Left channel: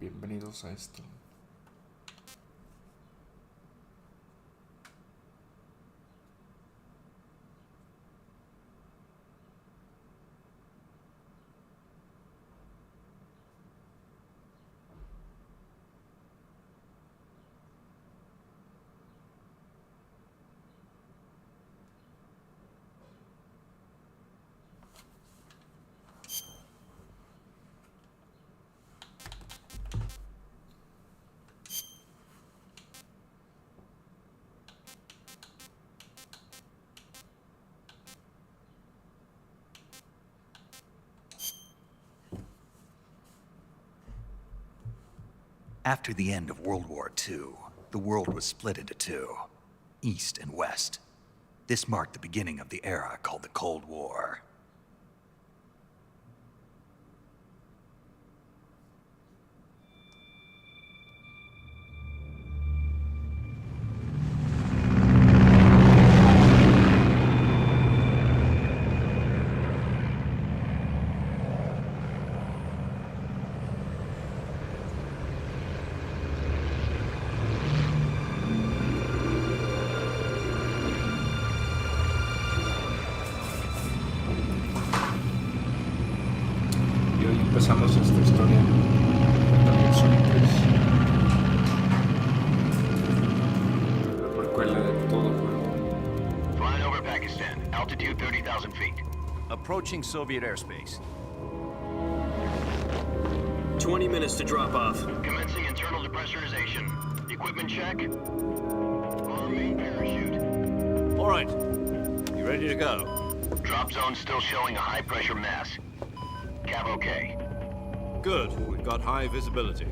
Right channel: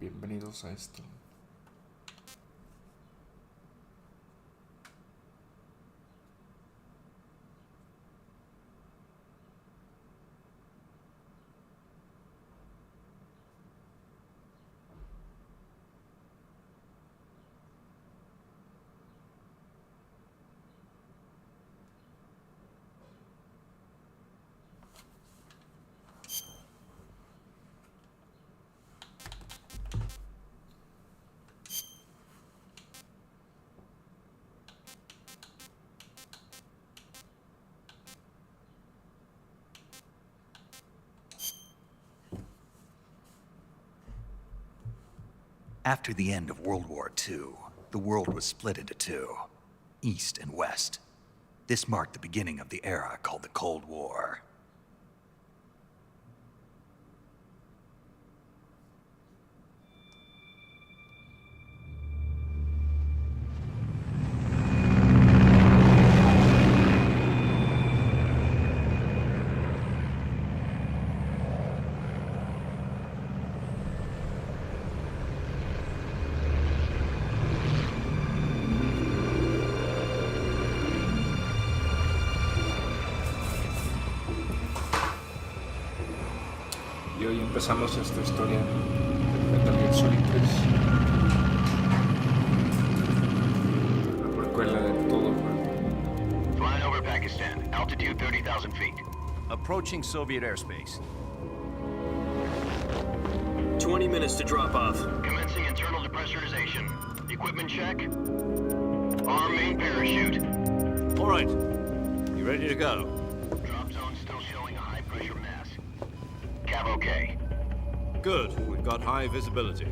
Bienvenidos a esto. After the end of World War II, the world was split into two, East and West. This marked the beginning of the era called the Cold War. Y hoy empezamos esta historia Metal Gear Solid 3, la precuela de todo juego. Flying over Pakistan, altitude 30,000 feet. Approaching Soviet airspace. 20 minutes to drop off. Commencing internal depressurization. Equipment check. Arm main parachute. All right. You ready to go? Drop zone still showing a high pressure mass. Cav okay. Good. We've got high visibility.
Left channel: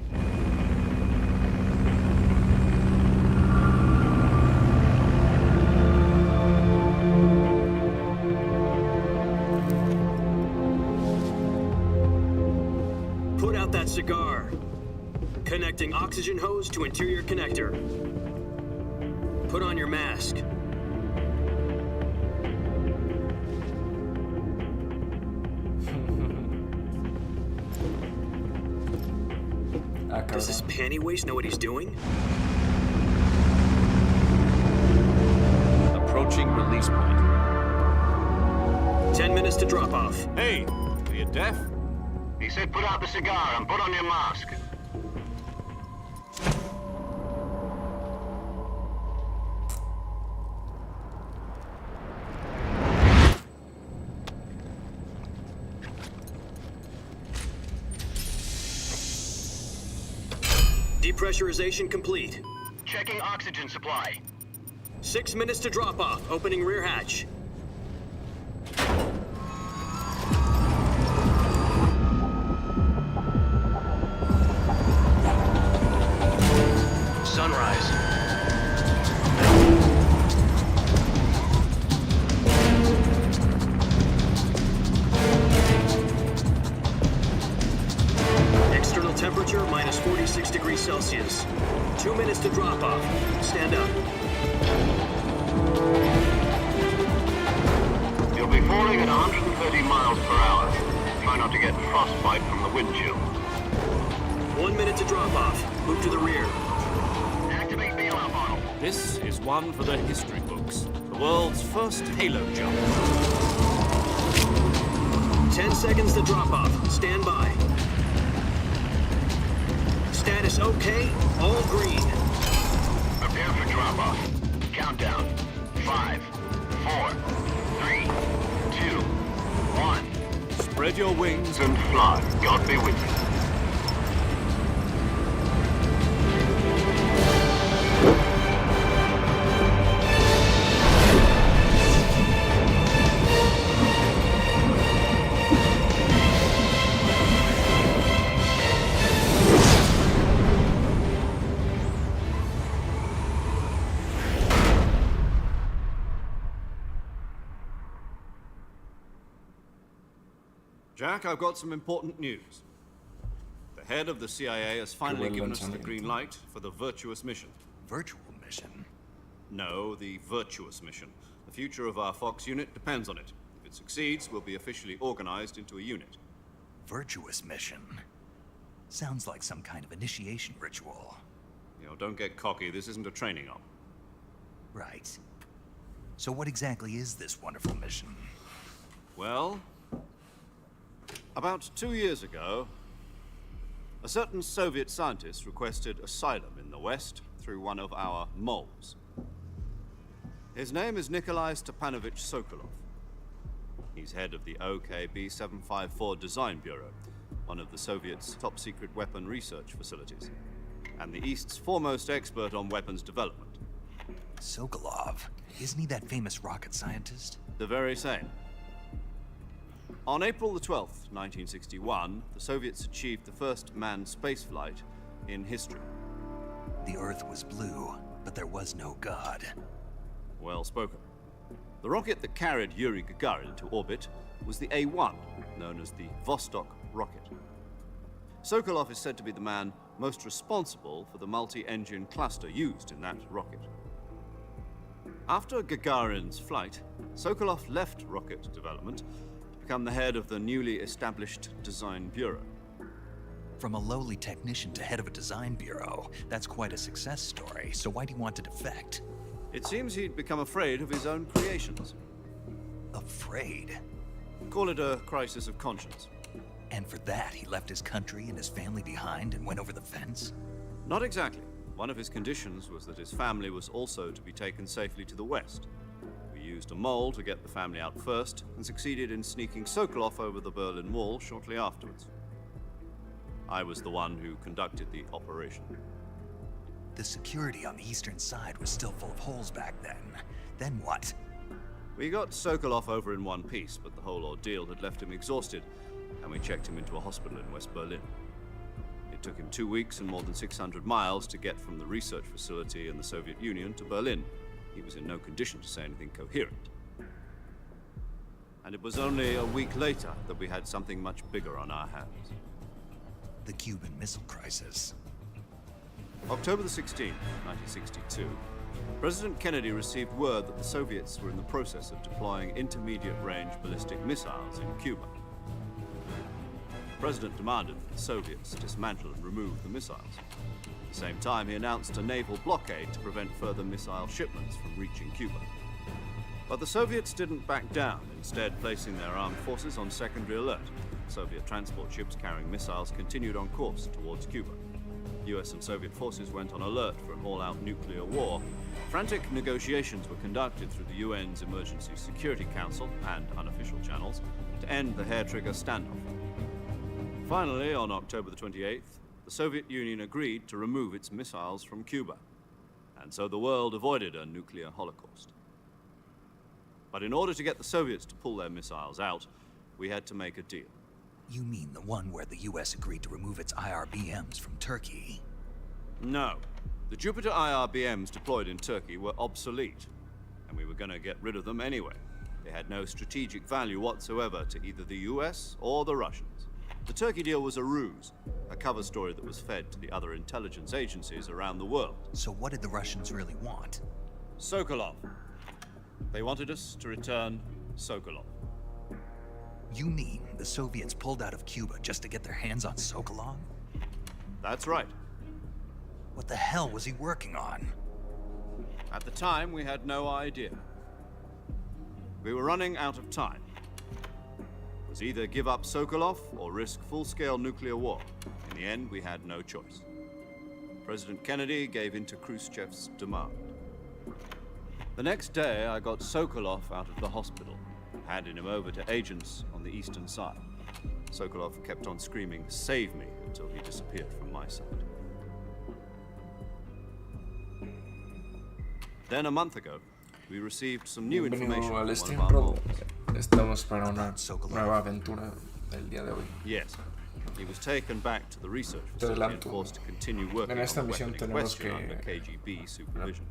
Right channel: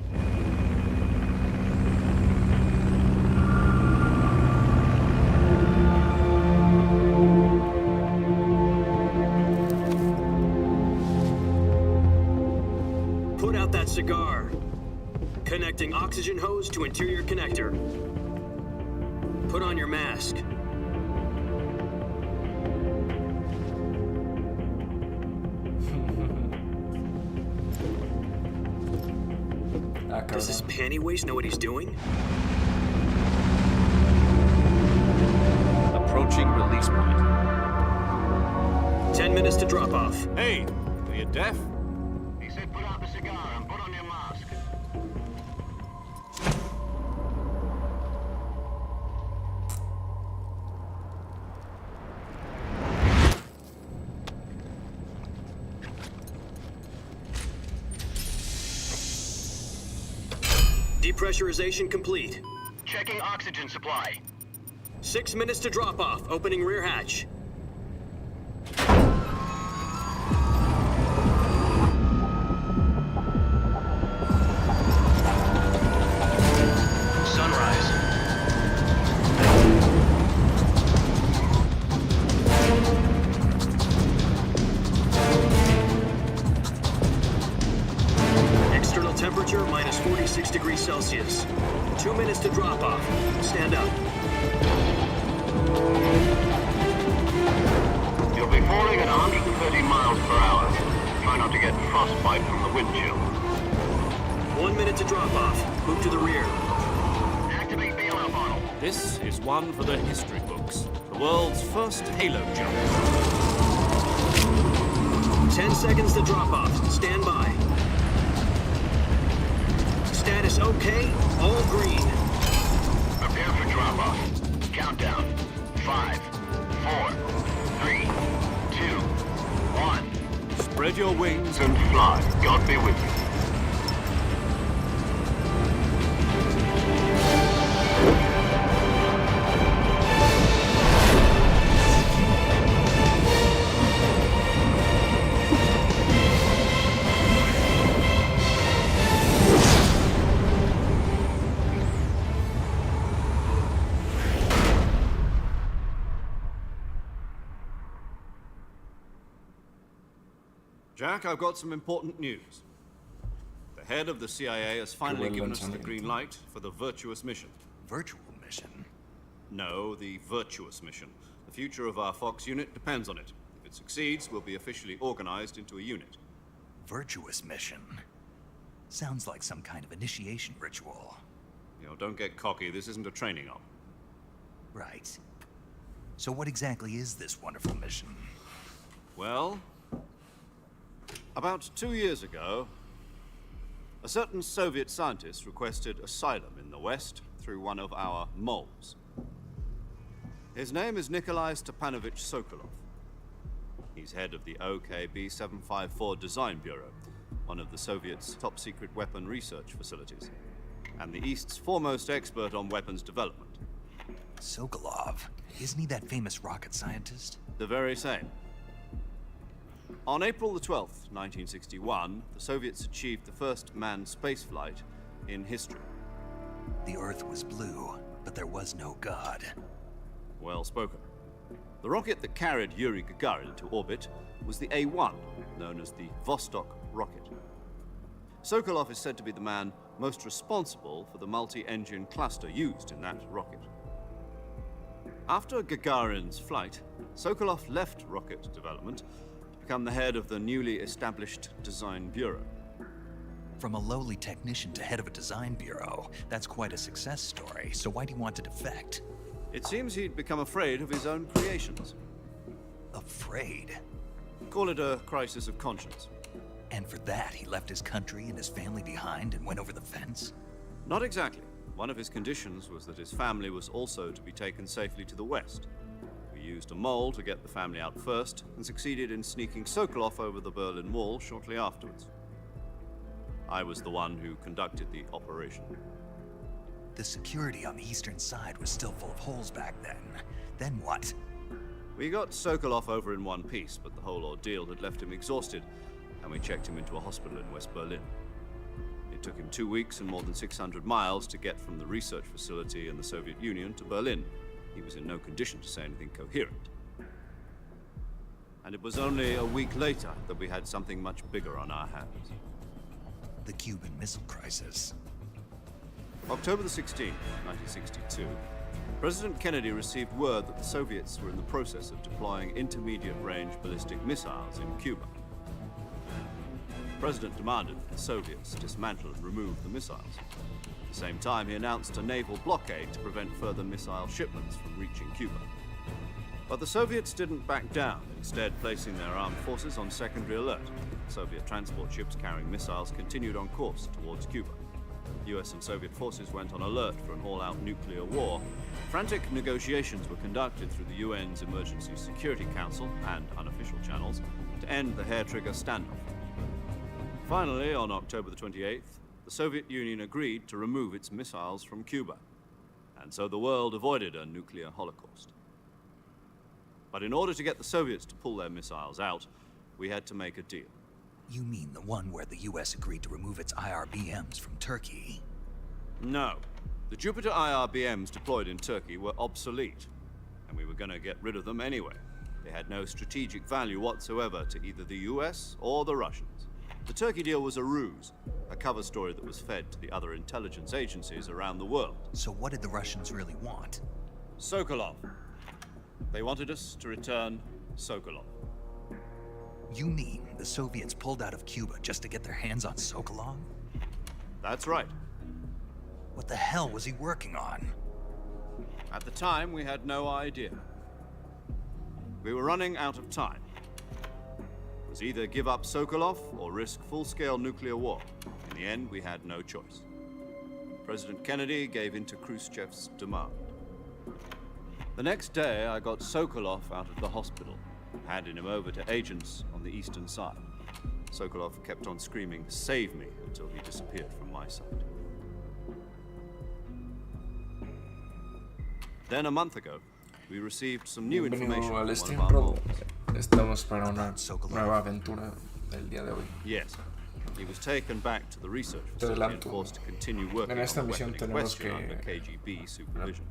Put out that cigar. Connecting oxygen hose to interior connector. Put on your mask. Does this panty waste know what he's doing? Approaching release point. 10 minutes to drop off. Hey, are you deaf? He said put out the cigar and put on your mask. Depressurization complete. Checking oxygen supply. 6 minutes to drop off. Opening rear hatch. Sunrise. External temperature minus 46 degrees Celsius. 2 minutes to drop off. Stand up. You'll be falling at 130 miles per hour. Try not to get frostbite from the wind chill. 1 minute to drop off. Move to the rear. Activate bailout model. This is one for the history books. The world's first halo jump. 10 seconds to drop off. Stand by. Status okay. All green. Prepare for drop-off. Countdown. 5, 4, 3, 2, 1. Spread your wings. And fly. God be with you. Jack, I've got some important news. The head of the CIA has finally given us the green light for the virtuous mission. Virtual mission? No, the virtuous mission. The future of our Fox unit depends on it. If it succeeds, we'll be officially organized into a unit. Virtuous mission? Sounds like some kind of initiation ritual. You know, don't get cocky. This isn't a training op. Right. So what exactly is this wonderful mission? Well, about 2 years ago, a certain Soviet scientist requested asylum in the West through one of our moles. His name is Nikolai Stepanovich Sokolov. He's head of the OKB 754 Design Bureau, one of the Soviets' top-secret weapon research facilities, and the East's foremost expert on weapons development. Sokolov? Isn't he that famous rocket scientist? The very same. On April the 12th, 1961, the Soviets achieved the first manned spaceflight in history. The Earth was blue, but there was no God. Well spoken. The rocket that carried Yuri Gagarin into orbit was the A-1, known as the Vostok rocket. Sokolov is said to be the man most responsible for the multi-engine cluster used in that rocket. After Gagarin's flight, Sokolov left rocket development to become the head of the newly established Design Bureau. From a lowly technician to head of a design bureau, that's quite a success story, so why'd he want to defect? It seems he'd become afraid of his own creations. Afraid? Call it a crisis of conscience. And for that, he left his country and his family behind and went over the fence? Not exactly. One of his conditions was that his family was also to be taken safely to the West. We used a mole to get the family out first and succeeded in sneaking Sokolov over the Berlin Wall shortly afterwards. I was the one who conducted the operation. The security on the eastern side was still full of holes back then. Then what? We got Sokolov over in one piece, but the whole ordeal had left him exhausted, and we checked him into a hospital in West Berlin. It took him 2 weeks and more than 600 miles to get from the research facility in the Soviet Union to Berlin. He was in no condition to say anything coherent. And it was only a week later that we had something much bigger on our hands. The Cuban Missile Crisis. October the 16th, 1962, President Kennedy received word that the Soviets were in the process of deploying intermediate-range ballistic missiles in Cuba. The President demanded that the Soviets dismantle and remove the missiles. At the same time, he announced a naval blockade to prevent further missile shipments from reaching Cuba. But the Soviets didn't back down, instead placing their armed forces on secondary alert. Soviet transport ships carrying missiles continued on course towards Cuba. US and Soviet forces went on alert for an all-out nuclear war. Frantic negotiations were conducted through the UN's Emergency Security Council and unofficial channels to end the hair-trigger standoff. Finally, on October the 28th, the Soviet Union agreed to remove its missiles from Cuba, and so the world avoided a nuclear holocaust. But in order to get the Soviets to pull their missiles out, we had to make a deal. You mean the one where the US agreed to remove its IRBMs from Turkey? No. The Jupiter IRBMs deployed in Turkey were obsolete, and we were going to get rid of them anyway. They had no strategic value whatsoever to either the US or the Russians. The Turkey deal was a ruse, a cover story that was fed to the other intelligence agencies around the world. So what did the Russians really want? Sokolov. They wanted us to return Sokolov. You mean the Soviets pulled out of Cuba just to get their hands on Sokolov? That's right. What the hell was he working on? At the time, we had no idea. We were running out of time. It was either give up Sokolov or risk full-scale nuclear war. In the end, we had no choice. President Kennedy gave in to Khrushchev's demand. The next day, I got Sokolov out of the hospital, handing him over to agents on the eastern side. Sokolov kept on screaming, "Save me," until he disappeared from my side. Then a month ago, we received some new information Bienvenido al from one Stream of our Pro. moles. Estamos para una nueva aventura del día de hoy. Yes. He was taken back to the research Te facility and adelanto. forced to continue working En on esta the misión weapon in tenemos question under que KGB supervision.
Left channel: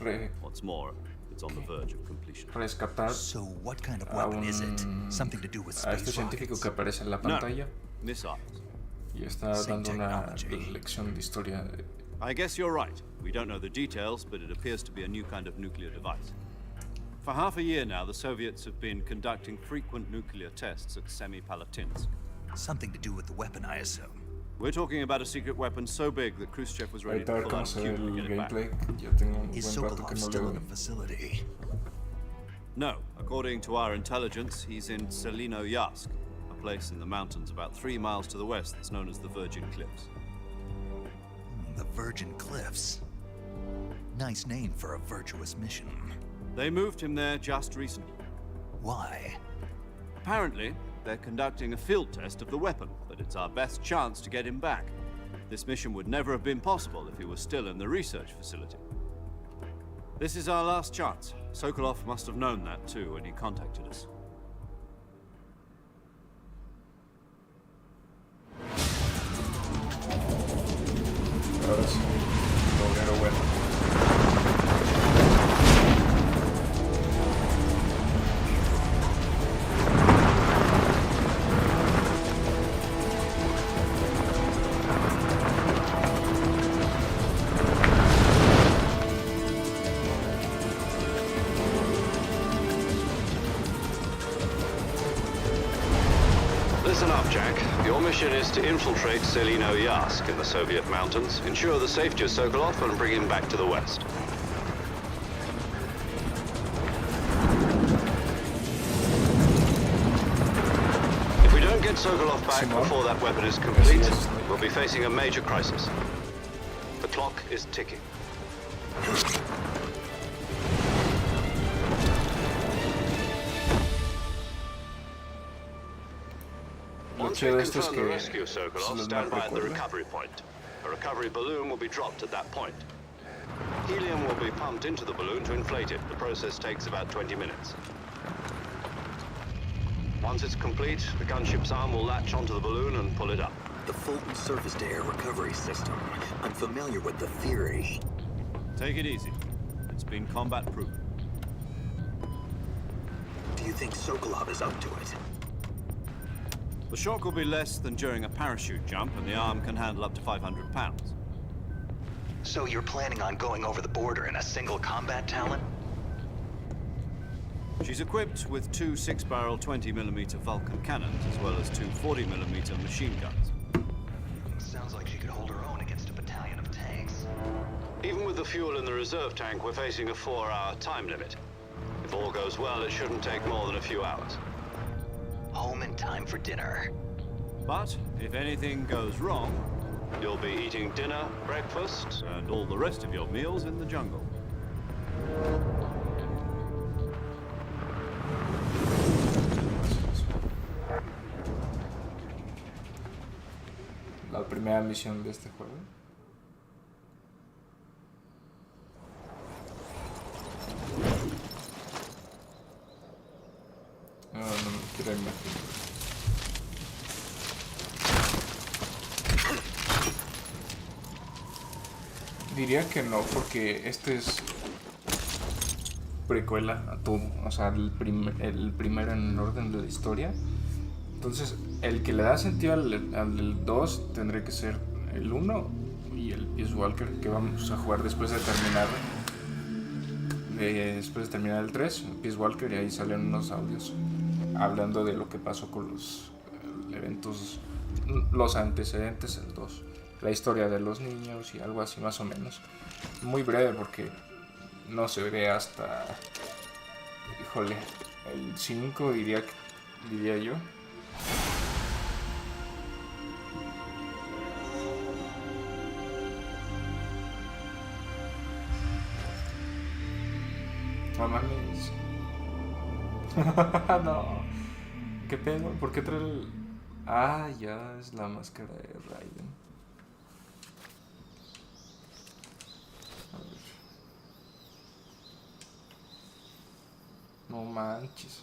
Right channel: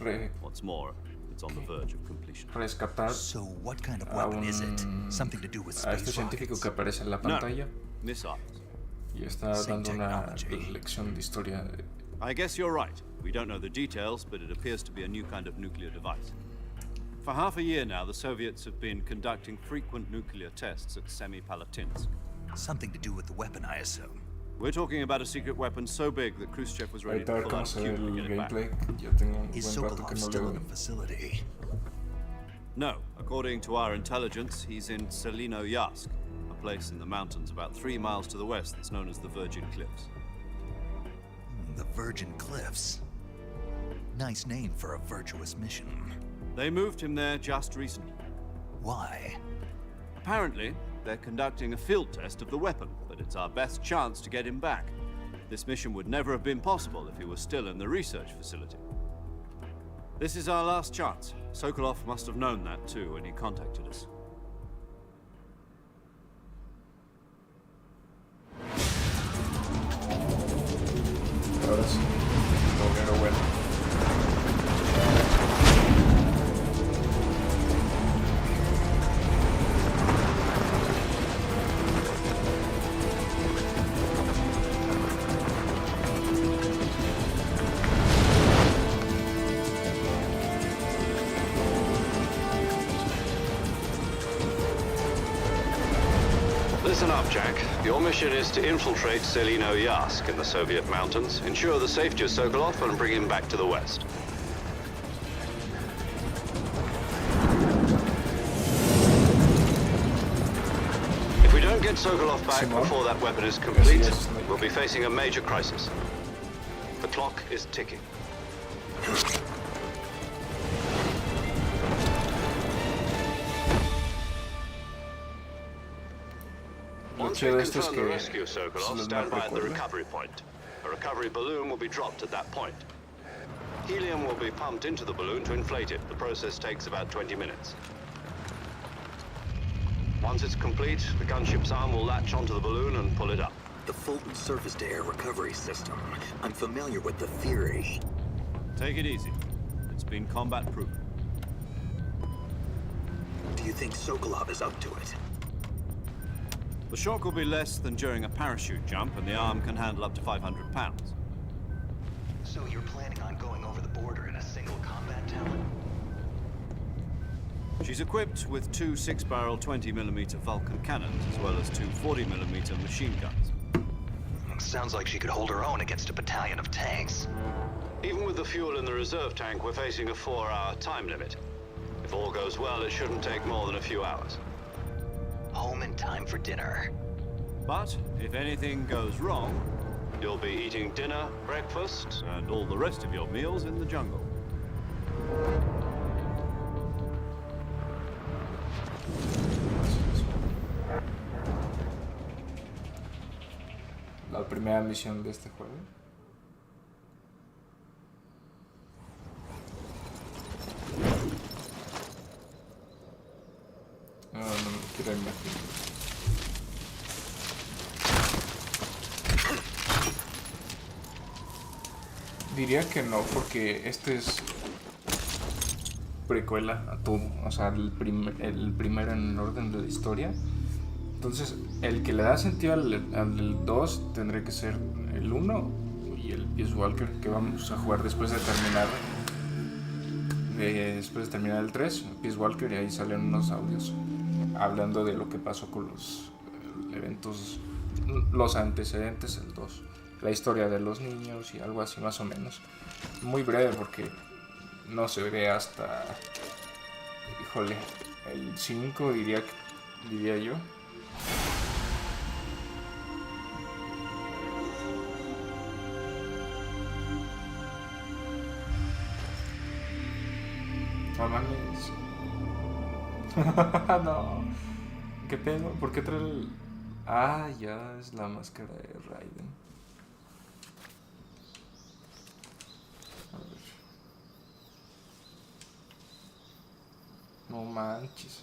re- What's more, it's on the verge of completion. rescatar So what kind of a weapon is it? Something to do with a este space científico rockets? que aparece en la No, pantalla missiles. y está Same dando una technology. lección de historia. I guess you're right. We don't know the details, but it appears to be a new kind of nuclear device. For half a year now, the Soviets have been conducting frequent nuclear tests at Semipalatinsk. Something to do with the weapon, I assume. We're talking about a secret weapon so big that Khrushchev was ready Ahorita a to ver pull cómo out se of ve Cuba to el get it back. gameplay. Ya tengo un Is buen rato que Sokolov no still le in the doy. facility? No, according to our intelligence, he's in Selino Yask, a place in the mountains about 3 miles to the west that's known as the Virgin Cliffs. The Virgin Cliffs. Nice name for a virtuous mission. They moved him there just recently. Why? Apparently, they're conducting a field test of the weapon, but it's our best chance to get him back. This mission would never have been possible if he was still in the research facility. This is our last chance. Sokolov must have known that too when he contacted us. Ahora sí, logrero bueno. Listen up, Jack. Your mission is to infiltrate Selino Yask in the Soviet mountains, ensure the safety of Sokolov, and bring him back to the West. If we don't get Sokolov back Simón. before that weapon is complete, Así es. we'll be facing a major crisis. The clock is ticking. Lo Once chido we de esto es confirm the que rescue of se Sokolov, los stand by mapa at the recuerda. recovery point. A recovery balloon will be dropped at that point. Helium will be pumped into the balloon to inflate it. The process takes about 20 minutes. Once it's complete, the gunship's arm will latch onto the balloon and pull it up. The Fulton surface-to-air recovery system. I'm familiar with the theory. Take it easy. It's been combat-proven. Do you think Sokolov is up to it? The shock will be less than during a parachute jump, and the arm can handle up to 500 pounds. So you're planning on going over the border in a single combat talent? She's equipped with 2 6-barrel 20mm Vulcan cannons, as well as 2 40mm machine guns. Sounds like she could hold her own against a battalion of tanks. Even with the fuel in the reserve tank, we're facing a 4-hour time limit. If all goes well, it shouldn't take more than a few hours. Home in time for dinner. But if anything goes wrong, You'll be eating dinner, breakfast, and all the rest of your meals in the jungle. La primera misión de este juego. No me quiero imaginar. Diría que no, porque este es precuela a todo, o sea, el primero en orden de la historia. Entonces, el que le da sentido al 2 tendría que ser el 1 y el Peace Walker, que vamos a jugar después de terminar el 3, Peace Walker, y ahí salen unos audios hablando de lo que pasó con los eventos, los antecedentes del 2, la historia de los niños y algo así más o menos. Muy breve porque no se ve hasta, híjole, el 5 diría yo. No mames. No. ¿Qué pedo? ¿Por qué trae el...? Ah, ya es la máscara de Raiden. A ver. No manches.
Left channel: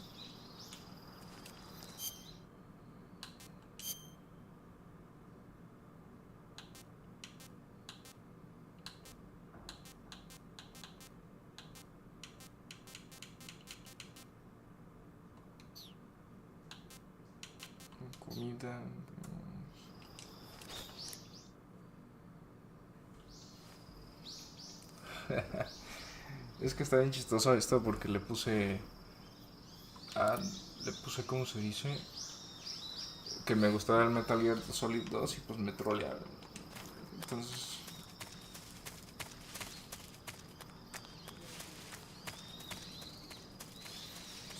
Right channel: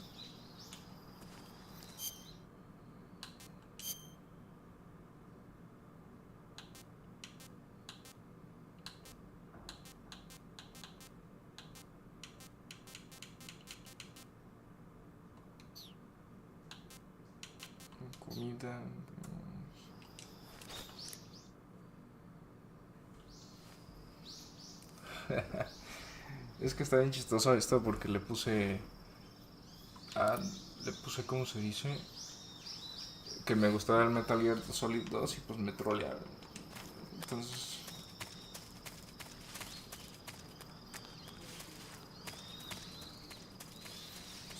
Comida. Es que está bien chistoso esto porque le puse, ¿cómo se dice? que me gustaba el Metal Gear Solid 2 y pues me trolearon. Entonces...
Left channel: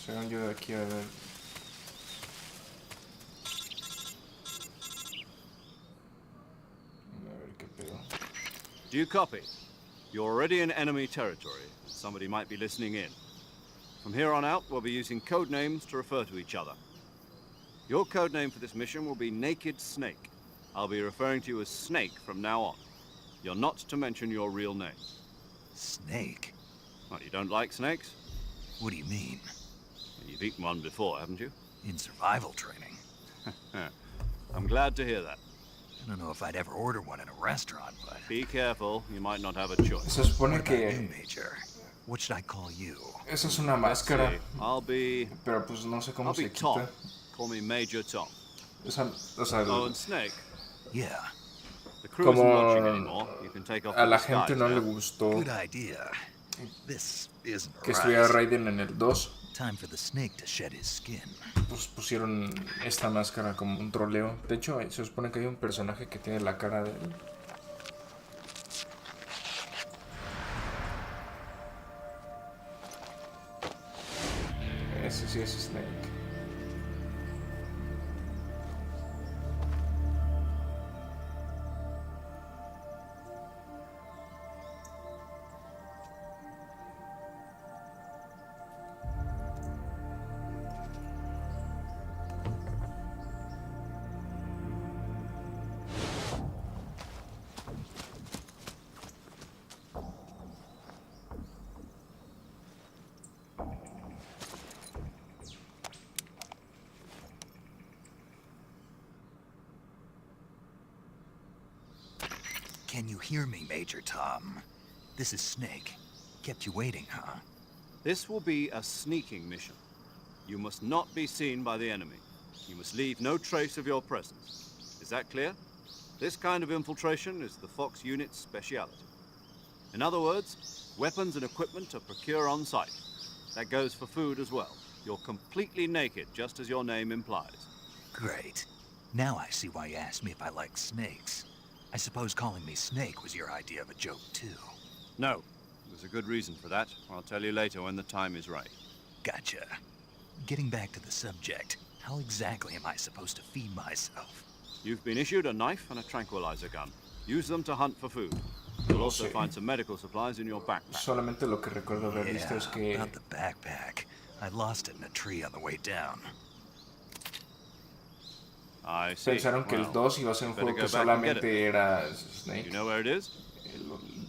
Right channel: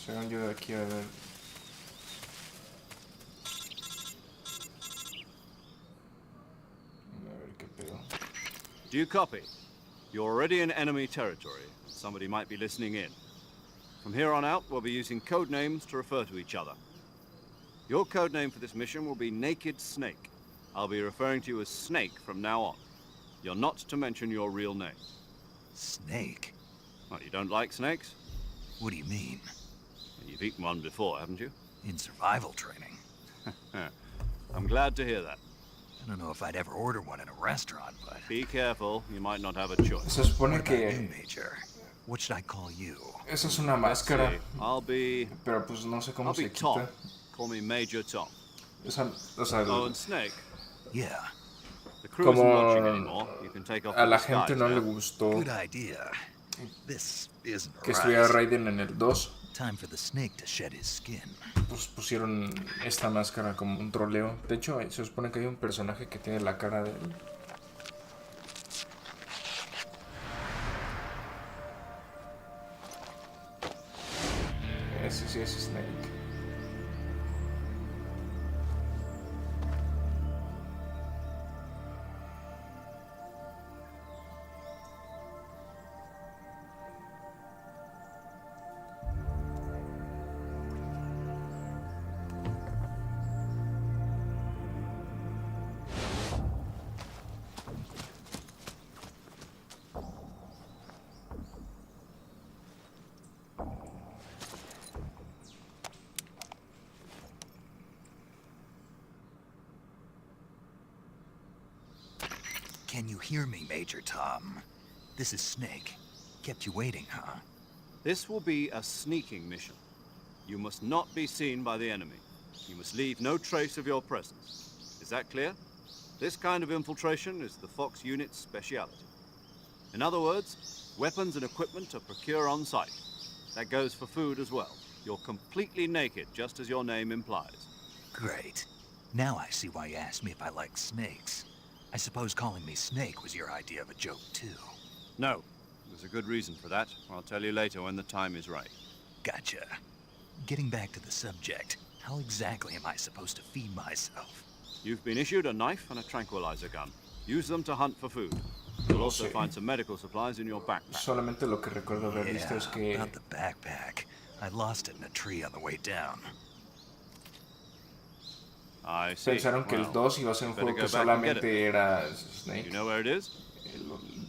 según yo de aquí a ver... qué pedo. Do you copy? You're already in enemy territory, and somebody might be listening in. From here on out, we'll be using code names to refer to each other. Your code name for this mission will be Naked Snake. I'll be referring to you as Snake from now on. You're not to mention your real name. Snake? Well, you don't like snakes? What do you mean? You've eaten one before, haven't you? In survival training. I'm glad to hear that. I don't know if I'd ever order one in a restaurant, but... Be careful, you might not have a choice. Se supone What about you, que... Major? What should I call you? esa es una Let's máscara. see. I'll be Pero pues no sé cómo I'll se be Tom. quita. Call me Major Tom. Esa, o sea, Oh, and Snake. Yeah, The crew isn't watching como anymore. You can take off a the la disguise gente no le now. gustó good idea. This isn't que estuviera right. Raiden en el 2, Time for the snake to shed his skin. pues pusieron esta máscara como un troleo. De hecho, se supone que hay un personaje que tiene la cara de él. Ese sí es Snake. Can you hear me, Major Tom? This is Snake. Kept you waiting, huh? This will be a sneaking mission. You must not be seen by the enemy. You must leave no trace of your presence. Is that clear? This kind of infiltration is the Fox unit's speciality. In other words, weapons and equipment are procured on site. That goes for food as well. You're completely naked, just as your name implies. Great. Now I see why you asked me if I like snakes. I suppose calling me Snake was your idea of a joke, too. No, there's a good reason for that. I'll tell you later when the time is right. Gotcha. Getting back to the subject, how exactly am I supposed to feed myself? You've been issued a knife and a tranquilizer gun. Use them to hunt for food. You'll also Sí. find some medical supplies in your backpack. Solamente lo que recuerdo haber visto es que about the backpack. I lost it in a tree on the way down. I see. pensaron que el Well, 2 iba a ser un better juego que go back and get solamente it. era You Snake. know where it is?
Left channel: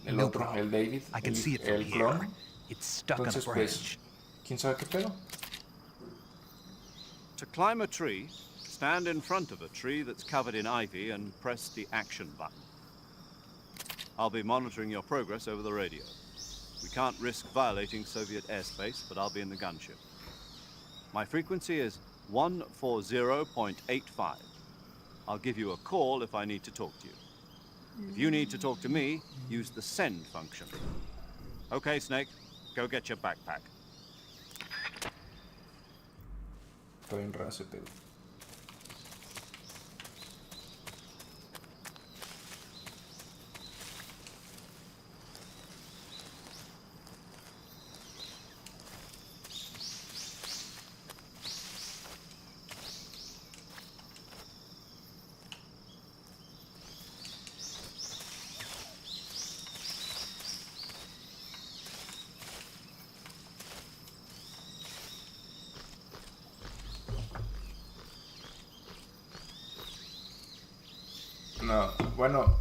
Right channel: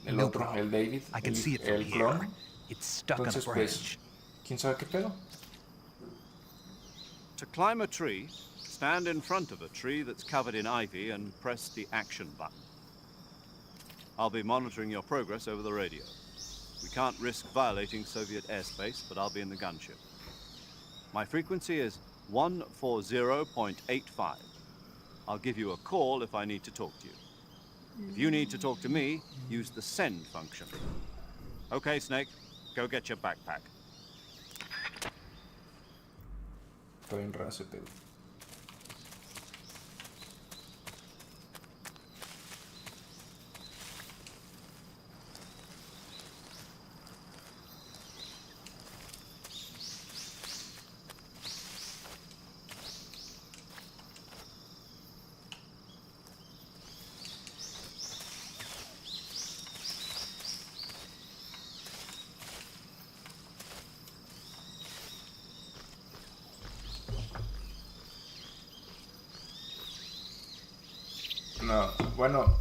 El No otro, problem. el David, I can see it from el here. clon. It's stuck on a Entonces, branch. pues, ¿quién sabe qué pedo? To climb a tree, stand in front of a tree that's covered in ivy and press the action button. I'll be monitoring your progress over the radio. We can't risk violating Soviet airspace, but I'll be in the gunship. My frequency is 140.85. I'll give you a call if I need to talk to you. If you need to talk to me, use the send function. Okay, Snake, go get your backpack. Está bien raro ese pedo. No, bueno,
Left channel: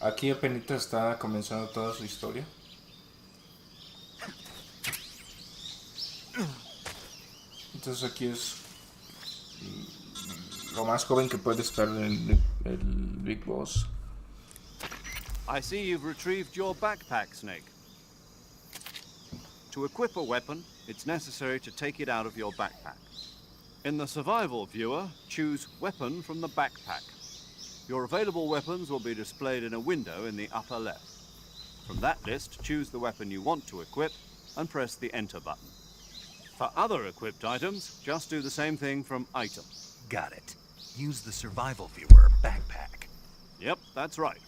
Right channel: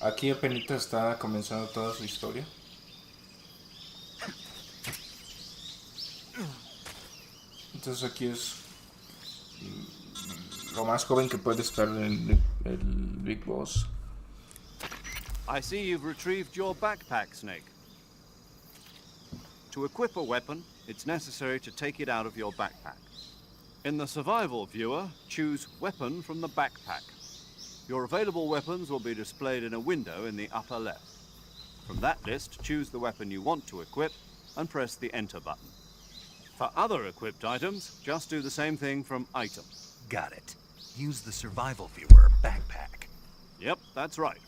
aquí apenas está comenzando toda su historia. Entonces aquí es lo más joven que puede estar en el Big Boss. I see you've retrieved your backpack, Snake. To equip a weapon, it's necessary to take it out of your backpack. In the survival viewer, choose Weapon from the backpack. Your available weapons will be displayed in a window in the upper left. From that list, choose the weapon you want to equip and press the Enter button. For other equipped items, just do the same thing from Item. Got it. Use the survival viewer backpack. Yep, that's right.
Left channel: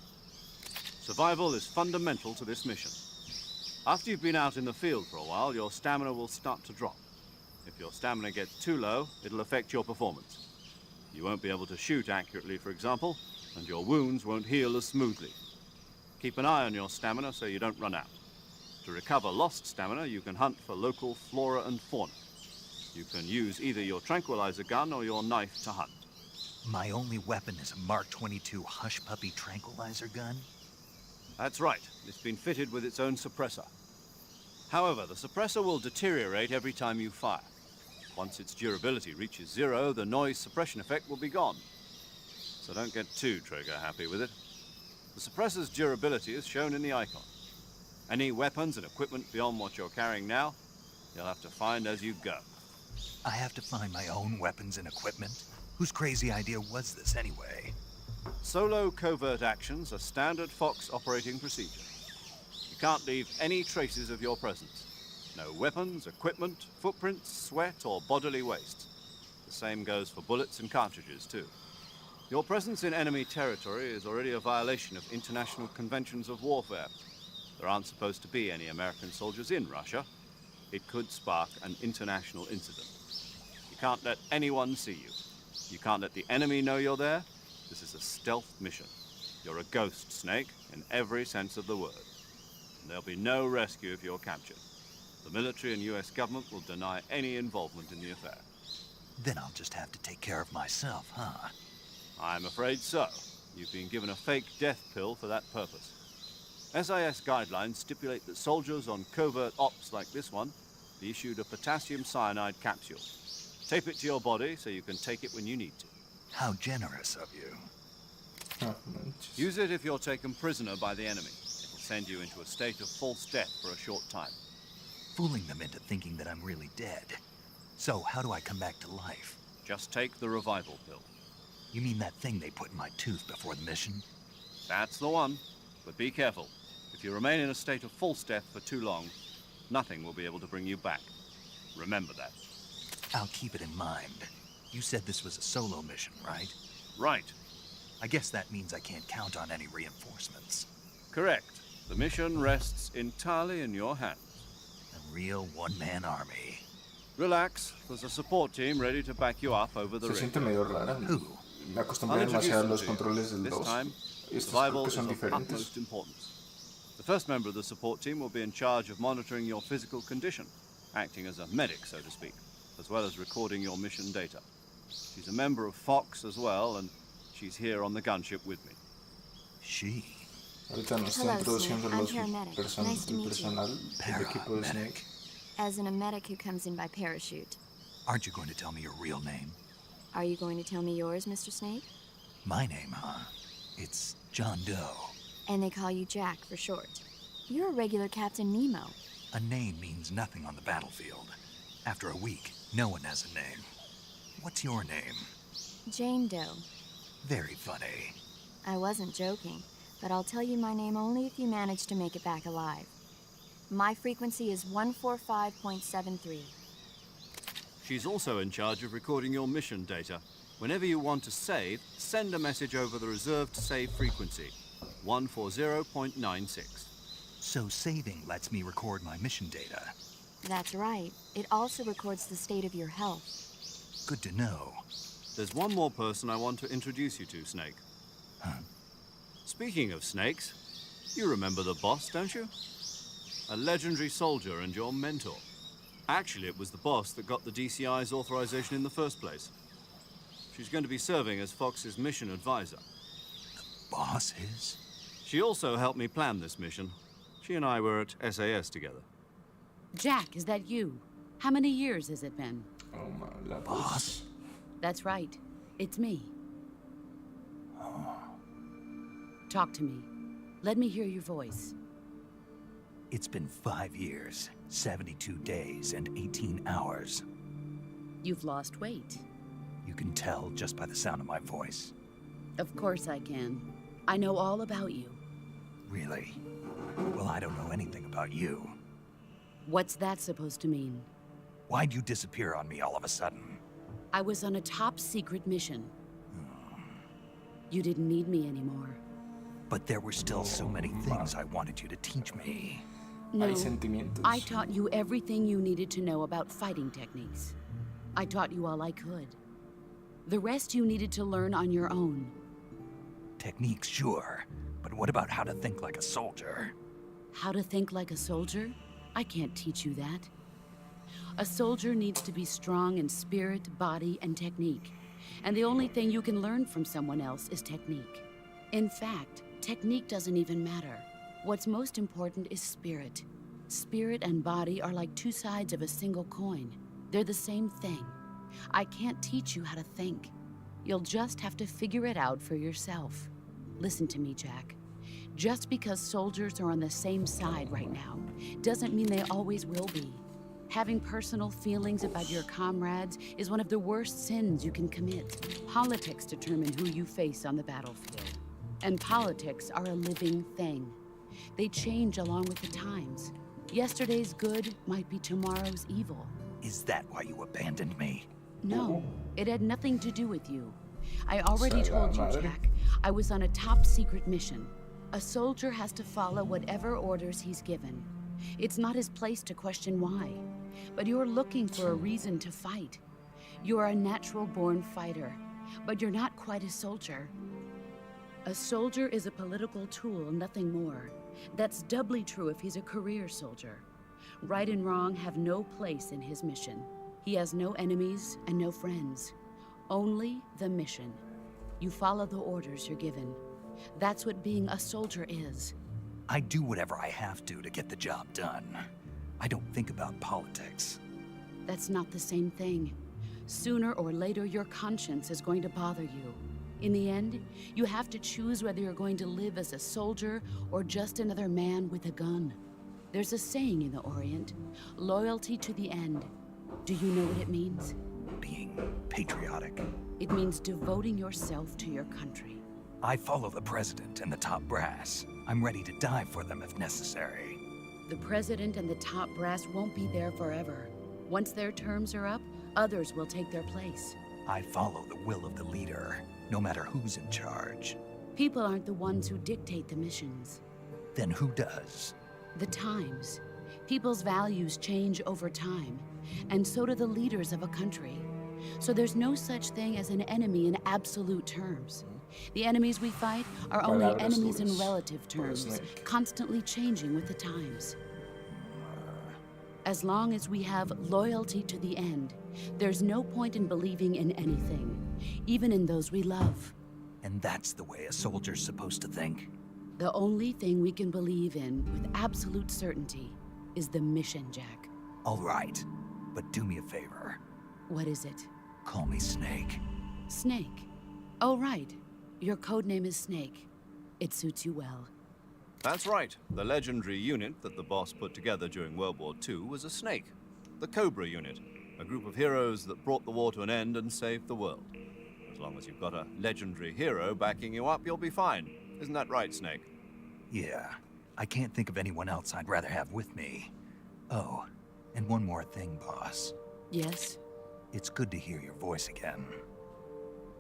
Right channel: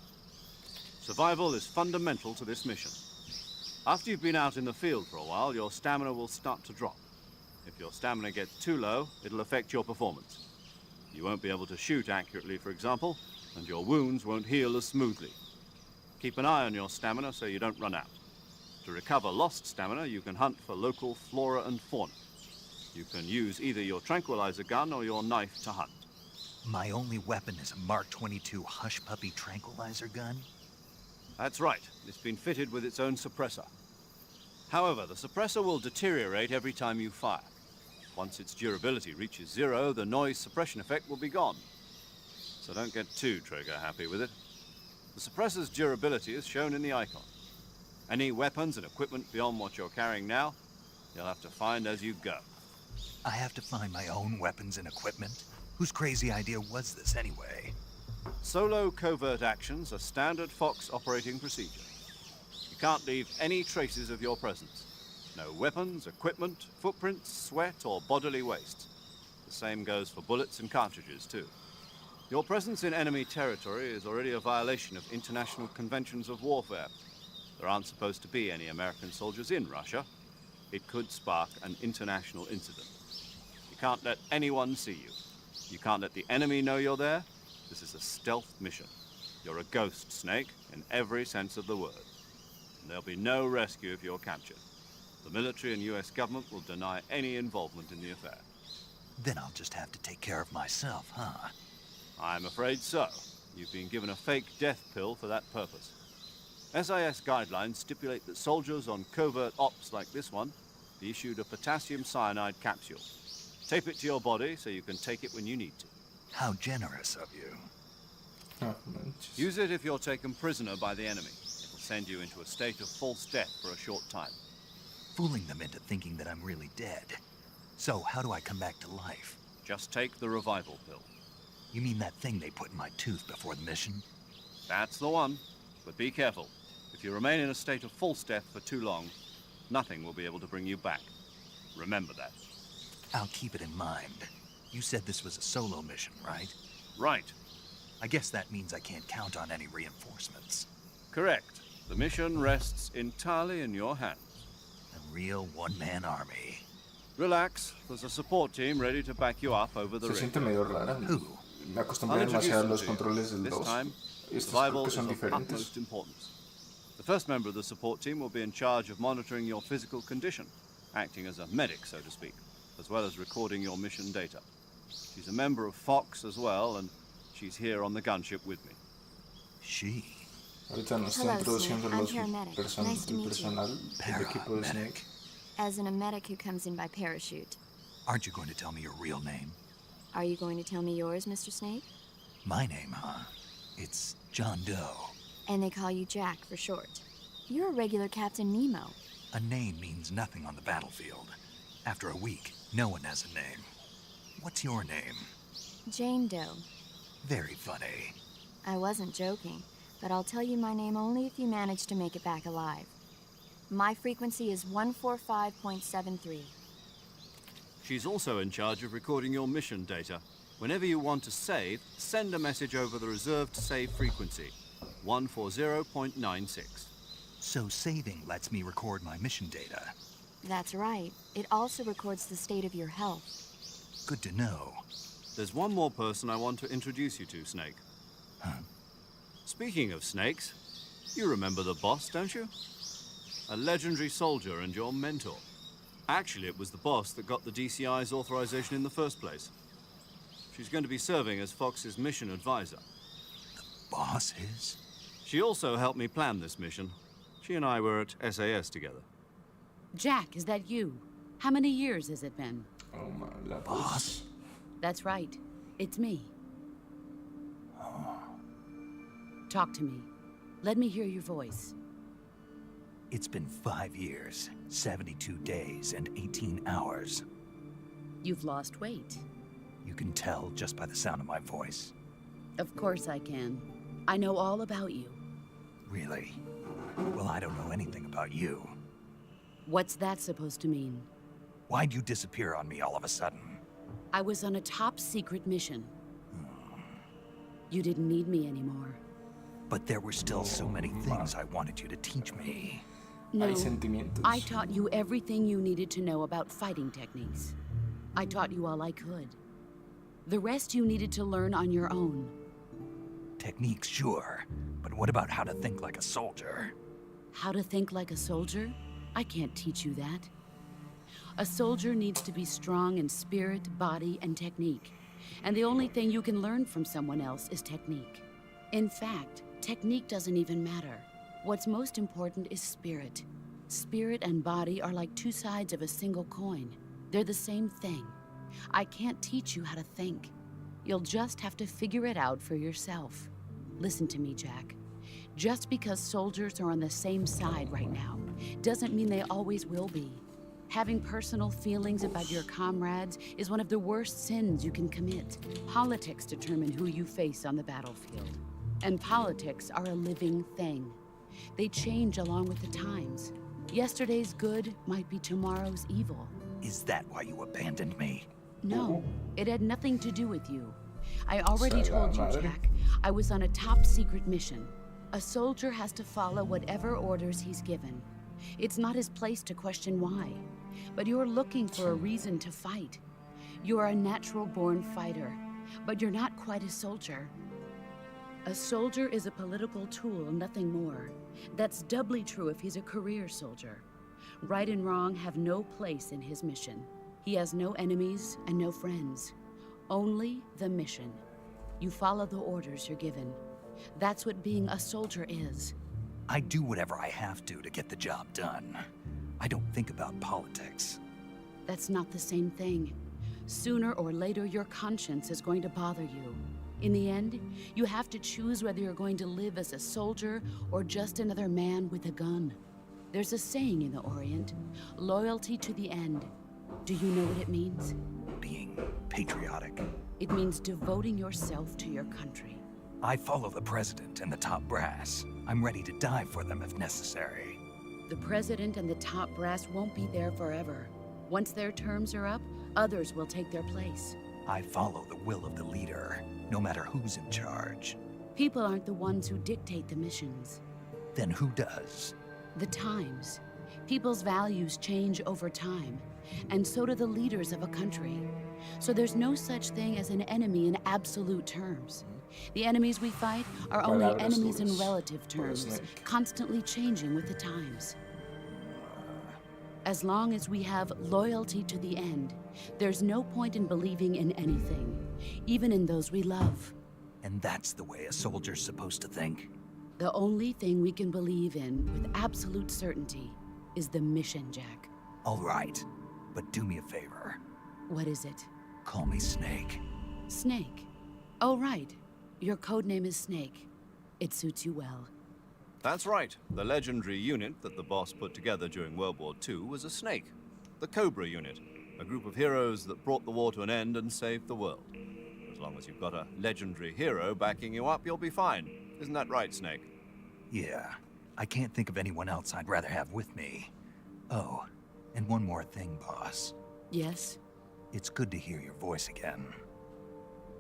Survival is fundamental to this mission. After you've been out in the field for a while, your stamina will start to drop. If your stamina gets too low, it'll affect your performance. You won't be able to shoot accurately, for example, and your wounds won't heal as smoothly. Keep an eye on your stamina so you don't run out. To recover lost stamina, you can hunt for local flora and fauna. You can use either your tranquilizer gun or your knife to hunt. My only weapon is a Mark 22 Hush Puppy tranquilizer gun? That's right. It's been fitted with its own suppressor. However, the suppressor will deteriorate every time you fire. Once its durability reaches 0, the noise suppression effect will be gone. So don't get too trigger-happy with it. The suppressor's durability is shown in the icon. Any weapons and equipment beyond what you're carrying now, you'll have to find as you go. I have to find my own weapons and equipment? Whose crazy idea was this anyway? Solo covert actions are standard Fox operating procedure. You can't leave any traces of your presence. No weapons, equipment, footprints, sweat, or bodily waste. The same goes for bullets and cartridges, too. Your presence in enemy territory is already a violation of international conventions of warfare. There aren't supposed to be any American soldiers in Russia. It could spark an international incident. You can't let anyone see you. You can't let the enemy know you're there. This is a stealth mission. You're a ghost, Snake, in every sense of the word. And there'll be no rescue if you're captured. The military and US government will deny any involvement in the affair. Then I'll just have to take care of myself, huh? I'm afraid so. You've been given a fake death pill for that purpose. SIS guidelines stipulate that soldiers on covert ops like this one be issued a potassium cyanide capsule. Tape it to your body so you can take it when you need to. How generous of you. Ah, manches. Use it if you're taken prisoner by the enemy. It'll send you into a state of false death for a short time. Fooling them into thinking that I'm really dead. So how do I come back to life? Just take the revival pill. You mean that thing they put in my tooth before the mission? That's the one. But be careful. If you remain in a state of false death for too long, nothing will be able to bring you back. Remember that. I'll keep it in mind. You said this was a solo mission, right? Right. I guess that means I can't count on any reinforcements. Correct. The mission rests entirely in your hands. A real one-man army. Relax. There's a support team ready to back you up over the Se ring. siente medio rara. Who? Me I'll acostumbré introduce demasiado a them los to you. controles del This 2. time, Estos creo survival que is son of diferentes. utmost importance. The first member of the support team will be in charge of monitoring your physical condition, acting as a medic, so to speak, as well as recording your mission data. She's a member of Fox as well, and she's here on the gunship with me. She. Ahorita nos está Hello, introduciendo Snake. I'm los paramedic. Nice to el meet you. personal del equipo de Snake. As in a medic who comes in by parachute. Aren't you going to tell me your real name? Are you going to tell me yours, Mr. Snake? My name, huh? It's John Doe. And they call you Jack for short. You're a regular Captain Nemo. A name means nothing on the battlefield. After a week, no one has a name. What's your name? Jane Doe. Very funny. I wasn't joking, but I'll tell you my name only if you manage to make it back alive. My frequency is 145.73. She's also in charge of recording your mission data. Whenever you want to save, send a message over the reserved save frequency, 140.96. So saving lets me record my mission data. That's right. It also records the state of your health. Good to know. There's one more person I want to introduce you to, Snake. Huh? Speaking of snakes, you remember the boss, don't you? A legendary soldier and your mentor. Actually, it was the boss that got the DCI's authorization in the first place. She's going to be serving as Fox's mission advisor. Boss is? She also helped me plan this mission. She and I were at SAS together. Jack, is that you? How many years has it been? Oh my, la Boss? That's right. It's me. Talk to me. Let me hear your voice. It's been 5 years, 72 days, and 18 hours. You've lost weight. You can tell just by the sound of my voice. Of course I can. I know all about you. Really? Well, I don't know anything about you. What's that supposed to mean? Why'd you disappear on me all of a sudden? I was on a top secret mission. You didn't need me anymore. But there were still so many things I wanted you to teach me. No, Hay sentimientos. I taught you everything you needed to know about fighting techniques. I taught you all I could. The rest you needed to learn on your own. Techniques, sure. But what about how to think like a soldier? How to think like a soldier? I can't teach you that. A soldier needs to be strong in spirit, body, and technique. And the only thing you can learn from someone else is technique. In fact, technique doesn't even matter. What's most important is spirit. Spirit and body are like two sides of a single coin. They're the same thing. I can't teach you how to think. You'll just have to figure it out for yourself. Listen to me, Jack. Just because soldiers are on the same side right now doesn't mean they always will be. Having personal feelings about your comrades is one of the worst sins you can commit. Politics determine who you face on the battlefield. And politics are a living thing. They change along with the times. Yesterday's good might be tomorrow's evil. Is that why you abandoned me? No, it had nothing to do with you. I already Sea la told you, madre. Jack. I was on a top secret mission. A soldier has to follow whatever orders he's given. It's not his place to question why. But you're looking for a reason to fight. You're a natural-born fighter, but you're not quite a soldier. A soldier is a political tool, nothing more. That's doubly true if he's a career soldier. Right and wrong have no place in his mission. He has no enemies and no friends. Only the mission. You follow the orders you're given. That's what being a soldier is. I do whatever I have to get the job done. I don't think about politics. That's not the same thing. Sooner or later, your conscience is going to bother you. In the end, you have to choose whether you're going to live as a soldier or just another man with a gun. There's a saying in the Orient, loyalty to the end. Do you know what it means? Being patriotic. It means devoting yourself to your country. I follow the president and the top brass. I'm ready to die for them if necessary. The president and the top brass won't be there forever. Once their terms are up, others will take their place. I follow the will of the leader, no matter who's in charge. People aren't the ones who dictate the missions. Then who does? The times. People's values change over time, and so do the leaders of a country. So there's no such thing as an enemy in absolute terms. The enemies we fight are only Palabras enemies in duras relative para terms, Snake. constantly changing with the times. As long as we have loyalty to the end, there's no point in believing in anything, even in those we love. And that's the way a soldier's supposed to think? The only thing we can believe in with absolute certainty is the mission, Jack. All right, but do me a favor. What is it? Call me Snake. Snake. Oh, right. Your codename is Snake. It suits you well. That's right. The legendary unit that the boss put together during World War II was a snake. The Cobra unit, a group of heroes that brought the war to an end and saved the world. As long as you've got a legendary hero backing you up, you'll be fine. Isn't that right, Snake? Yeah, I can't think of anyone else I'd rather have with me. Oh, and one more thing, boss. Yes? It's good to hear your voice again.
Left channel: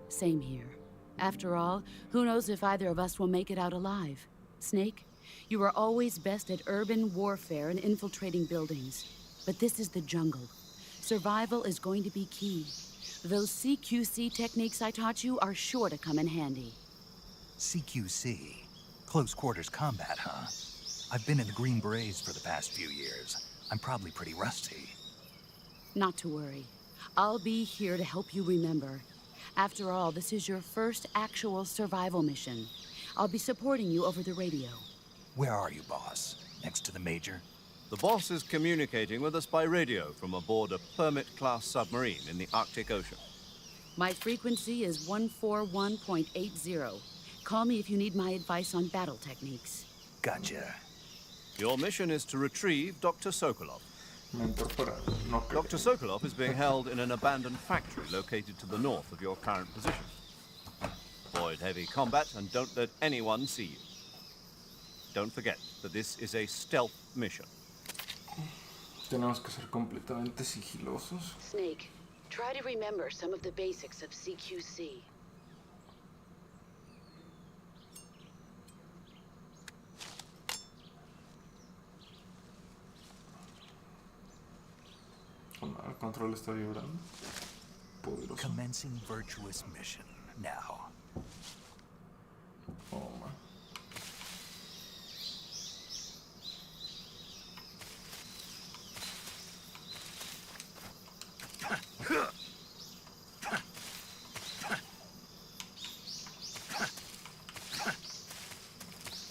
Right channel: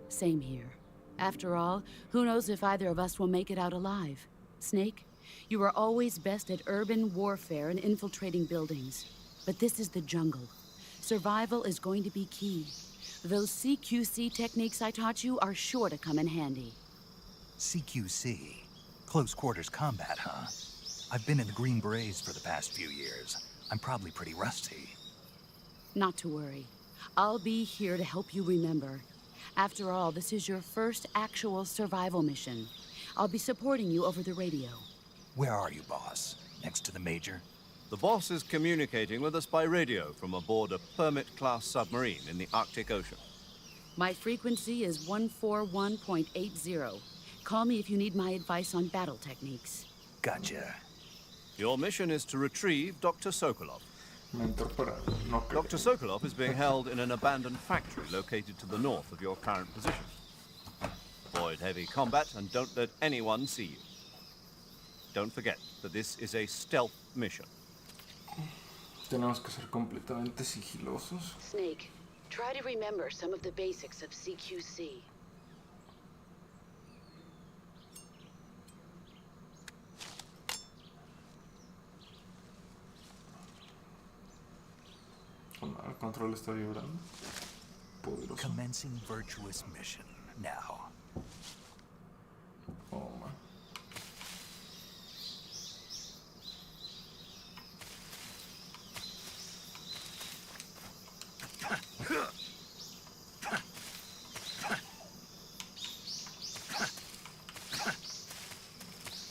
Same here. After all, who knows if either of us will make it out alive? Snake, you are always best at urban warfare and infiltrating buildings. But this is the jungle. Survival is going to be key. Those CQC techniques I taught you are sure to come in handy. CQC? Close quarters combat, huh? I've been in the Green Berets for the past few years. I'm probably pretty rusty. Not to worry. I'll be here to help you remember. After all, this is your first actual survival mission. I'll be supporting you over the radio. Where are you, boss? Next to the Major? The boss is communicating with us by radio from aboard a Permit-class submarine in the Arctic Ocean. My frequency is 141.80. Call me if you need my advice on battle techniques. Gotcha. Your mission is to retrieve Dr. Sokolov. Mentor para no creer. Dr. Sokolov is being held in an abandoned factory located to the north of your current position. Avoid heavy combat and don't let anyone see you. Don't forget that this is a stealth mission. Tenemos que ser completamente sigilosos. Snake, try to remember some of the basics of CQC. El control está vibrando. Poderoso. Commencing virtuous mission now. Oh, man.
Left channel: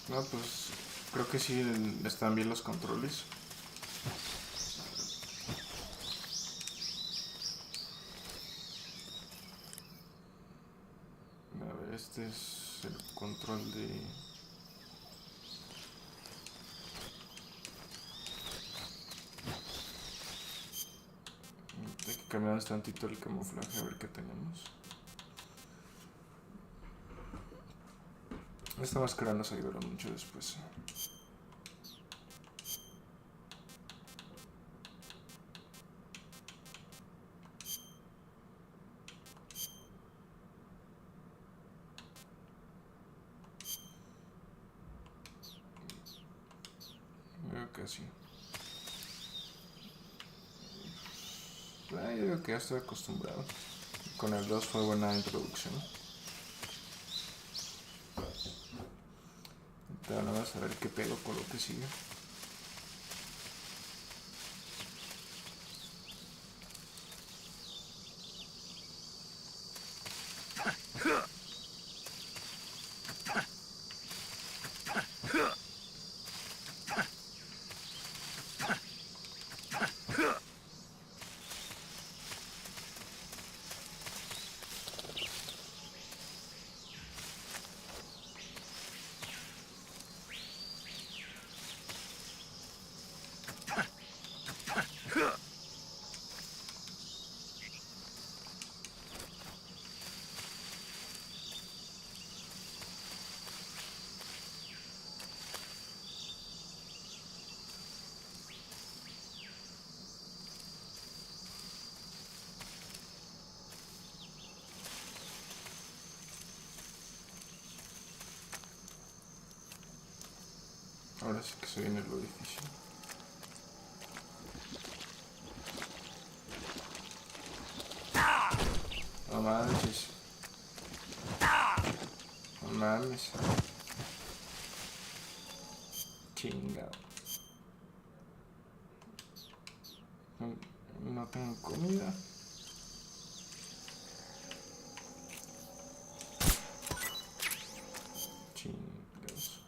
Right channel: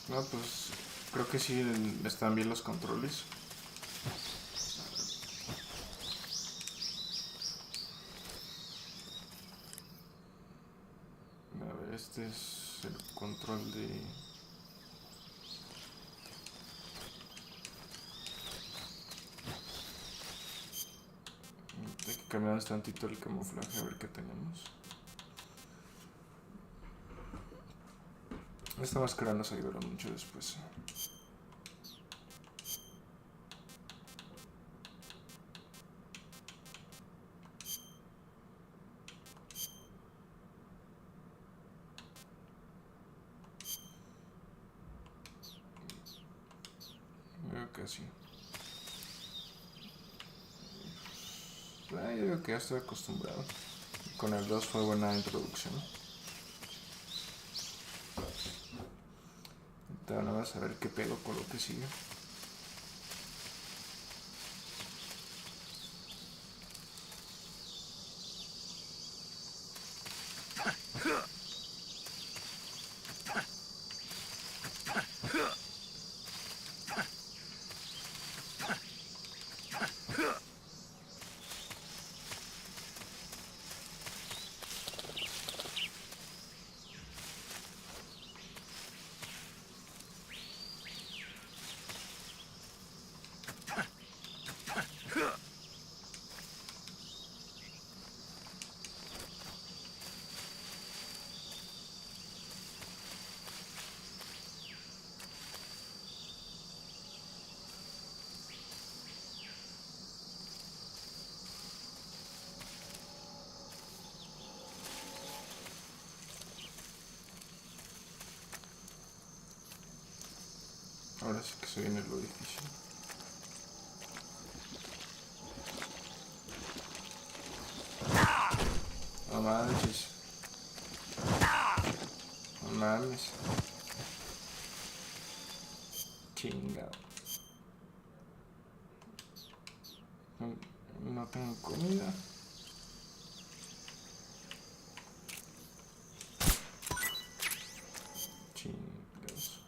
No, pues creo que sí están bien los controles. A ver, este es el control de... Hay que cambiar tantito el camuflaje a ver qué tenemos. Esta máscara nos ayudará mucho después. Veo que sí. Yo digo que ya estoy acostumbrado. Con el 2 fue buena introducción. Ahora vamos a ver qué pedo con lo que sigue. Ahora sí que se viene lo difícil. No manches. No mames. Chingado. No tengo comida. Chingados.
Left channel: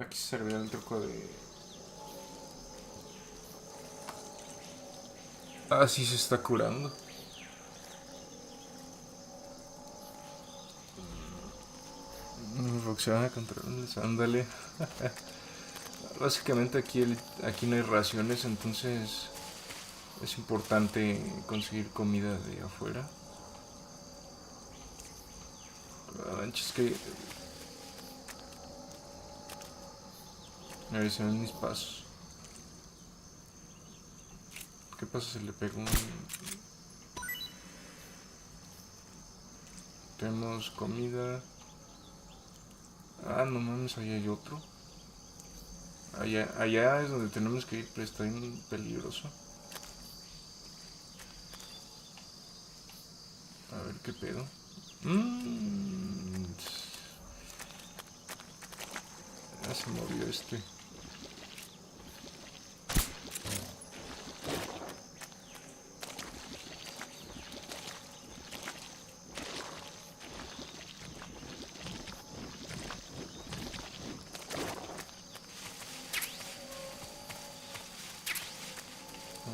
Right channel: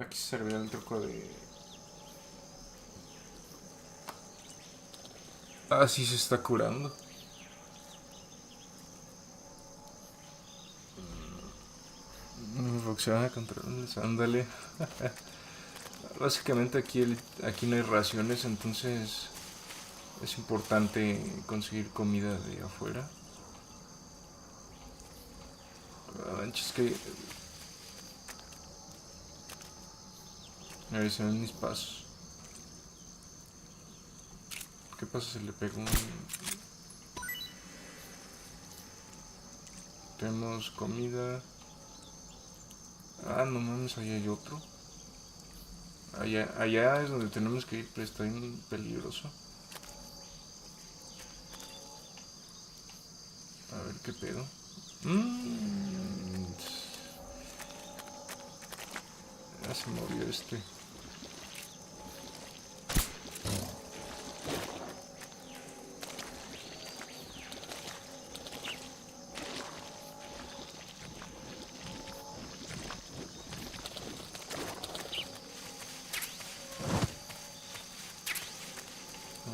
Aquí servirá el truco de... Ah, sí se está curando. Boxear a controles, ándale. Básicamente aquí no hay raciones, entonces es importante conseguir comida de afuera. Es que... A ver, se ven mis pasos. ¿Qué pasa si le pego un...? Tenemos comida. Ah, no mames, allá hay otro. Allá es donde tenemos que ir, pero está bien peligroso. A ver qué pedo. Ya se movió este.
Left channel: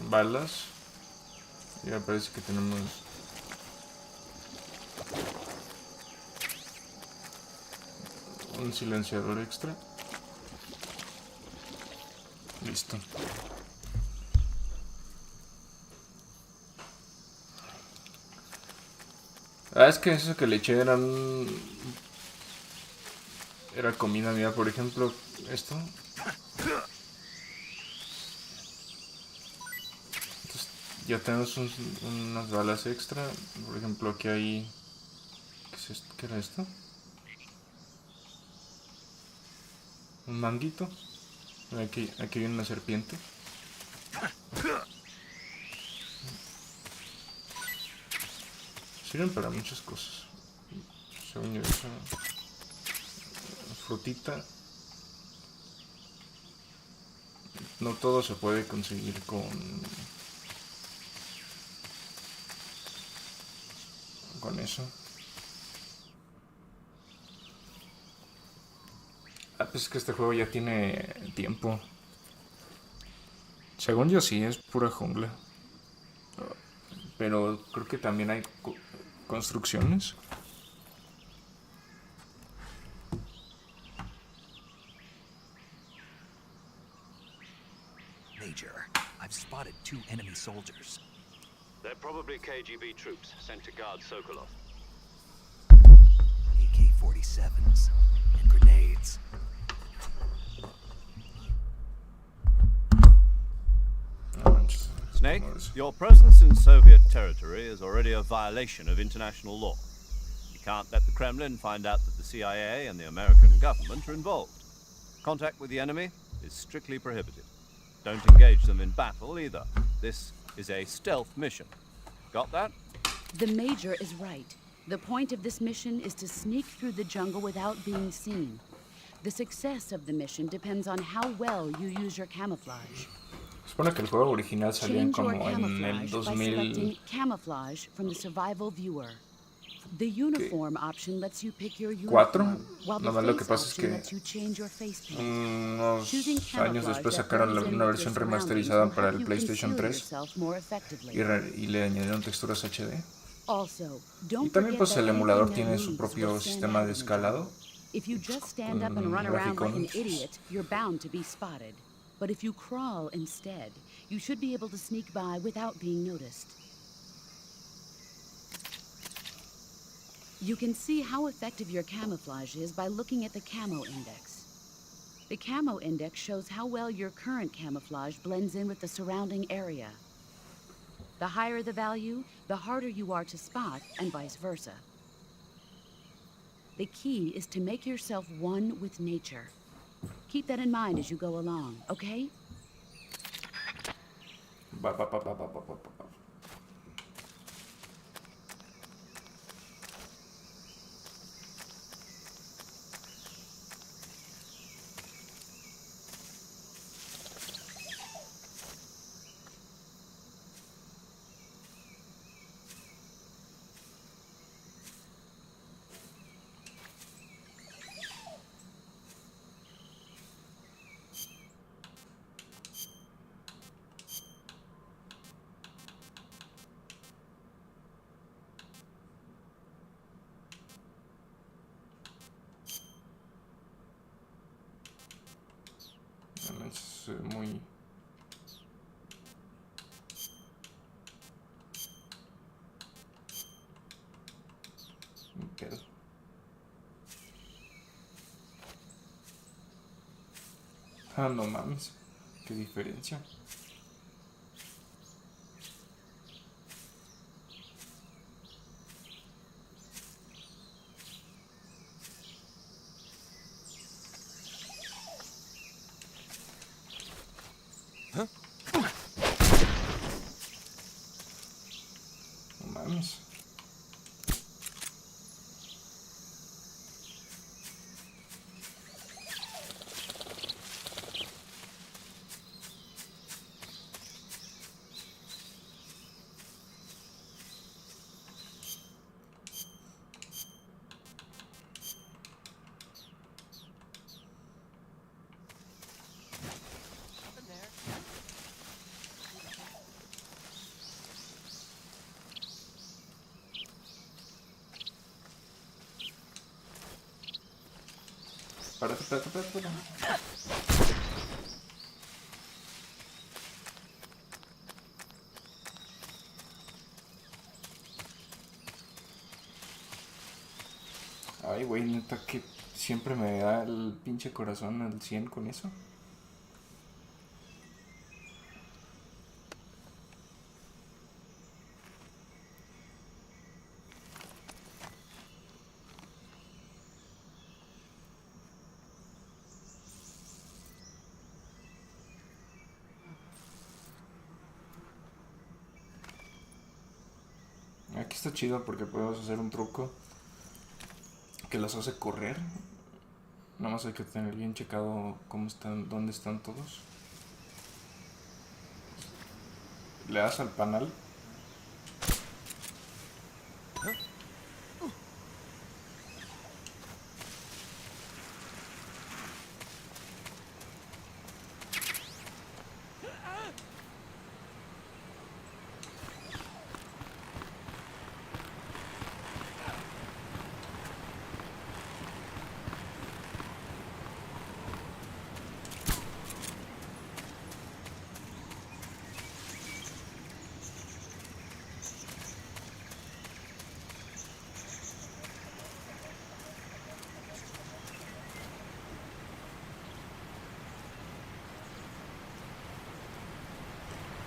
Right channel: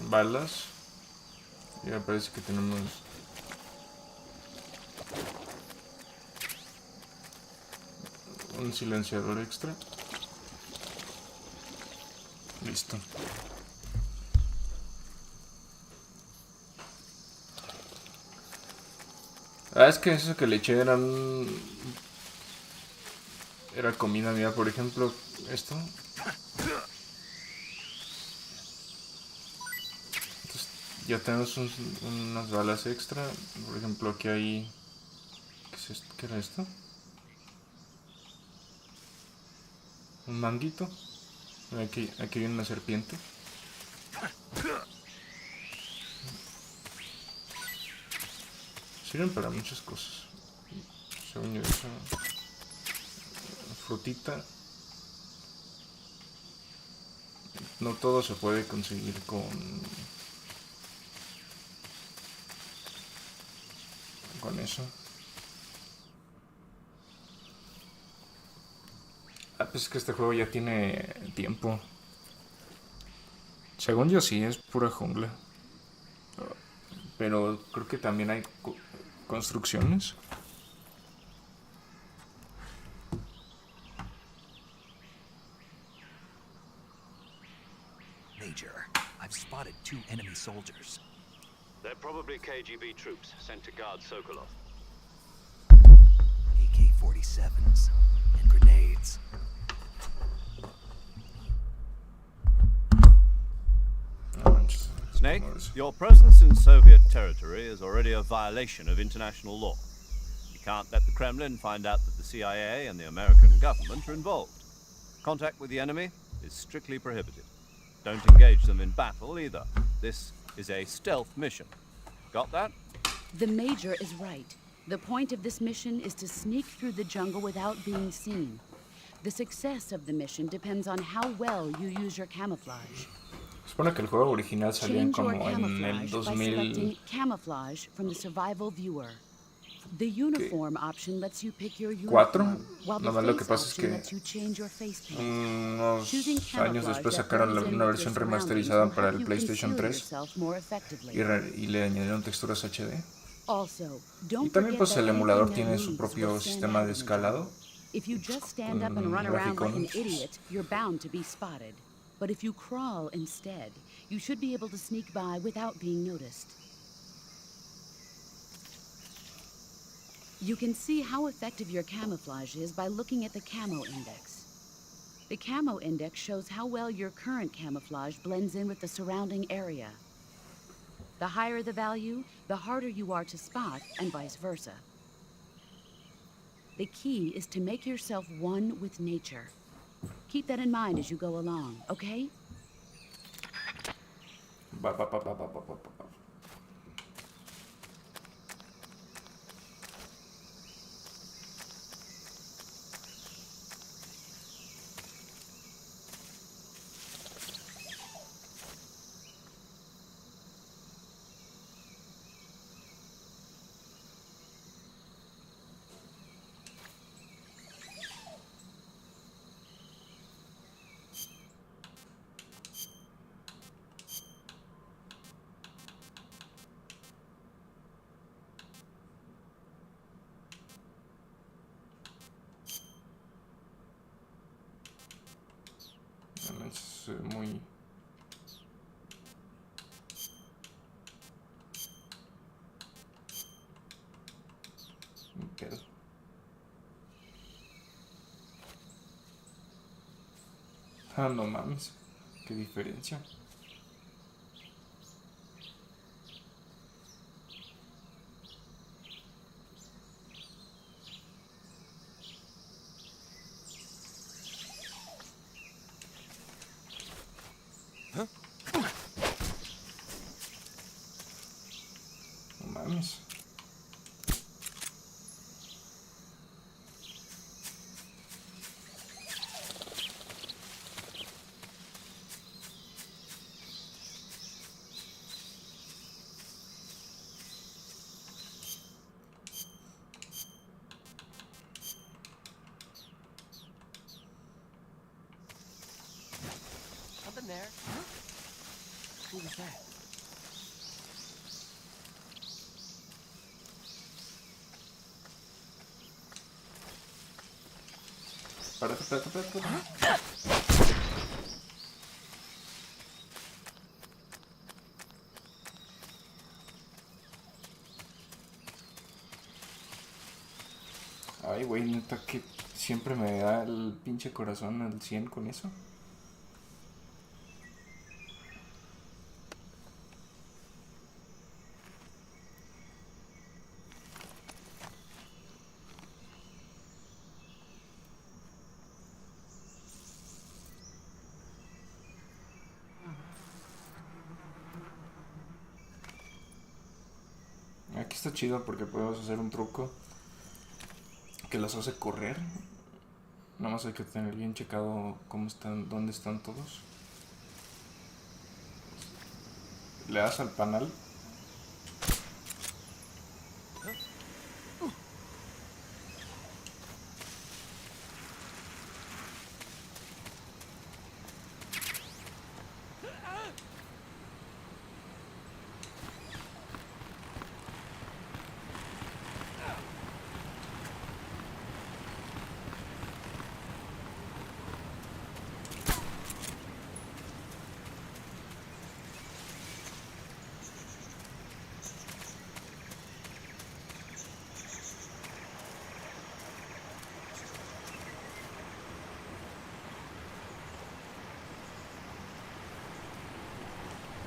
Balas. Ya parece que tenemos un silenciador extra. Listo. Ah, es que eso que le eché era comida mía, por ejemplo, esto. Entonces, ya tenemos unas balas extra. Por ejemplo, aquí hay... ¿Qué es esto? ¿Qué era esto? Un manguito. Aquí hay una serpiente. Sirven para muchas cosas. Según yo, eso. Frutita. No todo se puede conseguir con eso. Pues es que este juego ya tiene tiempo. Según yo sí, es pura jungla. Pero creo que también hay construcciones. Major, I've spotted 2 enemy soldiers. They're probably KGB troops sent to guard Sokolov. AK-47s and grenades. No manches. Snake, your presence in Soviet territory is already a violation of international law. You can't let the Kremlin find out that the CIA and the American government are involved. Contact with the enemy is strictly prohibited. Don't engage them in battle either. This is a stealth mission. Got that? The Major is right. The point of this mission is to sneak through the jungle without being seen. The success of the mission depends on how well you use your camouflage. Supone que el juego original salió Change your como en el camouflage by selecting 2000. camouflage from the survival viewer. The uniform option lets you pick your ¿Cuatro? uniform, while the Nomás lo que face pasa es option que lets you change your face paint. unos Choosing años camouflage después that sacaron blends in una with versión your surroundings remasterizada will para help el you PlayStation conceal 3 yourself more effectively. y le añadieron texturas HD. Also, Y don't también forget pues that el anything emulador that tiene su moves propio will stand sistema out de in the jungle. escalado. If you just stand up and run around like an idiot, you're bound to be spotted. But if you crawl instead, you should be able to sneak by without being noticed. You can see how effective your camouflage is by looking at the camo index. The camo index shows how well your current camouflage blends in with the surrounding area. The higher the value, the harder you are to spot, and vice versa. The key is to make yourself one with nature. Keep that in mind as you go along, okay? Ba, ba, ba, ba, ba, ba, ba, ba. Es muy... un pedo. Ah, no mames. Qué diferencia. No mames. Something there. Who was that? Espérate. Ay, güey, neta que siempre me da el pinche corazón al 100 con eso. Aquí Está chido porque podemos hacer un truco que los hace correr. Nada más hay que tener bien checado cómo están, dónde están todos. Le das al panal.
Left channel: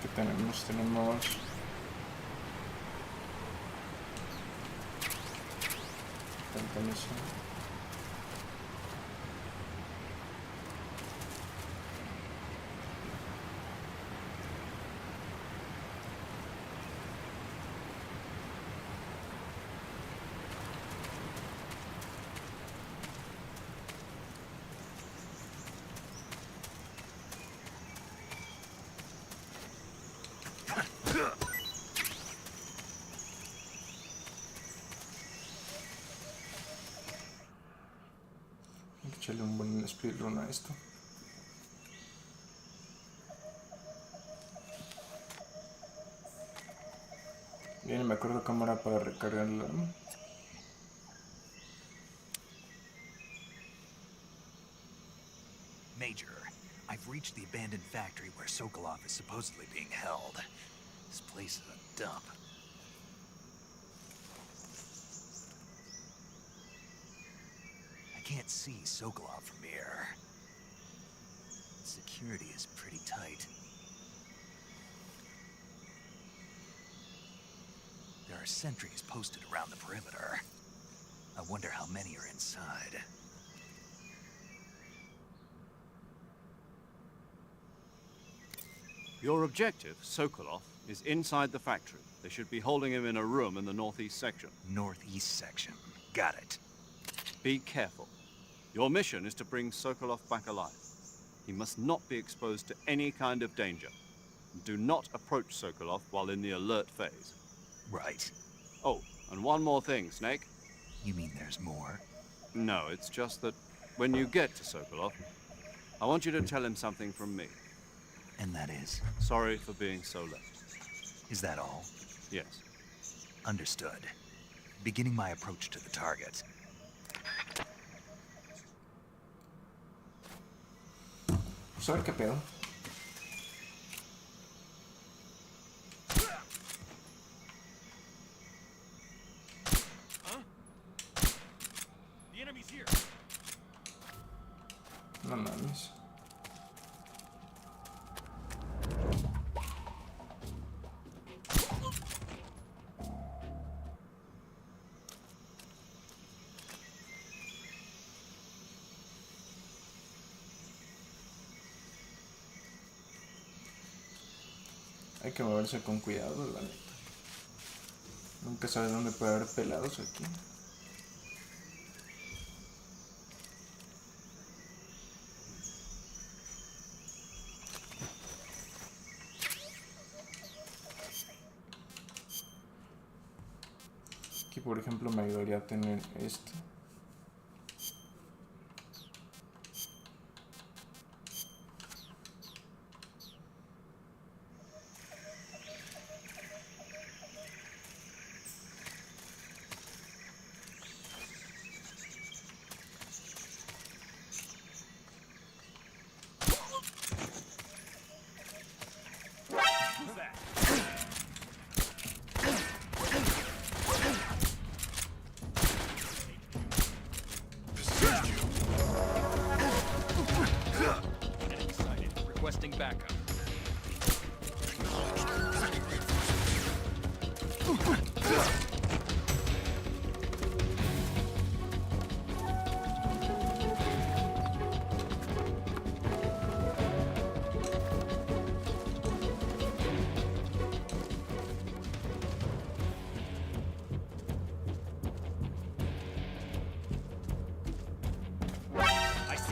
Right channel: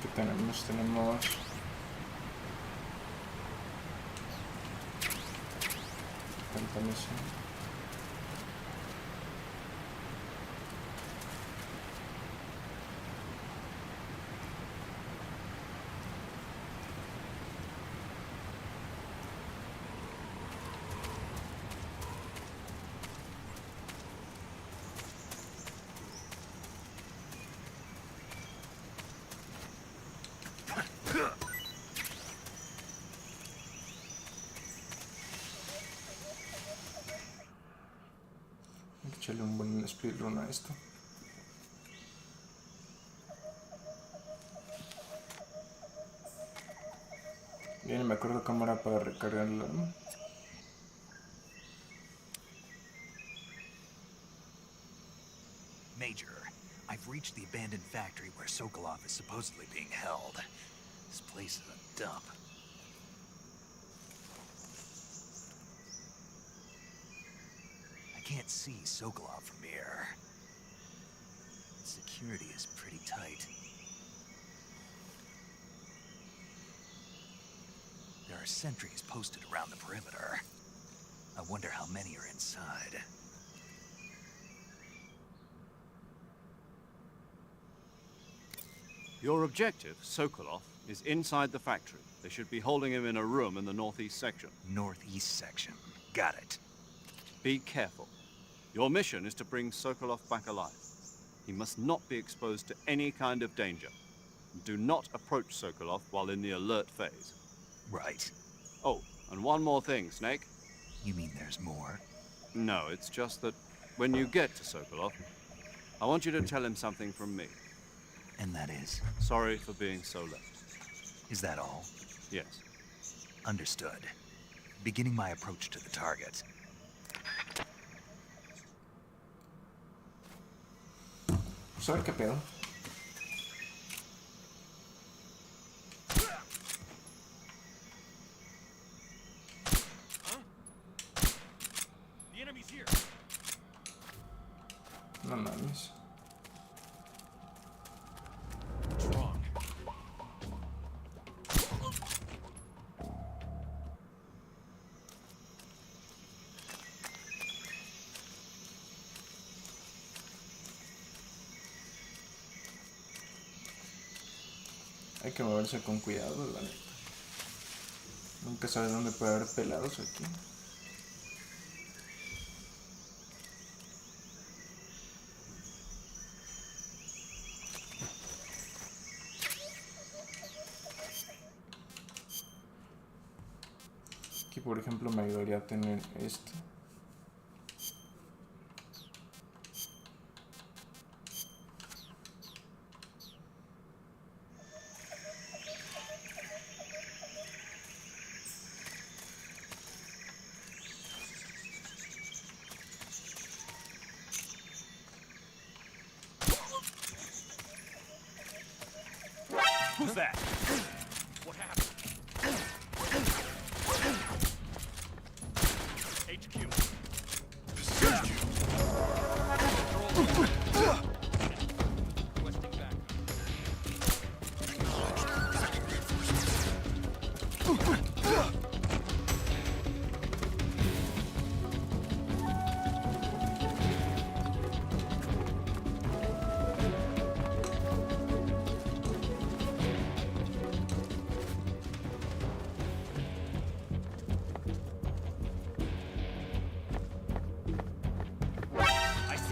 Que tenemos tanta misión. Echarle un buen speedrun a esto. Bien, me acuerdo cómo era para recargar el arma. Major, I've reached the abandoned factory where Sokolov is supposedly being held. This place is a dump. I can't see Sokolov from here. Security is pretty tight. There are sentries posted around the perimeter. I wonder how many are inside. Your objective, Sokolov, is inside the factory. They should be holding him in a room in the northeast section. Northeast section. Got it. Be careful. Your mission is to bring Sokolov back alive. He must not be exposed to any kind of danger. Do not approach Sokolov while in the alert phase. Right. Oh, and one more thing, Snake. You mean there's more? No, it's just that when you get to Sokolov, I want you to tell him something from me. And that is? Sorry for being so late. Is that all? Yes. Understood. Beginning my approach to the target. Vamos a ver qué pedo. The enemy's here. No mames. Hay que moverse con cuidado, la neta. Nunca sabes dónde puede haber pelados aquí. Aquí, por ejemplo, me ayudaría a tener esto. Who's that? Requesting backup.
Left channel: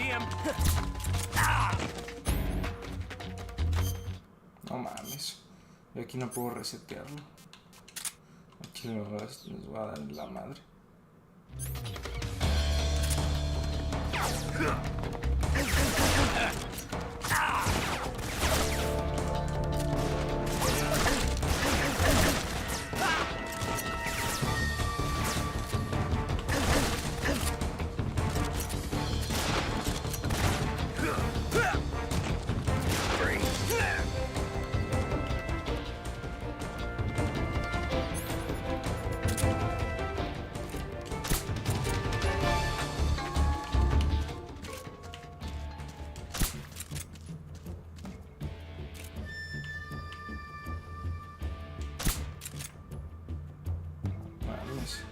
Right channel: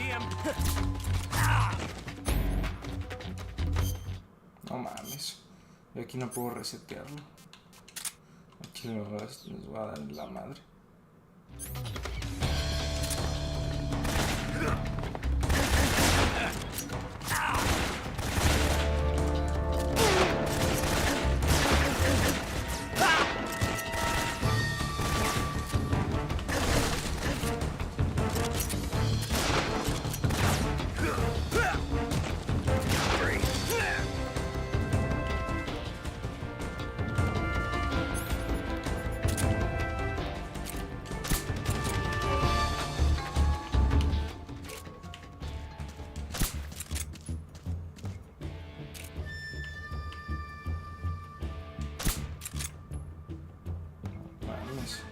him! No mames. Yo aquí no puedo resetearlo. Aquí nos va a dar la madre. Mames.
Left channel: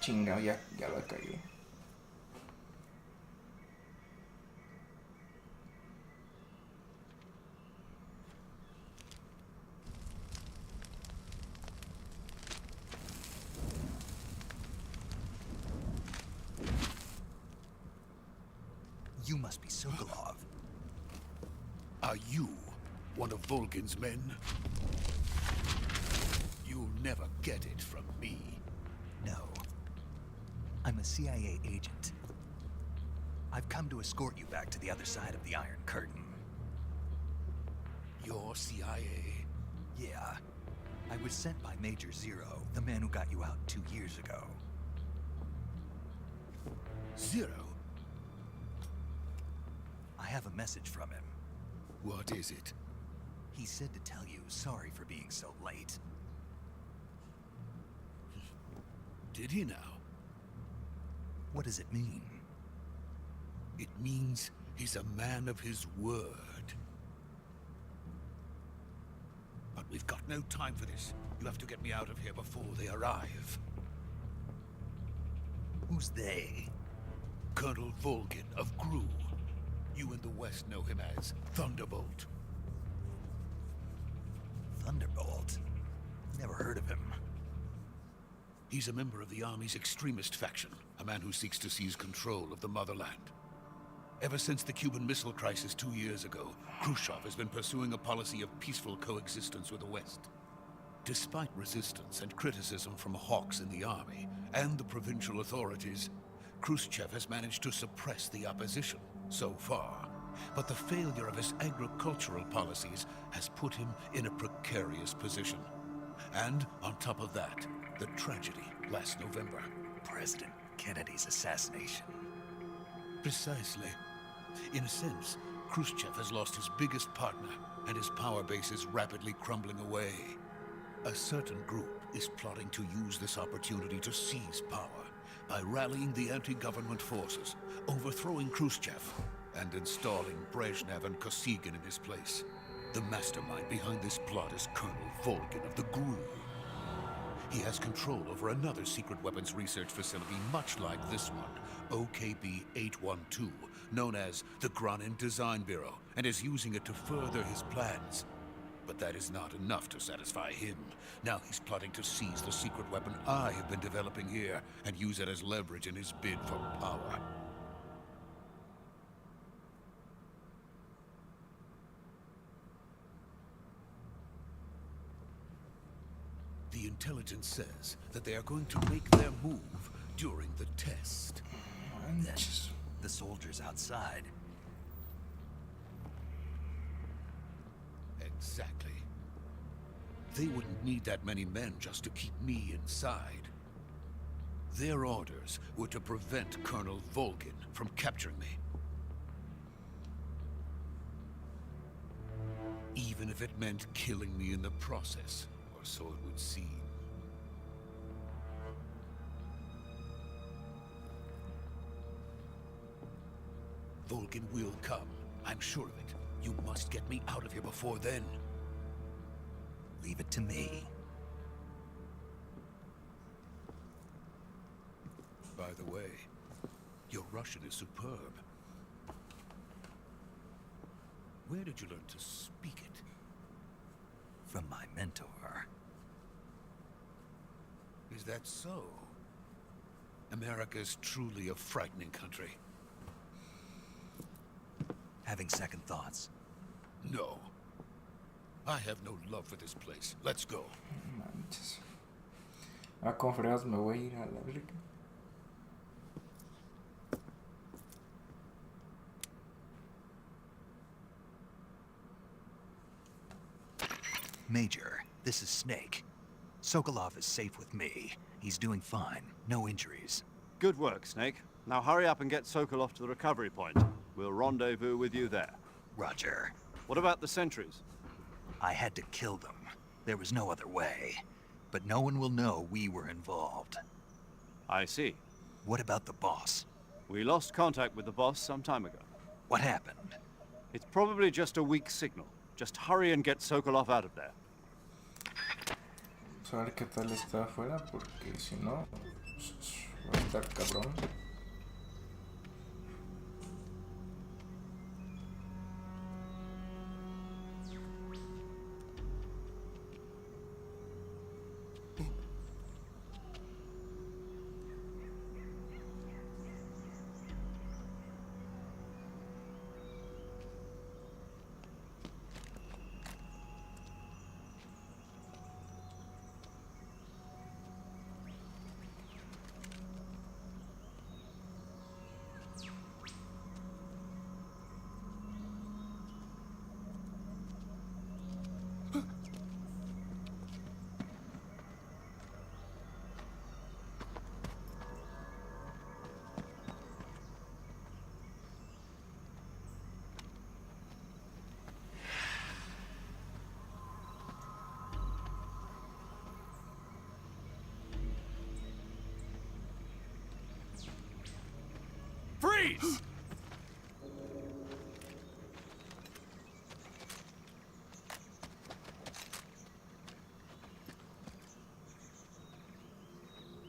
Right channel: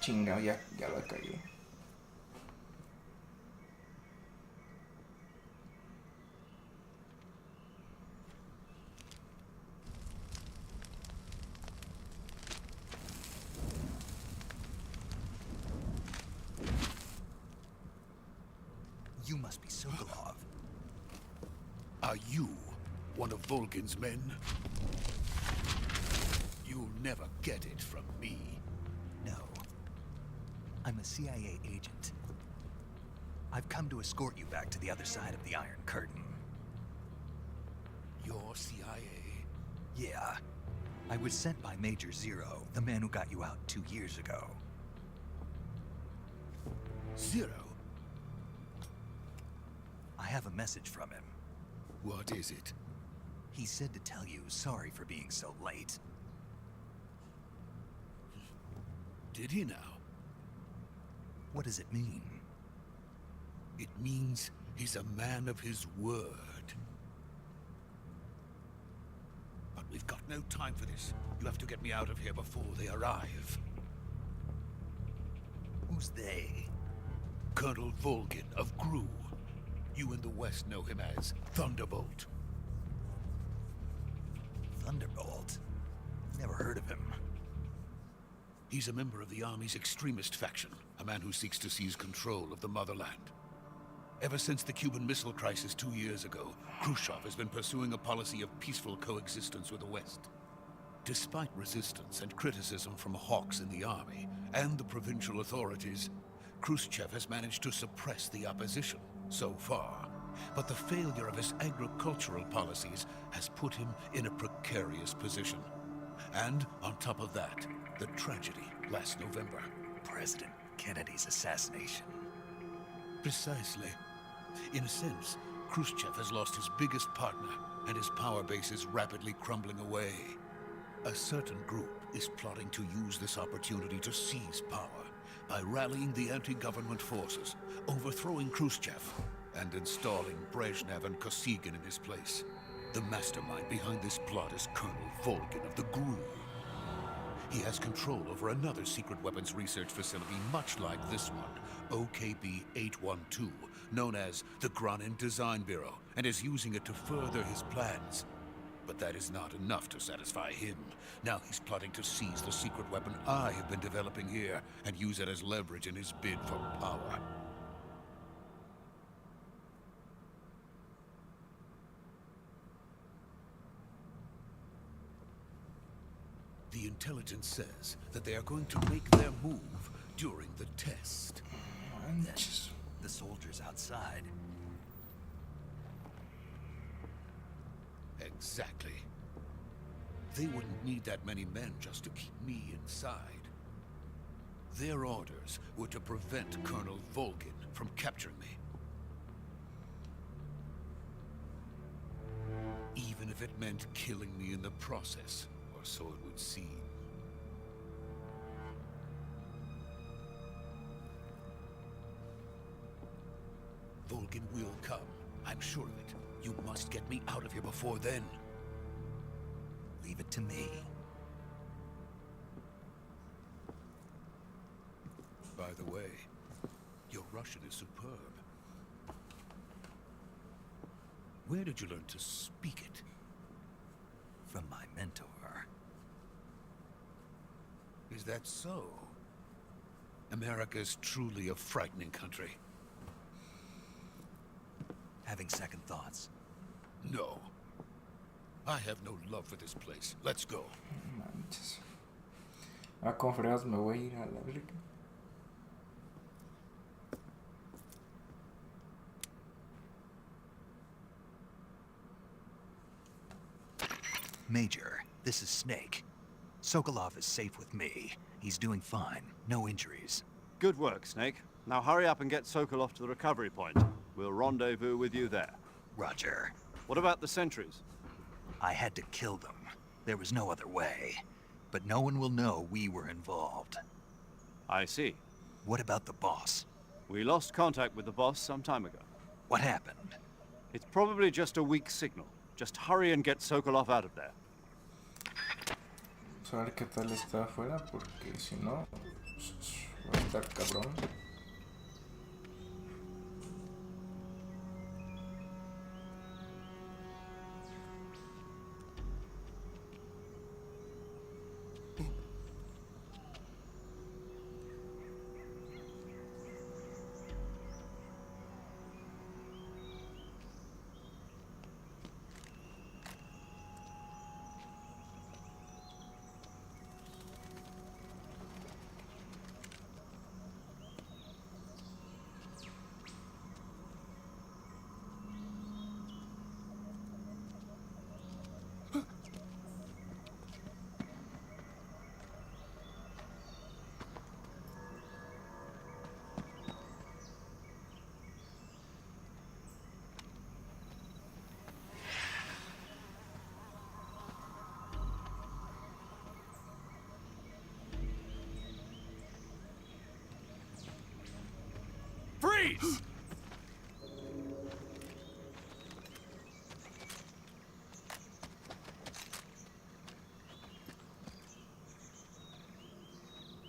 Chingado, ya la cagué. You must be Sokolov. Are you one of Volgin's men? You'll never get it from me. No. I'm a CIA agent. I've come to escort you back to the other side of the Iron Curtain. You're CIA? Yeah. I was sent by Major Zero, the man who got you out 2 years ago. Zero? I have a message from him. What is it? He said to tell you sorry for being so late. Did he now? What does it mean? It means he's a man of his word. But we've got no time for this. You have to get me out of here before they arrive. Who's they? Colonel Volgin of Gru. You in the West know him as Thunderbolt. Thunderbolt? Never heard of him. He's a member of the Army's extremist faction, a man who seeks to seize control of the motherland. Ever since the Cuban Missile Crisis 2 years ago, Khrushchev has been pursuing a policy of peaceful coexistence with the West. Despite resistance and criticism from hawks in the army and the provincial authorities, Khrushchev has managed to suppress the opposition so far. But the failure of his agricultural policies has put him in a precarious position. And on top of that, the tragedy last November. President Kennedy's assassination. Precisely. In a sense, Khrushchev has lost his biggest partner, and his power base is rapidly crumbling away. A certain group is plotting to use this opportunity to seize power by rallying the anti-government forces, overthrowing Khrushchev, and installing Brezhnev and Kosygin in his place. The mastermind behind this plot is Colonel Volgin of the GRU. He has control over another secret weapons research facility much like this one, OKB-812, known as the Granin Design Bureau, and is using it to further his plans. But that is not enough to satisfy him. Now he's plotting to seize the secret weapon I have been developing here and use it as leverage in his bid for power. The intelligence says that they are going to make their move during the test. That's the soldiers outside. Exactly. They wouldn't need that many men just to keep me inside. Their orders were to prevent Colonel Volgin from capturing me. Even if it meant killing me in the process, or so it would seem. Volgin will come. I'm sure of it. You must get me out of here before then. leave it to me. By the way, your Russian is superb. Where did you learn to speak it? From my mentor. Is that so? America is truly a frightening country. Having second thoughts? No. I have no love for this place. Let's go. Manches. Con fregados me voy a ir a la verga. Major, this is Snake. Sokolov is safe with me. He's doing fine. No injuries. Good work, Snake. Now hurry up and get Sokolov to the recovery point. We'll rendezvous with you there. Roger. What about the sentries? I had to kill them. There was no other way. But no one will know we were involved. I see. What about the boss? We lost contact with the boss some time ago. What happened? It's probably just a weak signal. Just hurry and get Sokolov out of there. Vamos a ver qué tal está afuera, porque si no, va a estar cabrón. Freeze!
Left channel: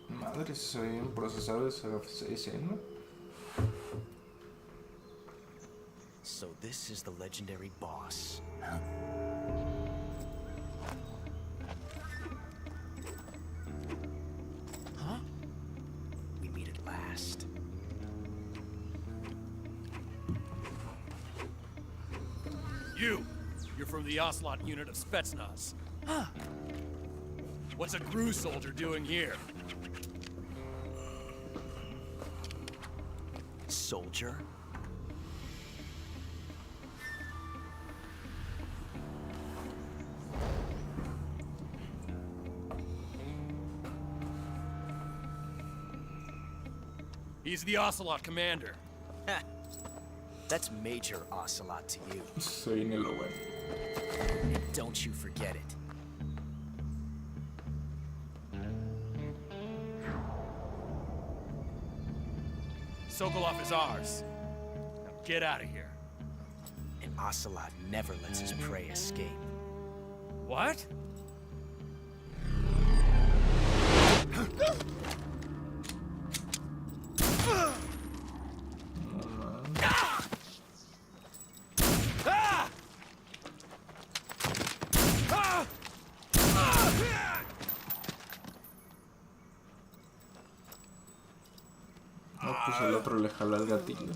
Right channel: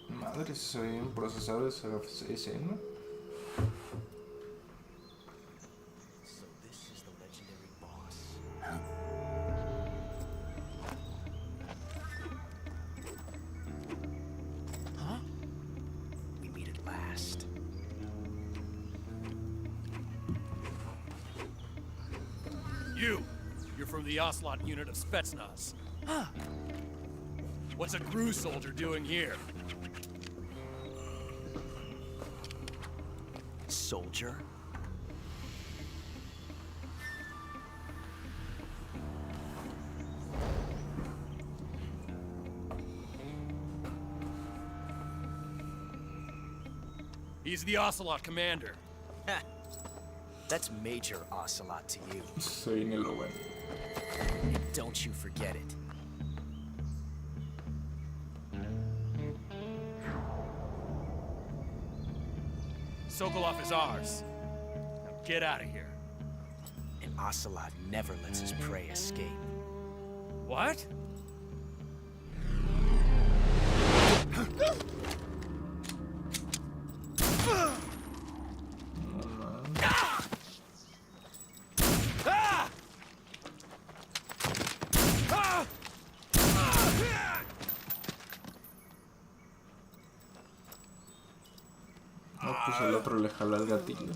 Madre, soy un procesador de esa escena. So this is the legendary boss. Huh? We meet at last. You're from the Ocelot unit of Spetsnaz. Huh. What's a GRU soldier doing here? Soldier? He's the Ocelot commander. Ha! That's Major Ocelot to you. Soy ni lo bueno. And don't you forget it. Sokolov is ours. Now get out of here. And Ocelot never lets his prey escape. What? No, pues el otro le jala el gatillo.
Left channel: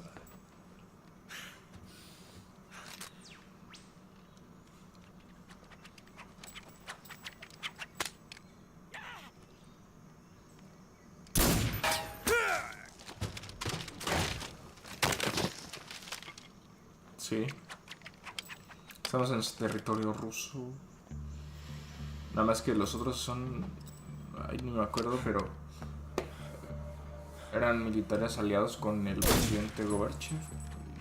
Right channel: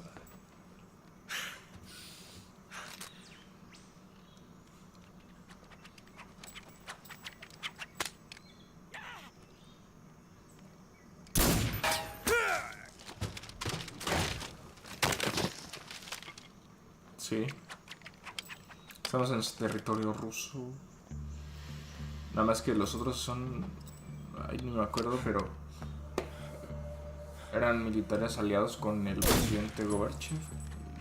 Sí. Estamos en territorio ruso. Nada más que los otros son... Ay, no me acuerdo, pero... Eran militares aliados con el presidente Gorbachev.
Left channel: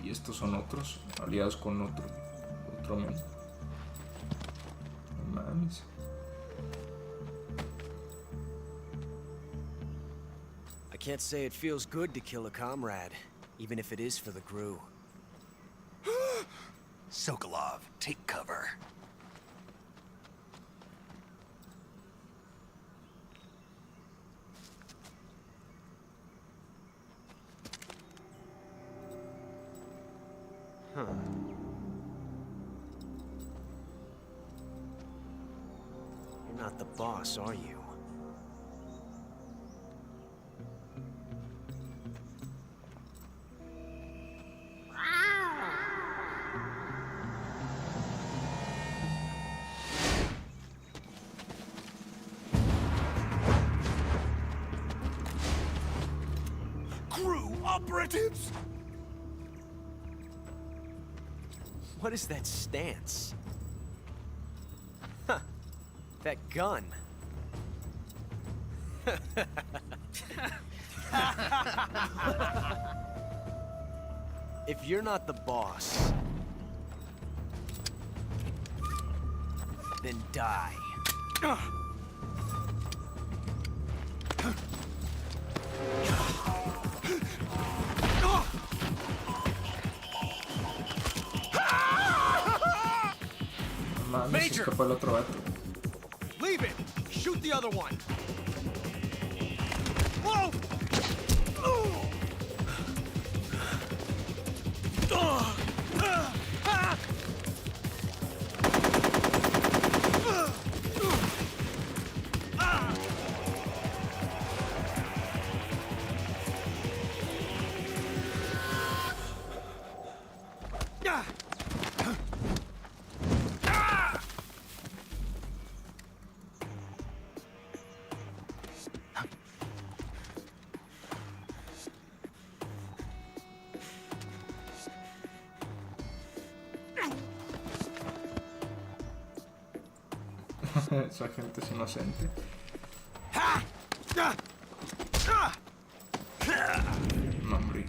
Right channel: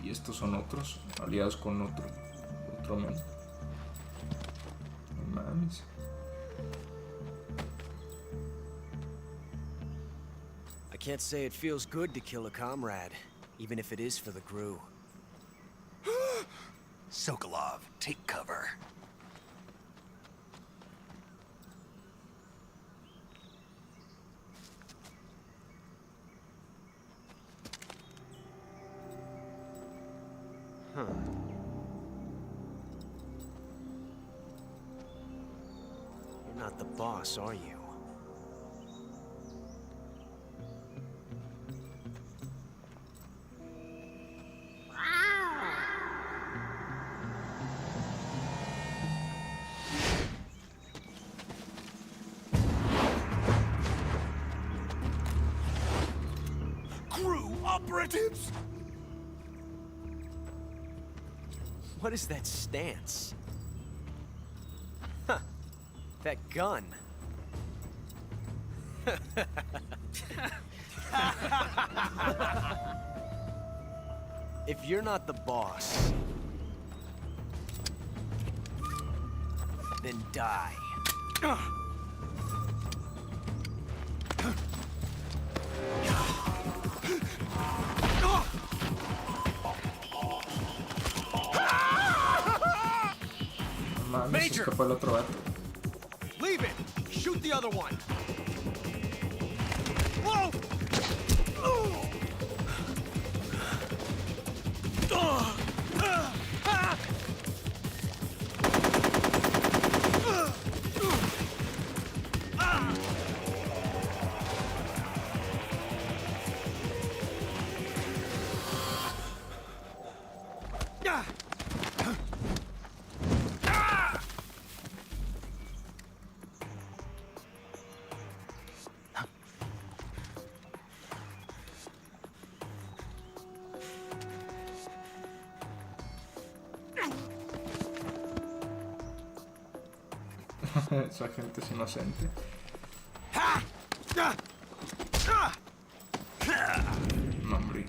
Y estos son otros, aliados con otro men. No mames. I can't say it feels good to kill a comrade, even if it is for the GRU. Sokolov, take cover. Huh. You're not the boss, are you? Crew operatives! What is that stance? Huh. That gun. If you're not the boss, then die. Mames, se Major. escapó el otro vato. Leave it! Shoot the other one! Whoa! Esa gente es inocente. No, hombre.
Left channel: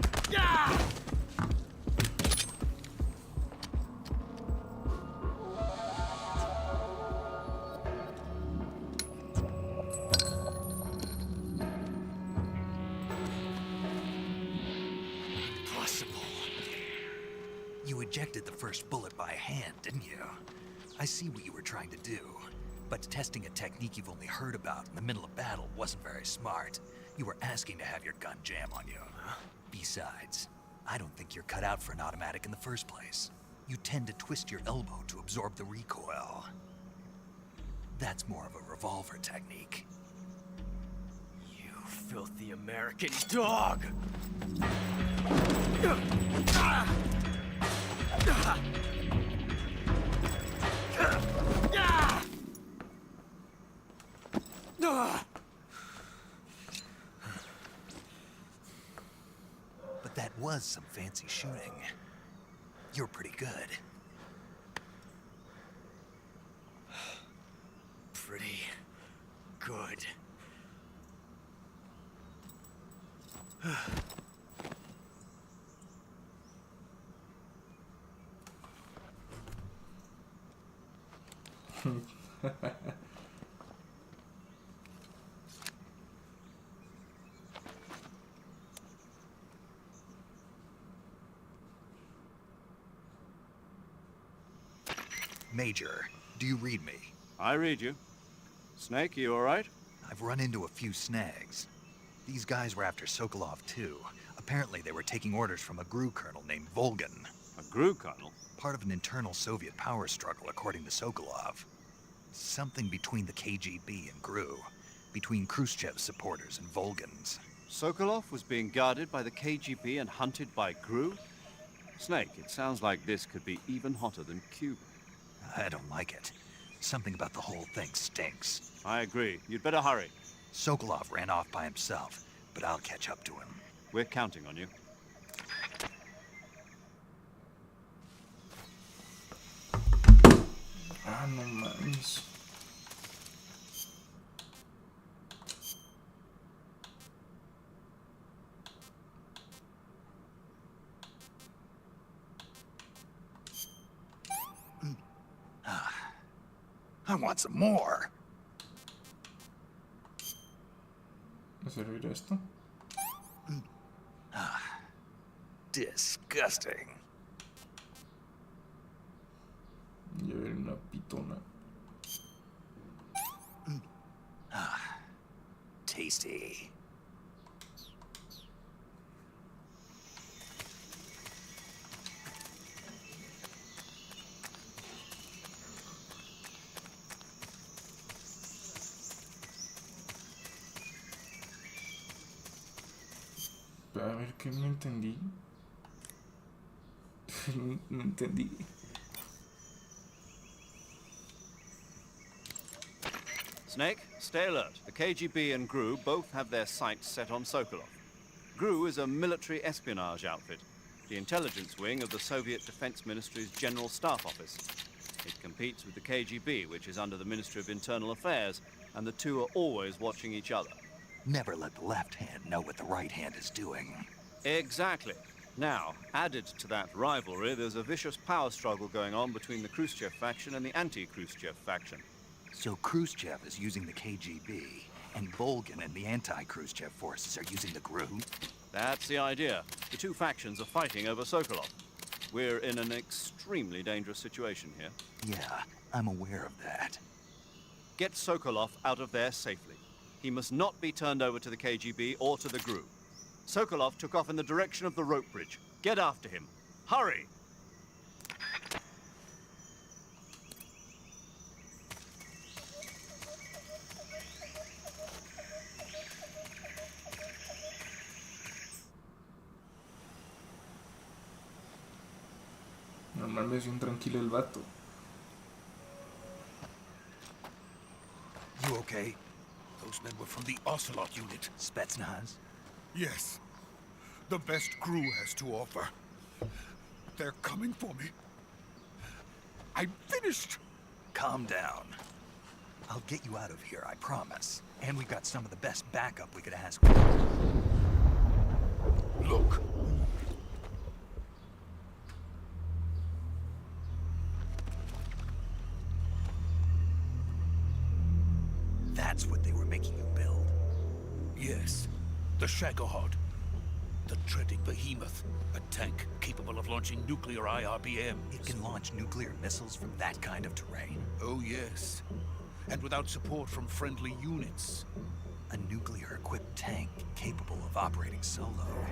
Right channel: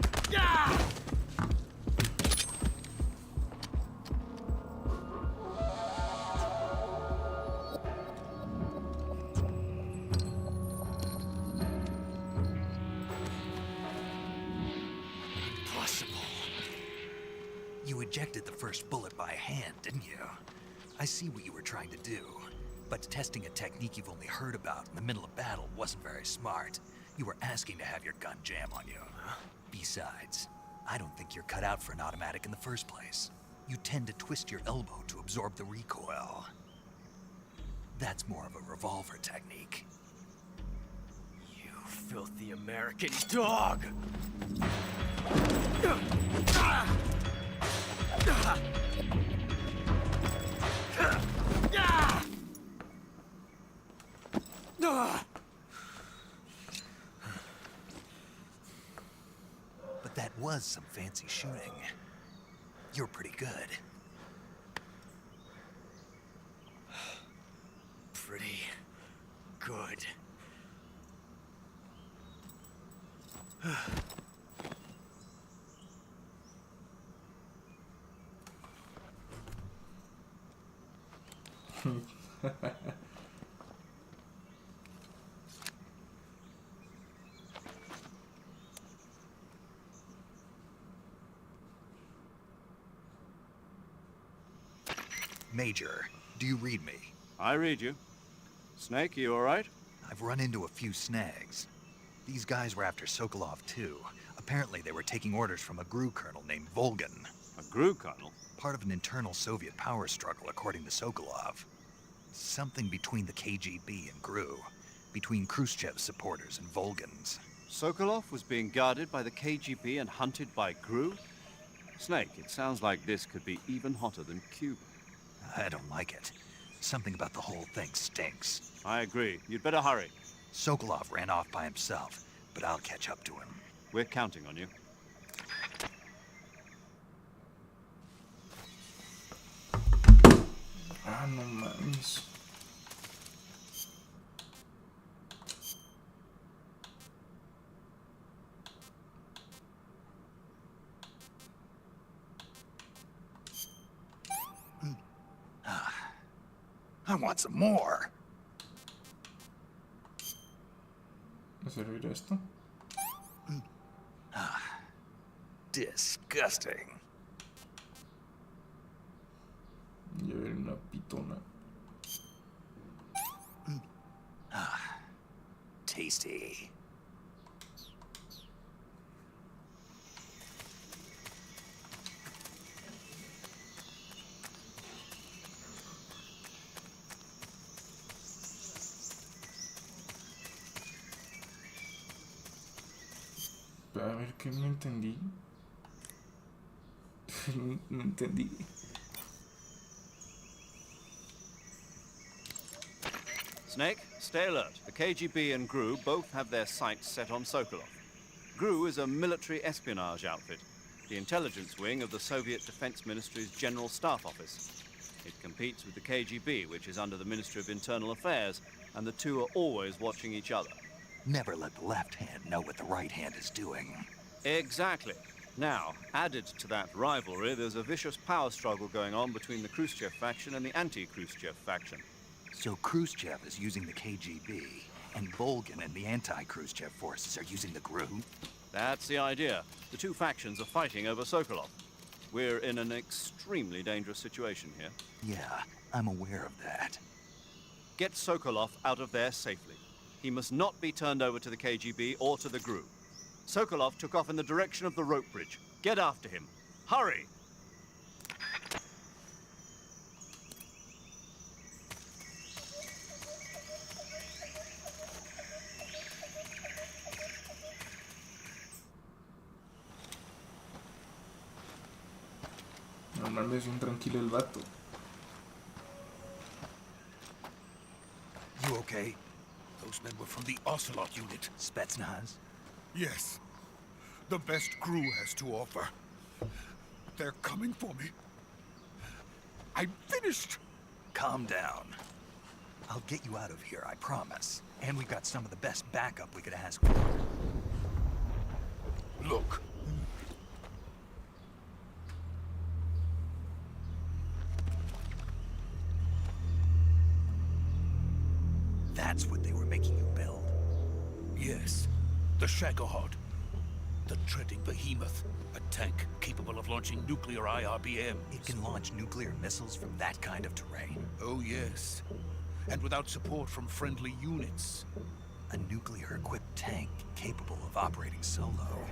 Impossible. You ejected the first bullet by hand, didn't you? I see what you were trying to do. But testing a technique you've only heard about in the middle of battle wasn't very smart. You were asking to have your gun jam on you. Besides, I don't think you're cut out for an automatic in the first place. You tend to twist your elbow to absorb the recoil. That's more of a revolver technique. You filthy American dog! But that was some fancy shooting. You're pretty good. Pretty good. Major, do you read me? I read you. Snake, you all right? I've run into a few snags. These guys were after Sokolov too. Apparently they were taking orders from a GRU colonel named Volgan. A GRU colonel? Part of an internal Soviet power struggle, according to Sokolov. Something between the KGB and GRU. Between Khrushchev's supporters and Volgan's. Sokolov was being guarded by the KGB and hunted by GRU? Snake, it sounds like this could be even hotter than Cuba. I don't like it. Something about the whole thing stinks. I agree. You'd better hurry. Sokolov ran off by himself, but I'll catch up to him. We're counting on you. Ah, no mames. ¿Me servirá esto? Llevé una pitona. A ver, ¿qué no entendí? No entendí. Snake, stay alert. The KGB and GRU both have their sights set on Sokolov. GRU is a military espionage outfit, the intelligence wing of the Soviet Defense Ministry's General Staff Office. It competes with the KGB, which is under the Ministry of Internal Affairs, and the two are always watching each other. Never let the left hand know what the right hand is doing. Exactly. Now, added to that rivalry, there's a vicious power struggle going on between the Khrushchev faction and the anti-Khrushchev faction. So Khrushchev is using the KGB, and Volgin and the anti-Khrushchev forces are using the GRU? That's the idea. The two factions are fighting over Sokolov. We're in an extremely dangerous situation here. Yeah, I'm aware of that. Get Sokolov out of there safely. He must not be turned over to the KGB or to the GRU. Sokolov took off in the direction of the rope bridge. Get after him. Hurry! No mames, bien tranquilo el vato. You okay? Those men were from the Ocelot unit. Spetsnaz? Yes. The best GRU has to offer. They're coming for me. I'm finished! Calm down. I'll get you out of here, I promise. And we've got some of the best backup we could ask for. Look. That's what they were making you build. Yes. The Shagohod. The treading behemoth. A tank capable of launching nuclear IRBMs. It can launch nuclear missiles from that kind of terrain. Oh, yes. And without support from friendly units. A nuclear-equipped tank capable of operating solo.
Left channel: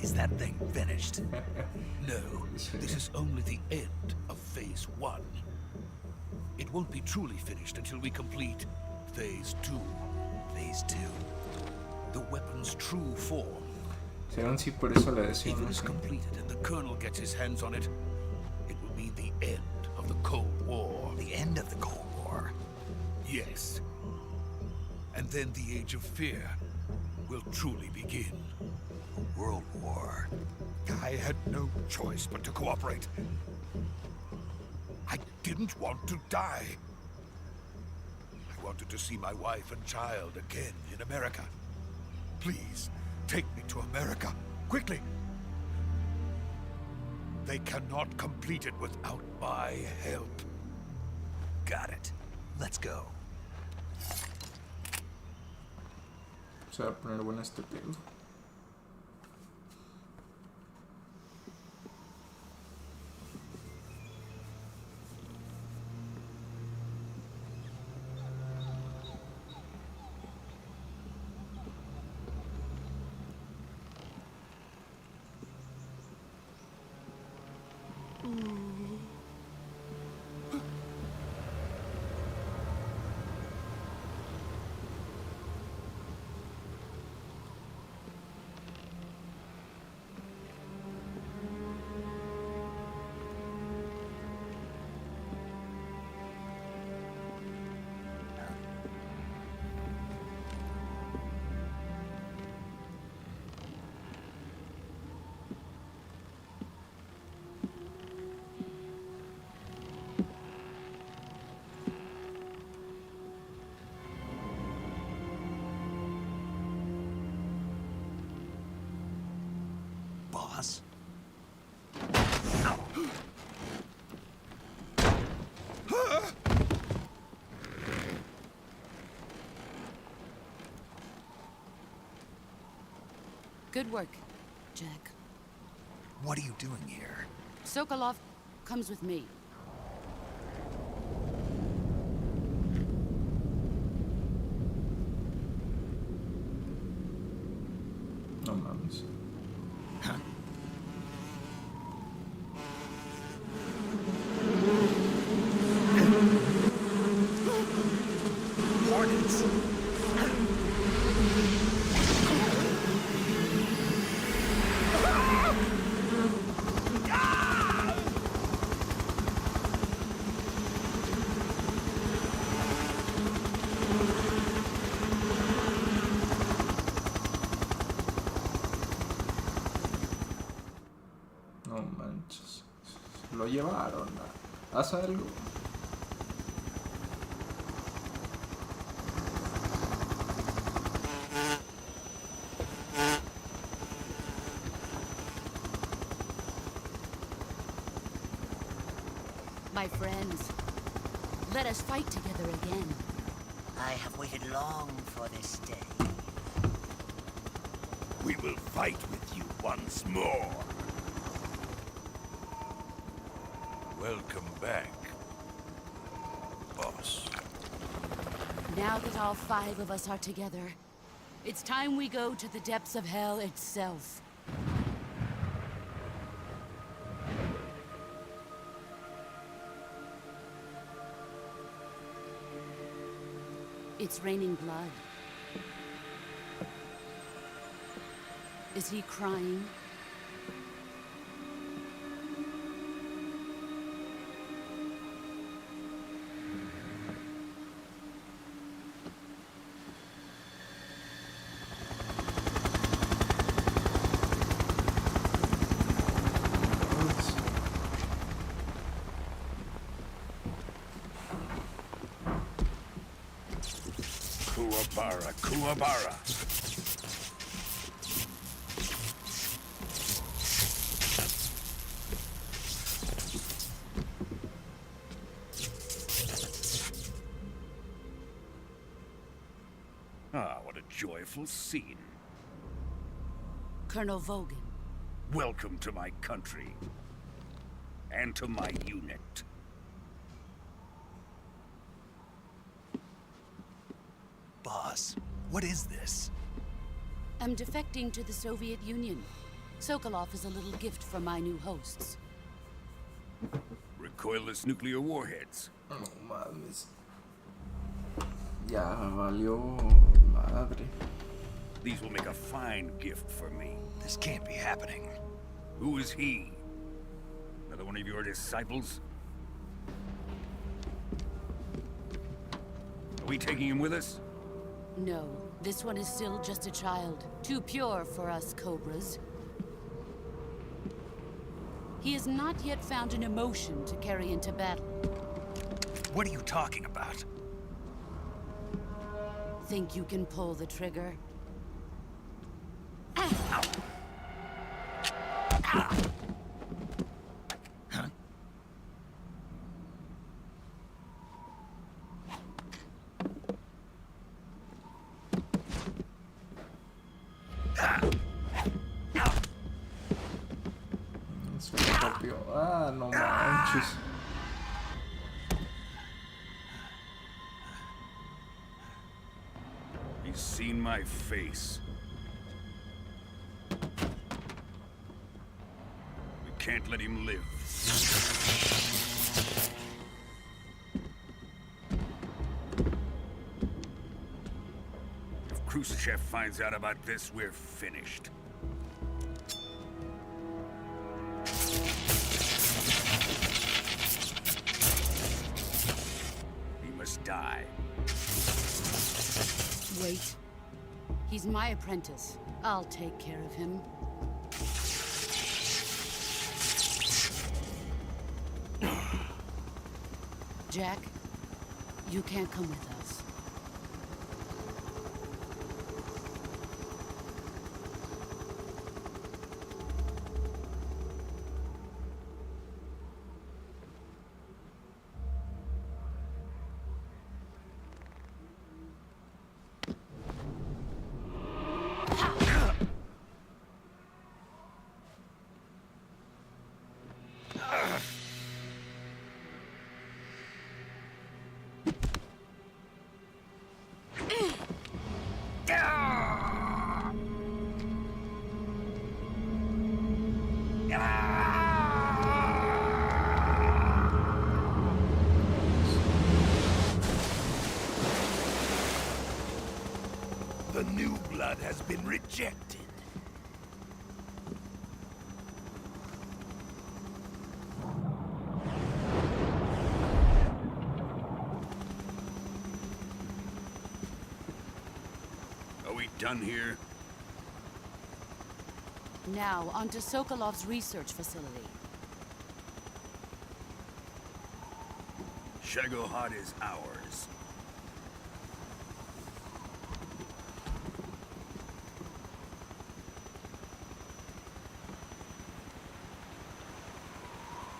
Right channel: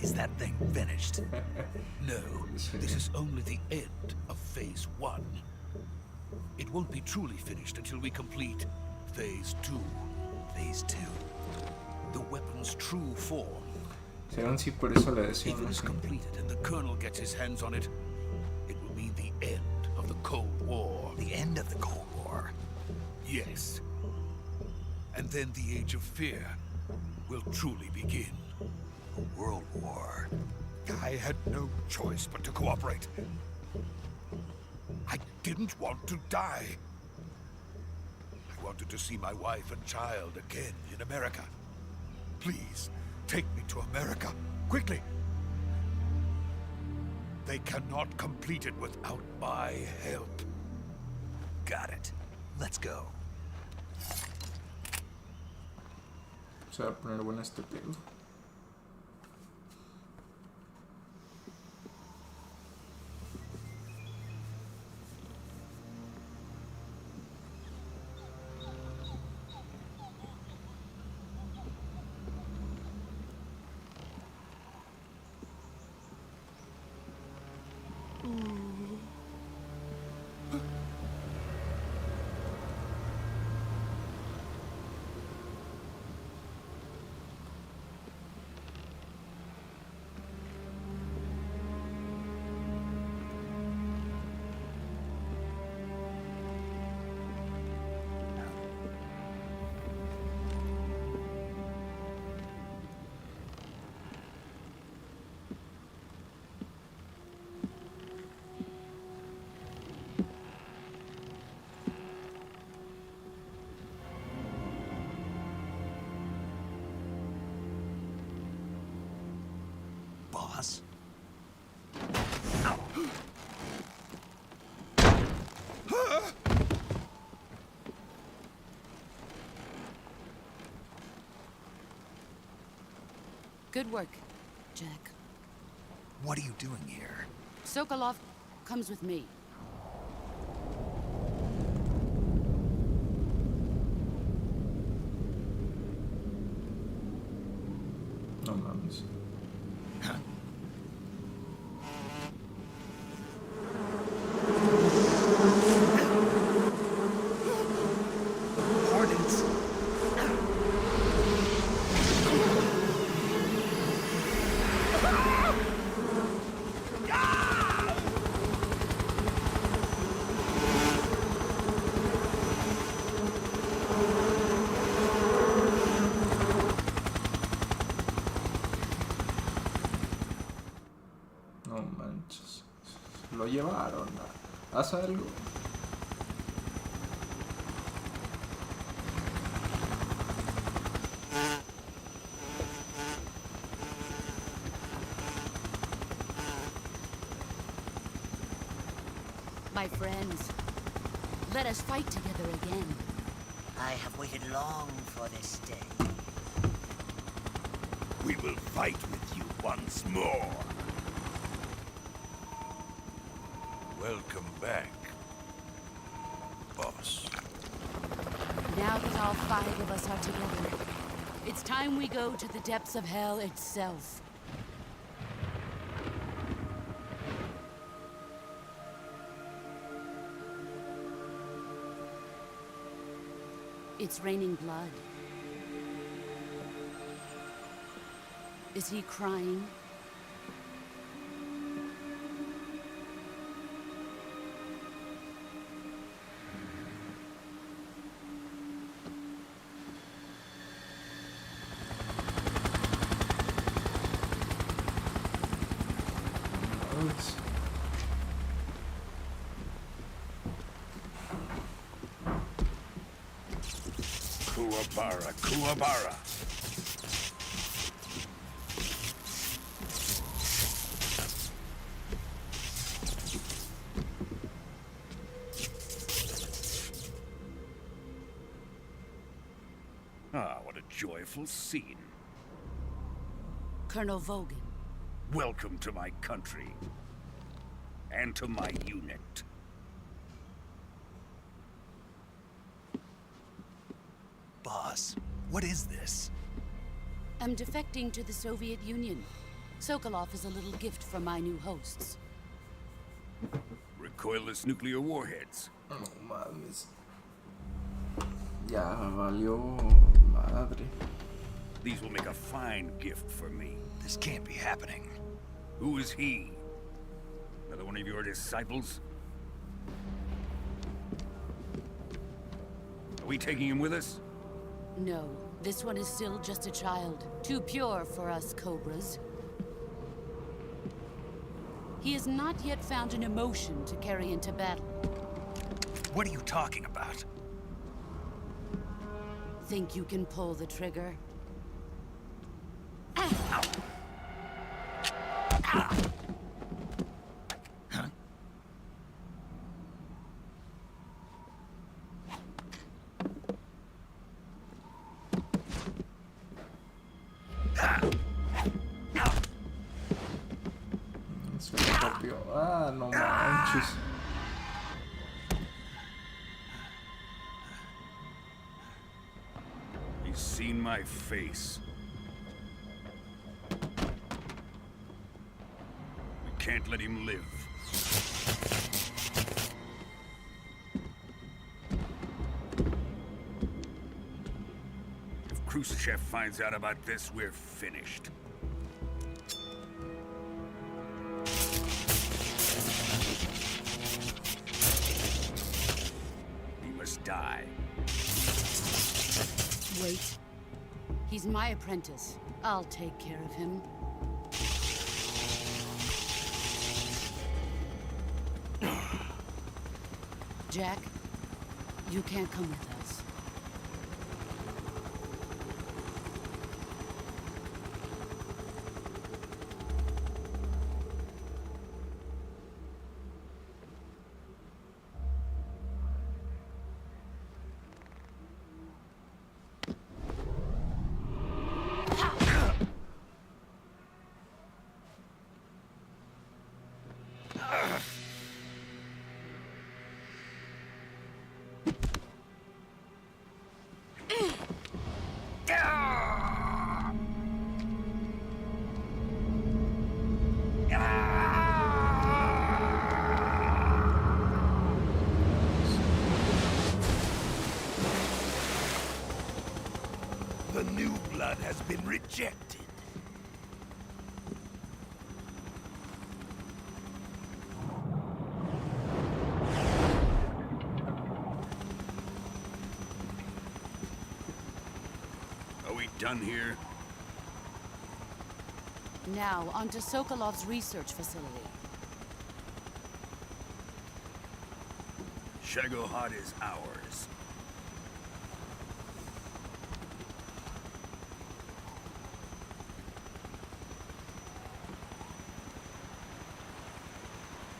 Is that thing finished? No, this is only the end of Phase 1. It won't be truly finished until we complete Phase 2. Phase 2. The weapon's true form. Serán sí, por eso le If decían it is así. completed and the Colonel gets his hands on it, it will mean the end of the Cold War. The end of the Cold War. Yes. And then the Age of Fear will truly begin. A world war. I had no choice but to cooperate. I didn't want to die. I wanted to see my wife and child again in America. Please, take me to America, quickly. They cannot complete it without my help. Got it. Let's go. Se va a poner bueno este pedo. Boss? Good work, Jack. What are you doing here? Sokolov comes with me. No mames. Hornet? chance. No manches. Lo llevaron. Haz algo. My friends, let us fight together again. I have waited long for this day. We will fight with you once more. Welcome back, boss. Now that all 5 of us are together, it's time we go to the depths of hell itself. It's raining blood. Is he crying? Kuwabara, Kuwabara. Ah, what a joyful scene. Colonel Vogan. Welcome to my country. And to my unit. Boss, what is this? I'm defecting to the Soviet Union. Sokolov is a little gift from my new hosts. Recoilless nuclear warheads. No mames. Ya valió madre. These will make a fine gift for me. This can't be happening. Who is he? Another one of your disciples? Are we taking him with us? No, this one is still just a child. Too pure for us Cobras. He has not yet found an emotion to carry into battle. What are you talking about? Think you can pull the trigger? Escorpio. Ah, no manches. He's seen my face. We can't let him live. If Khrushchev finds out about this, we're finished. He must die. Wait. He's my apprentice. I'll take care of him. Jack, you can't come with us. blood has been rejected. Are we done here? Now, on to Sokolov's research facility. Shagohod is ours.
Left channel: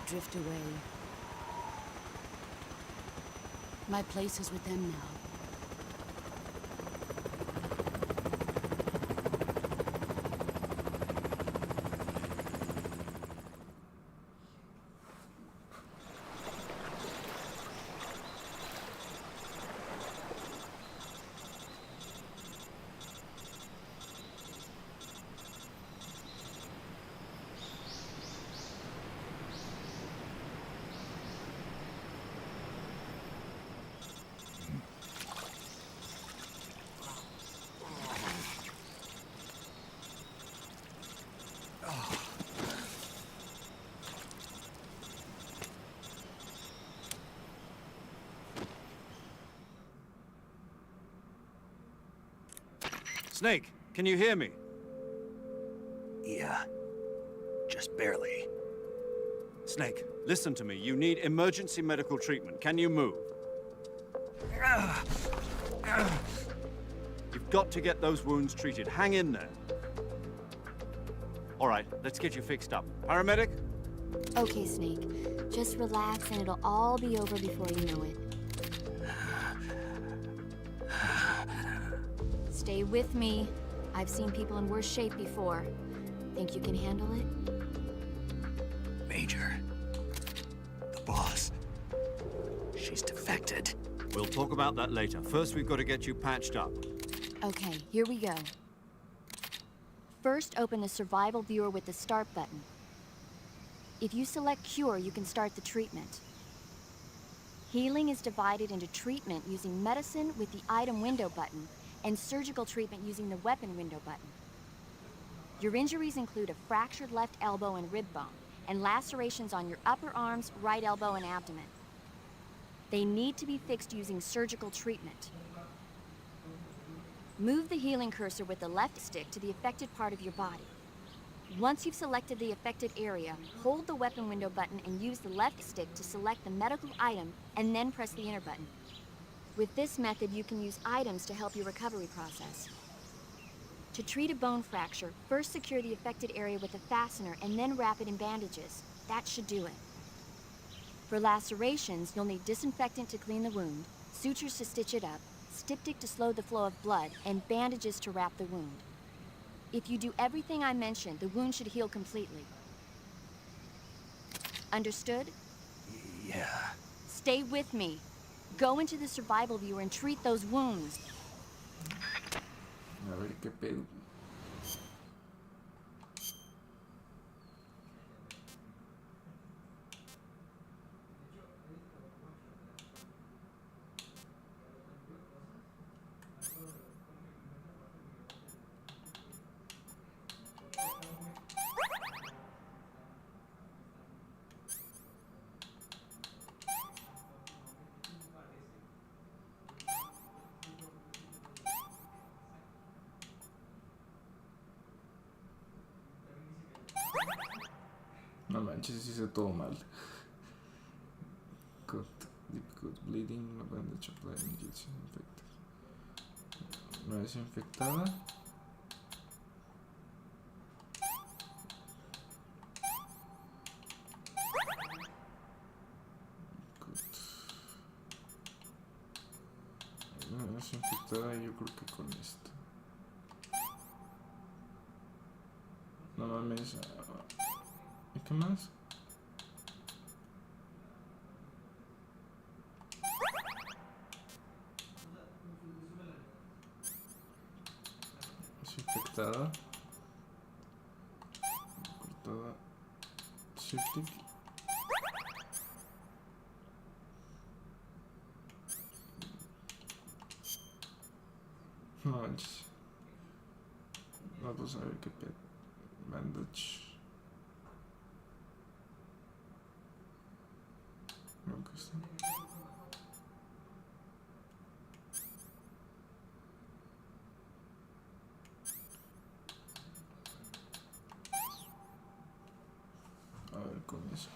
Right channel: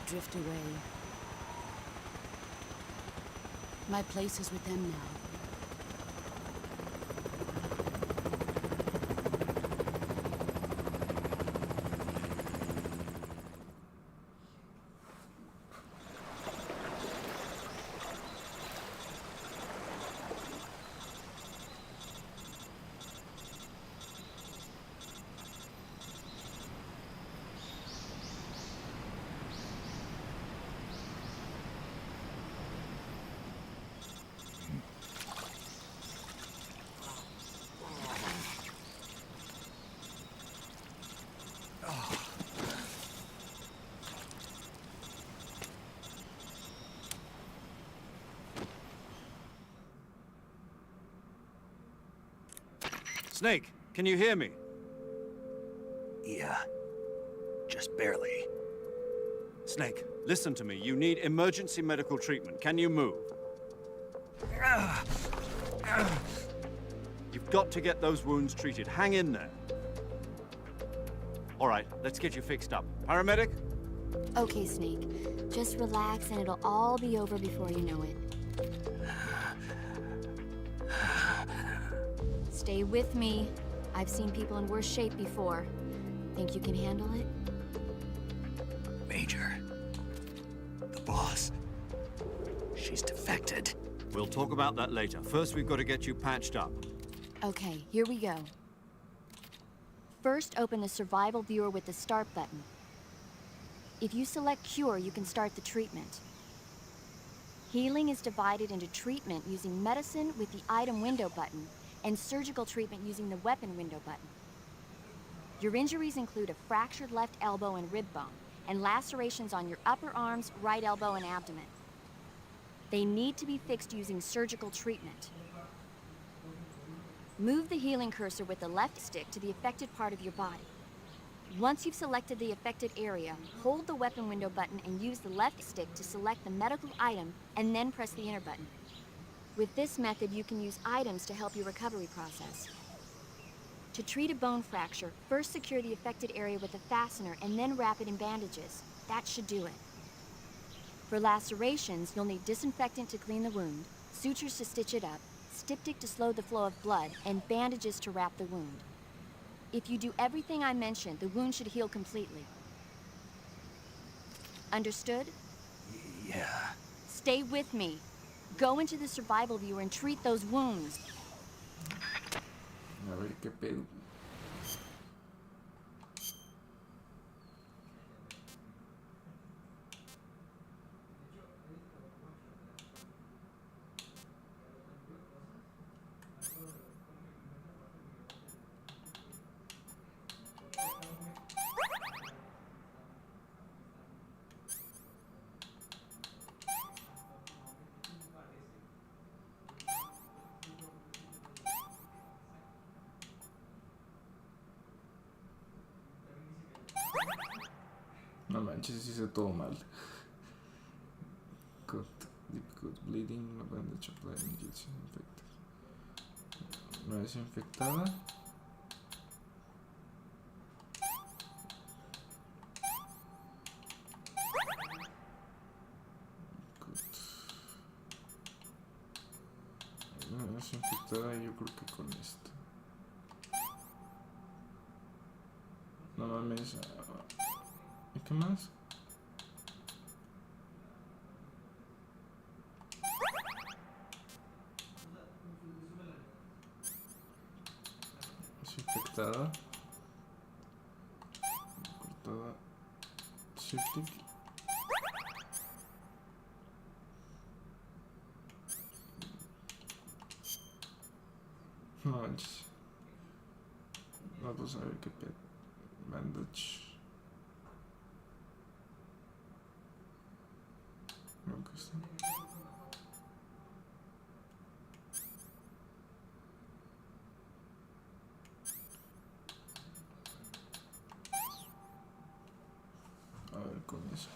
Drift away. My place is with them now. Snake, can you hear me? Yeah. Just barely. Snake, listen to me. You need emergency medical treatment. Can you move? You've got to get those wounds treated. Hang in there. All right, let's get you fixed up. Paramedic? Okay, Snake. Just relax and it'll all be over before you know it. Stay with me. I've seen people in worse shape before. Think you can handle it? Major. The boss. She's defected. We'll talk about that later. First, we've got to get you patched up. Okay, here we go. First, open the survival viewer with the start button. If you select cure, you can start the treatment. Healing is divided into treatment using medicine with the item window button and surgical treatment using the weapon window button. Your injuries include a fractured left elbow and rib bone, and lacerations on your upper arms, right elbow, and abdomen. They need to be fixed using surgical treatment. Move the healing cursor with the left stick to the affected part of your body. Once you've selected the affected area, hold the weapon window button and use the left stick to select the medical item, and then press the enter button. With this method, you can use items to help your recovery process. To treat a bone fracture, first secure the affected area with a fastener and then wrap it in bandages. That should do it. For lacerations, you'll need disinfectant to clean the wound, sutures to stitch it up, styptic to slow the flow of blood, and bandages to wrap the wound. If you do everything I mentioned, the wound should heal completely. Understood? Yeah. Stay with me. Go into the survival viewer and treat those wounds. A ver qué pedo. No manches, hice todo mal. Cut, deep cut, bleeding, no bandage applied, injection infected. No es infectada. Cut. No es infectada, yo creo que con esto. No mames. ¿Y qué más? Es infectada. Cortada. Septic. No manches. Vamos a ver qué pedo. Bandage. No, que está. A ver con eso.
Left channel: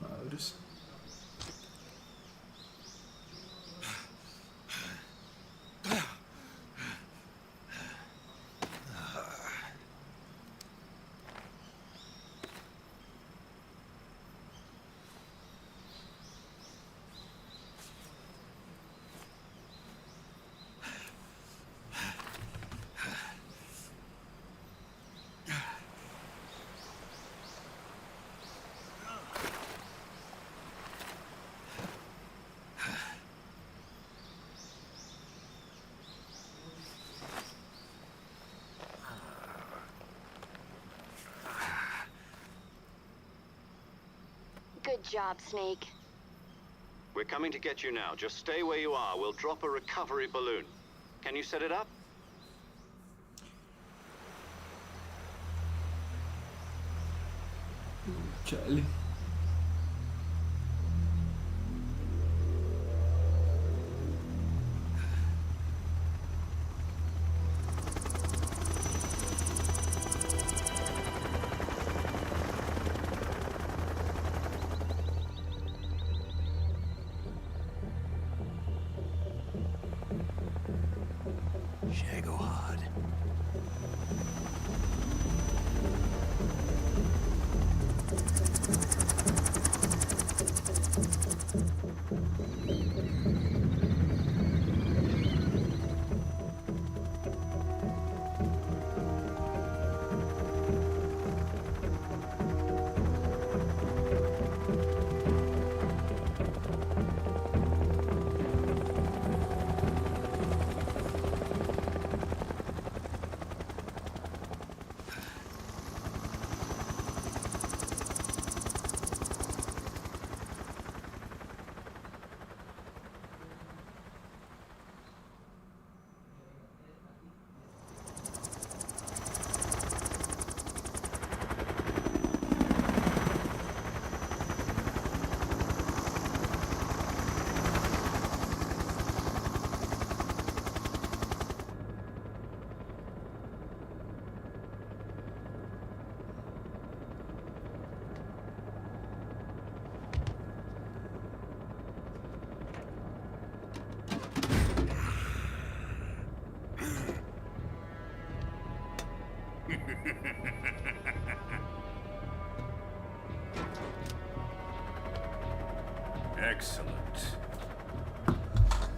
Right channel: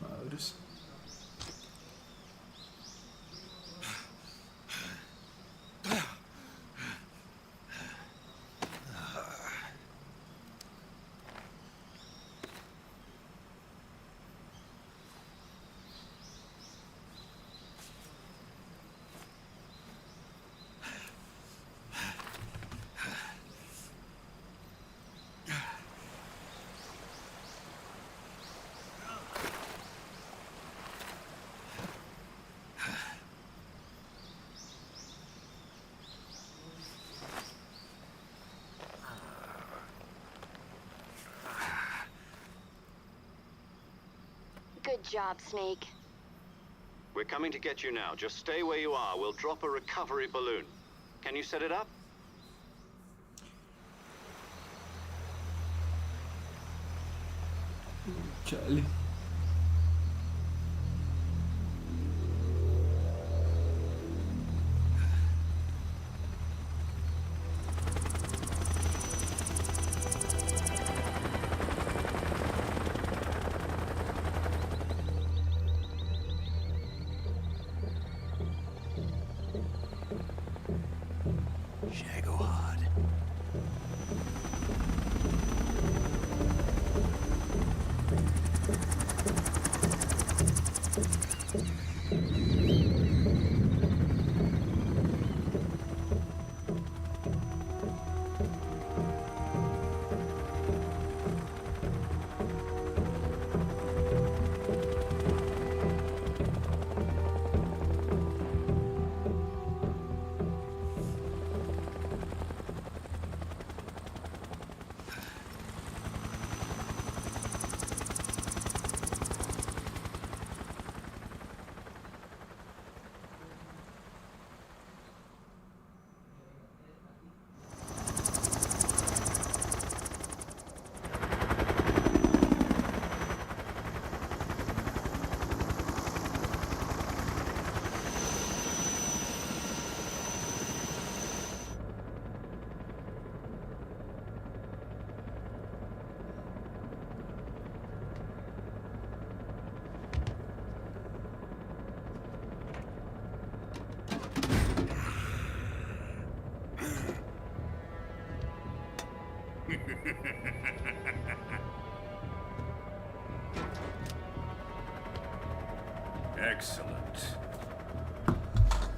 Madres. Good job, Snake. We're coming to get you now. Just stay where you are. We'll drop a recovery balloon. Can you set it up? Chale. Shagohod. Excellent.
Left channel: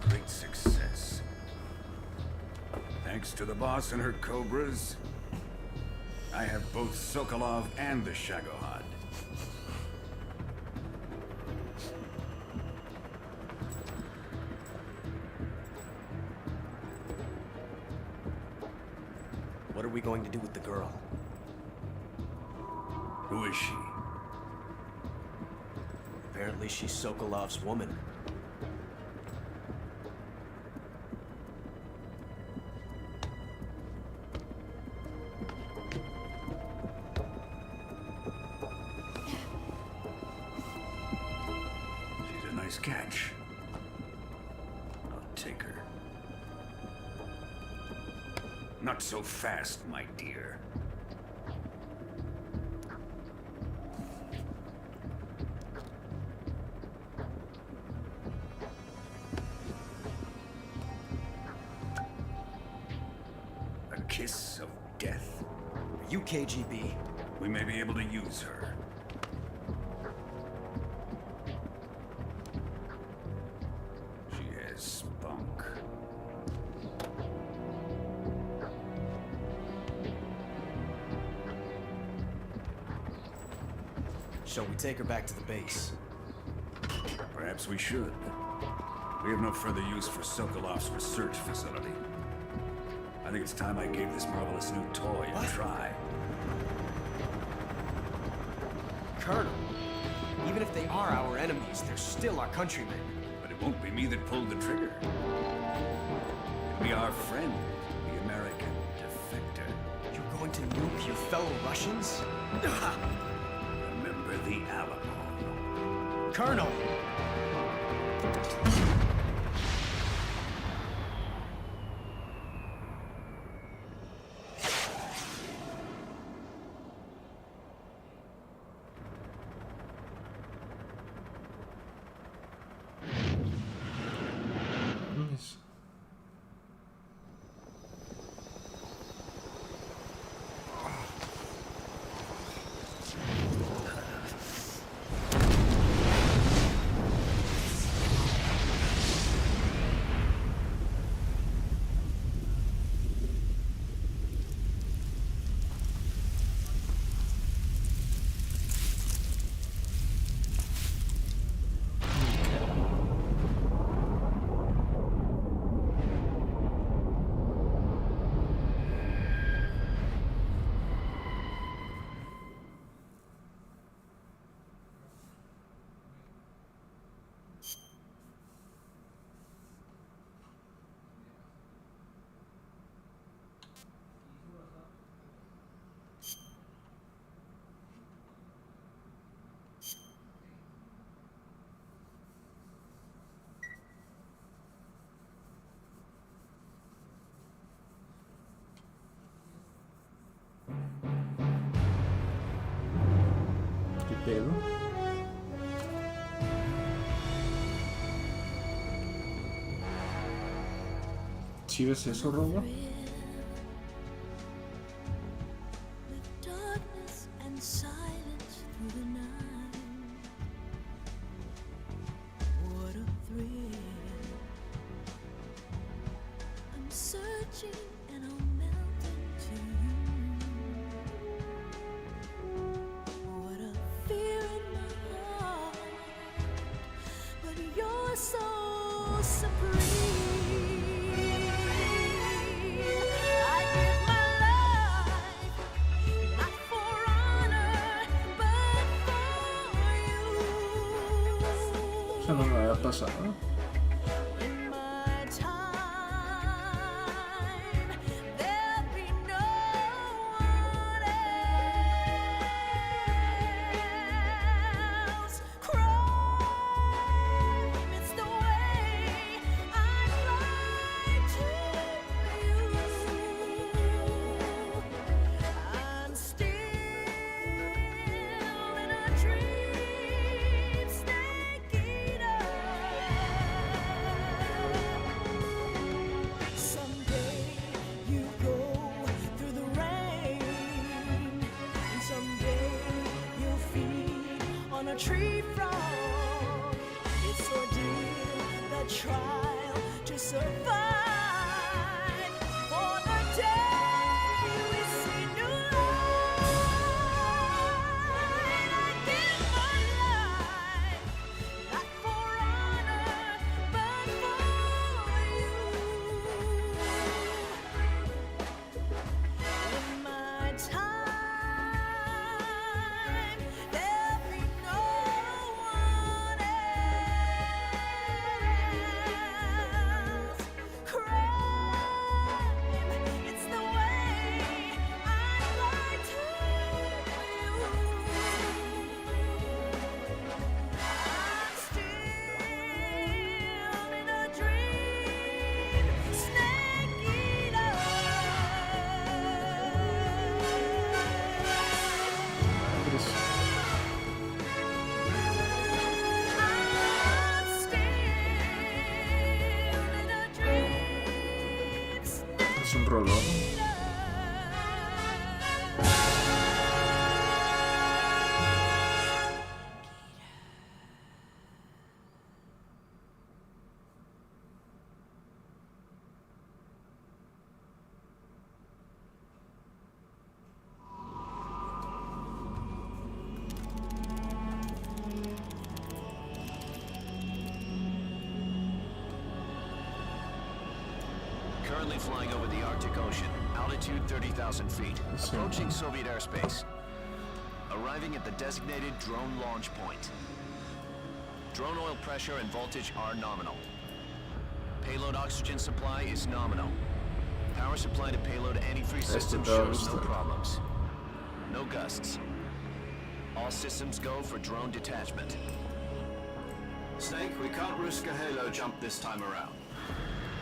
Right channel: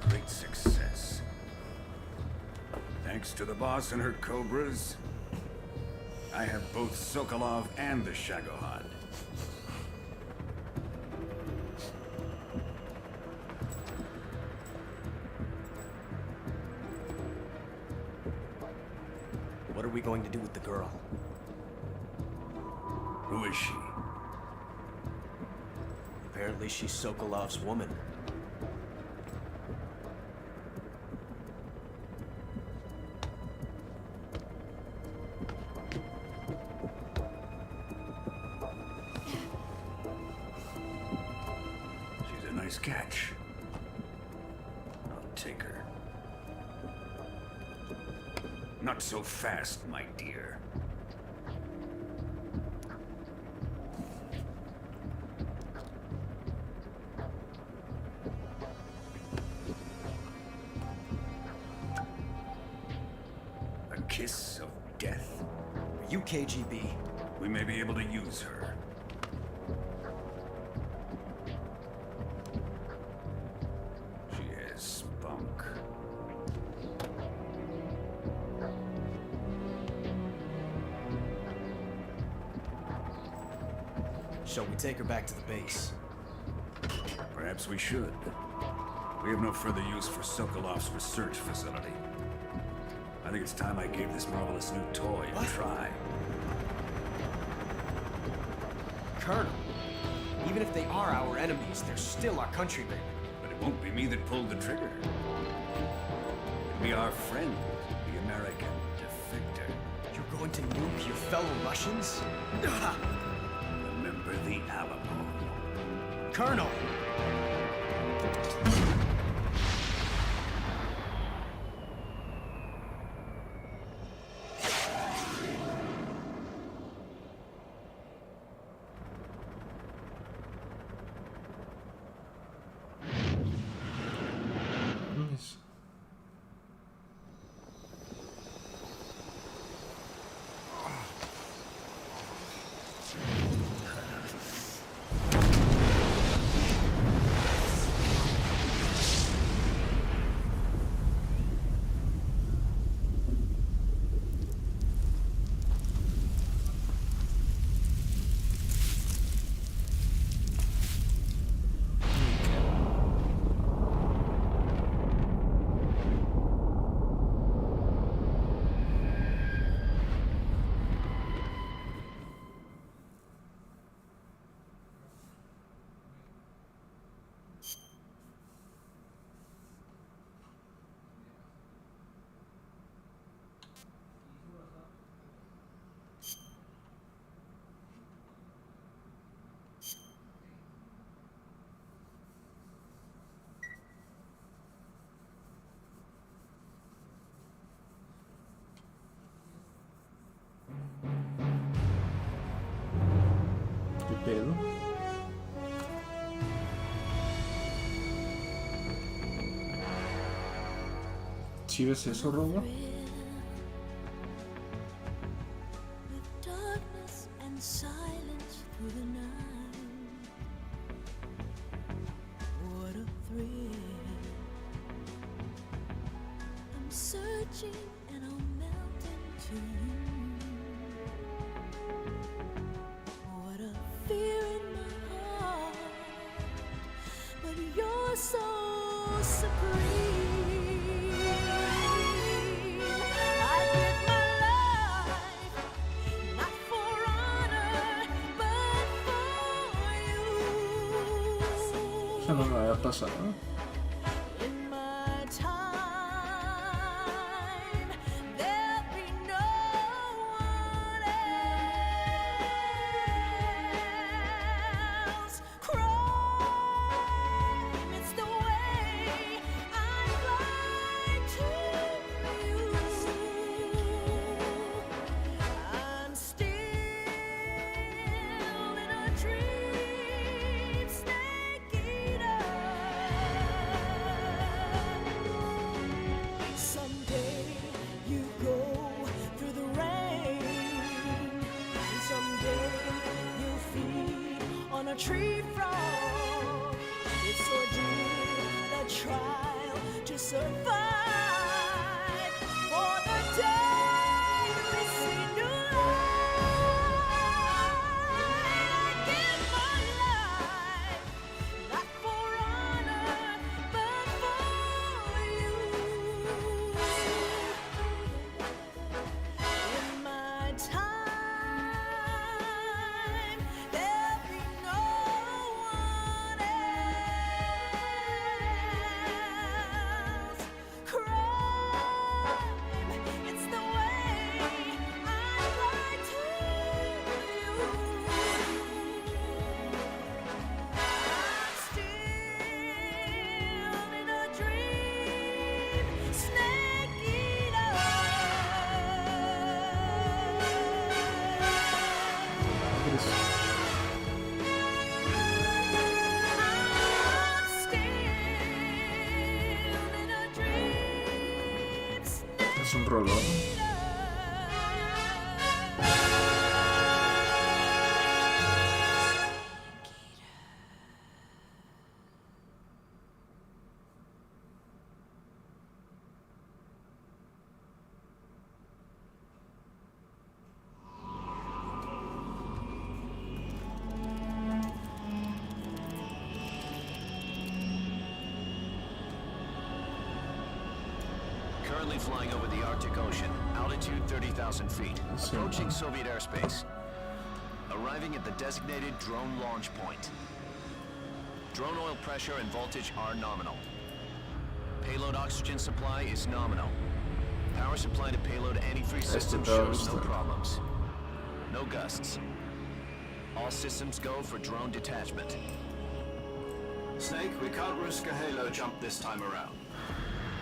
Great success. Thanks to the boss and her cobras, I have both Sokolov and the Shagohod. What are we going to do with the girl? Who is she? Apparently she's Sokolov's woman. She's a nice catch. I'll take her. Not so fast, my dear. A kiss of death. Are you KGB? We may be able to use her. She has spunk. Shall we take her back to the base? Perhaps we should. We have no further use for Sokolov's research facility. I think it's time I gave this marvelous new toy a try. Colonel, even if they are our enemies, they're still our countrymen. But it won't be me that pulled the trigger. It'll be our friend, the American defector. You're going to nuke your fellow Russians? Remember the Alamo. Colonel! Yes. ¿Qué pedo? ¿Sí ves eso, Robo? Darkness and silence through the night. What a thrill. I'm searching and I'll melt into you. What a fear in my heart. But you're so supreme. I give my life, not for honor, but for you. Eso no me había pasado. In my time, there'll be no one else. Crime, it's the way I fly to you. I'm still in a dream, snake eater. Someday you go through the rain, and someday you'll feed on a tree frog. It's ordeal, the trial to survive. For the day we see new light, I give my life, not for honor, but for you. In my time, there'll be no one else. Crime, it's the way I fly to you. I'm still in a dream, snake eater. Madres. I'm still in a dream, snake Es un rolón. Currently flying over the Arctic Ocean. Altitude 30,000 feet. Approaching Soviet airspace. Arriving at the designated drone launch point. Drone oil pressure and voltage are nominal. Payload oxygen supply is nominal. Power supply to payload antifreeze system shows no problems. No gusts. All systems go for drone detachment. Snake, we can't risk a halo jump this time around.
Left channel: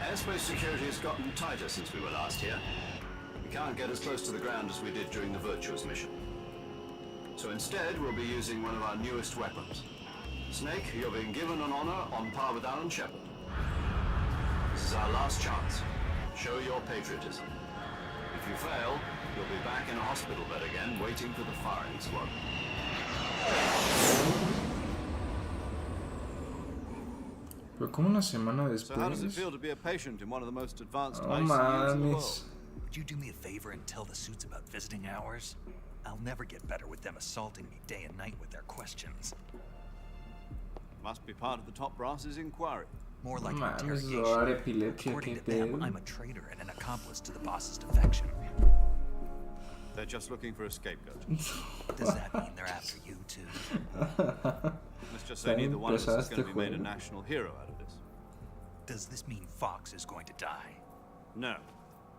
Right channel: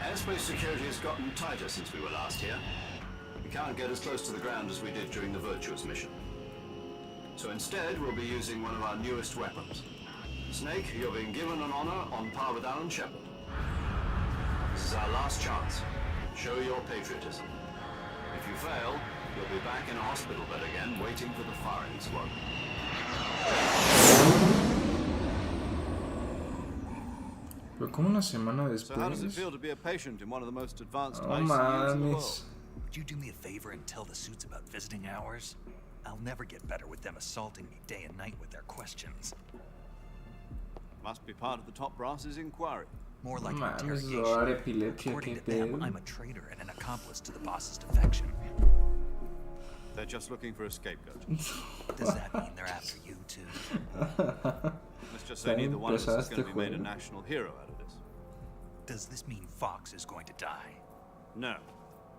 Airspace security has gotten tighter since we were last here. We can't get as close to the ground as we did during the Virtuous mission. So instead, we'll be using one of our newest weapons. Snake, you're being given an honor on par with Alan Shepard. This is our last chance. Show your patriotism. If you fail, you'll be back in a hospital bed again, waiting for the firing squad. Pero como una semana So how does it después. feel to be a patient in one of the most advanced No ICUs in the world? mames. Would you do me a favor and tell the suits about visiting hours? I'll never get better with them assaulting me day and night with their questions. Must be part of the top brass's inquiry. More like an Mames, interrogation. dar epilepsia, According qué to them, pedo. I'm a traitor and an accomplice to the boss's defection. They're just looking for a scapegoat. Does that mean they're after you too? Let's just say neither one of us is going to be made a juego. national hero out of this. Does this mean Fox is going to die? No.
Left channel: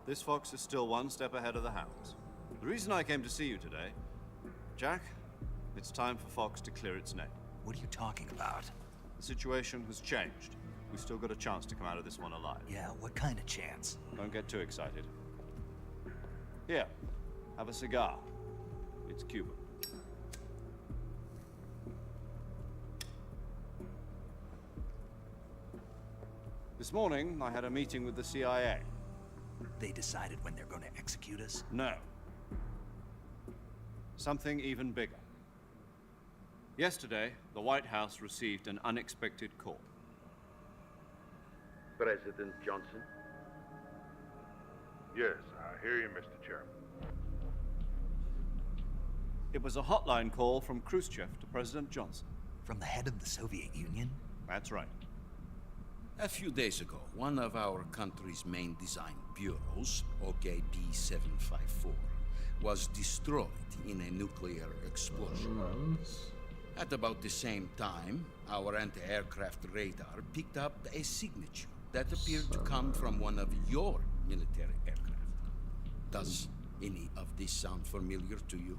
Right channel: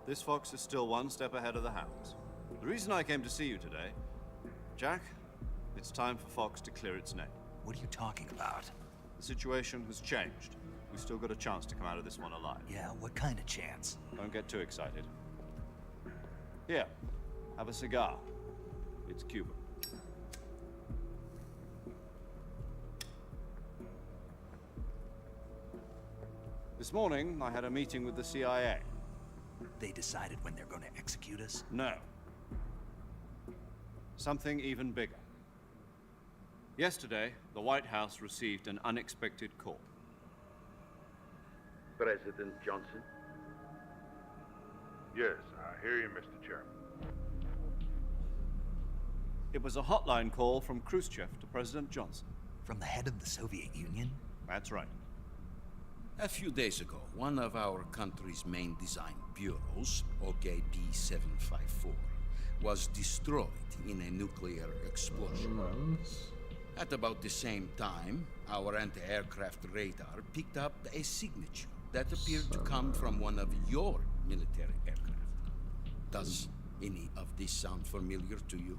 This fox is still one step ahead of the hounds. The reason I came to see you today, Jack, it's time for Fox to clear its name. What are you talking about? The situation has changed. We've still got a chance to come out of this one alive. Yeah, what kind of chance? Don't get too excited. Here, have a cigar. It's Cuban. This morning, I had a meeting with the CIA. They decided when they're going to execute us? No. Something even bigger. Yesterday, the White House received an unexpected call. President Johnson? Yes, I hear you, Mr. Chairman. It was a hotline call from Khrushchev to President Johnson. From the head of the Soviet Union? That's right. A few days ago, one of our country's main design bureaus, OKB-754, was destroyed in a nuclear explosion. At about the same time, our anti-aircraft radar picked up a signature that appeared to come from one of your military aircraft. Does any of this sound familiar to you?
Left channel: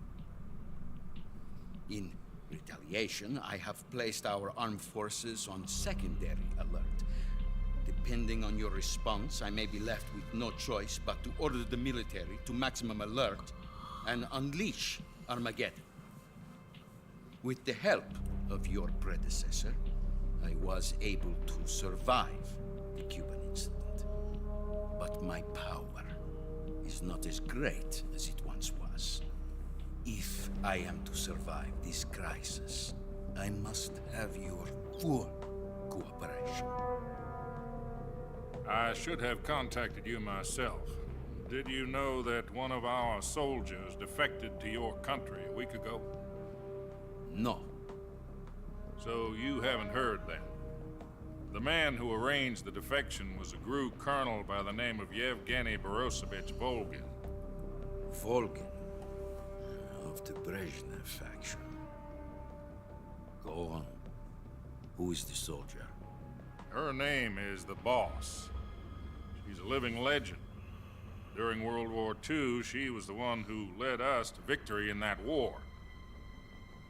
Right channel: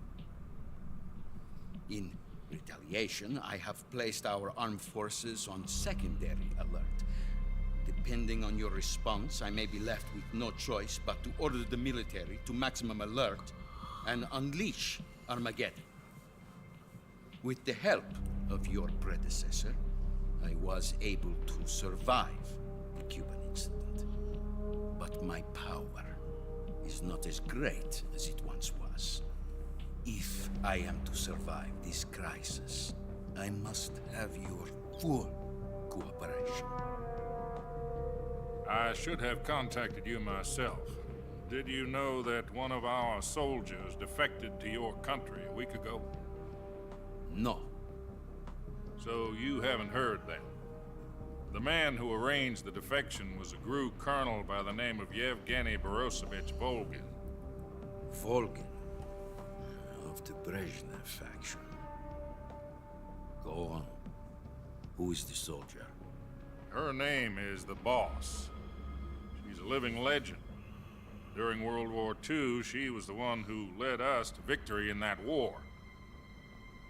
In retaliation, I have placed our armed forces on secondary alert. Depending on your response, I may be left with no choice but to order the military to maximum alert and unleash Armageddon. With the help of your predecessor, I was able to survive the Cuban incident. But my power is not as great as it once was. If I am to survive this crisis, I must have your full cooperation. I should have contacted you myself. Did you know that one of our soldiers defected to your country a week ago? No. So you haven't heard then. The man who arranged the defection was a GRU colonel by the name of Yevgeny Borosovich Volgin. Volgin? Of the Brezhnev faction. Go on. Who is the soldier? Her name is the Boss. She's a living legend. During World War II, she was the one who led us to victory in that war.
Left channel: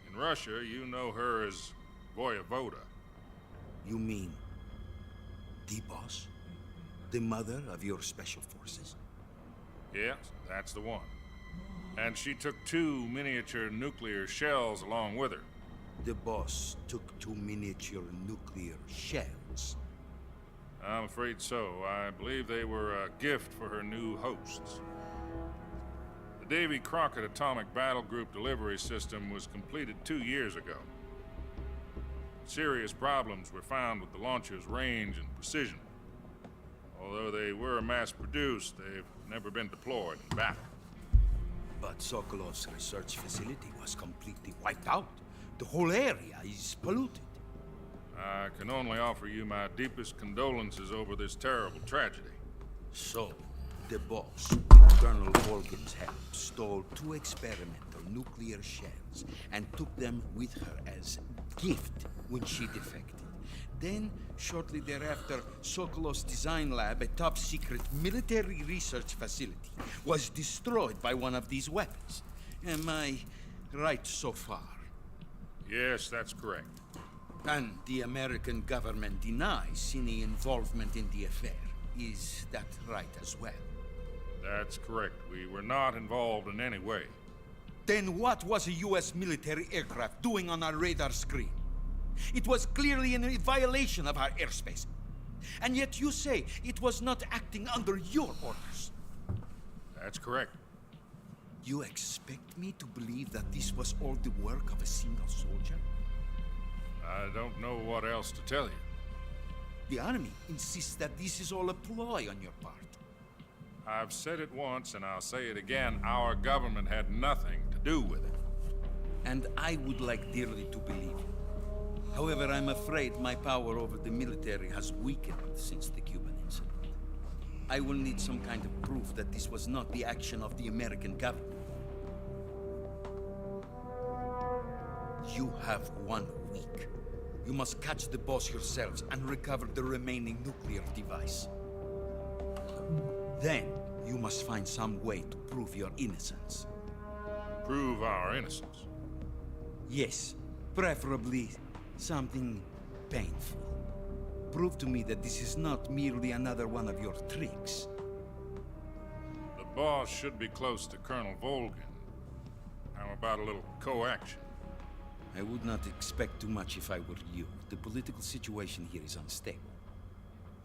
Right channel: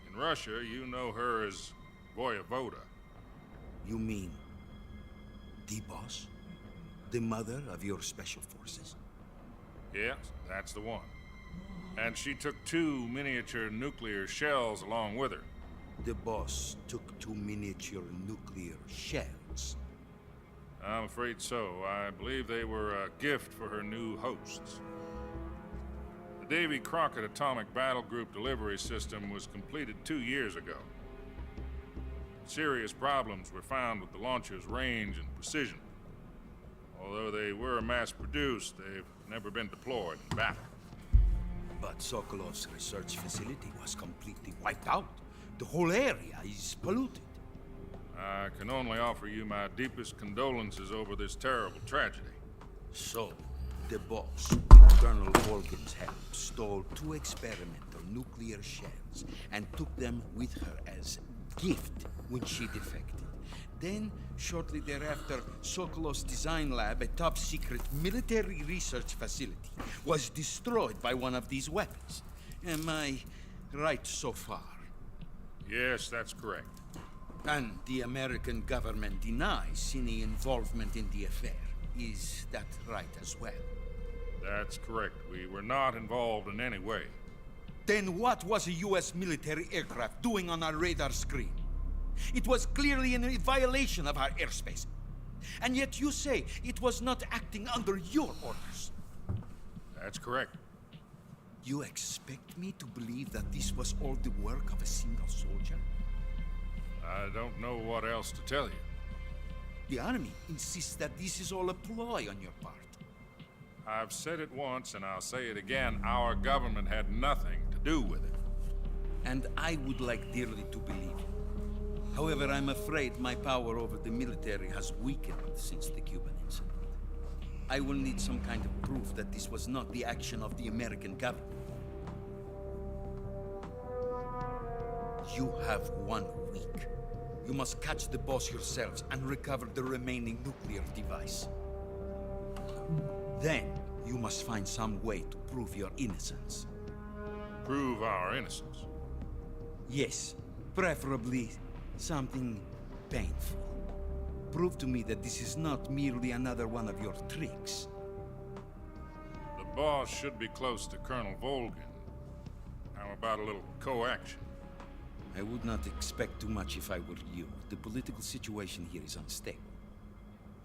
In Russia, you know her as Voyevoda. You mean the Boss? The mother of your special forces? Yes, that's the one. And she took 2 miniature nuclear shells along with her. The Boss took 2 miniature nuclear shells? I'm afraid so. I believe they were a gift for her new hosts. The Davy Crockett Atomic Battle Group delivery system was completed 2 years ago. Serious problems were found with the launcher's range and precision. Although they were mass-produced, they've never been deployed in battle. But Sokolov's research facility was completely wiped out. The whole area is polluted. I can only offer you my deepest condolences over this terrible tragedy. So, The boss, with Colonel Volgin's help, stole 2 experimental nuclear shells and took them with her as gift when she defected. Then, shortly thereafter, Sokolov's design lab, a top-secret military research facility, was destroyed by one of these weapons. Am I right so far? Yes, that's correct. And the American government denies any involvement in the affair. Is that right as well? That's correct. We were not involved in any way. Then what was a U.S. military aircraft doing on our radar screen? It was clearly in violation of our airspace. And yet you say it was not acting under your orders. That's correct. You expect me to believe that this was all the work of a single soldier? I don't know what else to tell you. The army insists that this is all a ploy on your part. I've said it once and I'll say it again. Our government had nothing to do with it. And I would like dearly to believe you. However, I'm afraid my power over the military has weakened since the Cuban incident. I will need some kind of proof that this was not the action of the American government. You have 1 week. You must catch the boss yourselves and recover the remaining nuclear device. Then, you must find some way to prove your innocence. Prove our innocence? Yes, preferably something painful. Prove to me that this is not merely another one of your tricks. The boss should be close to Colonel Volgin. How about a little co-action? I would not expect too much if I were you. The political situation here is unstable.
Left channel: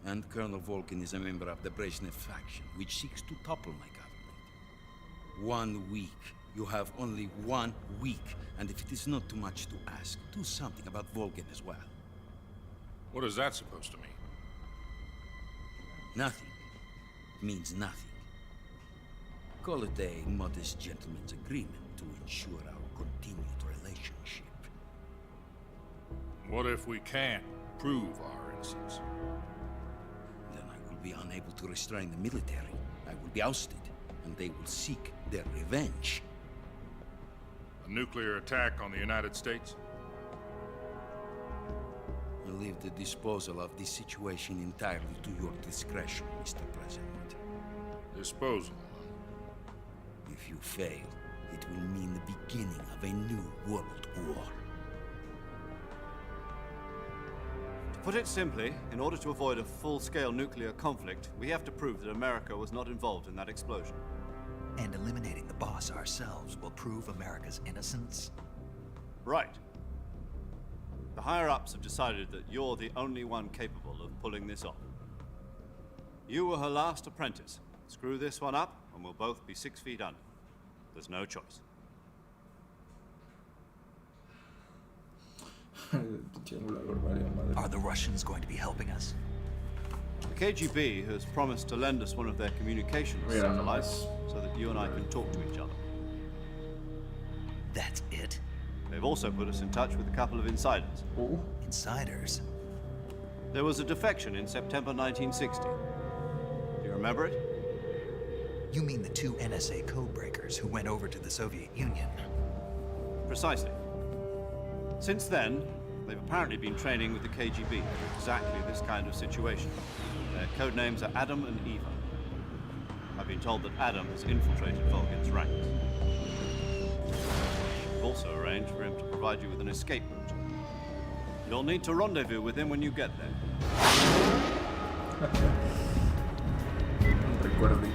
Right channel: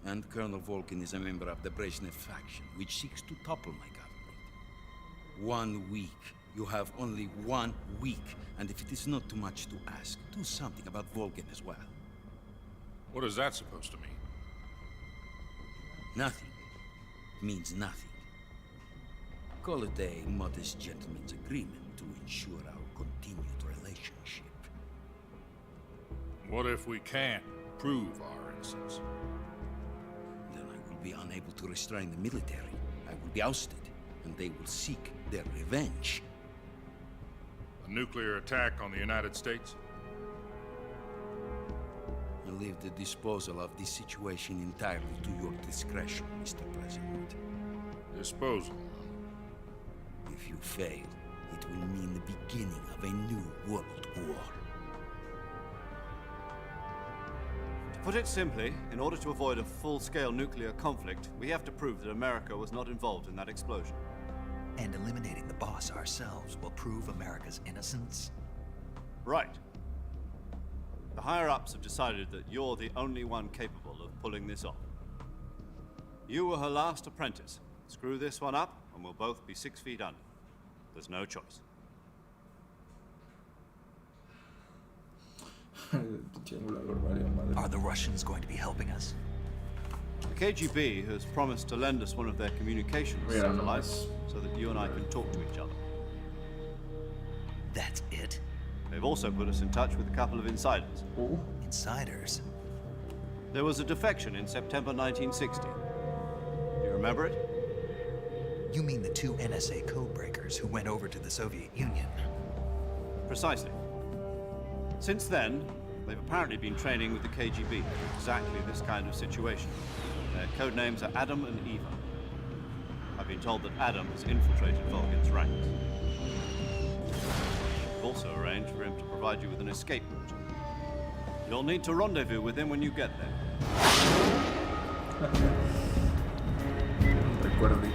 And Colonel Volgin is a member of the Brezhnev faction, which seeks to topple my government. 1 week. You have only 1 week. And if it is not too much to ask, do something about Volgin as well. What is that supposed to mean? Nothing. It means nothing. Call it a modest gentleman's agreement to ensure our continued relationship. What if we can't prove our innocence? Then I will be unable to restrain the military. I will be ousted, and they will seek their revenge. A nuclear attack on the United States? I leave the disposal of this situation entirely to your discretion, Mr. President. Disposal? If you fail, it will mean the beginning of a new world war. To put it simply, in order to avoid a full-scale nuclear conflict, we have to prove that America was not involved in that explosion. And eliminating the boss ourselves will prove America's innocence? Right. The higher-ups have decided that you're the only one capable of pulling this off. You were her last apprentice. Screw this one up, and we'll both be 6 feet under. There's no choice. Are the Russians going to be helping us? The KGB has promised to lend us one of their communications satellites so that you and I can talk to each other. That's it? They've also put us in touch with a couple of insiders. Oh. Insiders? There was a defection in September 1960. Do you remember it? You mean the 2 NSA codebreakers who went over to the Soviet Union? Precisely. Since then, they've apparently been training with the KGB for exactly this kind of situation. Their code names are Adam and Eva. I've been told that Adam has infiltrated Volgin's ranks. We've also arranged for him to provide you with an escape route. You'll need to rendezvous with him when you get there. Recuerdito.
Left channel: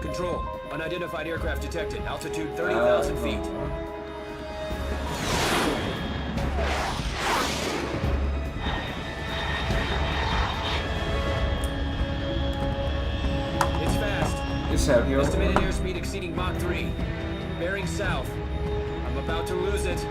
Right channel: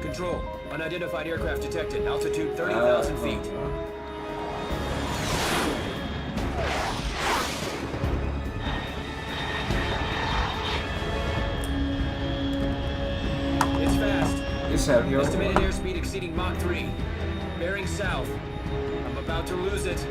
Control. Unidentified aircraft detected. Altitude 30,000 feet. It's fast. Estimated airspeed exceeding Mach 3. Bearing south. I'm about to lose it.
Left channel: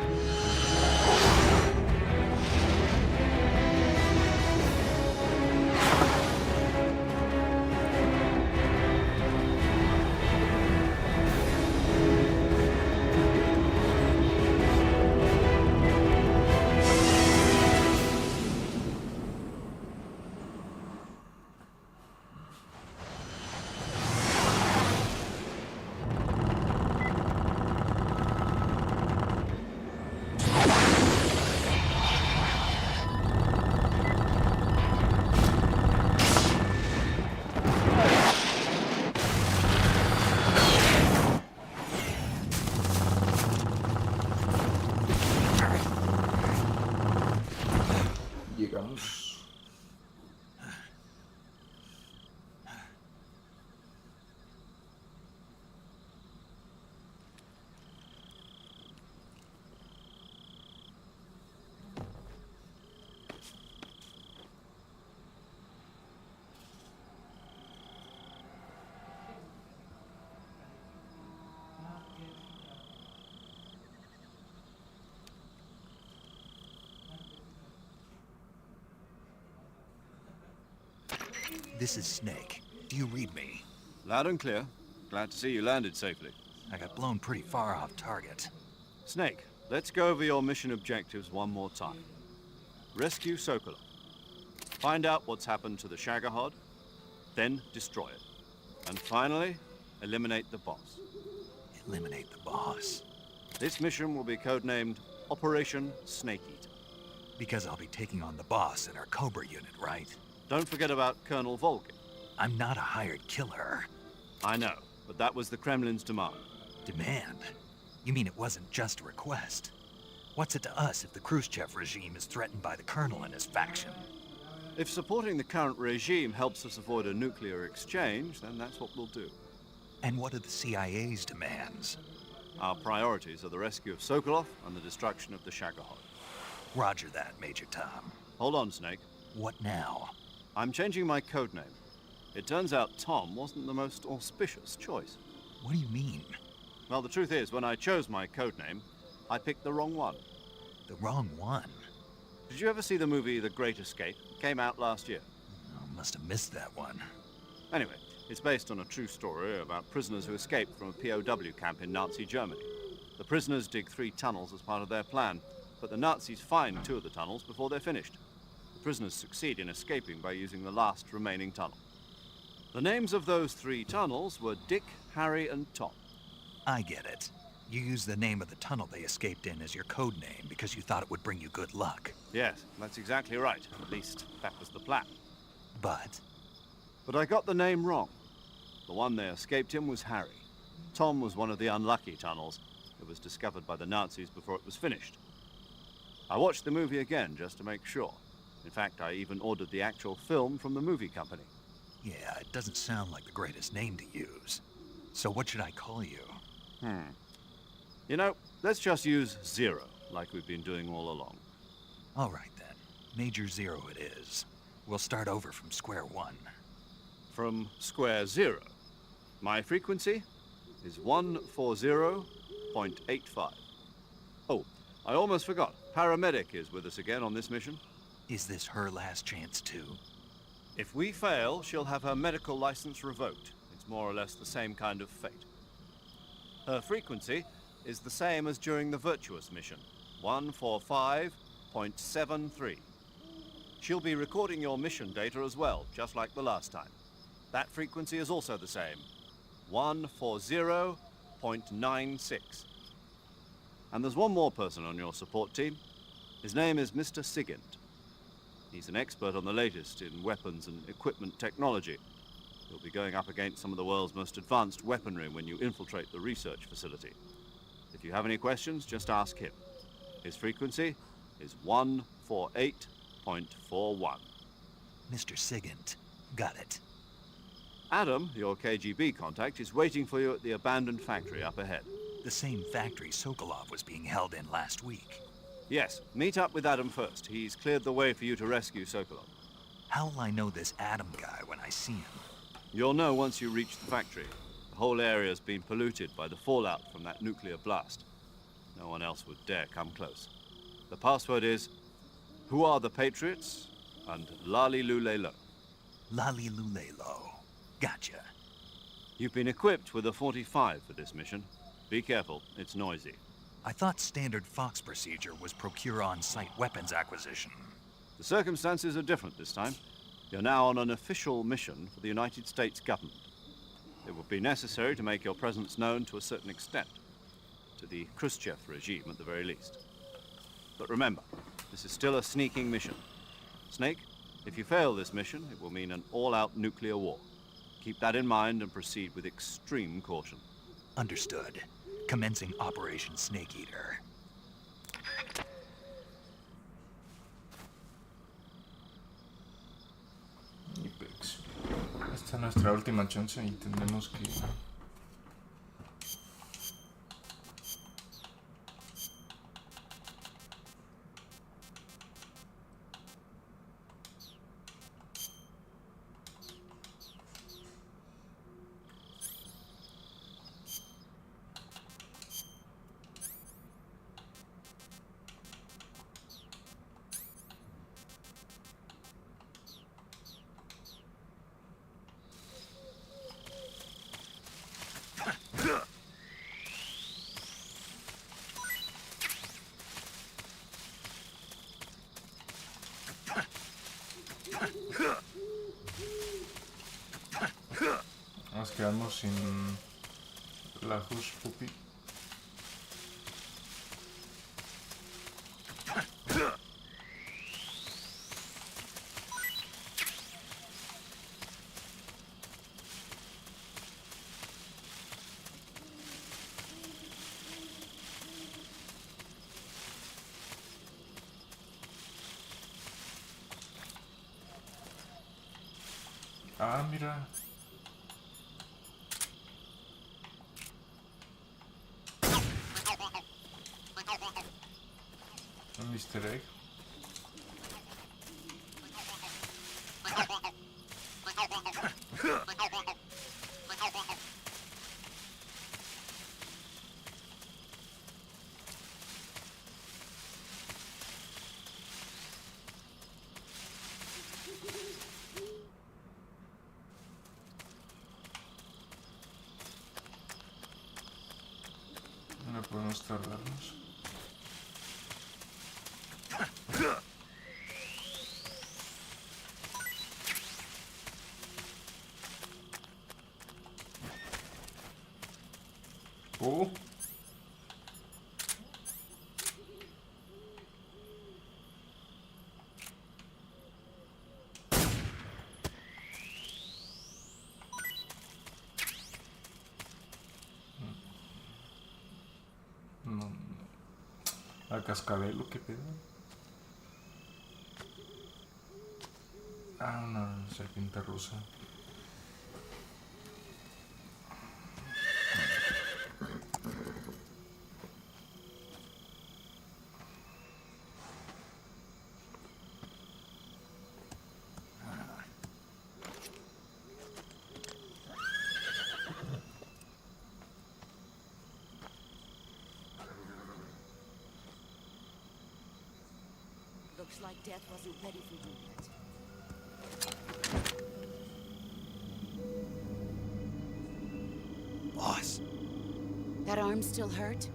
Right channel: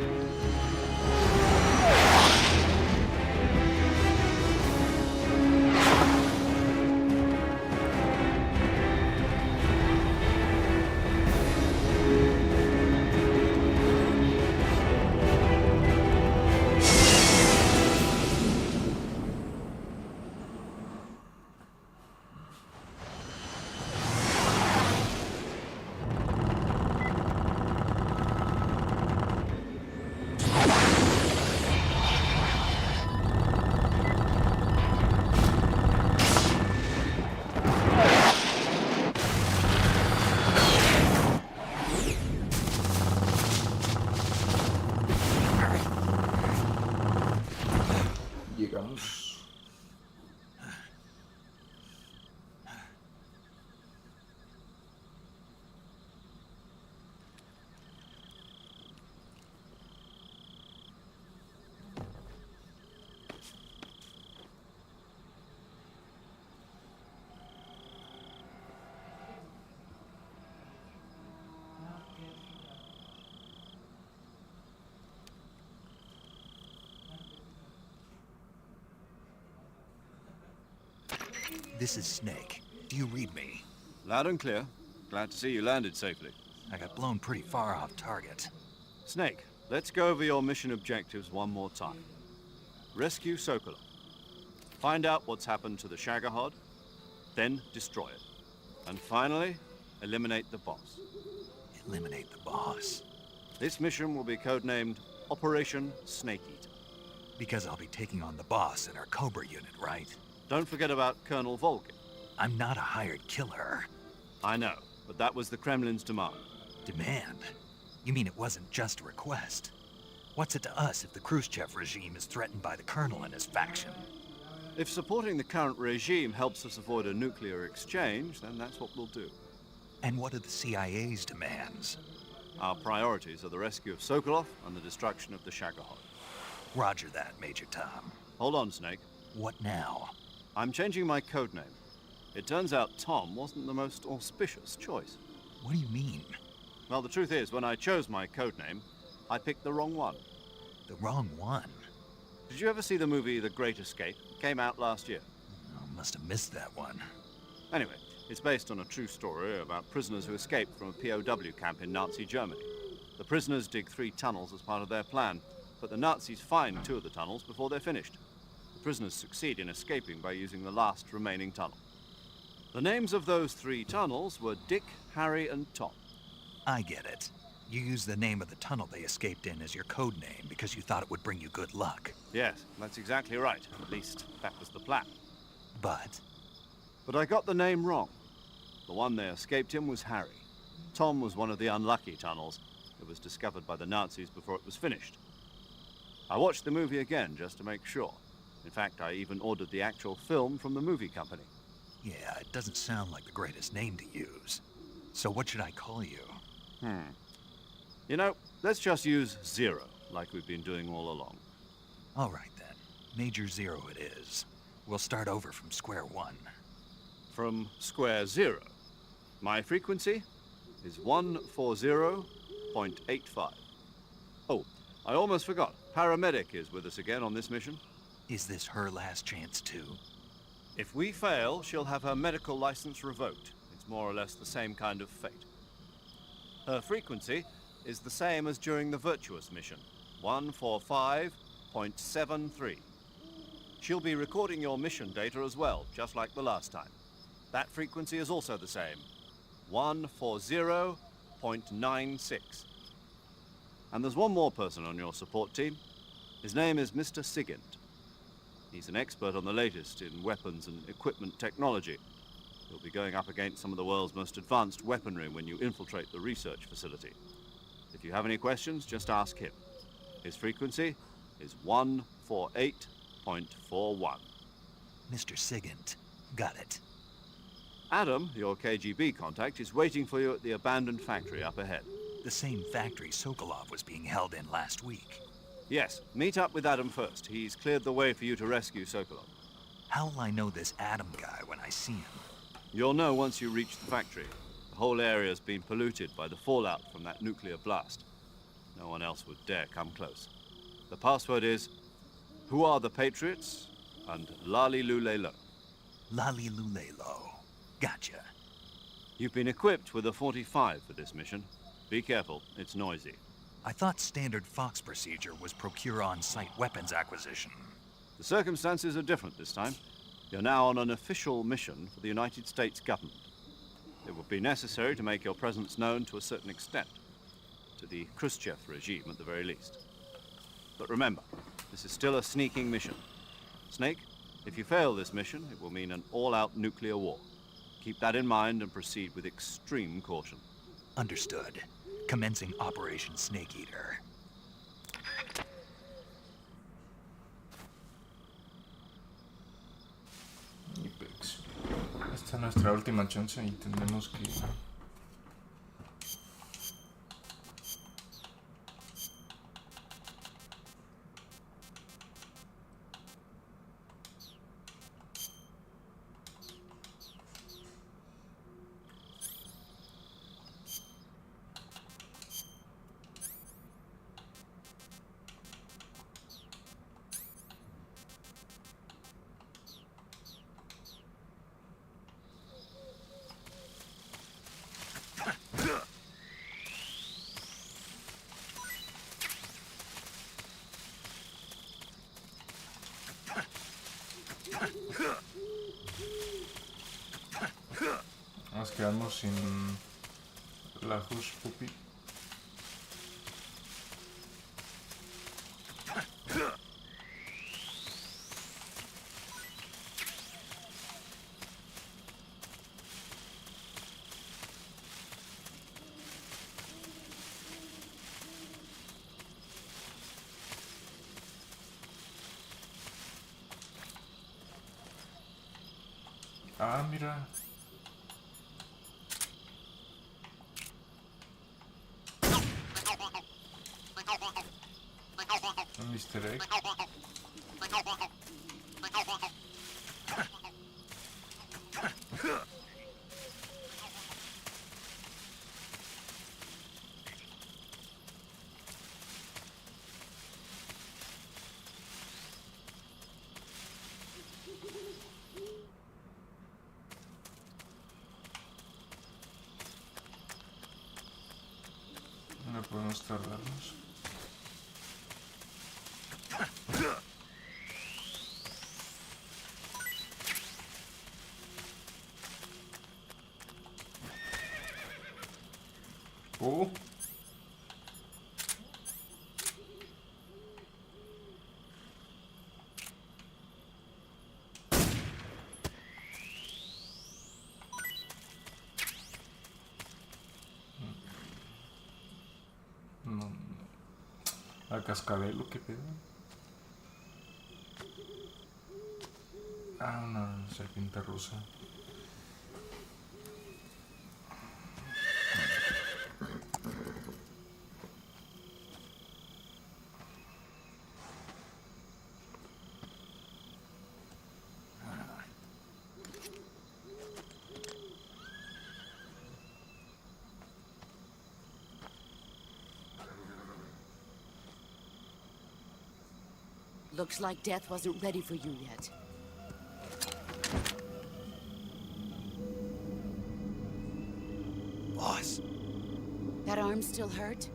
Llegamos. This is Snake. Do you read me? Loud and clear. Glad to see you landed safely. I got blown pretty far off target. Snake, let's go over your mission objectives one more time. Rescue Sokolov. Find out what's happened to the Shagohod, then destroy it. And finally, eliminate the boss. Eliminate the boss? This mission will be codenamed Operation Snake Eater. Because I'll be taking on the boss in our Cobra unit, right? Don't forget about Colonel Volgin. I'm not a hired killer. I know, but that was the Kremlin's demand. Demand? You mean it wasn't just a request? What's it to us if the Khrushchev regime is threatened by the Colonel and his faction? If supporting the current regime helps us avoid a nuclear exchange, then that's what we'll do. And what are the CIA's demands? Our priorities are the rescue of Sokolov and the destruction of the Shagohod. Roger that, Major Tom. Hold on, Snake. What now? I'm changing my codename. It turns out Tom wasn't the most auspicious choice. What do you mean? Well, the truth is, when I chose my codename, I picked the wrong one. The wrong one? Did you ever see the movie The Great Escape? It came out last year. Oh, must have missed that one. Anyway, it's based on a true story about prisoners who escaped from a POW camp in Nazi Germany. The prisoners dig 3 tunnels as part of their plan, but the Nazis find 2 of the tunnels before they're finished. The prisoners succeed in escaping by using the last remaining tunnel. The names of those 3 tunnels were Dick, Harry, and Tom. I get it. You used the name of the tunnel they escaped in as your code name because you thought it would bring you good luck. Yes, that's exactly right. At least, that was the plan. But I got the name wrong. The one they escaped in was Harry. Tom was one of the unlucky tunnels. It was discovered by the Nazis before it was finished. I watched the movie again just to make sure. In fact, I even ordered the actual film from the movie company. yeah, it doesn't sound like the greatest name to use. So what should I call you? You know, let's just use Zero, like we've been doing all along. All right then. Major Zero it is. We'll start over from square one. From square 0. My frequency is 140.85. Oh, I almost forgot. Paramedic is with us again on this mission. Is this her last chance too? If we fail, she'll have her medical license revoked. It's more or less the same kind of fate. Her frequency is the same as during the Virtuous mission, 145.73. She'll be recording your mission data as well, just like the last time. That frequency is also the same, 140.96. And there's one more person on your support team. His name is Mr. Sigint. He's an expert on the latest in weapons and equipment technology. You'll be going up against some of the world's most advanced weaponry when you infiltrate the research facility. If you have any questions, just ask him. His frequency is 148.41. Mr. Sigint. Got it. Adam, your KGB contact, is waiting for you at the abandoned factory up ahead. The same factory Sokolov was being held in last week. Yes, meet up with Adam first. He's cleared the way for you to rescue Sokolov. How will I know this Adam guy when I see him? You'll know once you reach the factory. The whole area's been polluted by the fallout from that nuclear blast. No one else would dare come close. The password is, "Who are the Patriots?" and "Lali Lule Lo." Lali Lule Lo. Gotcha. You've been equipped with a 45 for this mission. Be careful, it's noisy. I thought standard Fox procedure was procure on-site weapons acquisition. The circumstances are different this time. You're now on an official mission for the United States government. It will be necessary to make your presence known to a certain extent. To the Khrushchev regime, at the very least. But remember, this is still a sneaking mission. Snake, if you fail this mission, it will mean an all-out nuclear war. Keep that in mind and proceed with extreme caution. Understood. Commencing Operation Snake Eater. Esta es nuestra última chance y tenemos que... Nos quedamos sin la Hush Puppy. Ah, mira. Un Easter egg. No podemos tardarnos. Oh. No. A cascabel, ¿qué pedo? Ah, una serpiente rusa. Looks like death wasn't ready for you yet. Boss. That arm still hurt?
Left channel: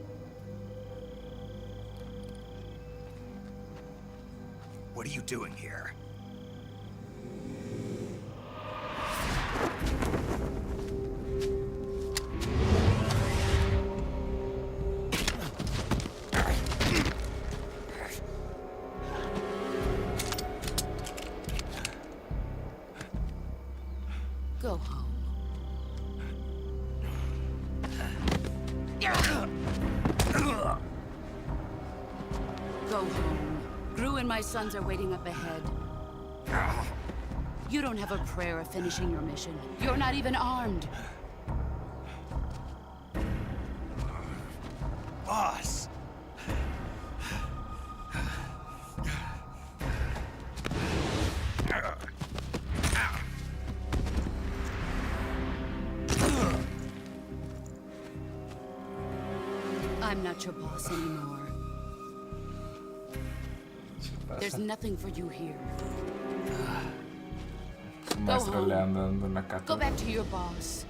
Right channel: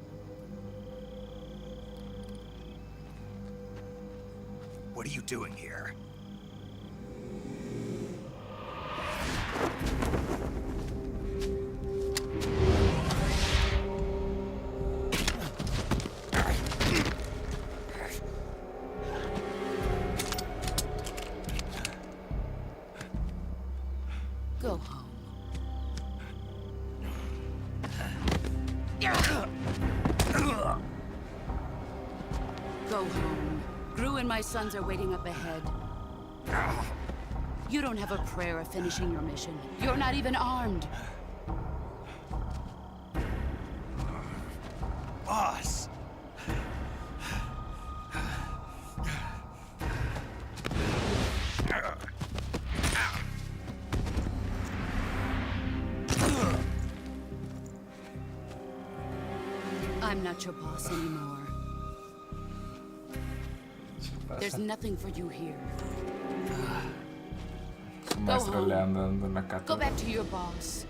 What are you doing here? Go home. Go home. Gru and my sons are waiting up ahead. You don't have a prayer of finishing your mission. You're not even armed. Boss! I'm not your boss anymore. There's nothing for you here. Go home. Go back to your boss.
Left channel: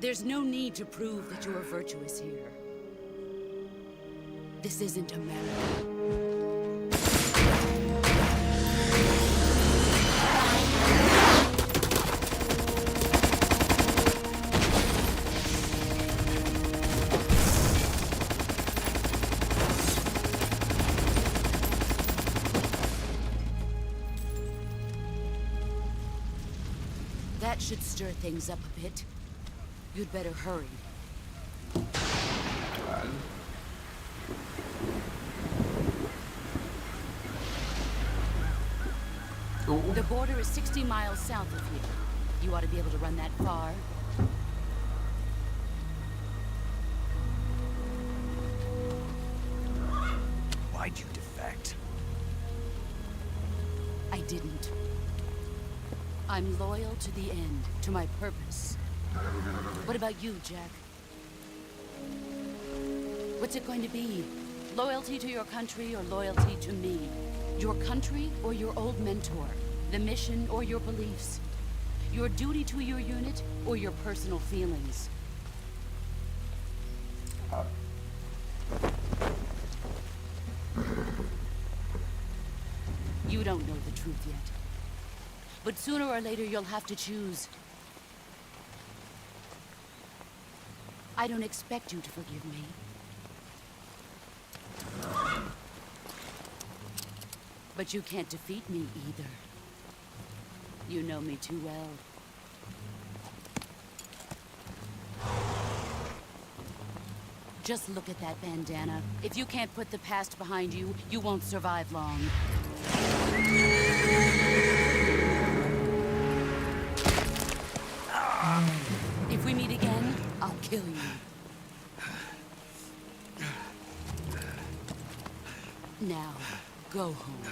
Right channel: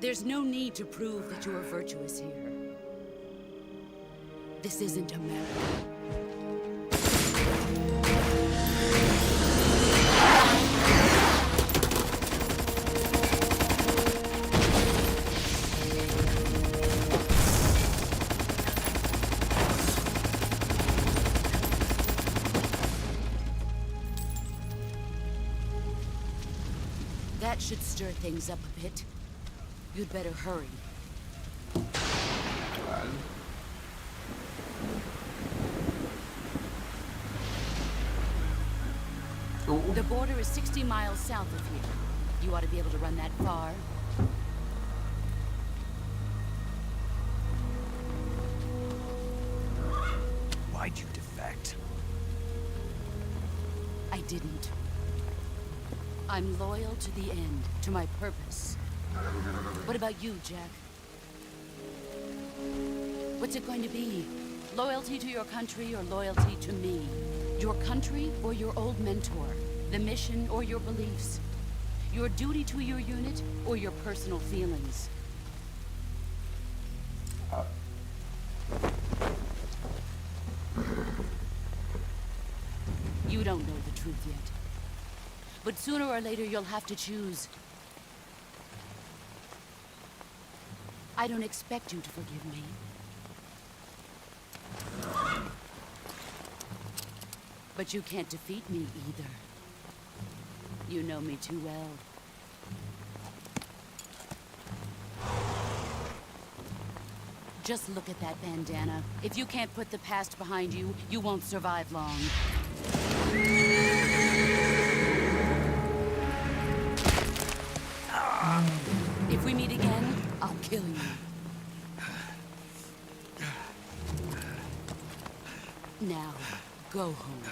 There's no need to prove that you are virtuous here. This isn't America. That should stir things up a bit. You'd better hurry. The border is 60 miles south of here. You ought to be able to run that far. Why'd you defect? I didn't. I'm loyal to the end, to my purpose. What about you, Jack? What's it going to be? Loyalty to your country or loyalty to me? Your country or your old mentor? The mission or your beliefs? Your duty to your unit or your personal feelings? You don't know the truth yet. But sooner or later you'll have to choose. I don't expect you to forgive me. But you can't defeat me either. You know me too well. Just look at that bandana. If you can't put the past behind you, you won't survive long. If we meet again, I'll kill you. Now, go home.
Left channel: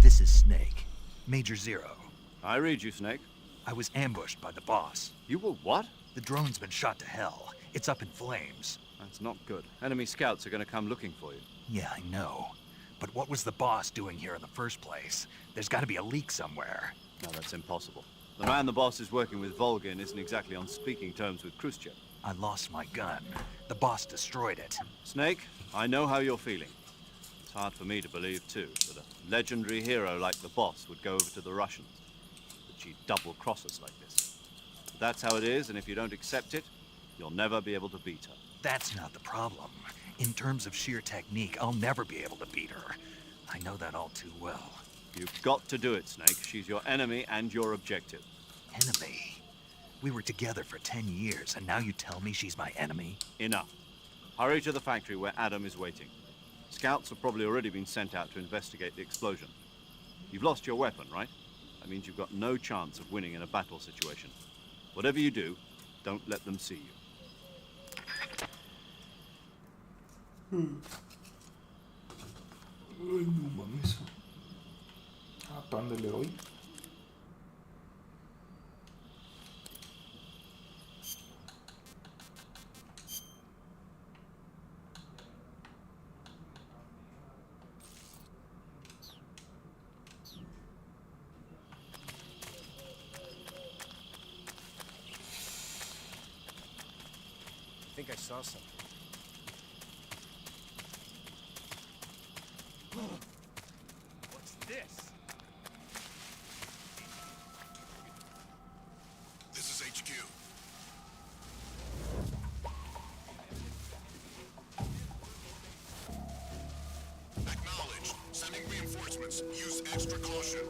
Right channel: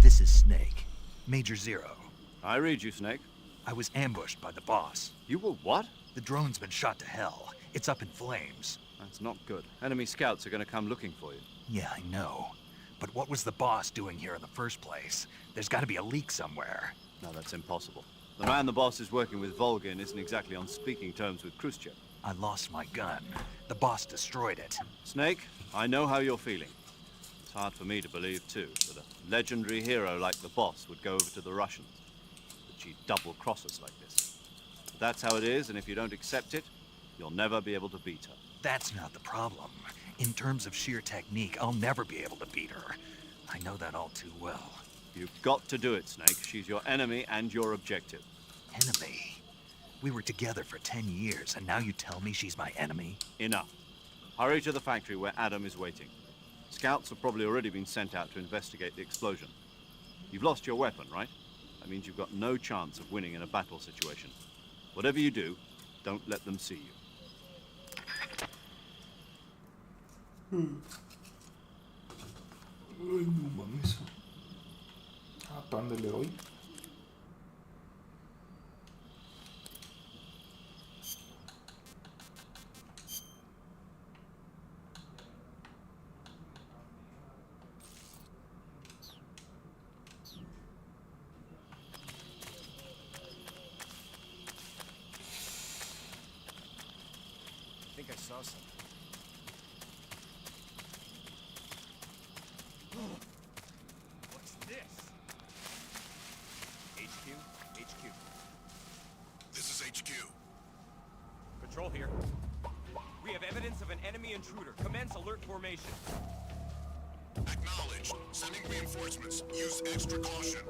This is Snake. Major Zero. I read you, Snake. I was ambushed by the boss. You were what? The drone's been shot to hell. It's up in flames. That's not good. Enemy scouts are going to come looking for you. Yeah, I know. But what was the boss doing here in the first place? There's got to be a leak somewhere. No, that's impossible. The man the boss is working with, Volgin, isn't exactly on speaking terms with Khrushchev. I lost my gun. The boss destroyed it. Snake, I know how you're feeling. It's hard for me to believe, too, that a legendary hero like the boss would go over to the Russians. That she'd double-cross us like this. But that's how it is, and if you don't accept it, you'll never be able to beat her. That's not the problem. In terms of sheer technique, I'll never be able to beat her. I know that all too well. You've got to do it, Snake. She's your enemy and your objective. Enemy? We were together for 10 years, and now you tell me she's my enemy? Enough. Hurry to the factory where Adam is waiting. Scouts have probably already been sent out to investigate the explosion. You've lost your weapon, right? That means you've got no chance of winning in a battle situation. Whatever you do, don't let them see you. Ay, no mames. ¿A dónde le doy? Control here. We have evidence of an enemy intruder. Commence alert formation. Acknowledged. Sending reinforcements. Use extra caution.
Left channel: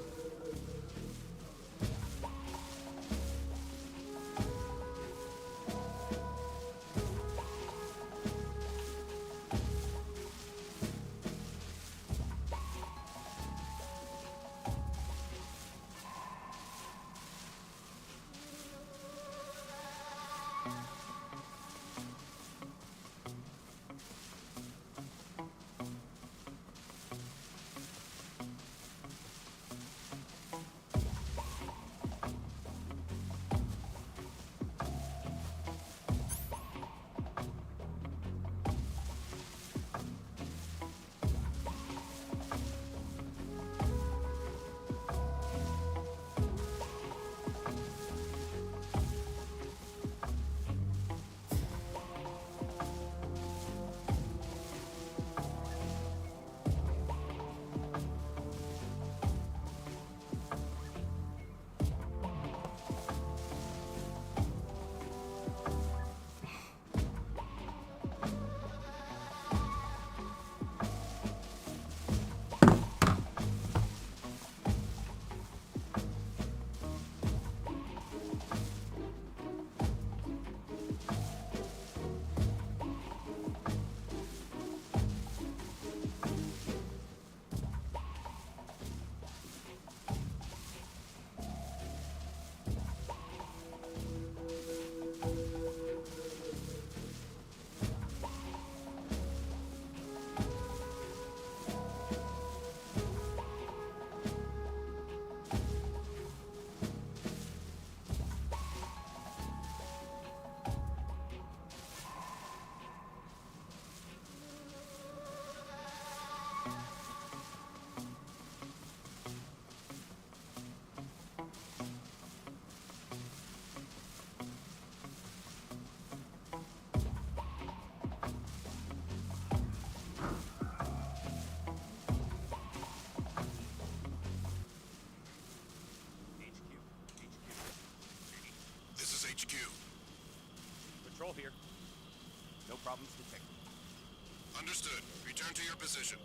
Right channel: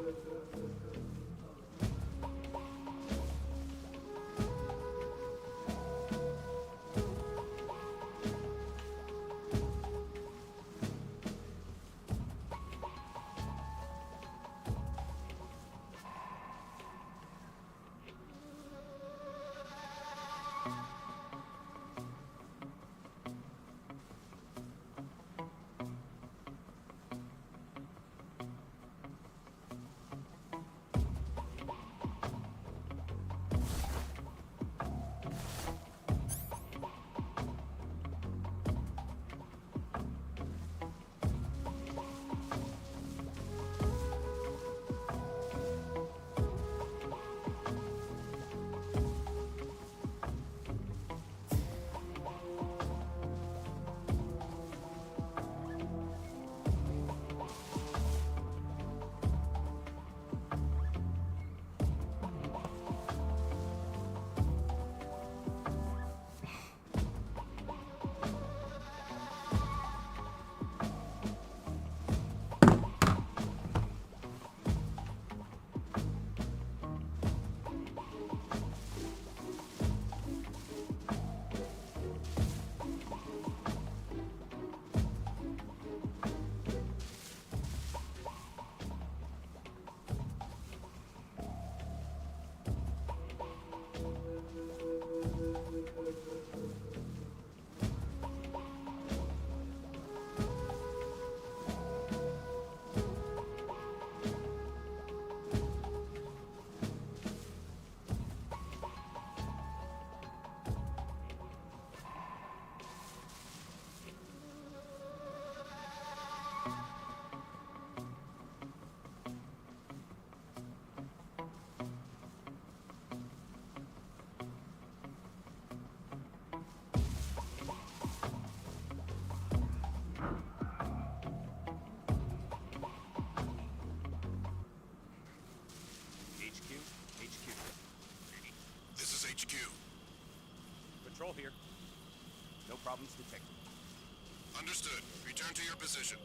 Patrol here. No problems detected. Understood. Return to your position.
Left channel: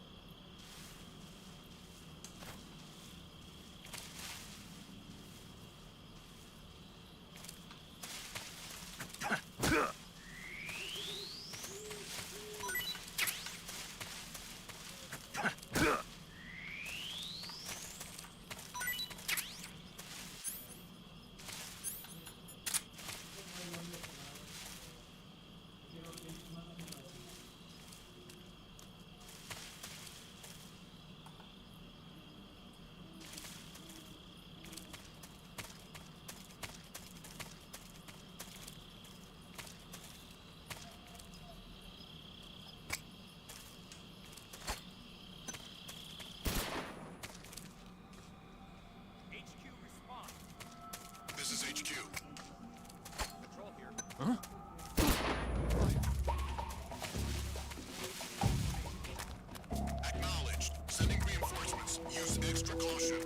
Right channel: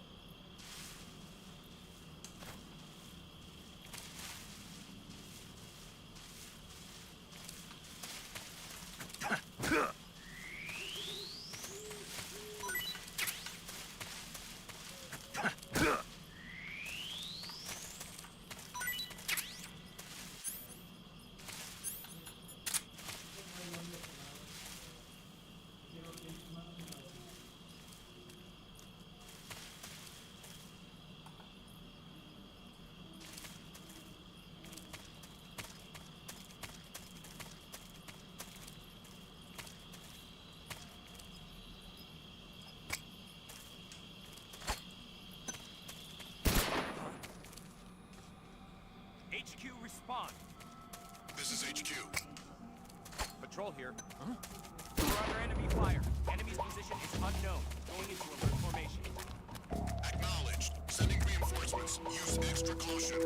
This is HQ. Patrol here. Huh? Fire. Enemy's position is unknown. Formation. Acknowledged. Sending reinforcements. Use extra caution.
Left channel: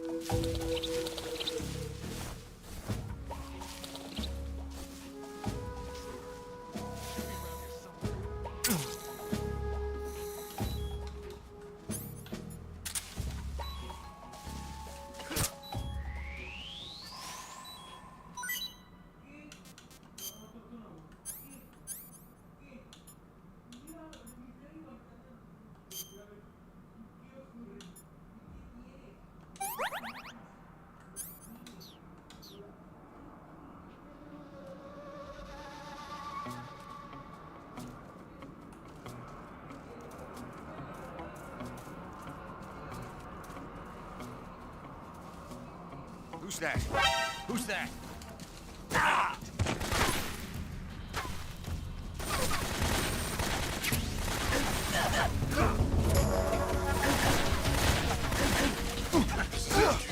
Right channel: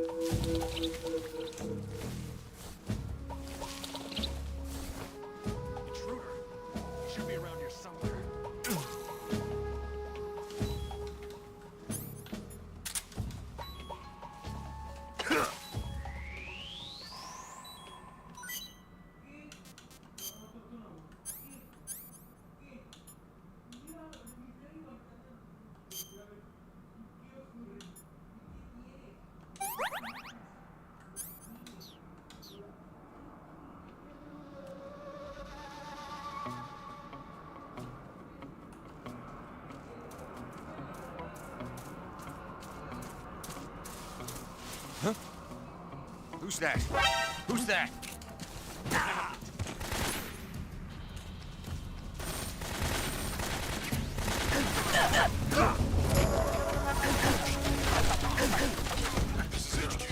Huh? Who's that? Who's that? Ah! This is HQ.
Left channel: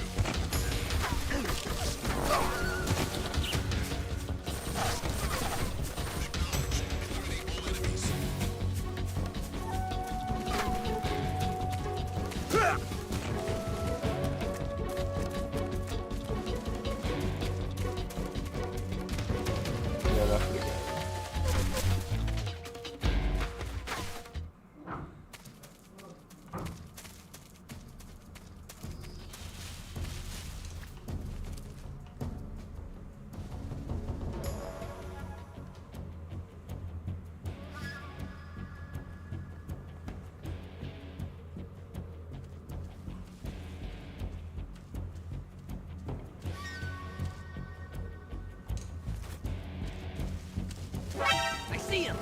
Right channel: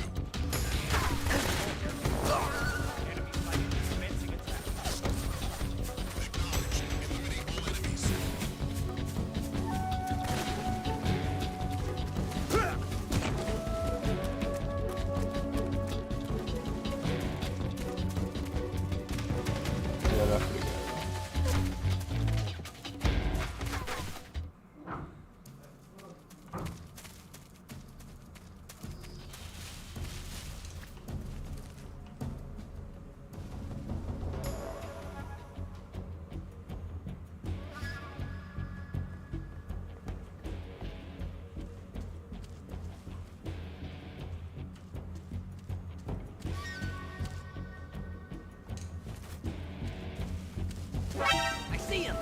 Acknowledged. Eliminate all enemies. Ya la fregada. I see him!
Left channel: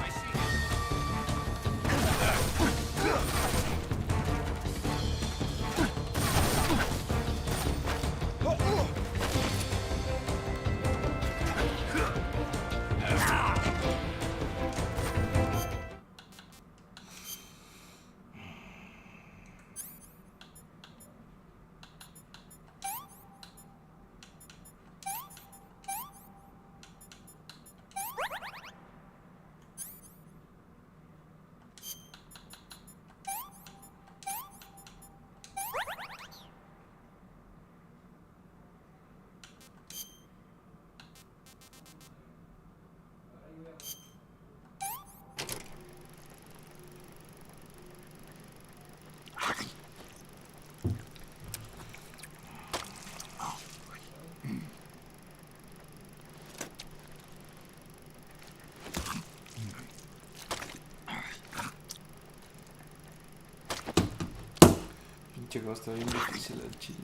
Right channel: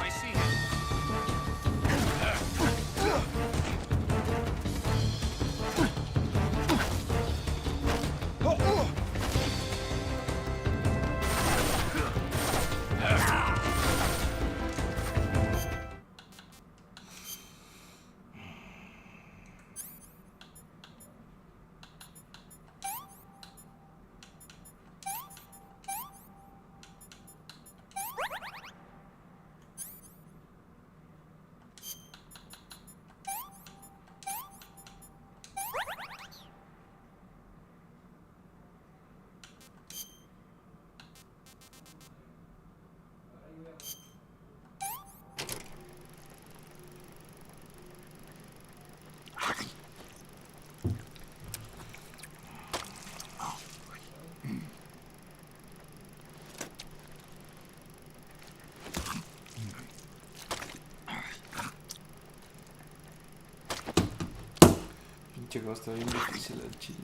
I see him. Pinche juego está bien difícil al chile.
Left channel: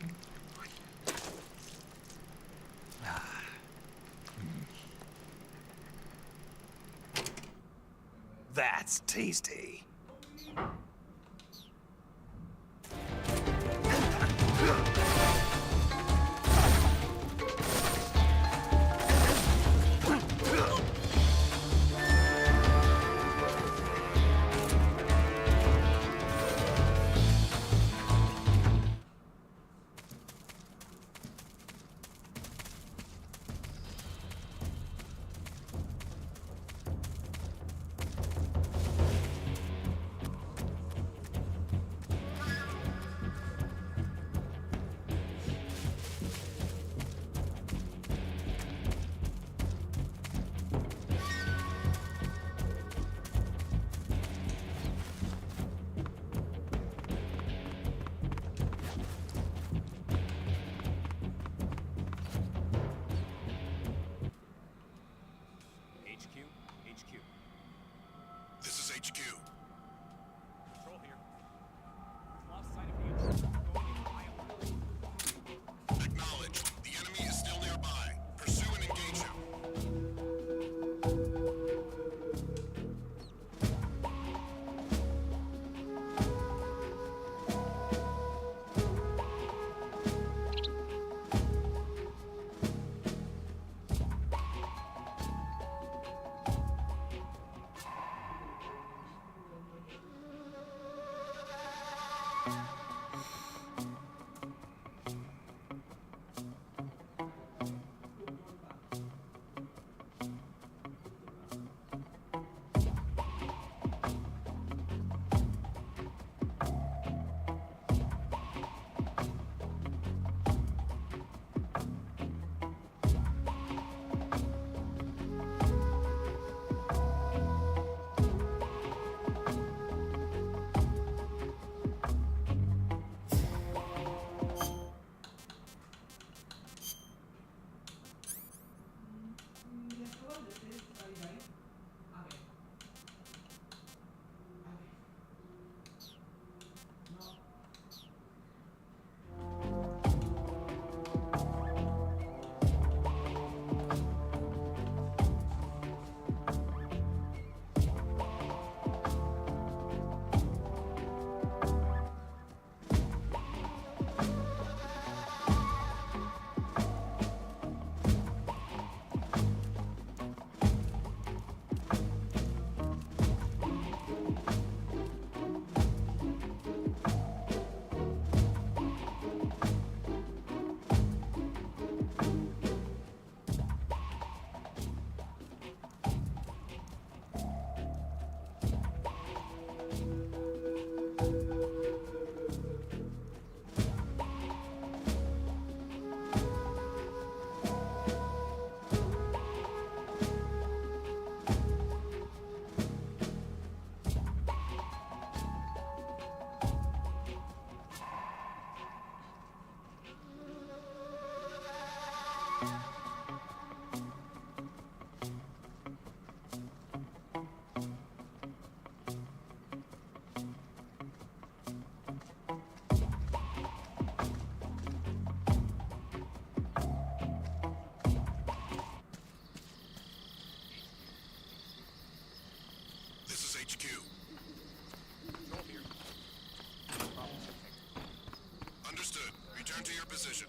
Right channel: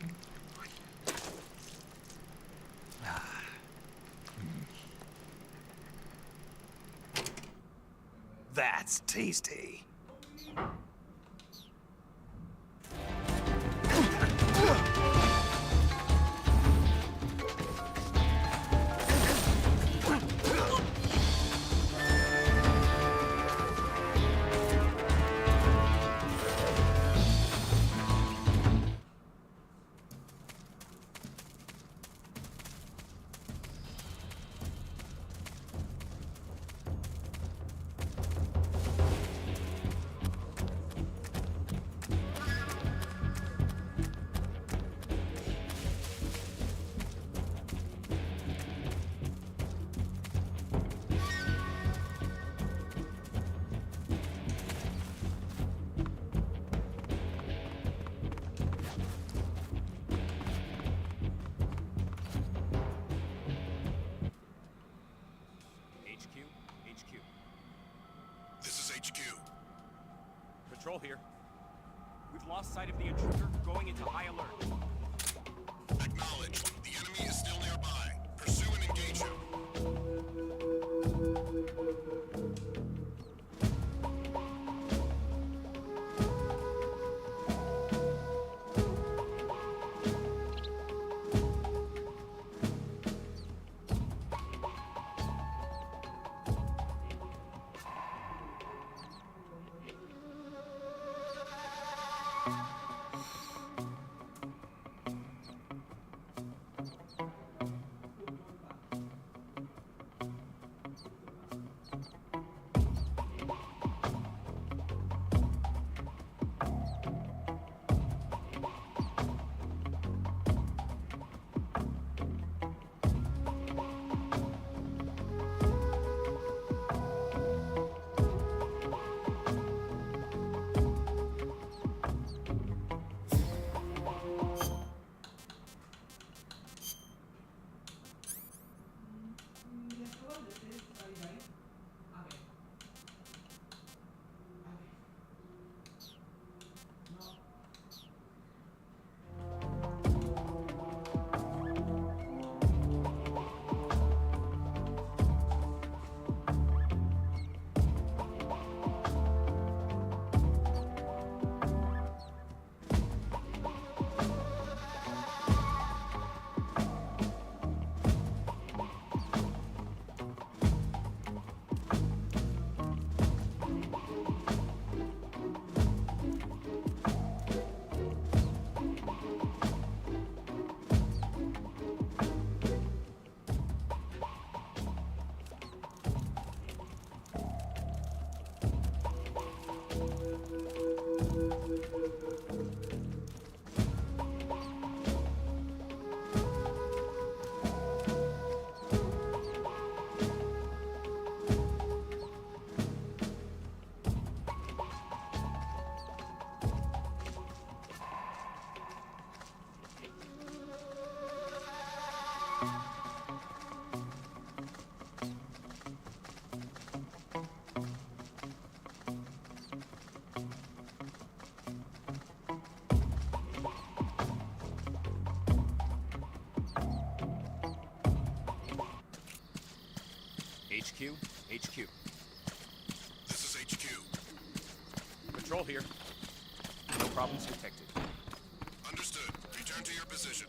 HQ. Patrol here. We've lost sight of the intruder. Going into high alert. Acknowledged. The enemy is still nearby. Pursue and engage him. HQ. This is HQ. Patrol here. No problems detected. Understood. Return to your position.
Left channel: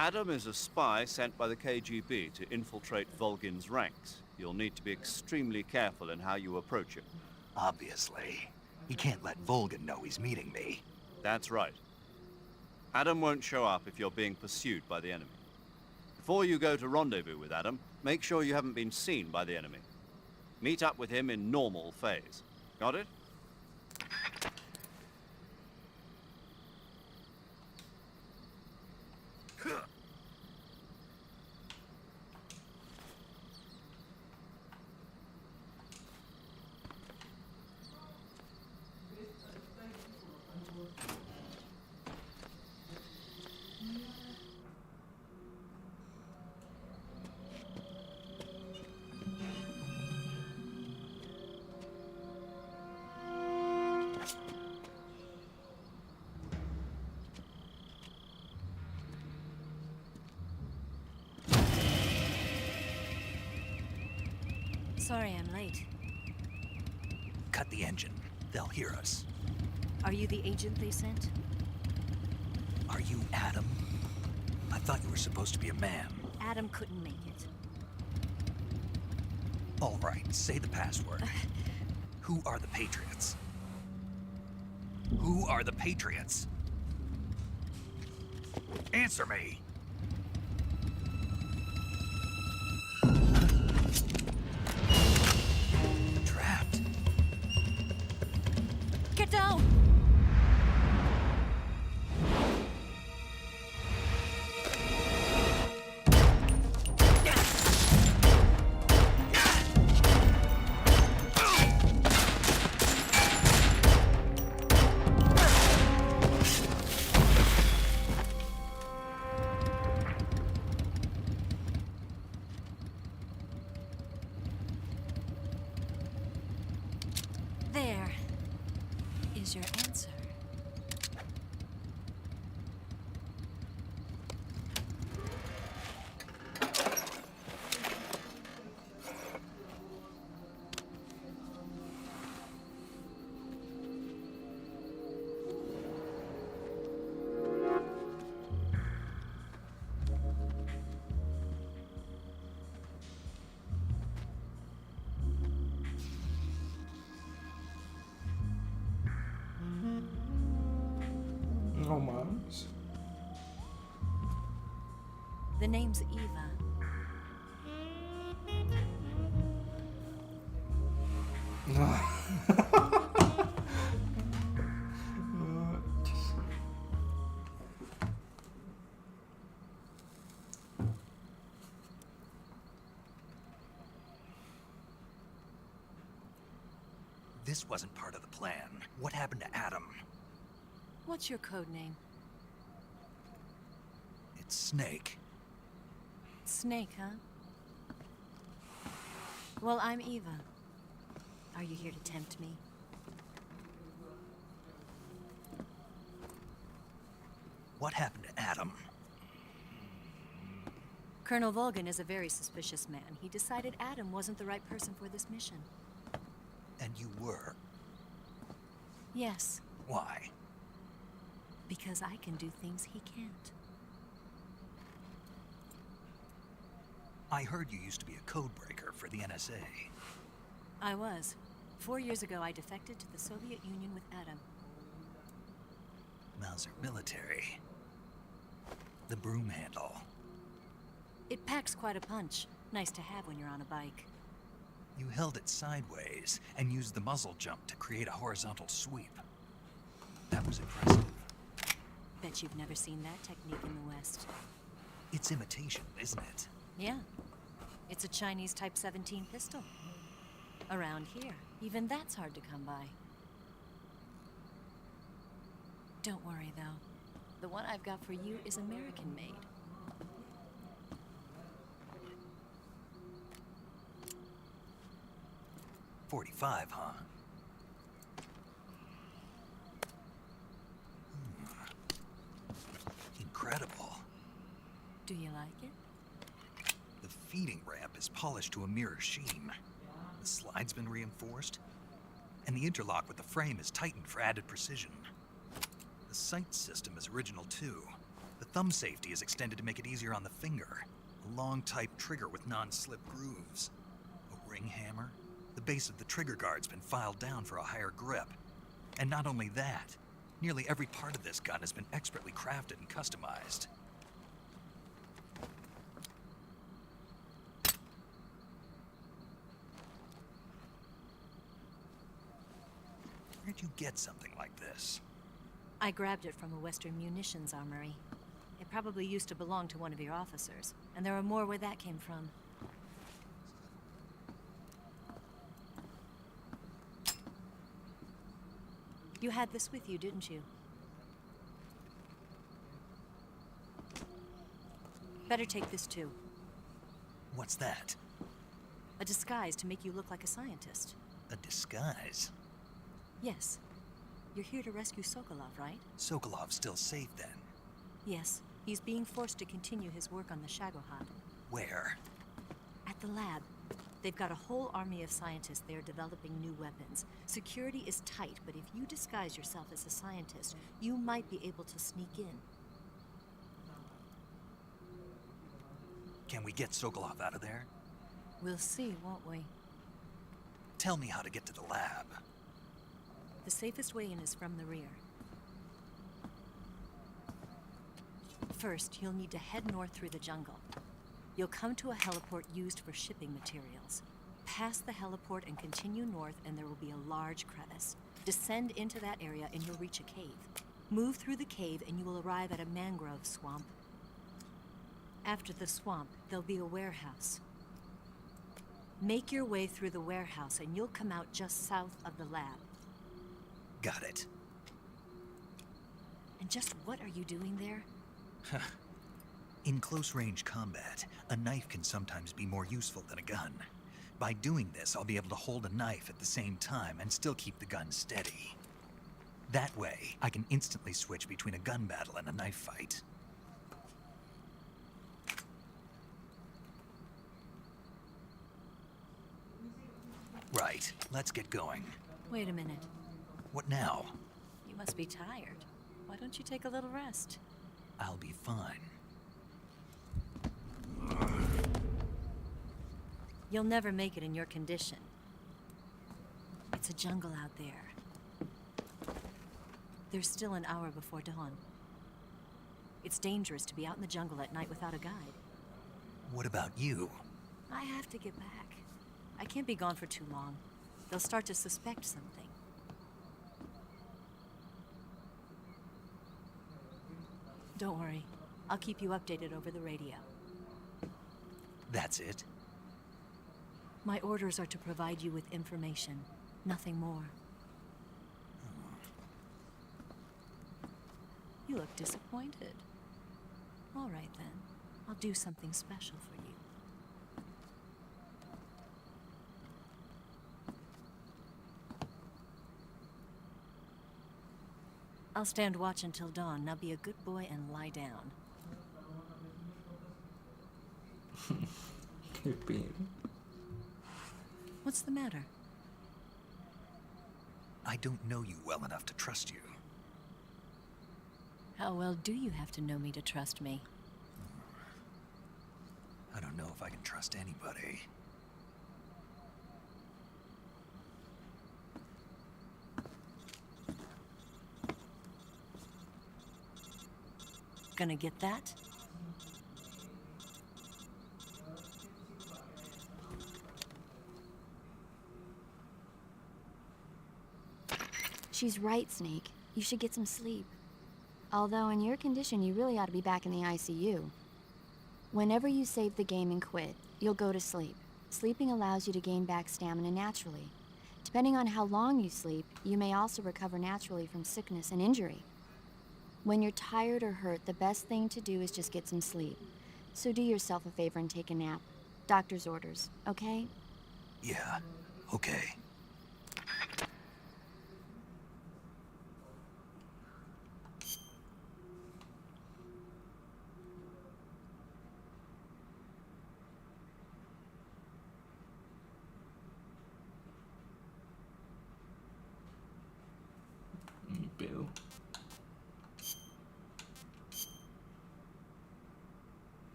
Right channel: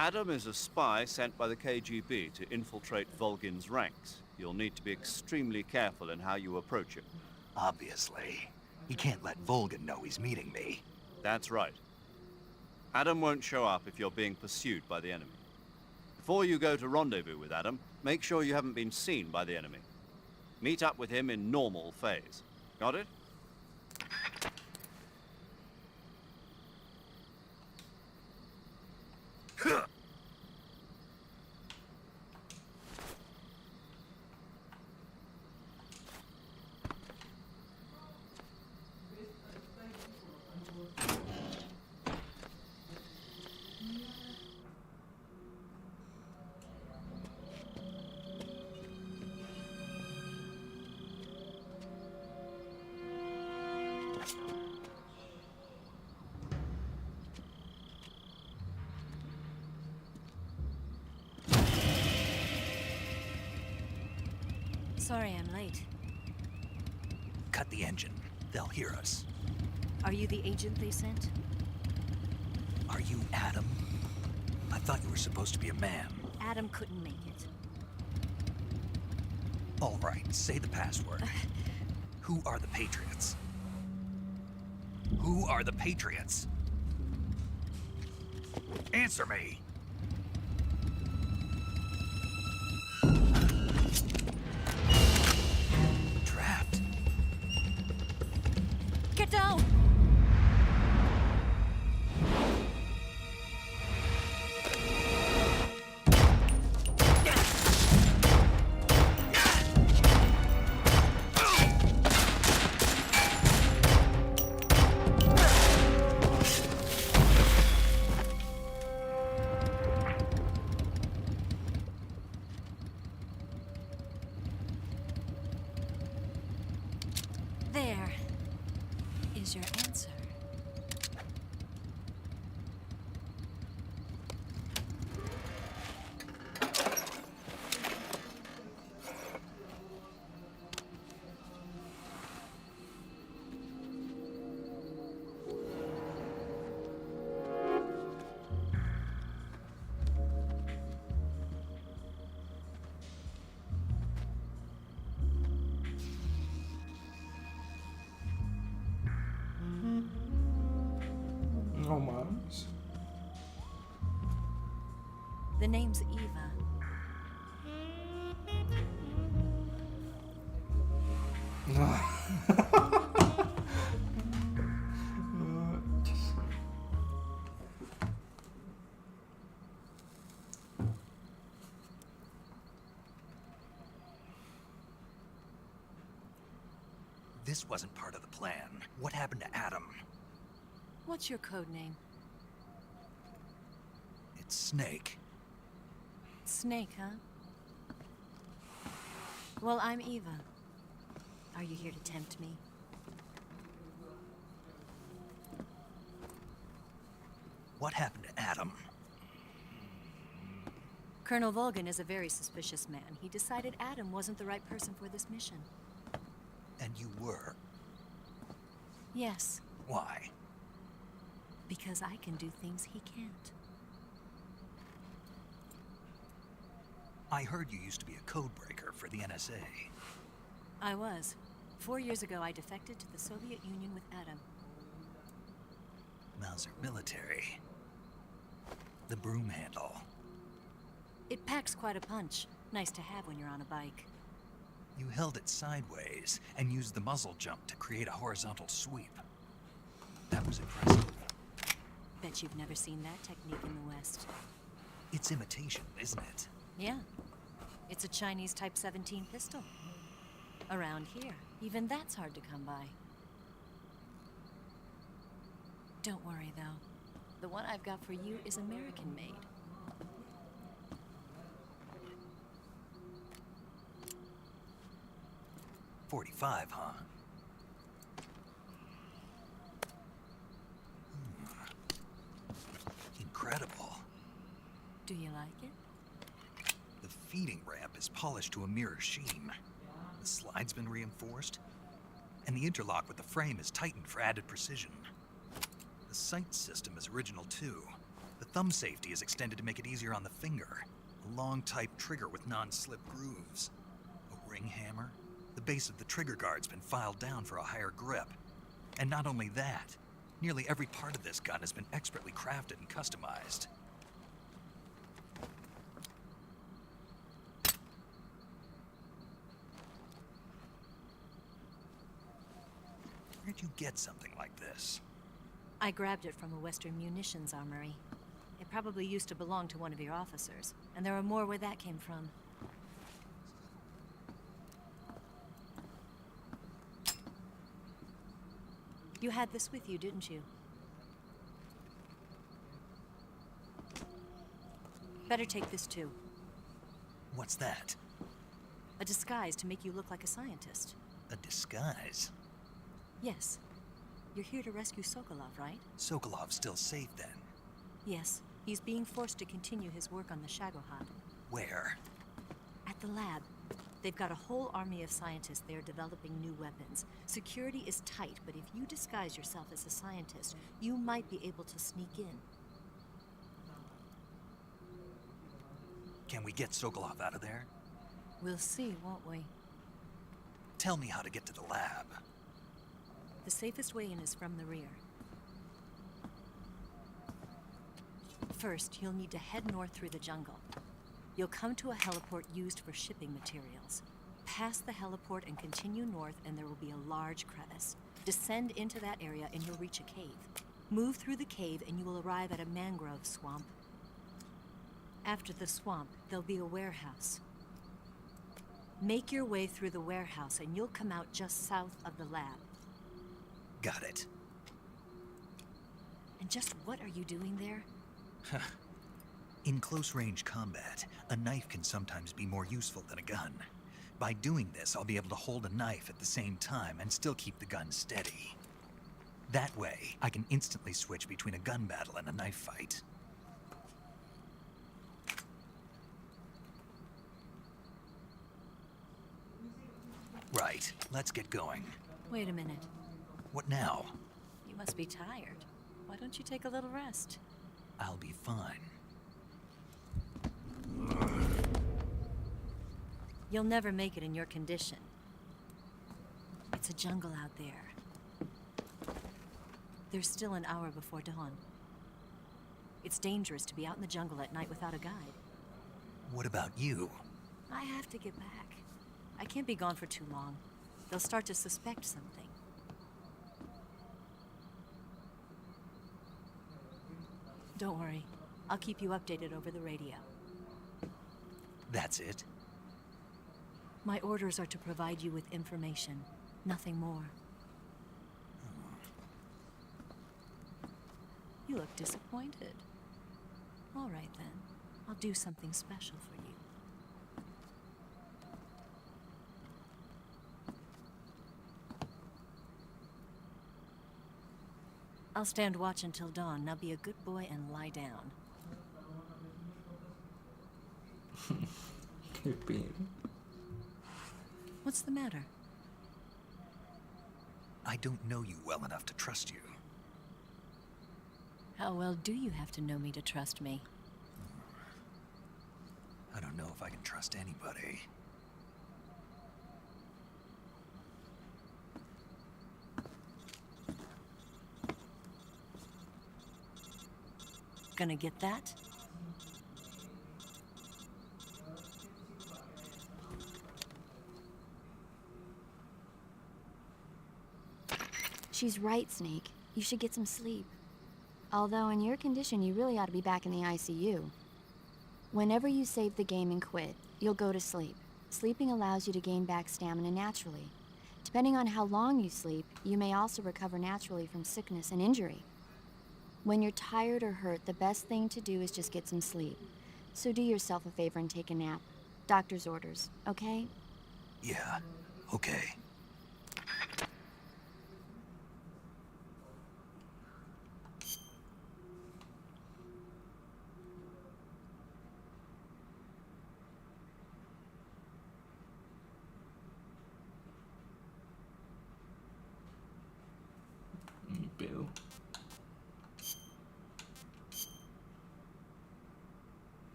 Adam is a spy sent by the KGB to infiltrate Volgin's ranks. You'll need to be extremely careful in how you approach him. Obviously. He can't let Volgin know he's meeting me. That's right. Adam won't show up if you're being pursued by the enemy. Before you go to rendezvous with Adam, make sure you haven't been seen by the enemy. Meet up with him in normal phase. Got it? Sorry I'm late. Cut the engine. They'll hear us. Are you the agent they sent? Are you Adam? I thought you were supposed to be a man. Adam couldn't make it. All right, say the password. Who are the Patriots? Who are the Patriots? Answer me! Trapped. Get down! There is your answer. No mames. The name's Eva. This wasn't part of the plan. What happened to Adam? What's your code name? It's Snake. Snake, huh? Well, I'm Eva. Are you here to tempt me? What happened to Adam? Colonel Volgan is a very suspicious man. He decided Adam wasn't the right person for this mission. And you were. Yes, Why? because I can do things he can't. I heard you used to be a code breaker for the NSA. I was. 4 years ago, I defected to the Soviet Union with Adam. Mauser military. The broom handle. It packs quite a punch. Nice to have when you're on a bike. You held it sideways and used the muzzle jump to create a horizontal sweep. That was impressive. Bet you've never seen that technique in the West. It's imitation, isn't it? Yeah. It's a Chinese Type 17 pistol. Around here, even that's hard to come by. Don't worry, though. The one I've got for you is American-made. .45, huh? Incredible. Do you like it? The feeding ramp is polished to a mirror sheen. The slide's been reinforced, and the interlock with the frame is tightened for added precision. The sight system is original too. The thumb safety is extended to make it easier on the finger. A long type trigger with non-slip grooves. A ring hammer. The base of the trigger guard's been filed down for a higher grip. And not only that, nearly every part of this gun has been expertly crafted and customized. Where'd you get something like this? I grabbed it from a Western munitions armory. It probably used to belong to one of your officers, and there are more where that came from. You had this with you, didn't you? Better take this too. What's that? A disguise to make you look like a scientist. A disguise? Yes. You're here to rescue Sokolov, right? Sokolov's still safe then? Yes. He's being forced to continue his work on the Shagohod. Where? At the lab. They've got a whole army of scientists there developing new weapons. Security is tight, but if you disguise yourself as a scientist, you might be able to sneak in. Can we get Sokolov out of there? We'll see, won't we? Tell me how to get to the lab. The safest way in is from the rear. First, you'll need to head north through the jungle. You'll come to a heliport used for shipping materials. Pass the heliport and continue north, and there will be a large crevice. Descend into that area and you'll reach a cave. Move through the cave and you will arrive at a mangrove swamp. After the swamp, there'll be a warehouse. Make your way through the warehouse and you'll come out just south of the lab. Got it. And just what are you doing there? In close-range combat, a knife can sometimes be more useful than a gun. By doing this, I'll be able to hold a knife at the same time and still keep the gun steady. That way, I can instantly switch between a gun battle and a knife fight. Right, let's get going. Wait a minute. What now? You must be tired. Why don't you take a little rest? I'll be fine. You'll never make it in your condition. It's a jungle out there. There's still an hour before dawn. It's dangerous to be out in the jungle at night without a guide. What about you? I have to get back. I can't be gone for too long. They'll start to suspect something. Don't worry. I'll keep you updated over the radio. That's it? My orders are to provide you with information, nothing more. You look disappointed. All right, then. I'll do something special for you. I'll stand watch until dawn. Now be a good boy and lie down. Qué pedo. What's the matter? I don't know you well enough to trust you. How well do you have to know me to trust me? I don't know if I can trust anybody. Gonna get that? She's right, Snake. You should get some sleep. Although in your condition, you really ought to be back in the ICU. Whenever you save the game and quit, you'll go to sleep. Sleeping allows you to gain back stamina naturally. Depending on how long you sleep, you may also recover naturally from sickness and injury. When you're tired or hurt, the best thing to do is just get some sleep. So do yourself a favor and take a nap. Doctor's orders, okay? Yeah, okay. Ni pedo.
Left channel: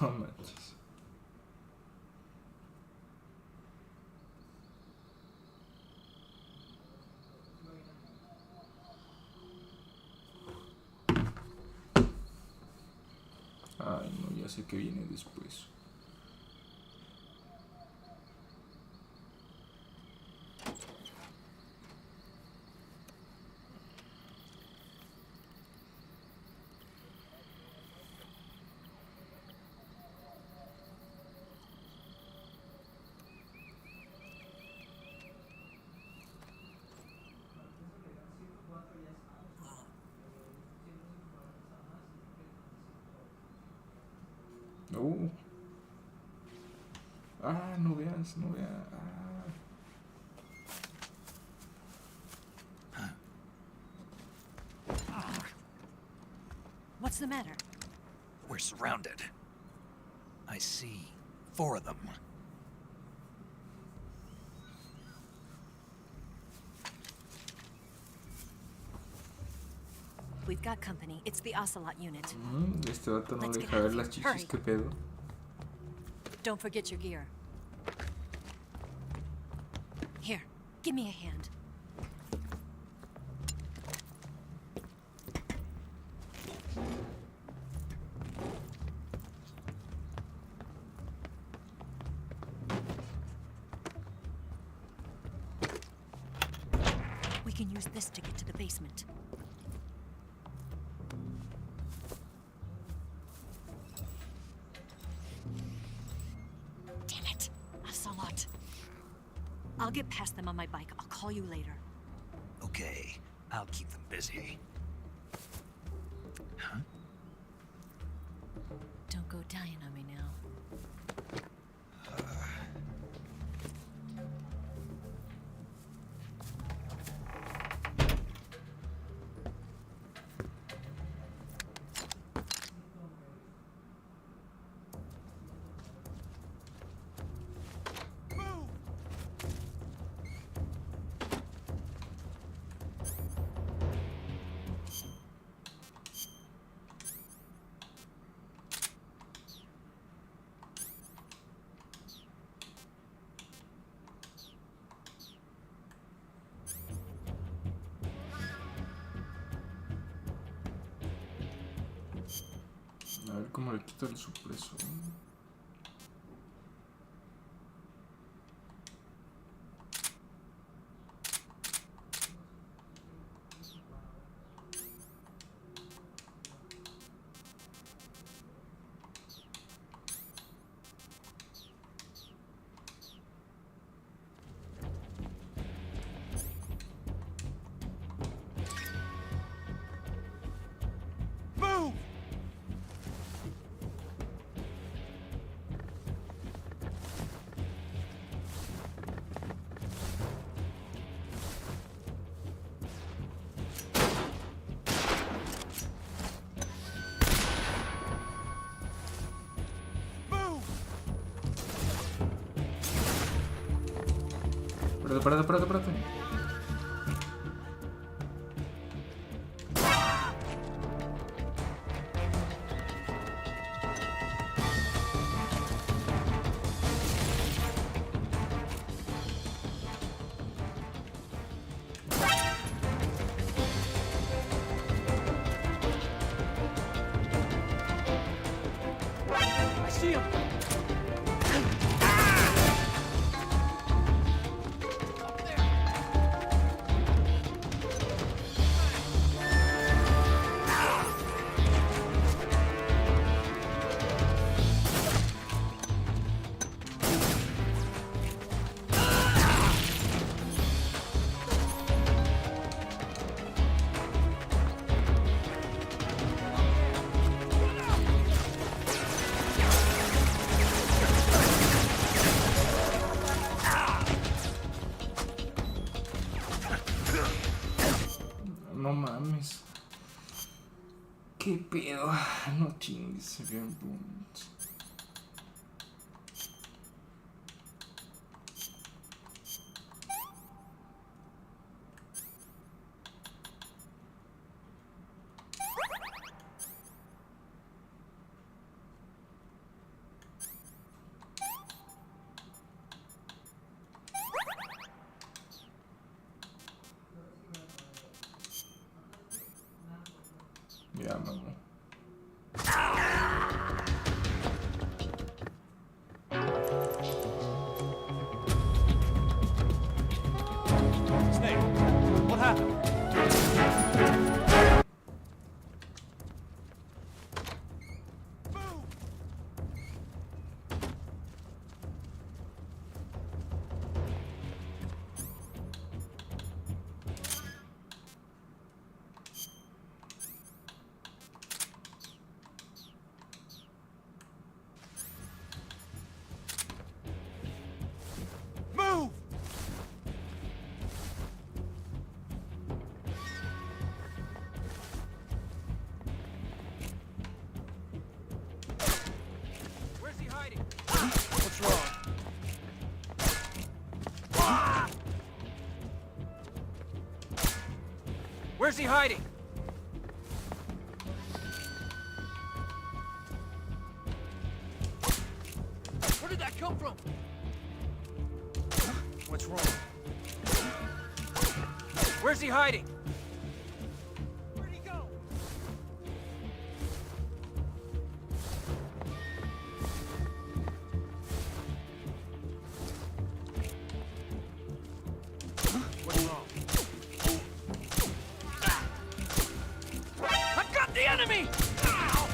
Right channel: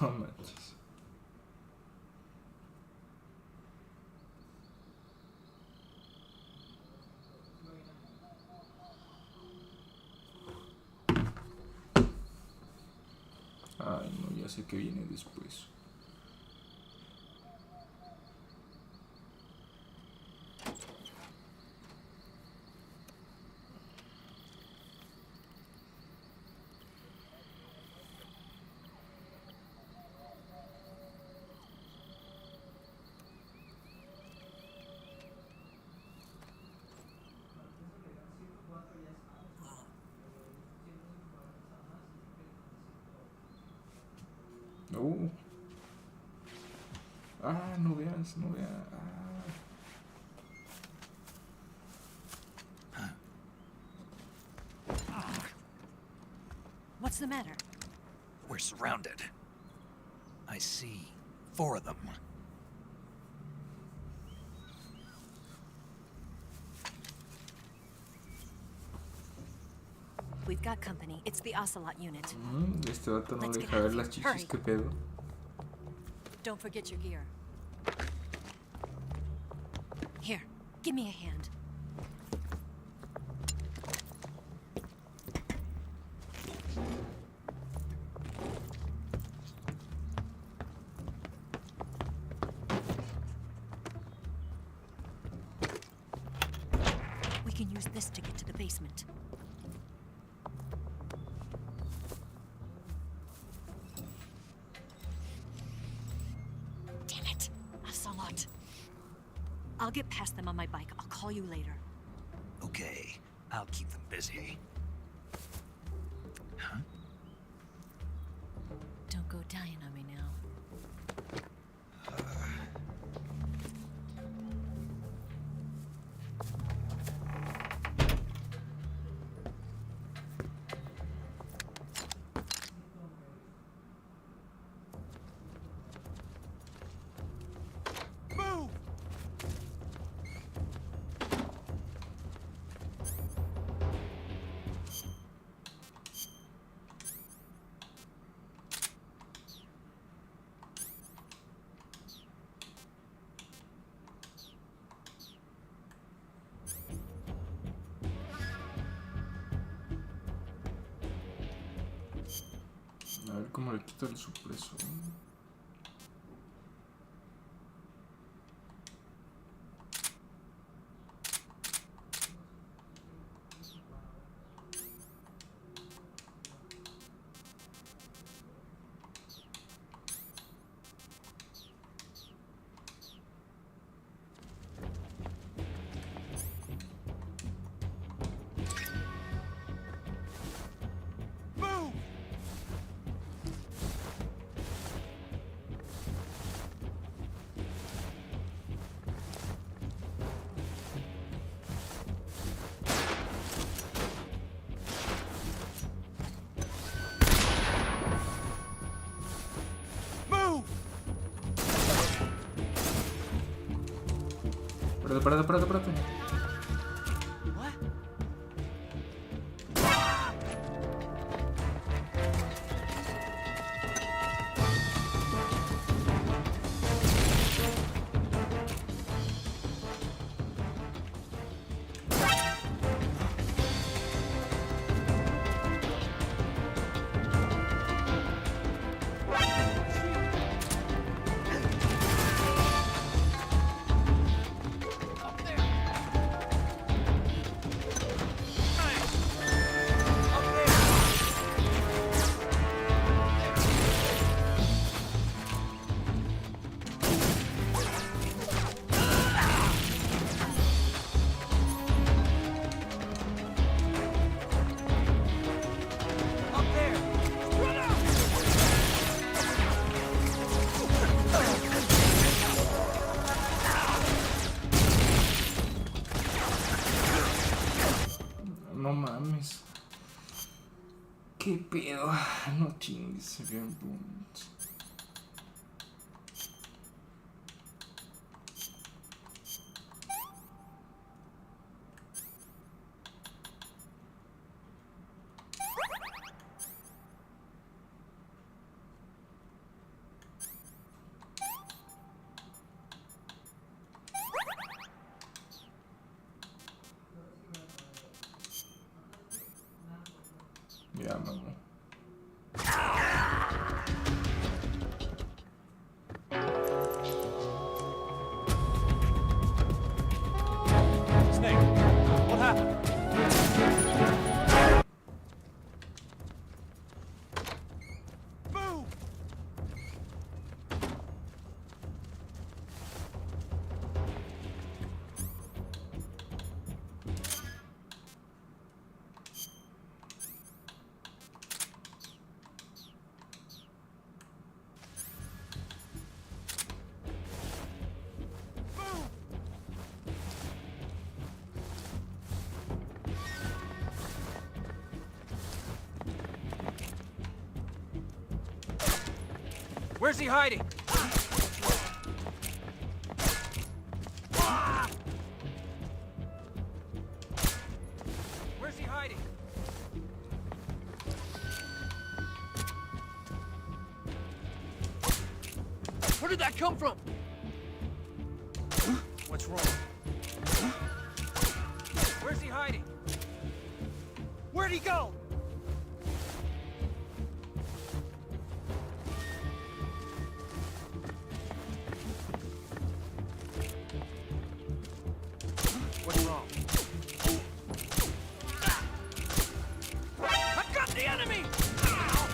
No manches. Ay, no, ya sé que viene después. No. Ah, no veas, no veas. What's the matter? We're surrounded. I see 4 of them. We've got company. It's the Ocelot unit. Este vato no Let's le get deja out ver of las here. chichis, Hurry. qué pedo. Don't forget your gear. Here, give me a hand. We can use this to get to the basement. Damn it, Ocelot. I'll get past them on my bike. I'll call you later. Okay, I'll keep them busy. Huh? Don't go dying on me now. A ver cómo le quito el supresor. Espérate. No mames. ¿Qué pedo? No chingues, bien punto. Ya, mamá. Snake, what happened? Where's he hiding? Where's he hiding? Where did that come from? What's wrong? Where's he hiding? Where'd he go? What's wrong? I've got the enemy! Ow!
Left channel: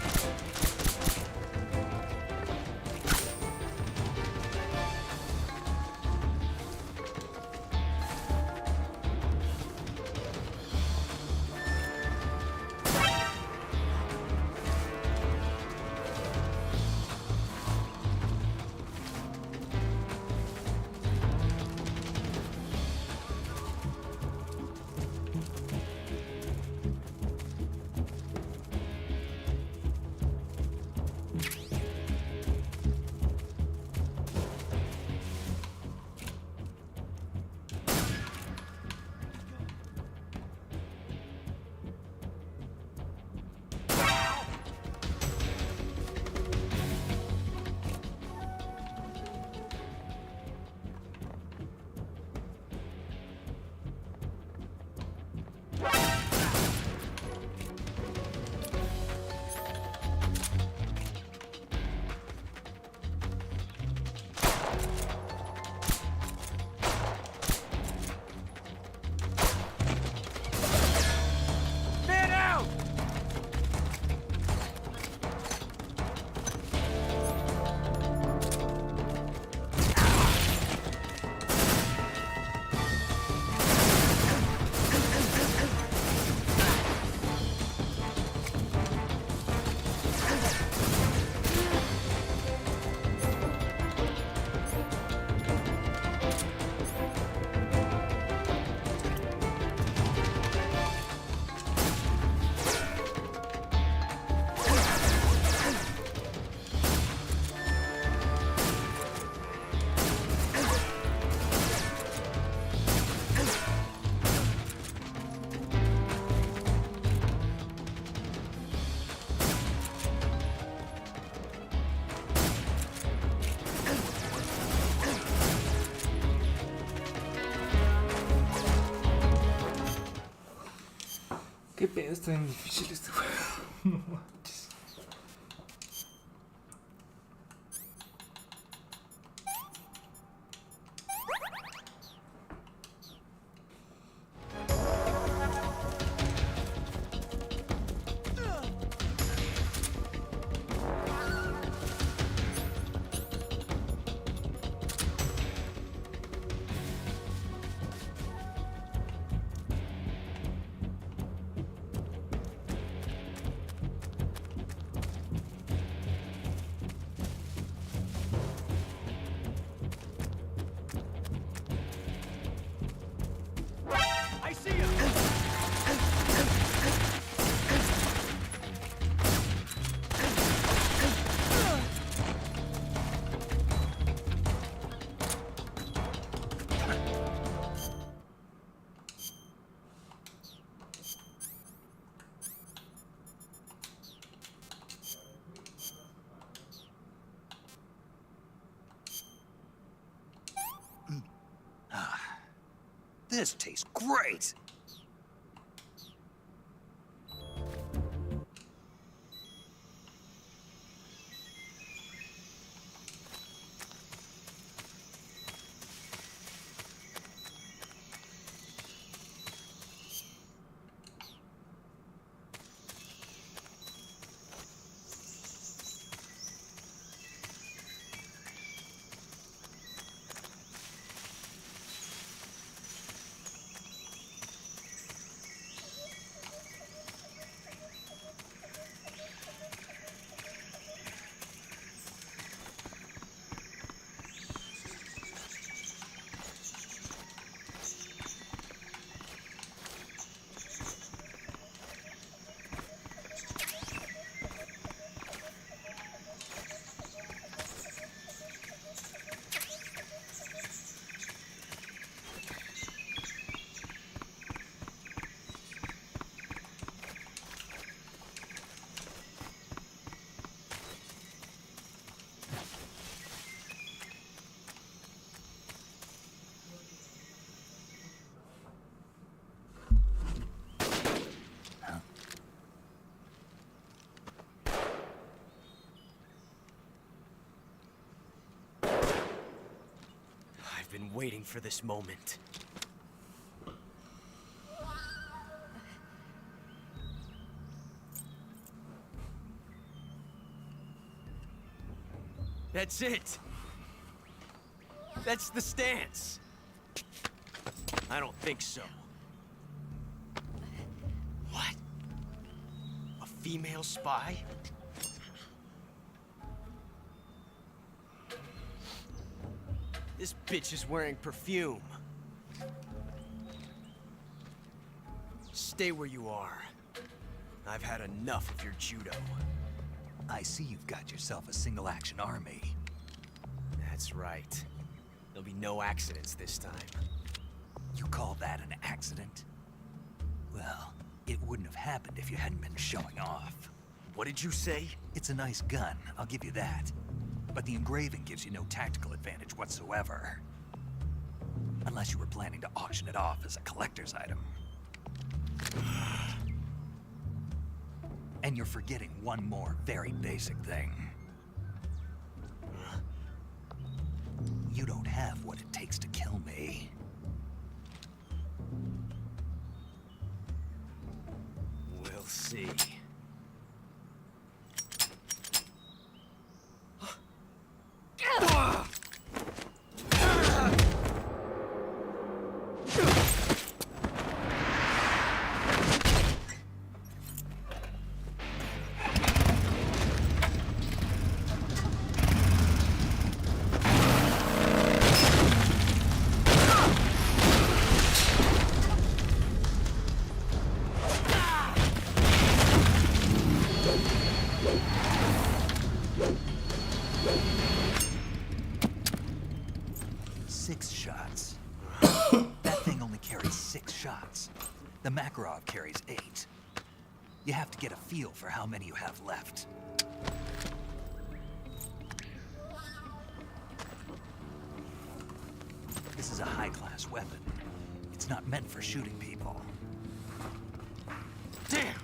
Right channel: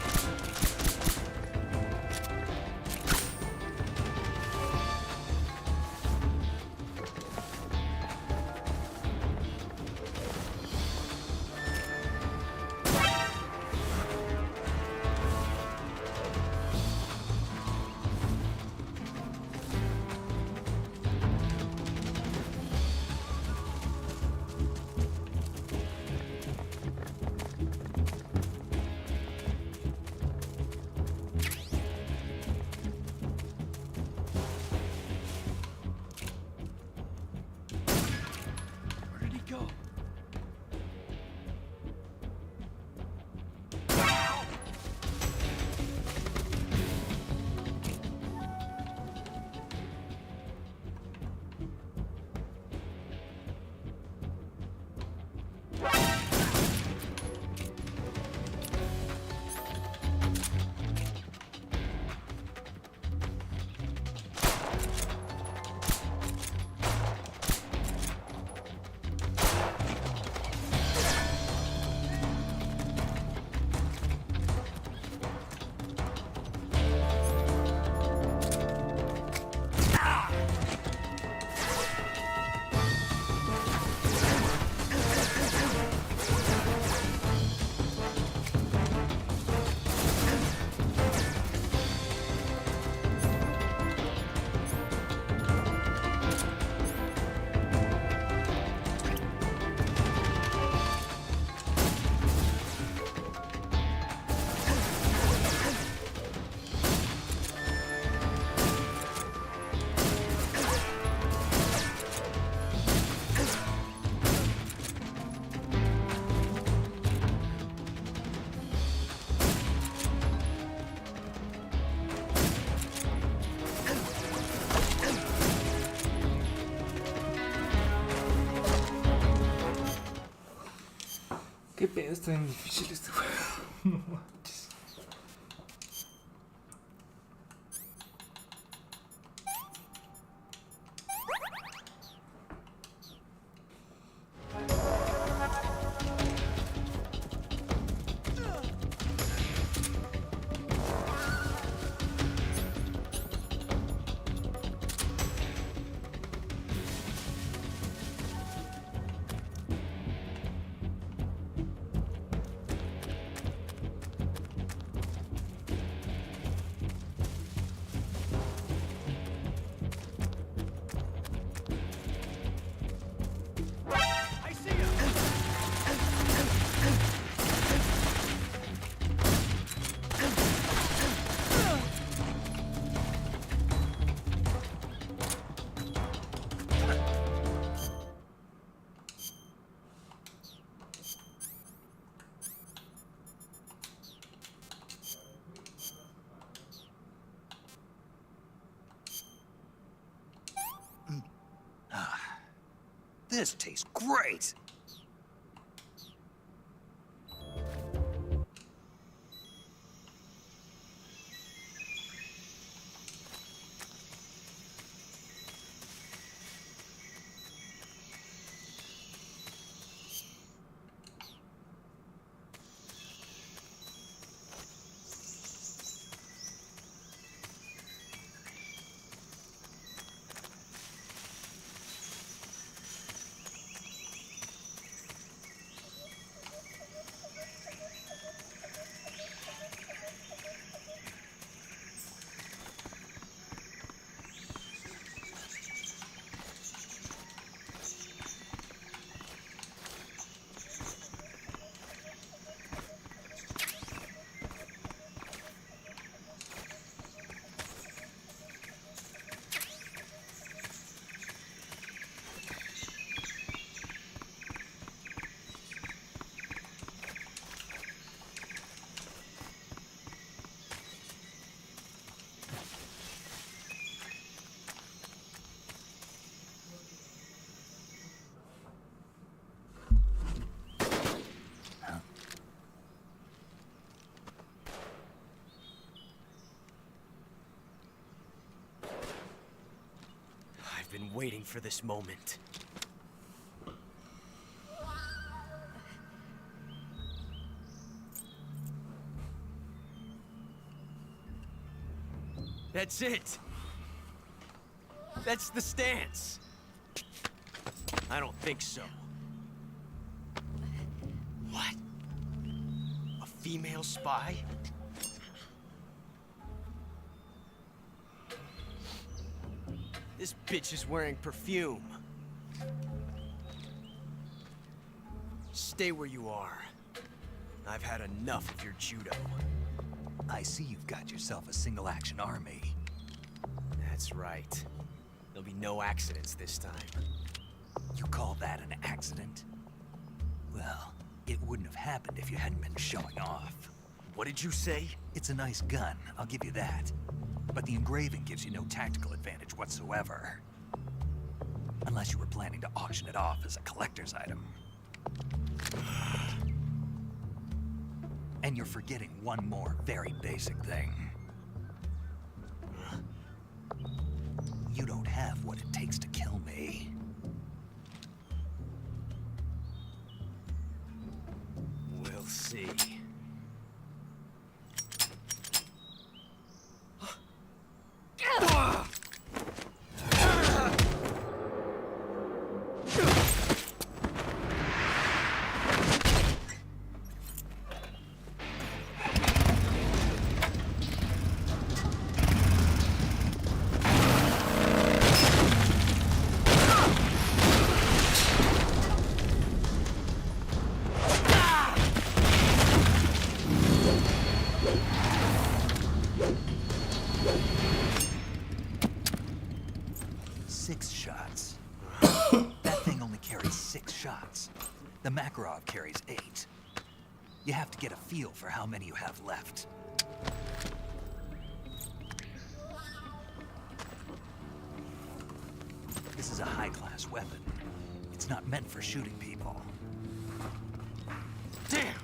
Qué pedo, está bien difícil este juego. No manches. I see him! This tastes great! I've been waiting for this moment. That's it. That's the stance. I don't think so. What? A female spy? This bitch is wearing perfume. Stay where you are. I've had enough of your judo. I see you've got yourself a single-action army. That's right. There'll be no accidents this time. You call that an accident? Well, it wouldn't have happened if you hadn't been showing off. What did you say? It's a nice gun, I'll give you that. But the engraving gives you no tactical advantage whatsoever. Unless you were planning to auction it off as a collector's item. And you're forgetting one more very basic thing. You don't have what it takes to kill me. We'll see. The Makarov carries 8. You have to get a feel for how many you have left. This is a high-class weapon. It's not meant for shooting people. Damn!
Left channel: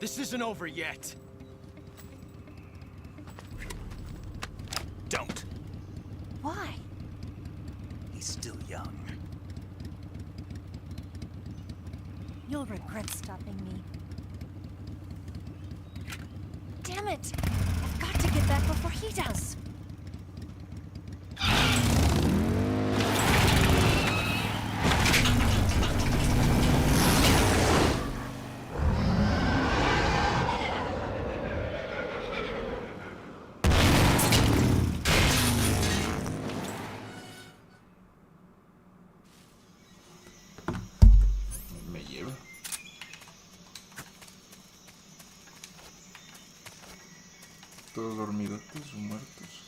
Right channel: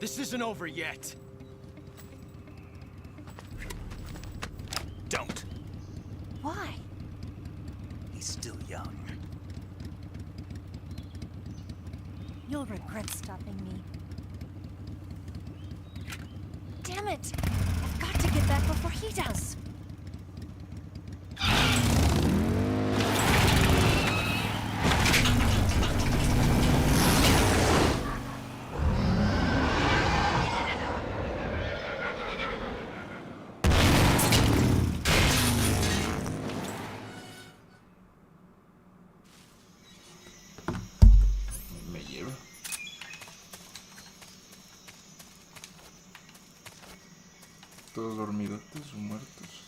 This isn't over yet. Don't. Why? He's still young. You'll regret stopping me. Damn it! I've got to get back before he does. Me lleva. Todos dormidotes o muertos.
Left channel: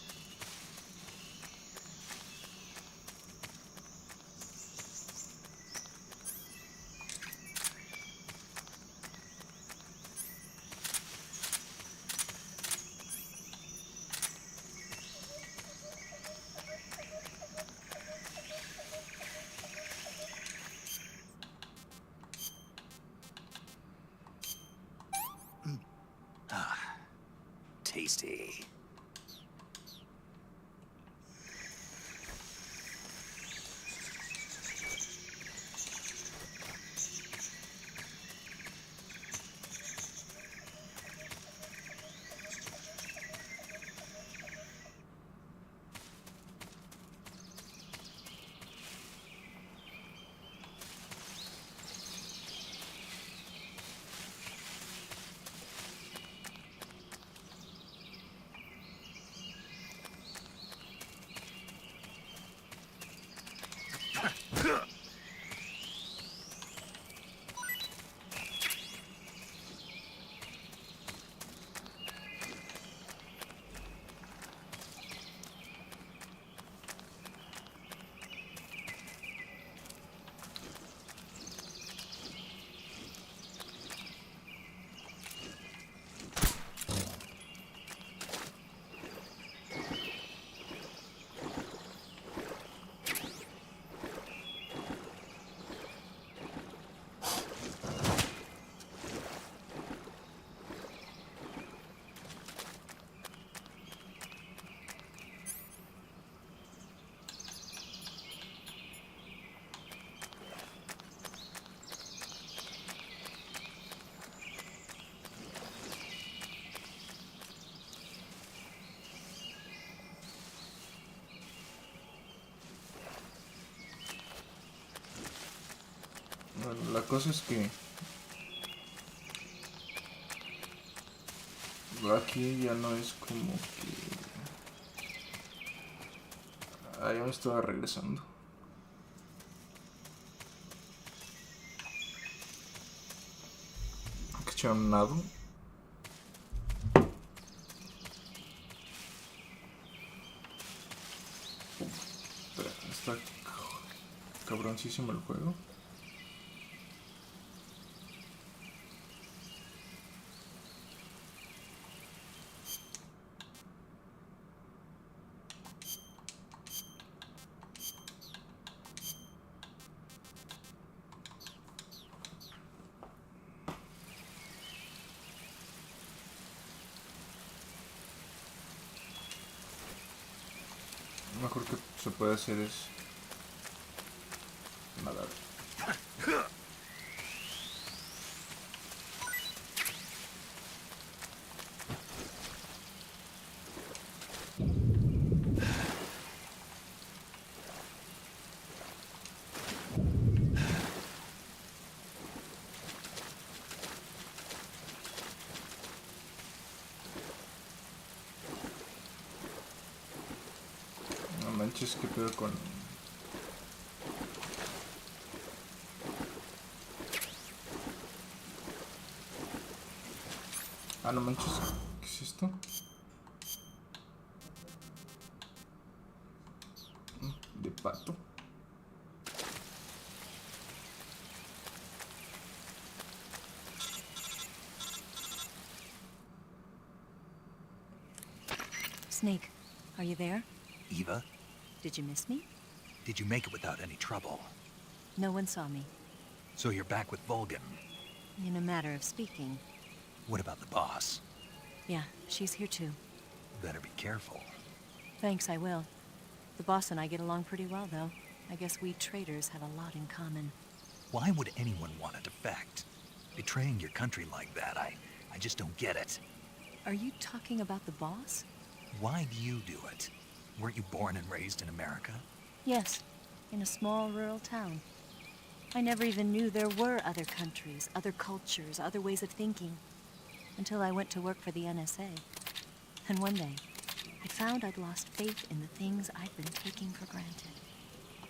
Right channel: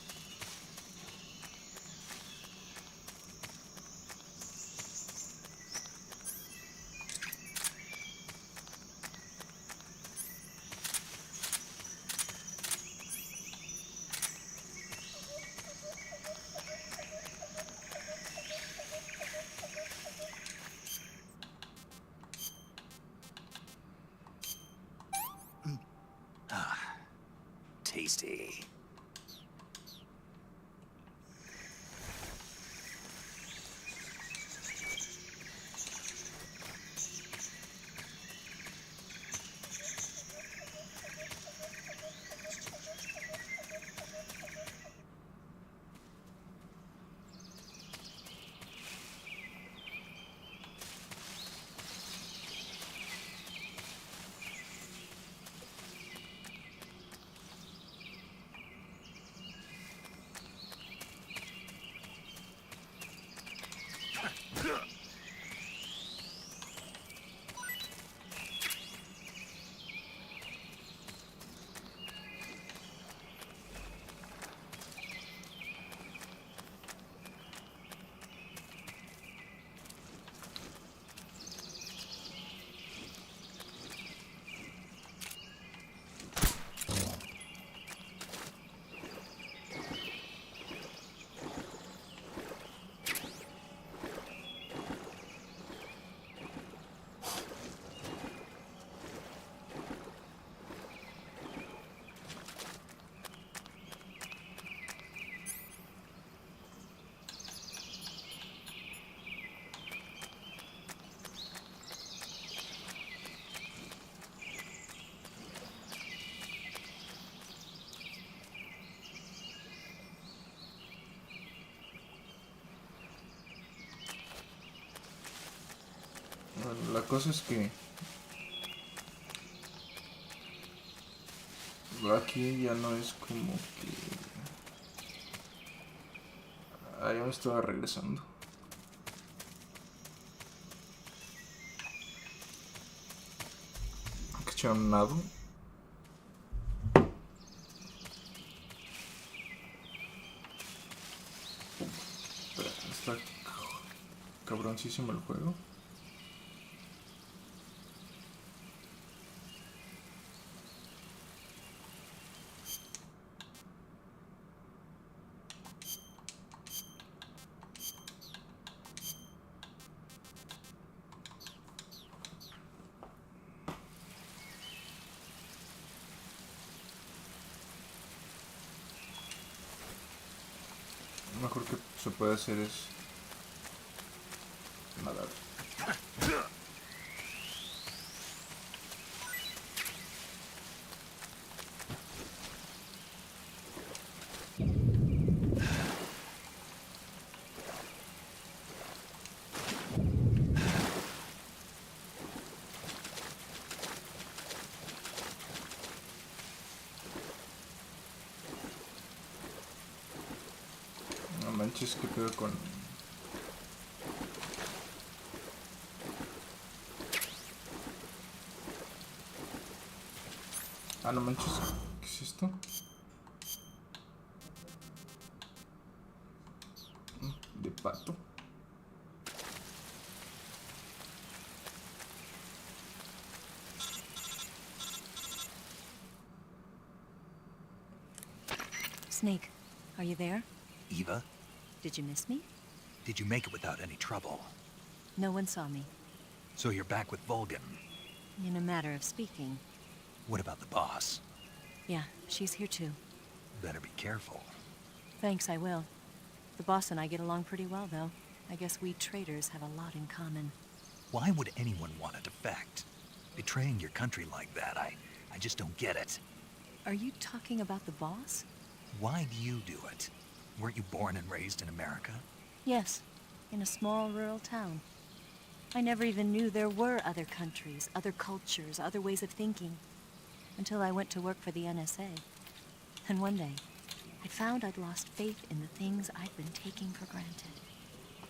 Bueno, la cosa es que aquí ya no es como que... Ah, ya me estaba regresando. Que echar un nado. Está cabroncísimo el juego. Lo mejor que se puede hacer es nadar. No manches, qué pedo con... Ah, no manches, ¿qué es esto? De pato. Snake, Are you there? Eva, Did you miss me? did you make it without any trouble? No one saw me. So you're back with Vulcan. In a matter of speaking. What about the boss? Yeah, she's here too. Better be careful. Thanks, I will. The boss and I get along pretty well, though. I guess we traitors have a lot in common. Why would anyone want to defect? Betraying your country like that, I just don't get it. Are you talking about the boss? Why do you do it? Weren't you born and raised in America? Yes, in a small rural town. I never even knew there were other countries, other cultures, other ways of thinking. Until I went to work for the NSA. And one day, I found I'd lost faith in the things I'd been taking for granted.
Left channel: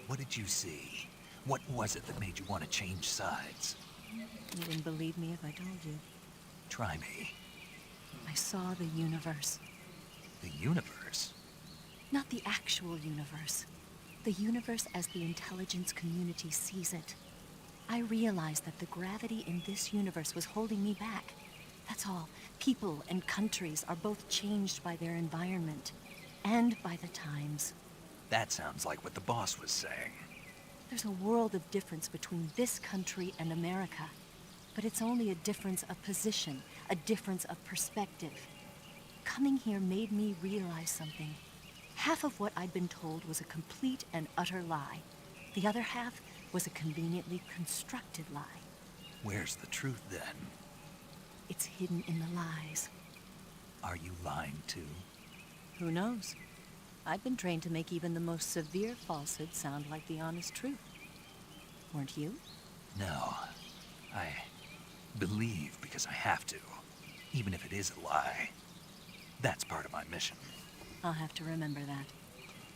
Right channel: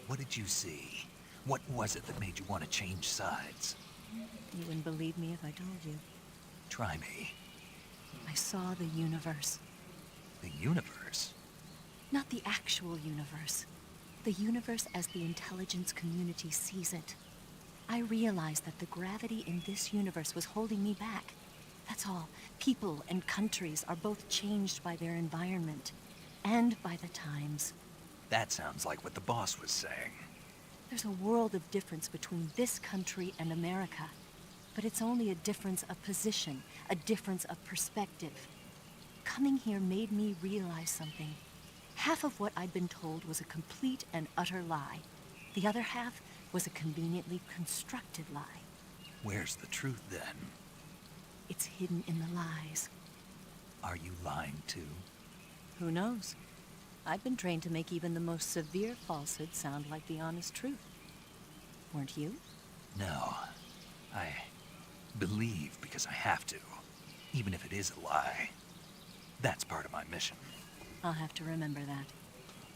What did you see? What was it that made you want to change sides? You wouldn't believe me if I told you. Try me. I saw the universe. The universe? Not the actual universe. The universe as the intelligence community sees it. I realized that the gravity in this universe was holding me back. That's all. People and countries are both changed by their environment. And by the times. That sounds like what the boss was saying. There's a world of difference between this country and America. But it's only a difference of position, a difference of perspective. Coming here made me realize something. Half of what I'd been told was a complete and utter lie. The other half was a conveniently constructed lie. Where's the truth, then? It's hidden in the lies. Are you lying, too? Who knows? I've been trained to make even the most severe falsehood sound like the honest truth. Weren't you? No. I believe because I have to, even if it is a lie. That's part of my mission. I'll have to remember that.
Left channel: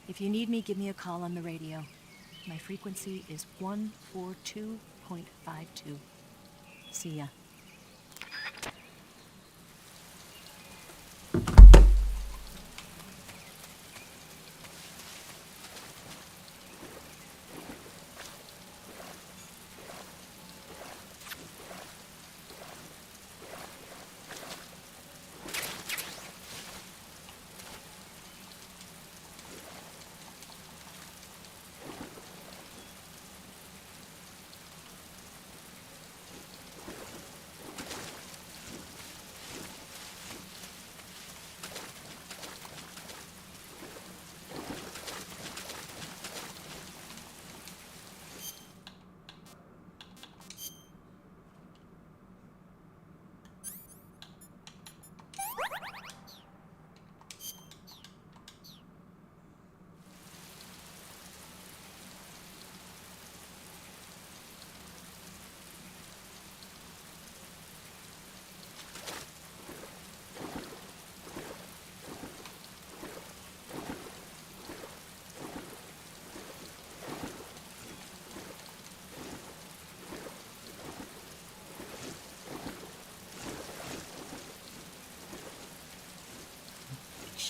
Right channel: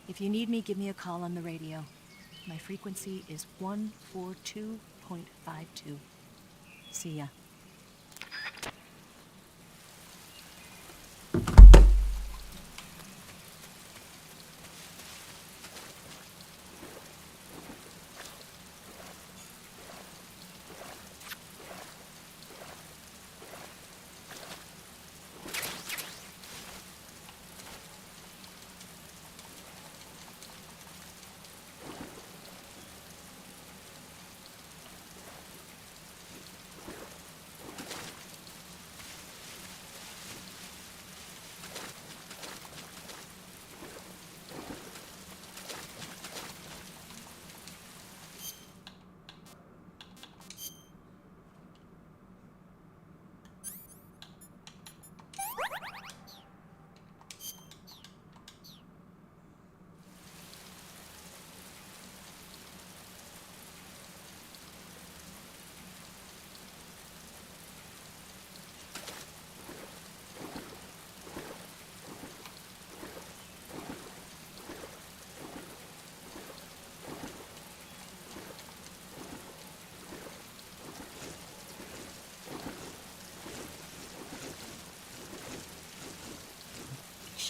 If you need me, give me a call on the radio. My frequency is 142.52. See ya.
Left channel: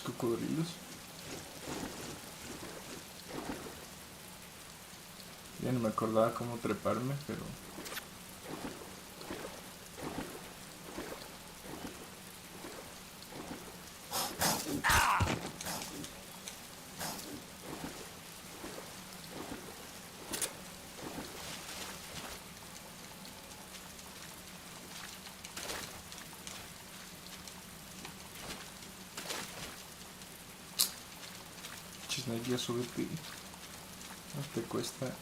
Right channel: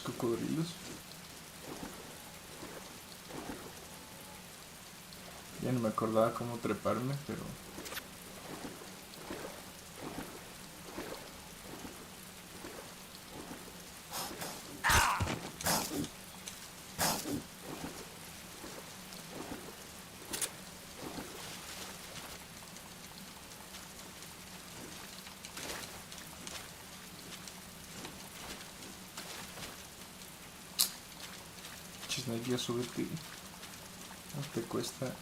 Cocodrilos. Ya no me acordaba cómo treparme, pero... Chisnake, subirte. No te cuesta.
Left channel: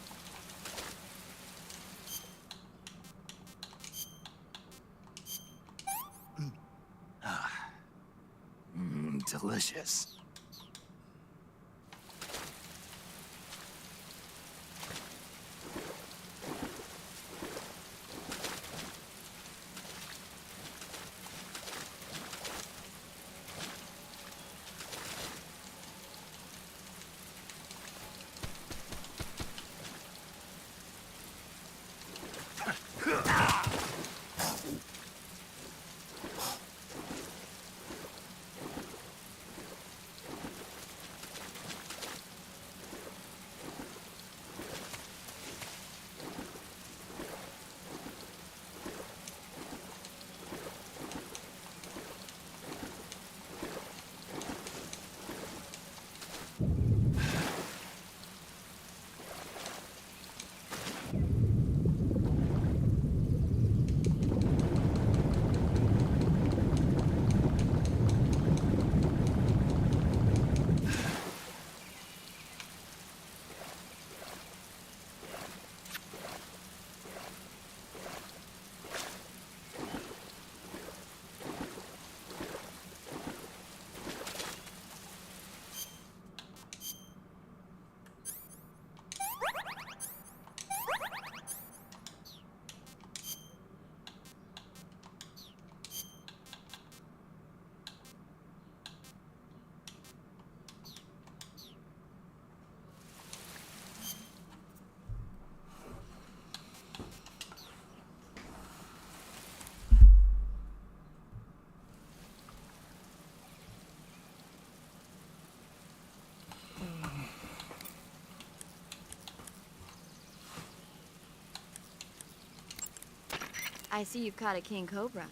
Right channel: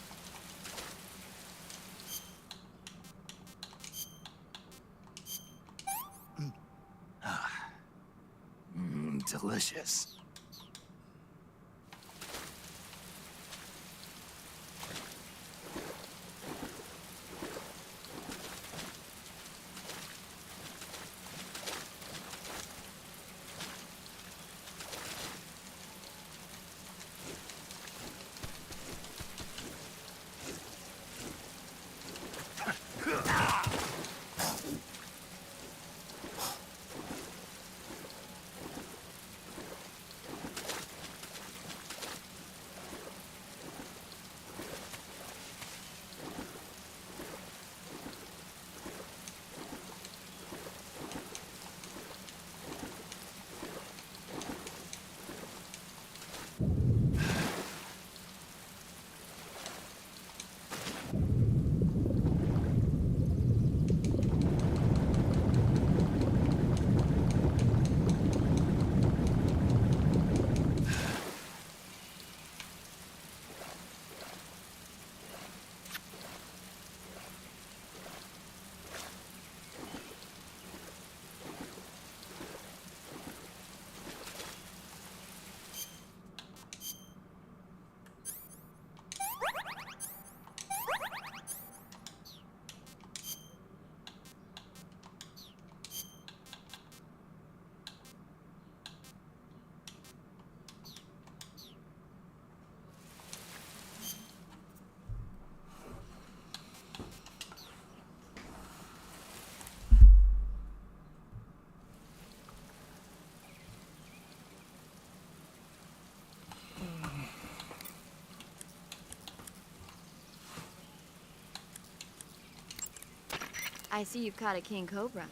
I see you've caught a king cobra.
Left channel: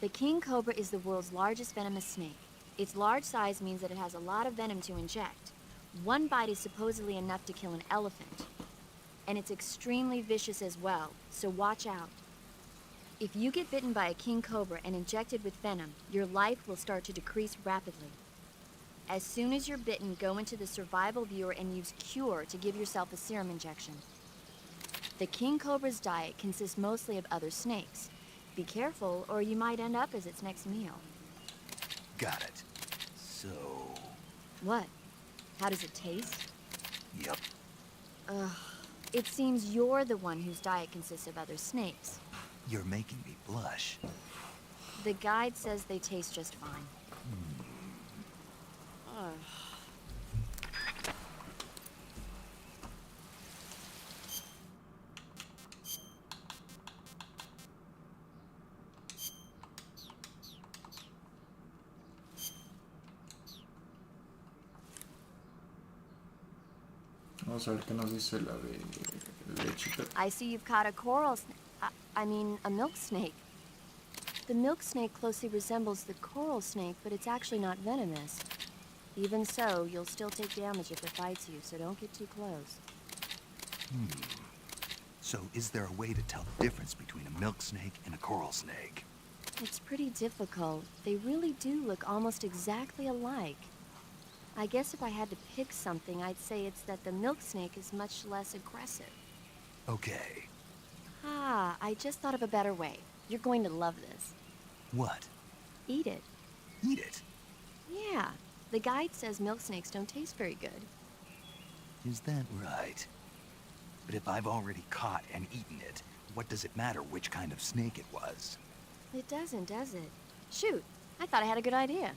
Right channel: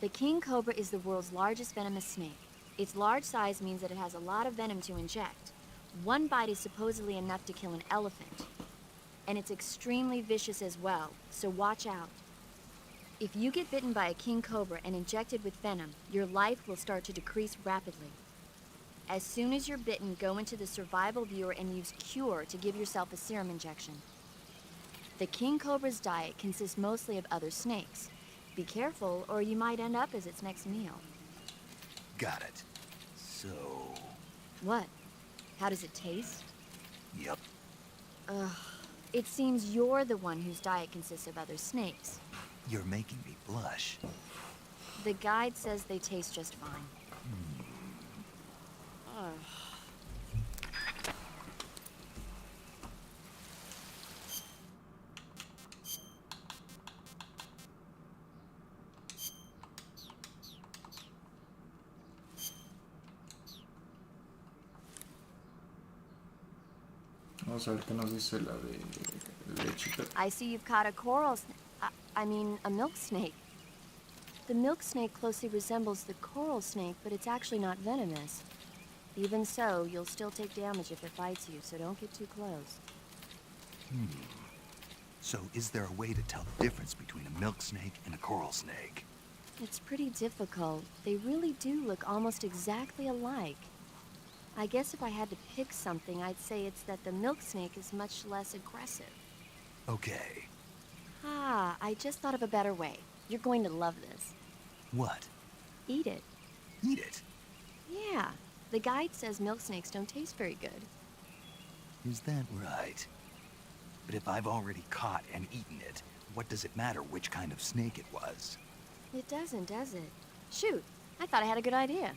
The king cobra is the world's largest venomous snake. Its large size means that it has a lot of venom to inject. One bite is supposedly enough to kill an elephant. And it's extremely vicious as well, so watch out. If you get bitten by a king cobra and injected with venom, your life will start to decrease rapidly. As soon as you're bitten, go into the survival viewer and use Cure to give yourself a serum injection. The king cobra's diet consists mostly of other snakes. Be careful, or you might end up as its next meal. Got it. So... What? How does it taste? Yep. Ugh. It seems you're the one whose diet consists of other snakes. You're making me blush. The guide says they taste just fine. Ugh. Vamos a ver qué nos dice la de lechita. I see you've caught a coral snake. I mean, a milk snake. The milk snake closely resembles the coral snake, but it's actually not venomous. Even so, you'll still take damage if it bites you, so don't get too close. So is there a way to tell the difference between a milk snake and a coral snake? It's pretty difficult. They really do look almost exactly alike. I guess if I had to pick something, I'd say it's that the milk snake is much less aggressive. Okay. Ah, I just thought of a better way. You're going to love this. What? Eat it. Eat it? Yeah. The guide says milk snakes don't taste very good. Is that right? But if I've already caught and eaten it, what does it matter which kind of snake it was? It doesn't, does it? Shoot, I thought I had a good idea.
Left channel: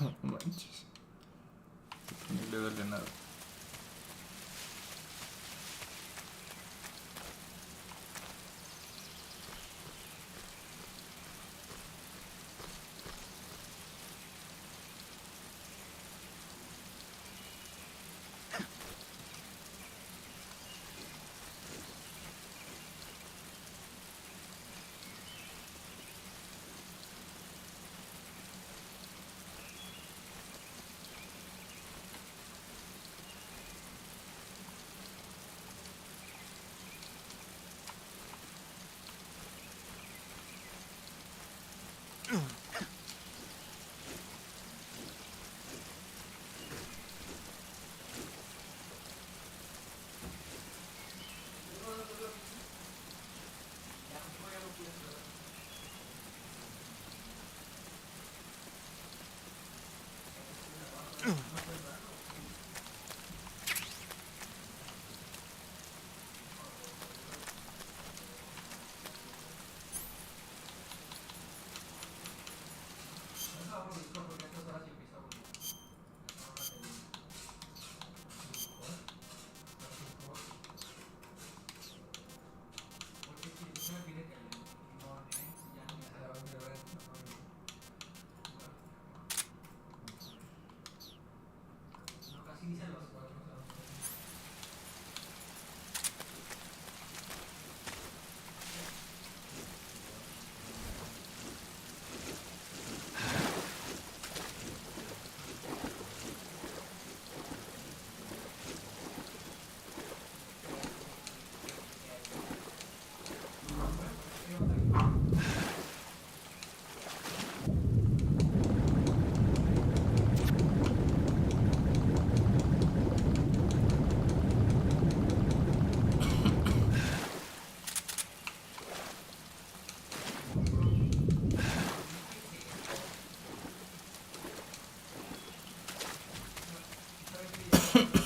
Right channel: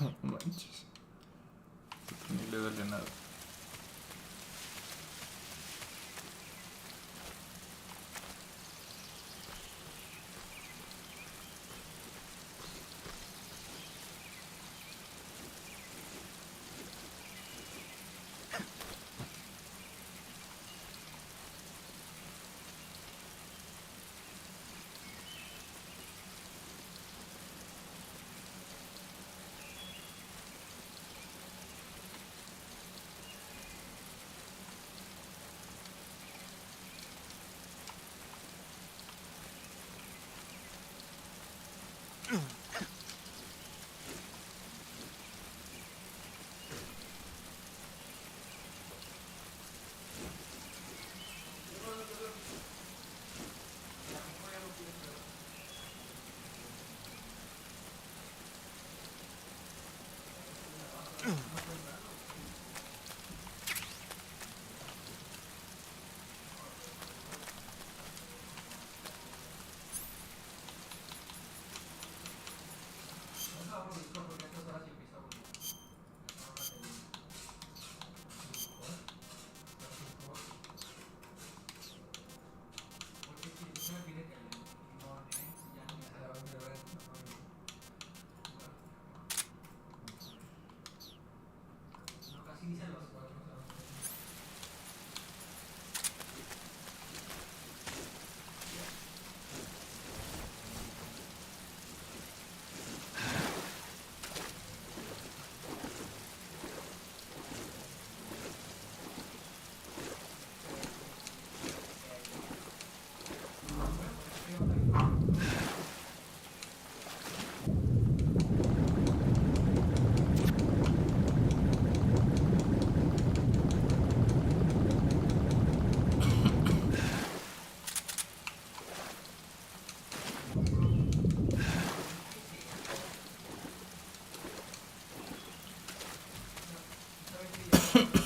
No manches. Ni le duele nada.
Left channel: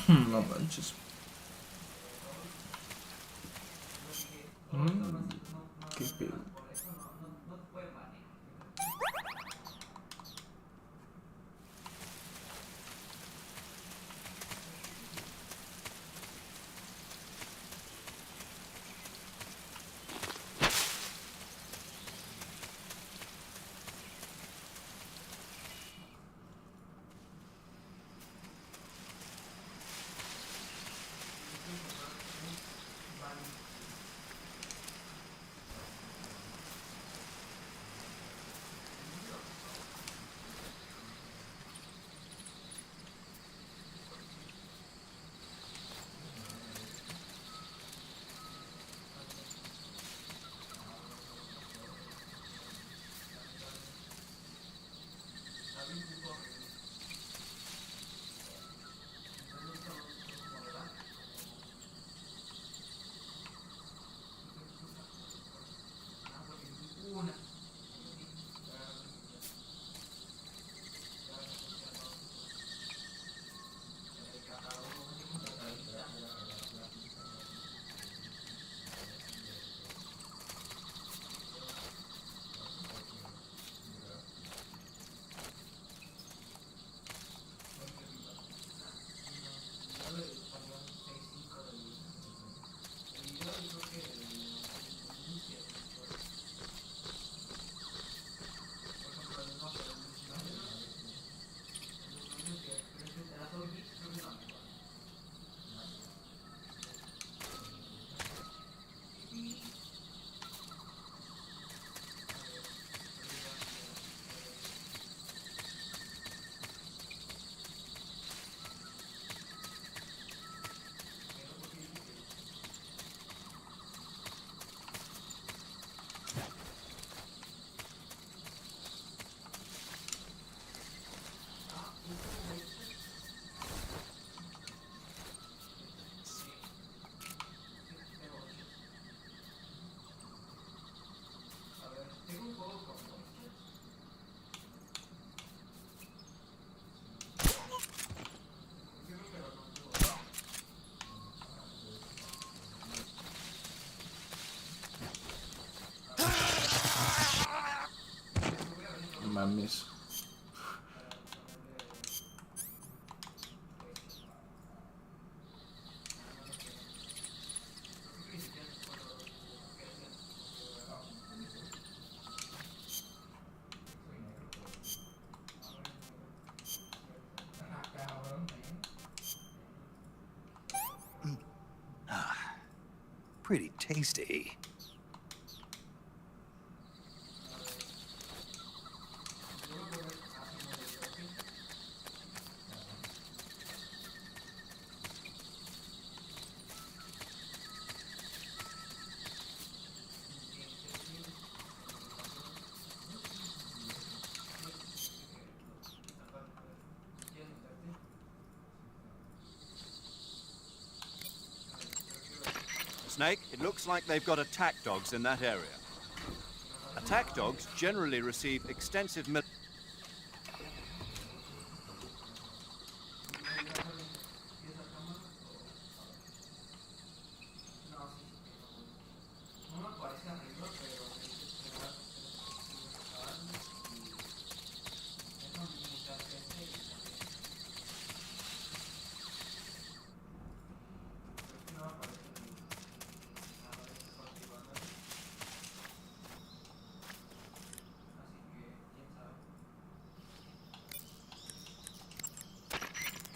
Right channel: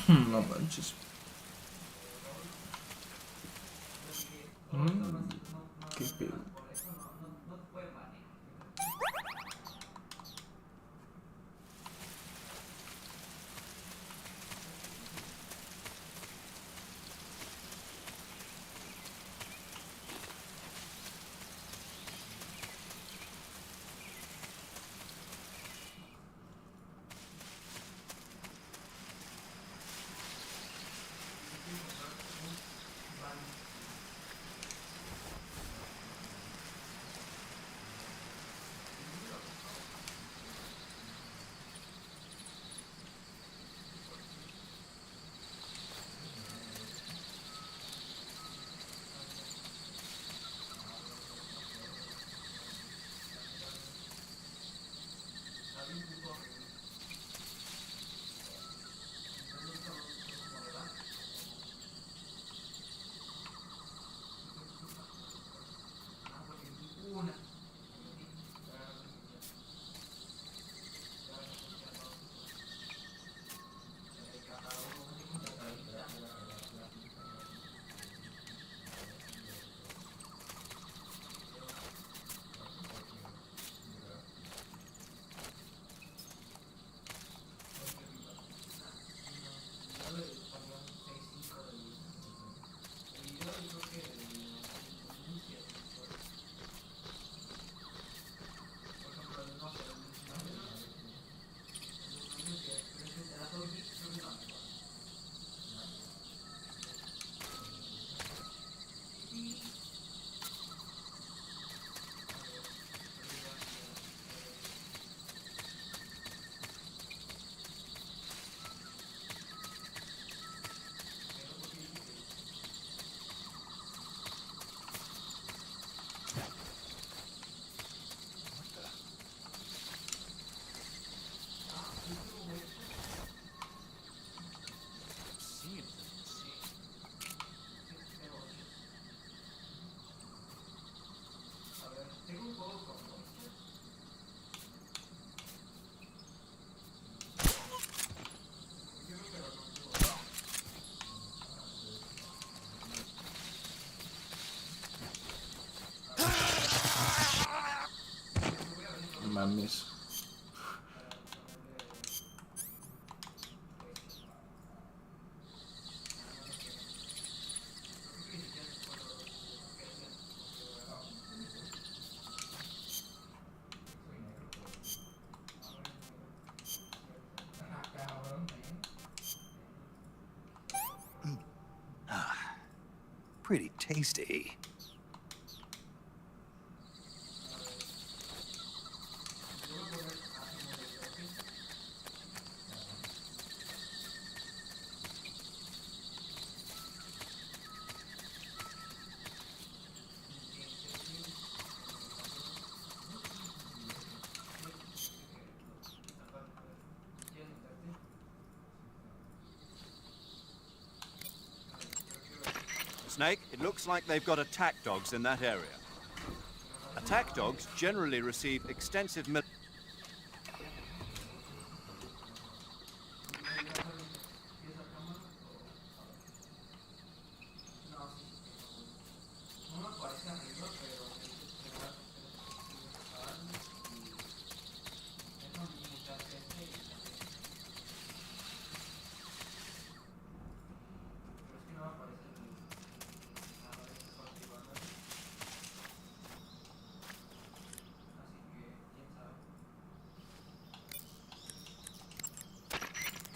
No manches. Qué pedo. Mames. Snake, it looks like they've got attack dogs in that area. Attack dogs generally receive extensive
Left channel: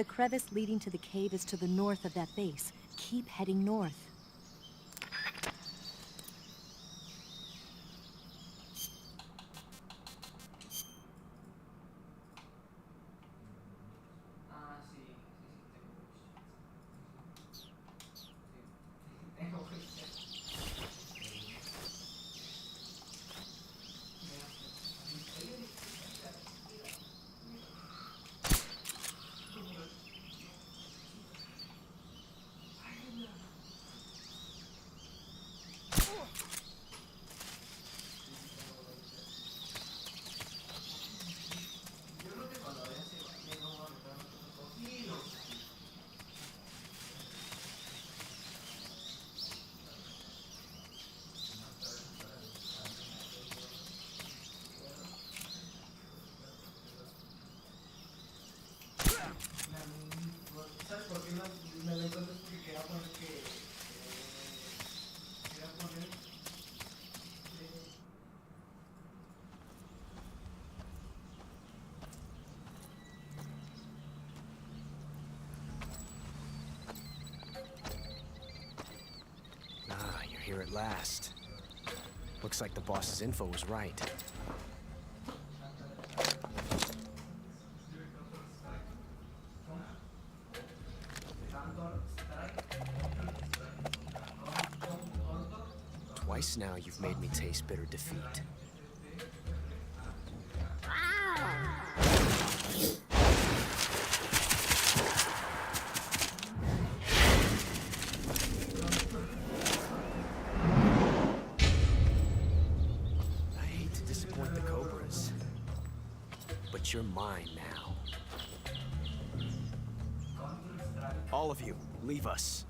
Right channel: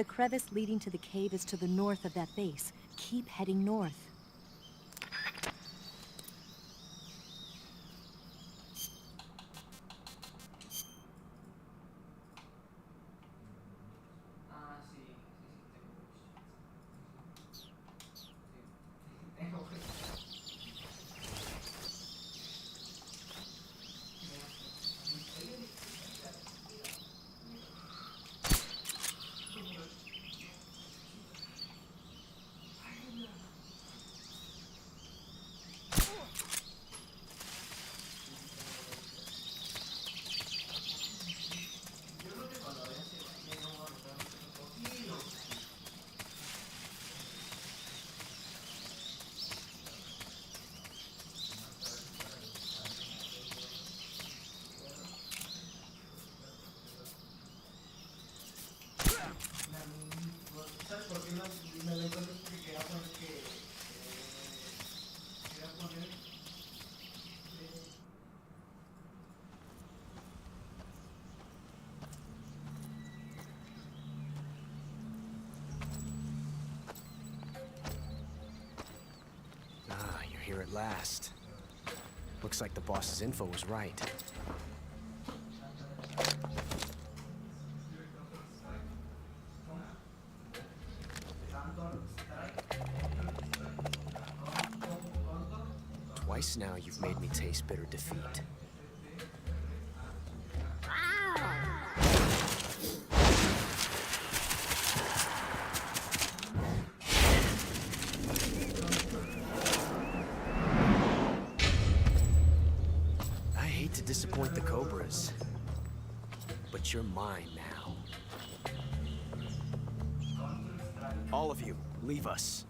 The crevice leading to the cave is to the north of that base. Keep heading north. here at last. Looks like the boss's info was right. Twice now you've made me taste bitter defeat. I hate to disappoint the Cobras, but you're mine now. All of you, leave us.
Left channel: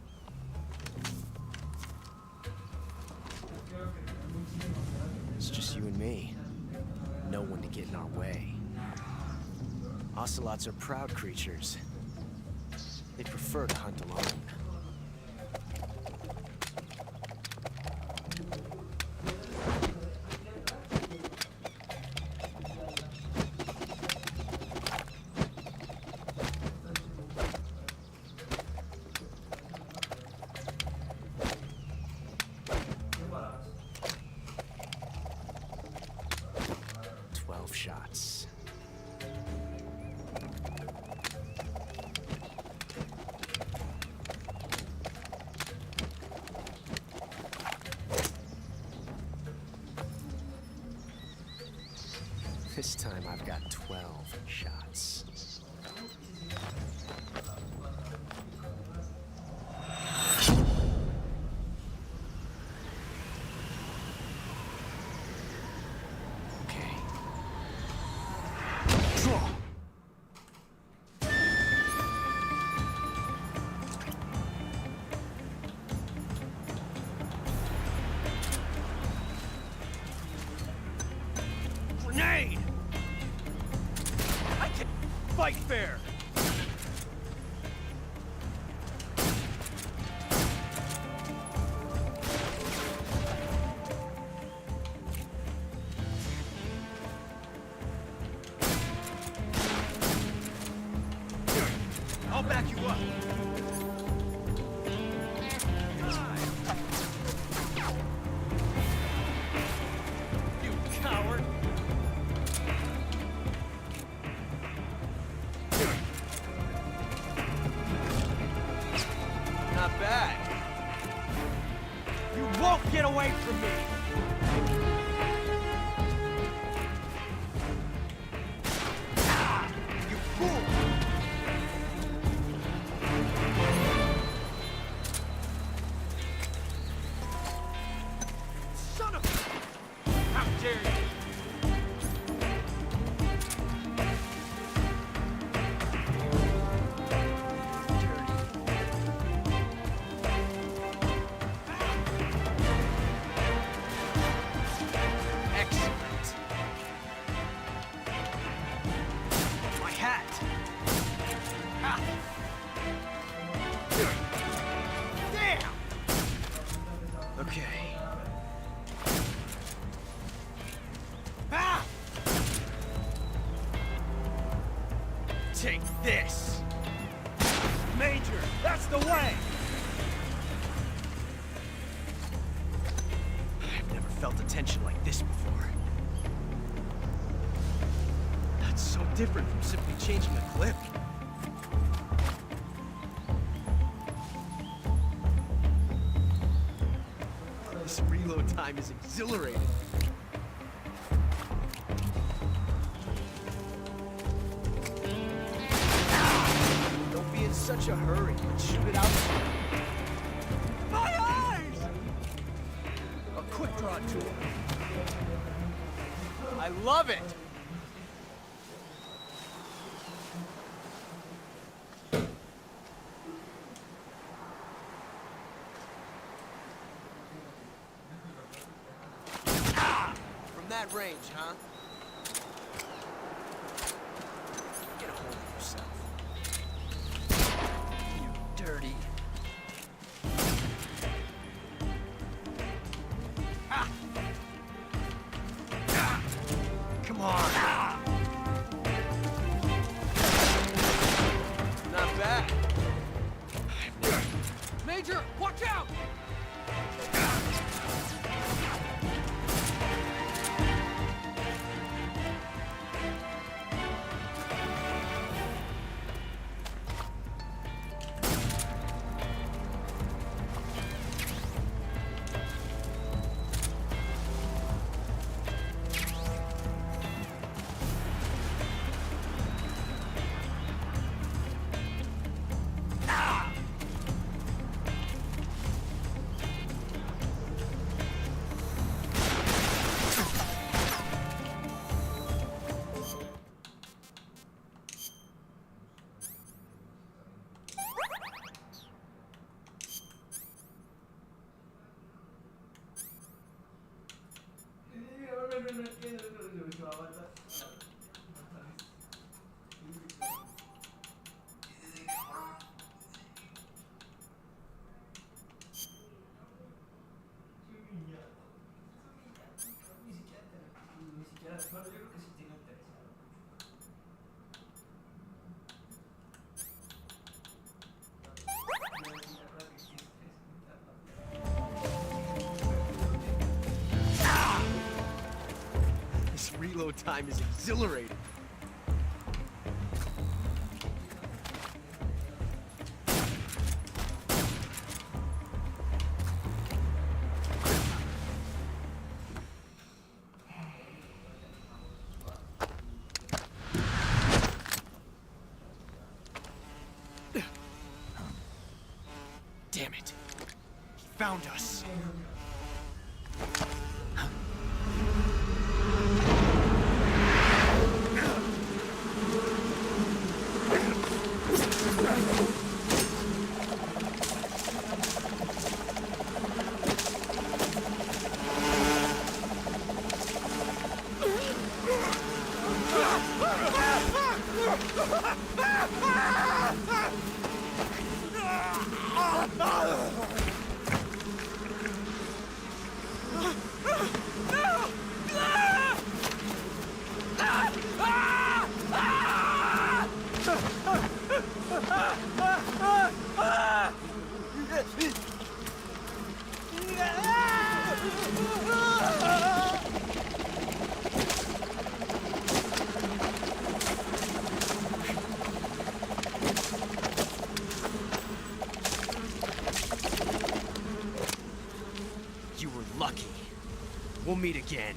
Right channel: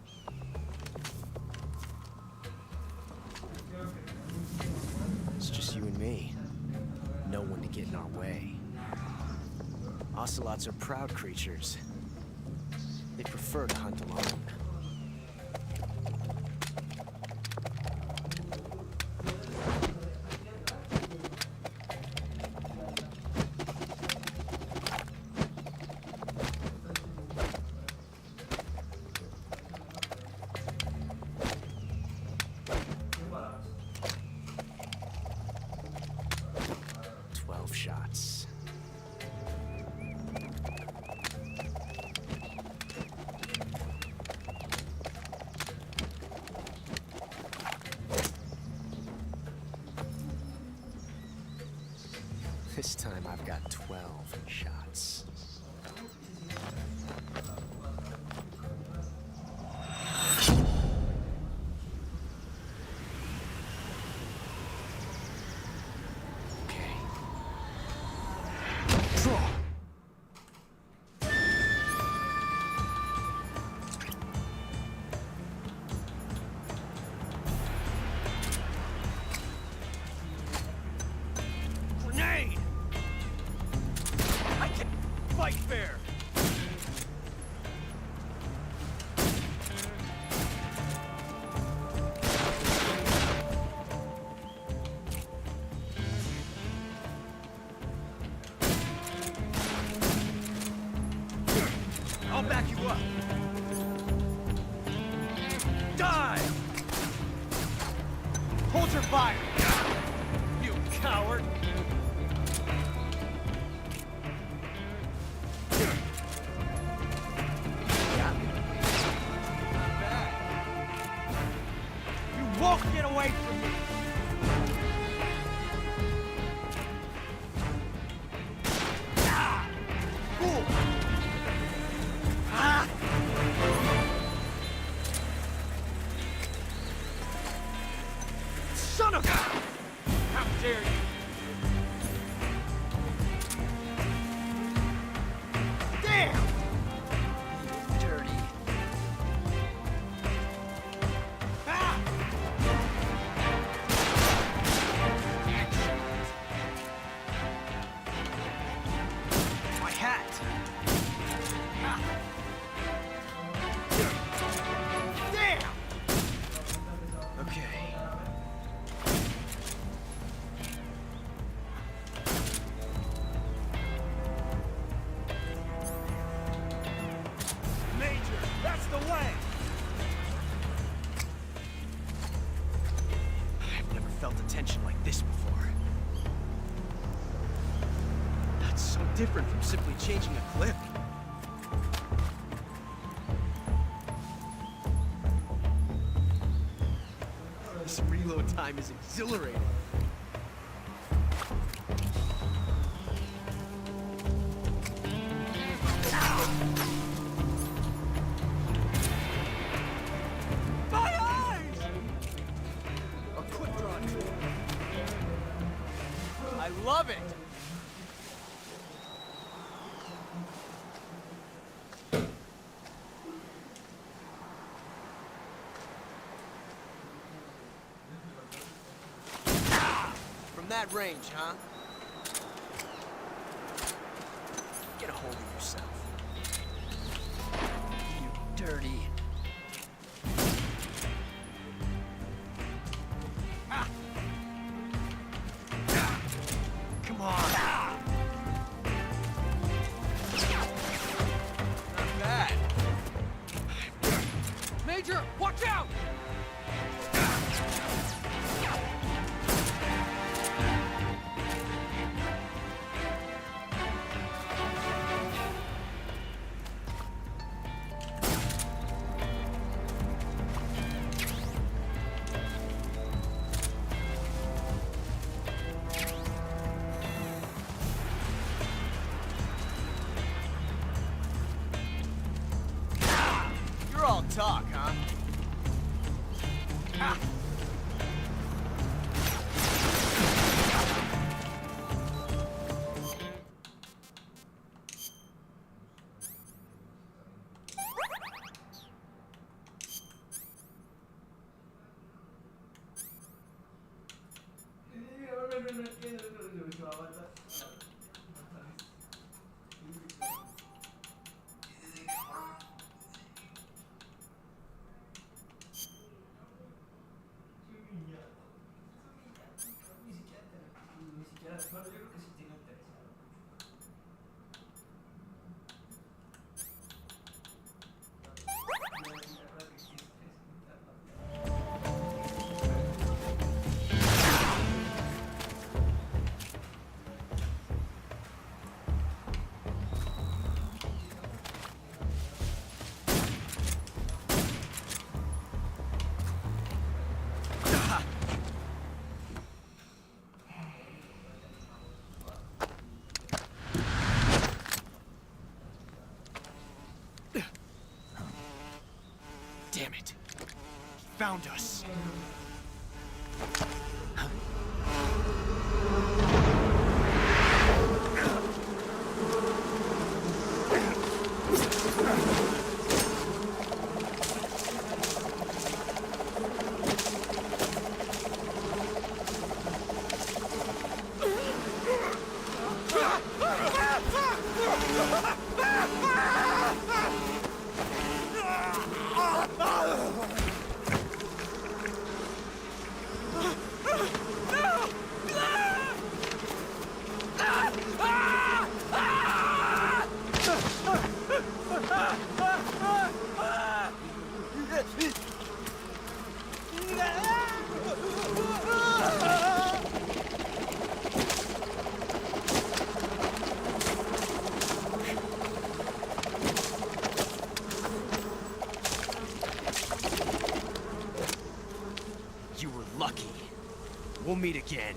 It's just you and me. No one to get in our way. Ocelots are proud creatures. They prefer to hunt alone. Shots. This time I've got 12 shots. Draw! Grenade! Right there! Won't get away from me! Ah! Fool! Ah! Son of a... Hat! Ah. Damn! Okay. Ah. Take this! That's the way! I've never felt a tension like this before. That's so different from simply changing a clip. This reload time is exhilarating. Ah! Don't be in such a hurry. Shoot it out. I love it! That range, huh? Get a hold of yourself. Ah! Ah! Come on! Ah! Not bad. Ah! time is exhilarating. Damn it. He found us. You were lucky. We'll meet again.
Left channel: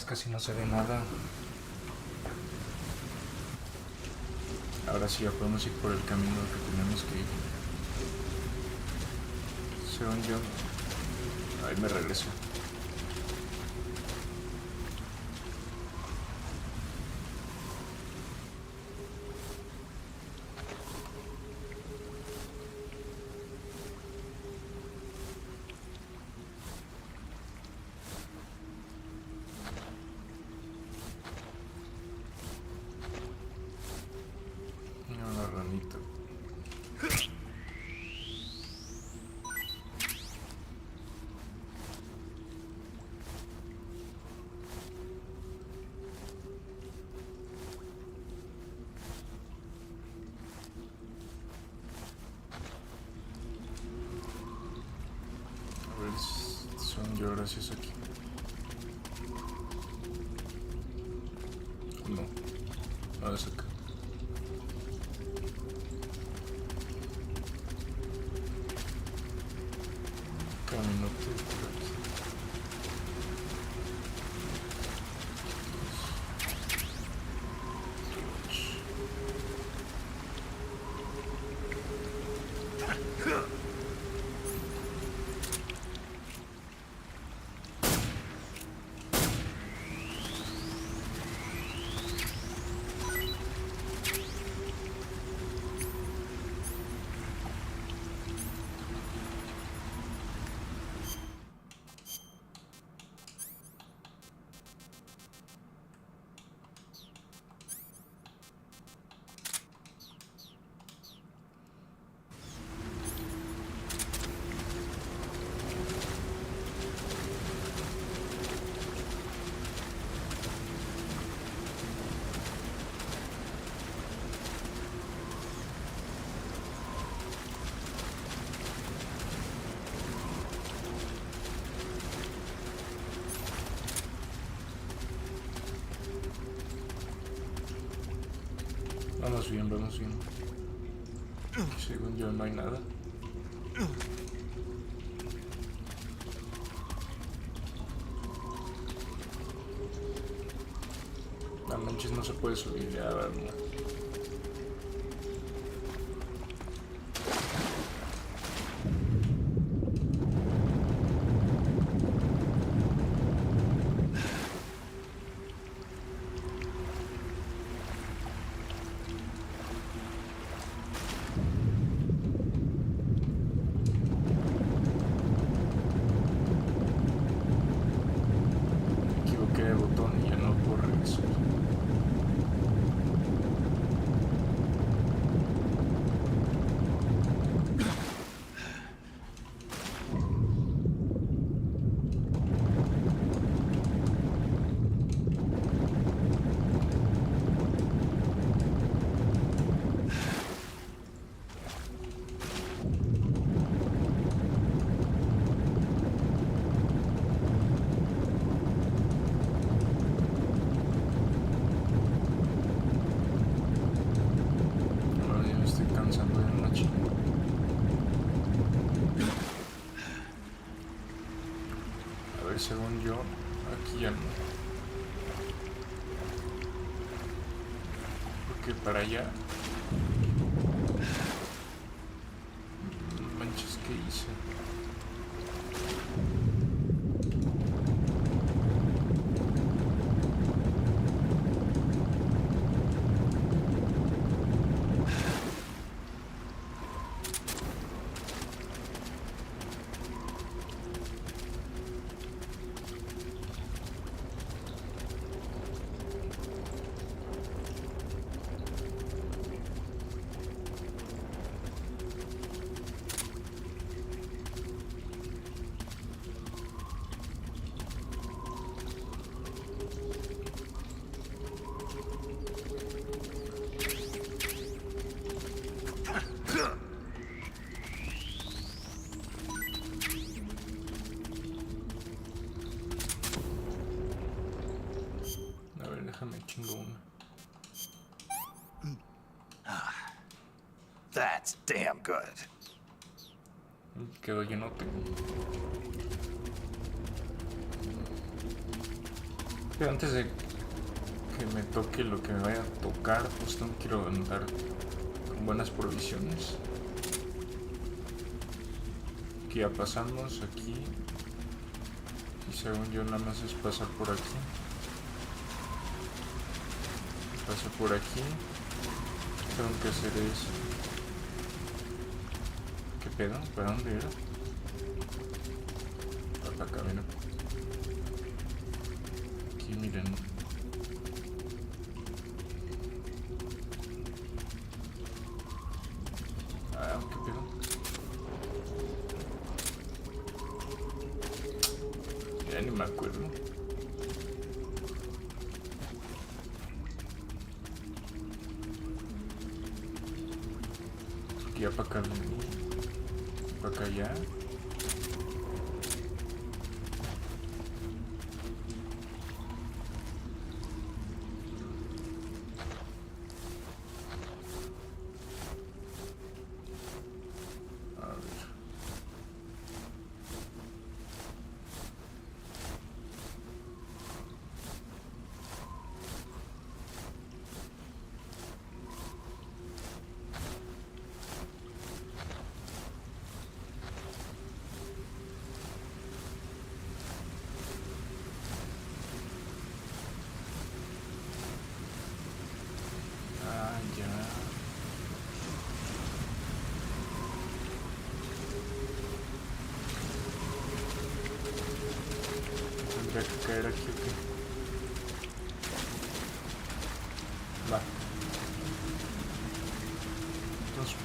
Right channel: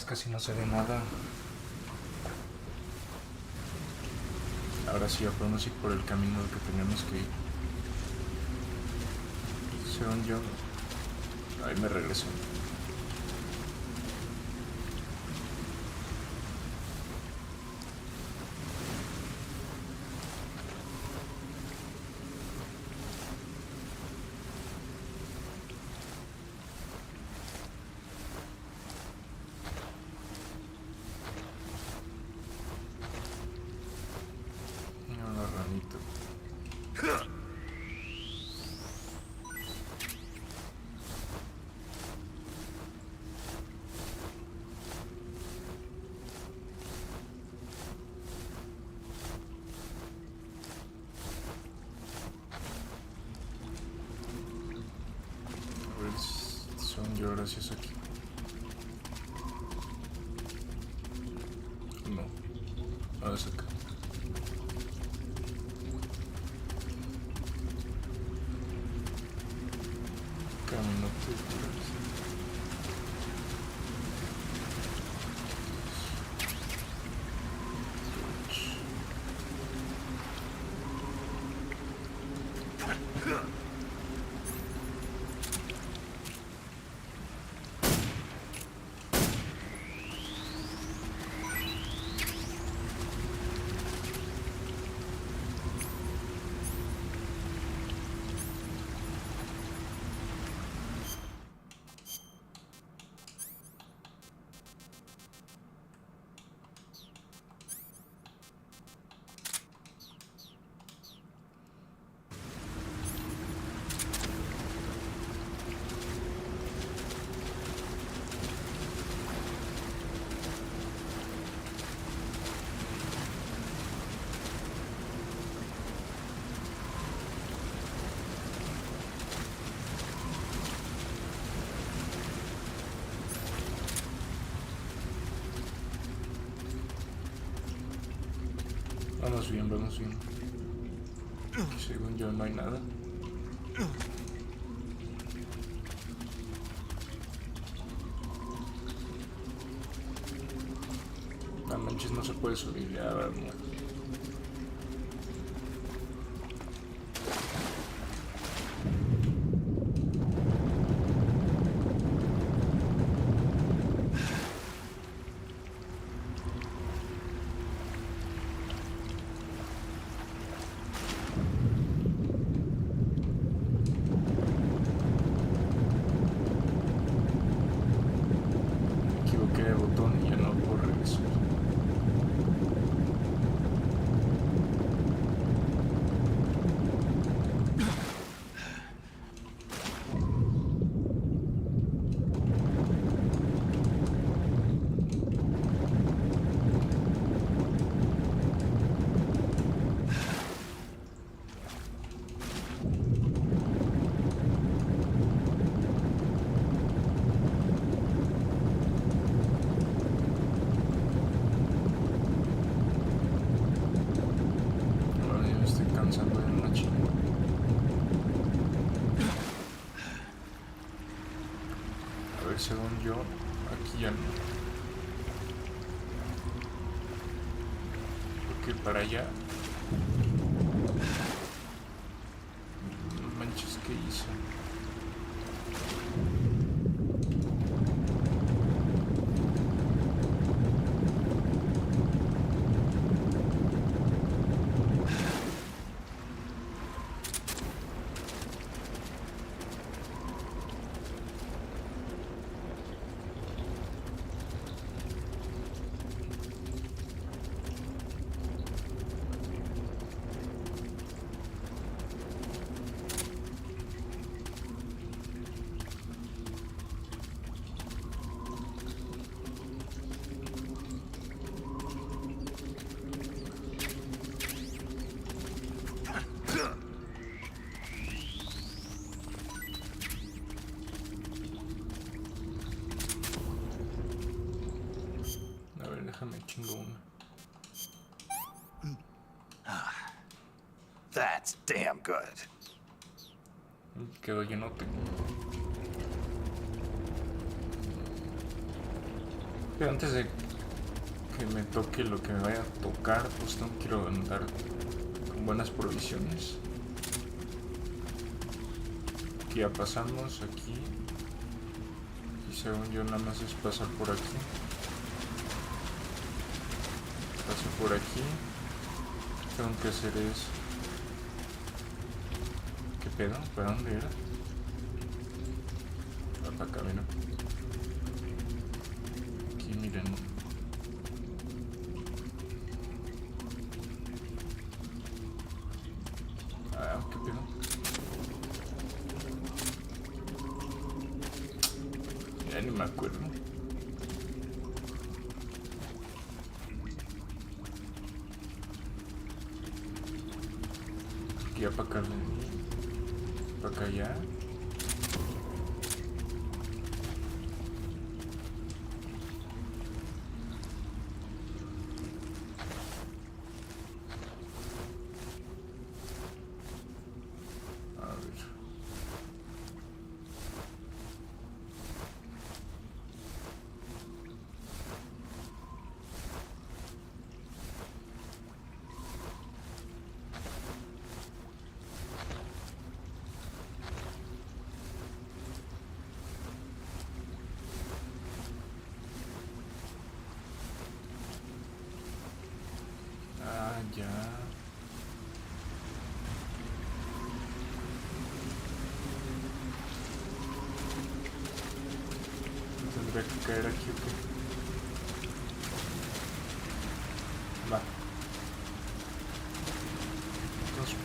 manches, casi no se ve nada. Ahora sí ya podemos ir por el camino que tenemos que ir. Según yo... Ahí me regresé. Una ranita. A ver, son yo gracias aquí. No, no es acá. Camino circular. Vamos bien, vamos bien. Según yo no hay nada. No manches, no se puede subir ya, vamos. De botón y ya no puedo regresar. Comenzando de noche. A ver, según yo, aquí ya no. Porque para allá... Manches, ¿qué hice? Déjame chingo una. Quedó llenote. Pero antes de que me toque lo que me vaya a tocar, pues no quiero andar con buenas provisiones. Aquí ya pasamos, aquí. Y según yo nada más es pasar por aquí. Paso por aquí. Tengo que hacer eso. ¿Qué pedo? ¿Para dónde era? Para acá, mira. Aquí miren. Ah, ¿qué pedo? Ya ni me acuerdo. Aquí ya para acá, para acá ya. Ya. Tendría que caer aquí o qué. Va. Entonces,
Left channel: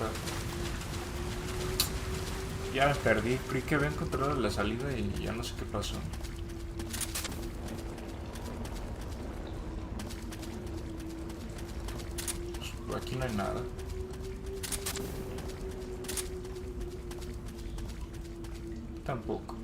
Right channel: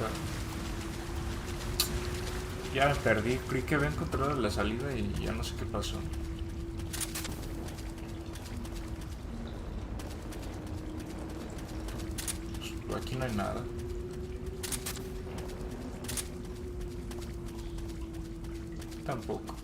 ya me perdí. Creí que había encontrado la salida y ya no sé qué pasó. Aquí no hay nada. Tampoco.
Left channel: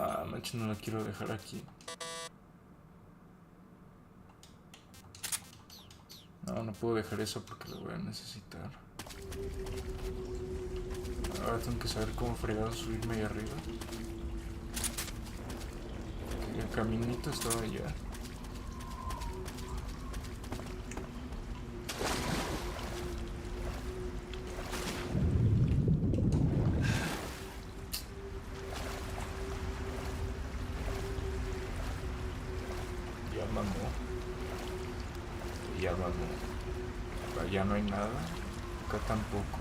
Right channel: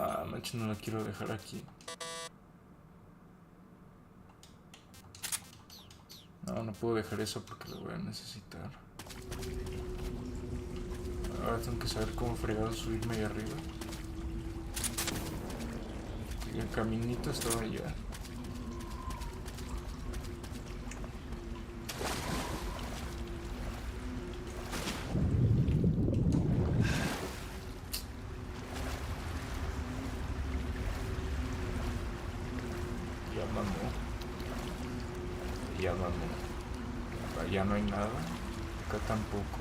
Ah, manches, no la quiero dejar aquí. No, no puedo dejar eso porque lo voy a necesitar. Ahora tengo que saber cómo fregado subirme ahí arriba. El caminito estaba allá. Ya vamos. Allá no hay nada. Acá tampoco.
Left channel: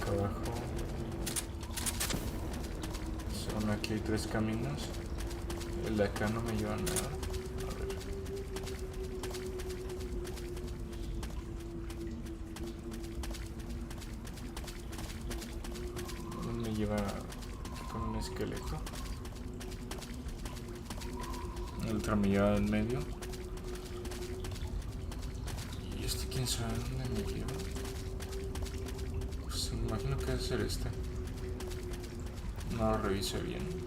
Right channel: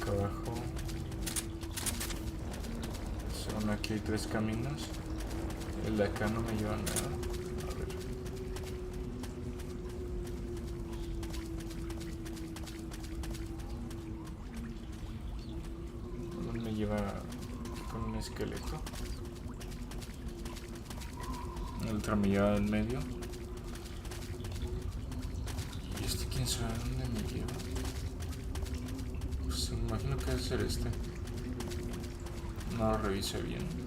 Acá abajo. Aquí hay 3 caminos. El de acá no me lleva a nada. A ver. Uno me lleva con un esqueleto. El otro me lleva en medio. Y este quién sabe dónde me lleva. Pues me imagino que debe ser este. No lo revisé bien.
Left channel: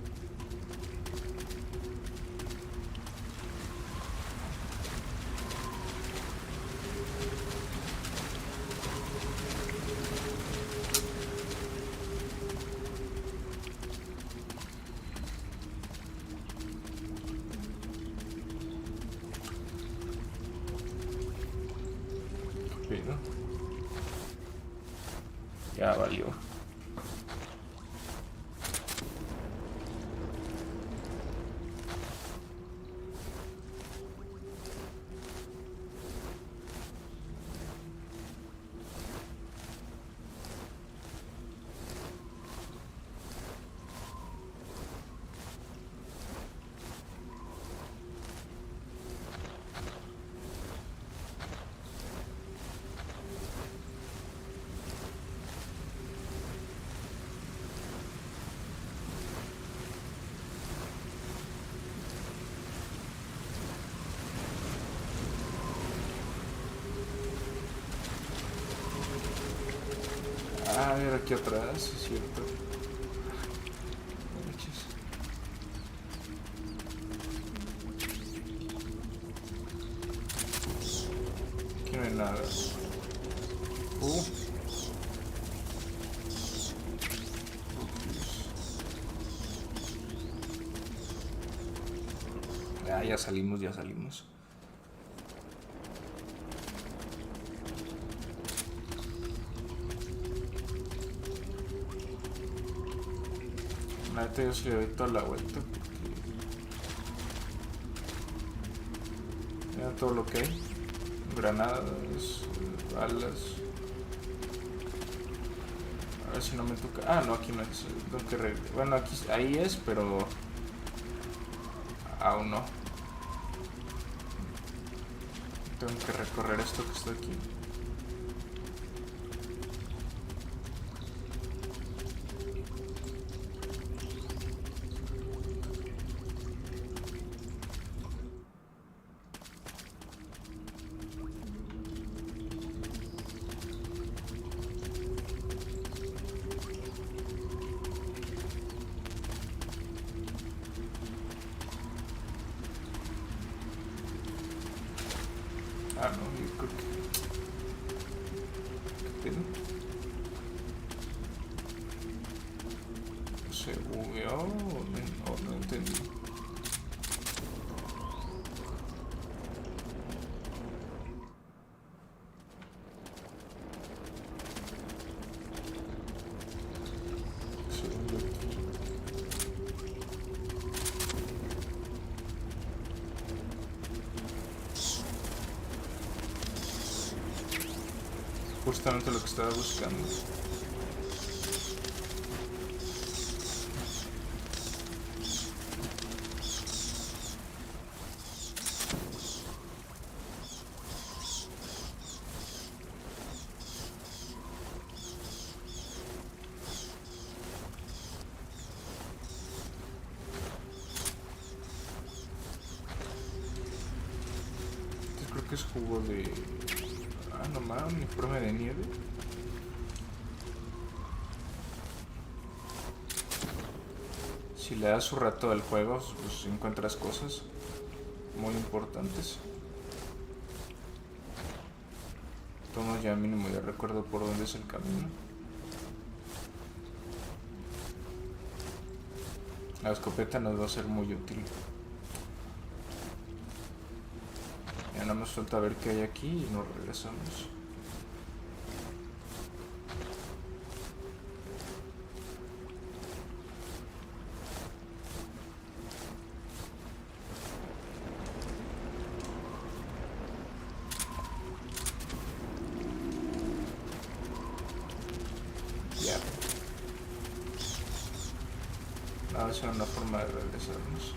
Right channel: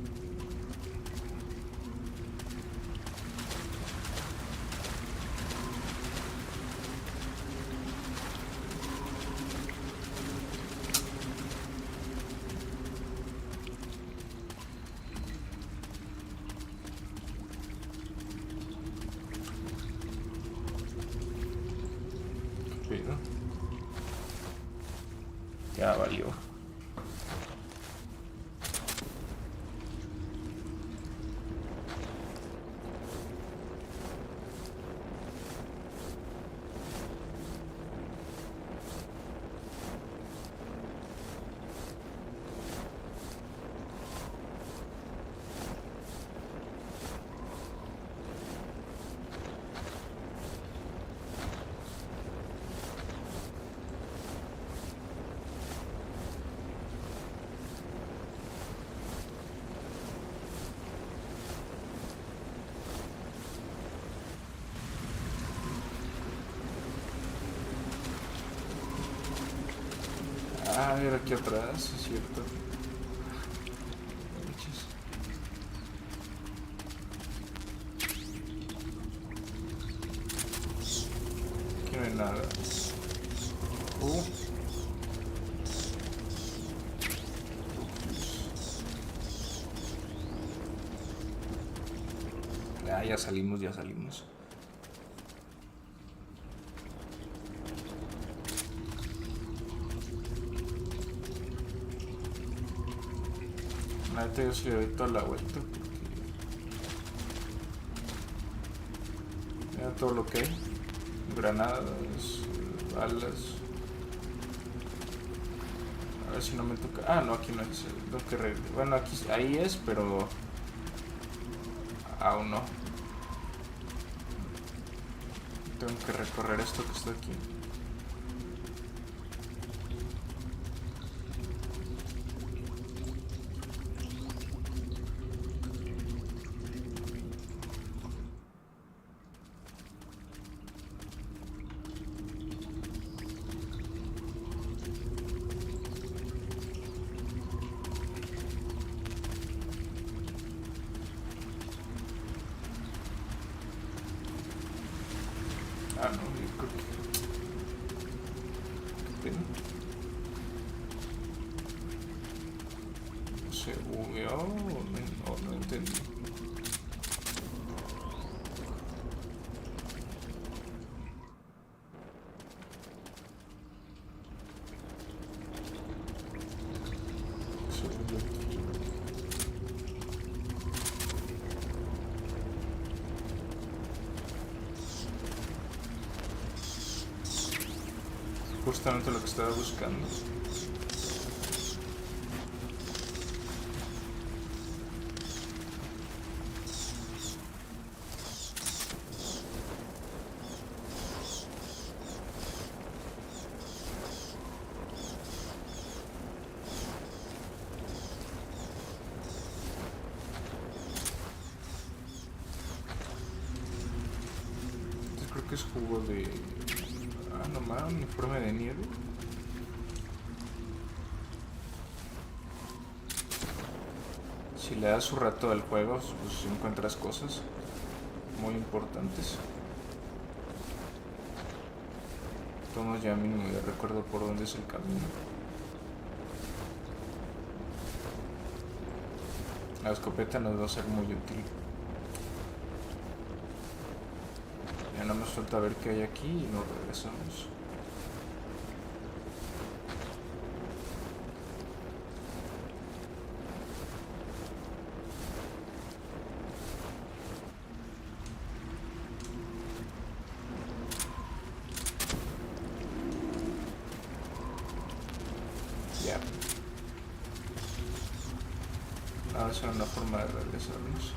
Ya valió. Ah, era aquí atrás, es cierto. Manches. Aquí no hay nada. Ah, ya salimos, ya salimos. Yo sí le doy toda la vuelta porque mira todo lo que hay. Granadas, balas. A ver si no me toca. Ah, no, aquí no es. Tengo que bueno, aquí ahí es, pero aún no. Tengo que recorrer esto que está aquí. Ah, no, yo creo que... ¿Qué pena? ¿Se bugueó o no entendí? Segundo aquí. Justamente lo que estaba buscando. Entonces creo que es jugo de... Ah, nomás, uniforme de nieve. Si le das su rato al juego, pues encuentras cosas muy importantes. Tomo ya mínimo, ya recuerdo por dónde es el camino. La escopeta nos va a ser muy útil. Ya nada más falta ver qué hay aquí y nos regresamos. Ya. Ahora será una forma de regresarnos.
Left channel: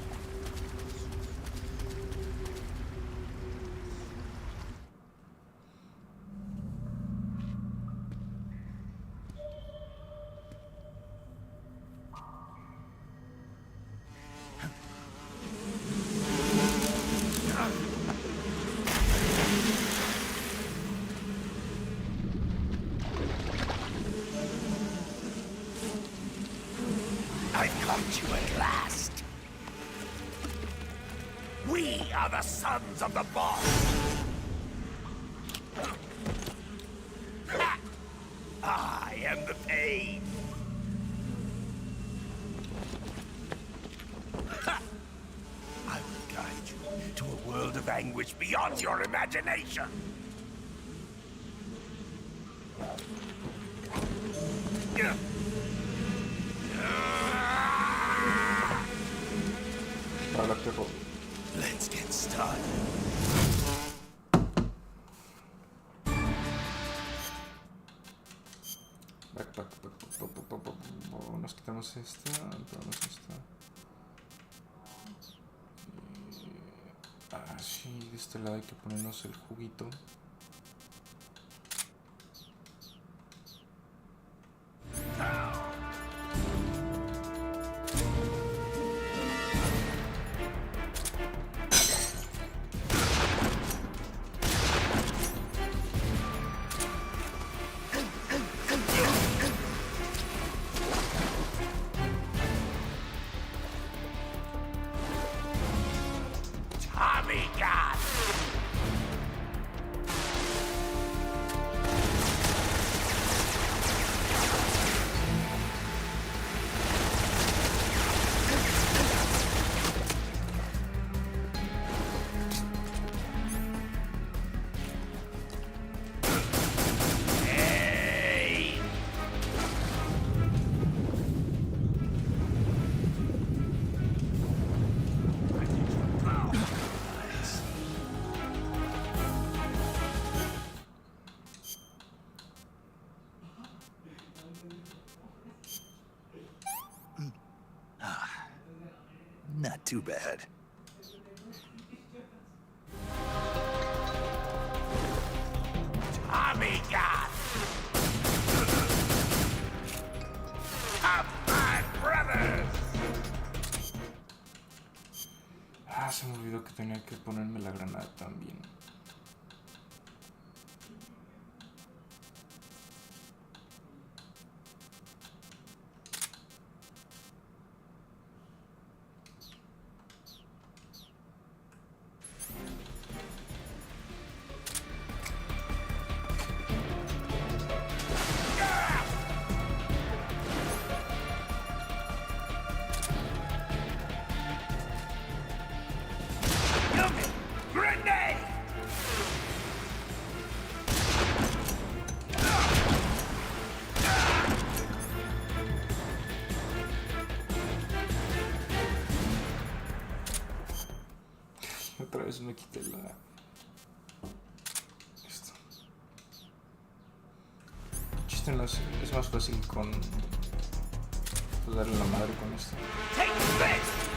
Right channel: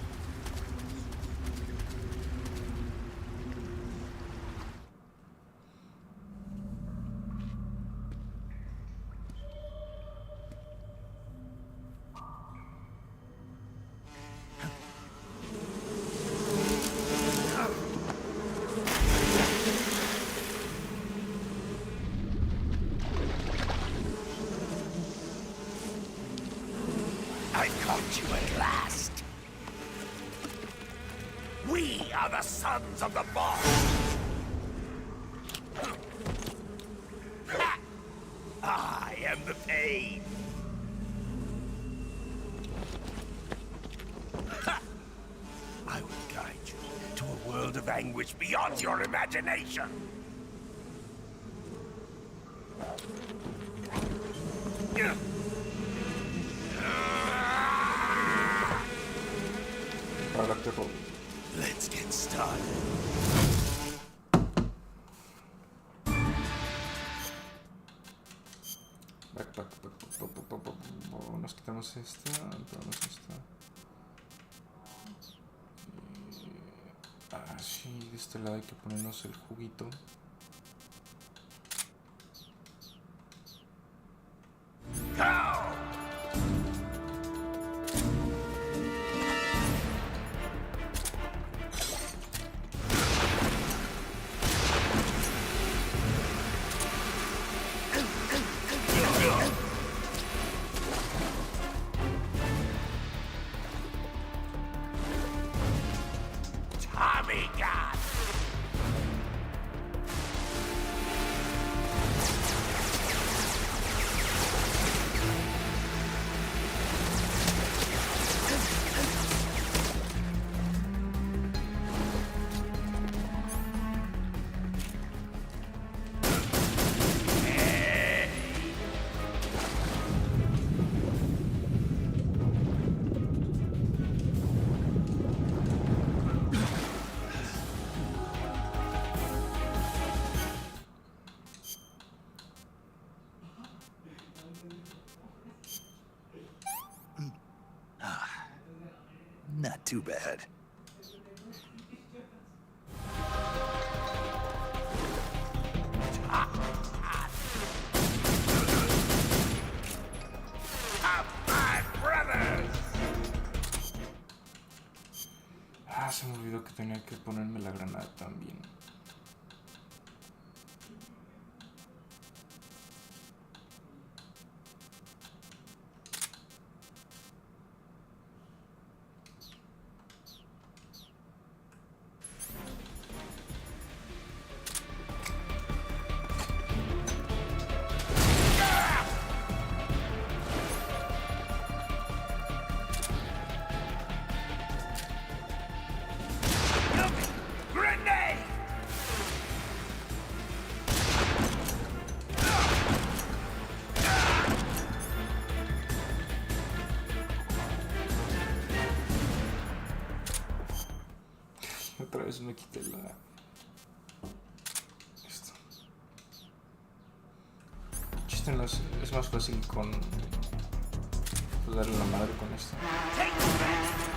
I've caught you at last. We are the sons of the boss. I am the pain. I will guide you to a world of anguish beyond your imagination. Para que robe. Let's get started. Nos quitamos esta, ponemos esta. Sí, de este lado hay que ponernos el juguito. Tommy God! Tommy God! Of my brothers! Se me olvidó que tenía que ponerme la granada también. Grenade! Otra vez me quité la... Esto. El chiste no es más fácil con... Pues darle la madre con esto. Take this!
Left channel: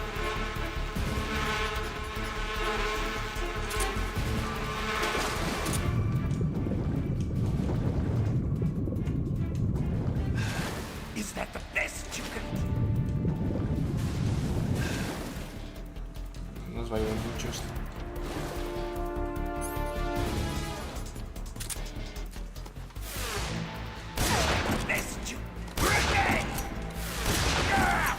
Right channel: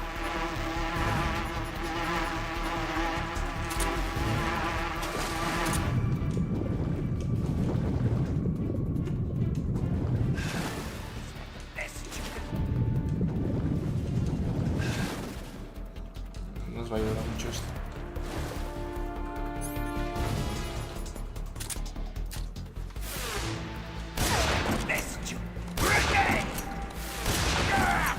Is that the best you can... Nos va a ayudar mucho esto. Best you... Grenade! Ah!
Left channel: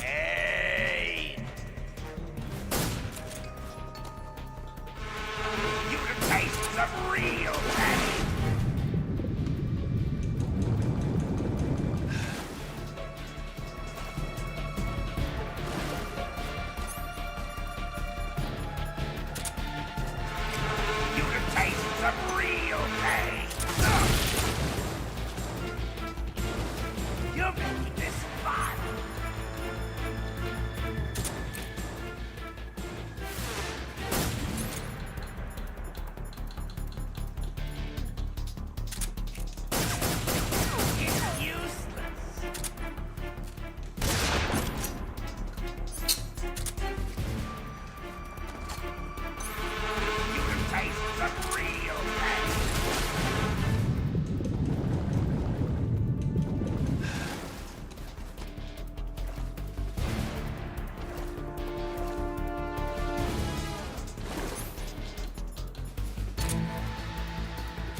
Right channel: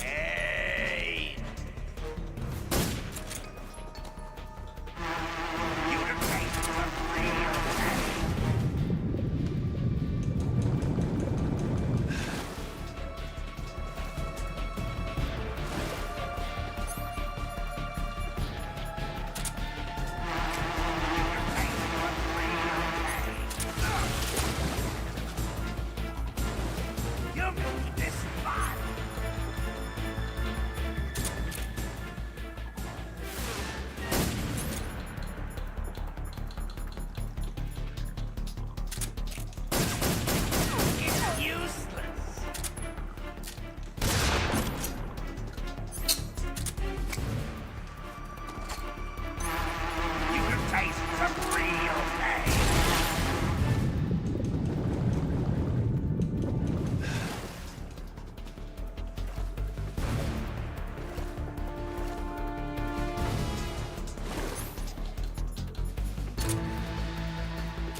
Hey! You to taste some real pain! You to taste some real pain! You're making this fun! It's useless! You can taste some real pain!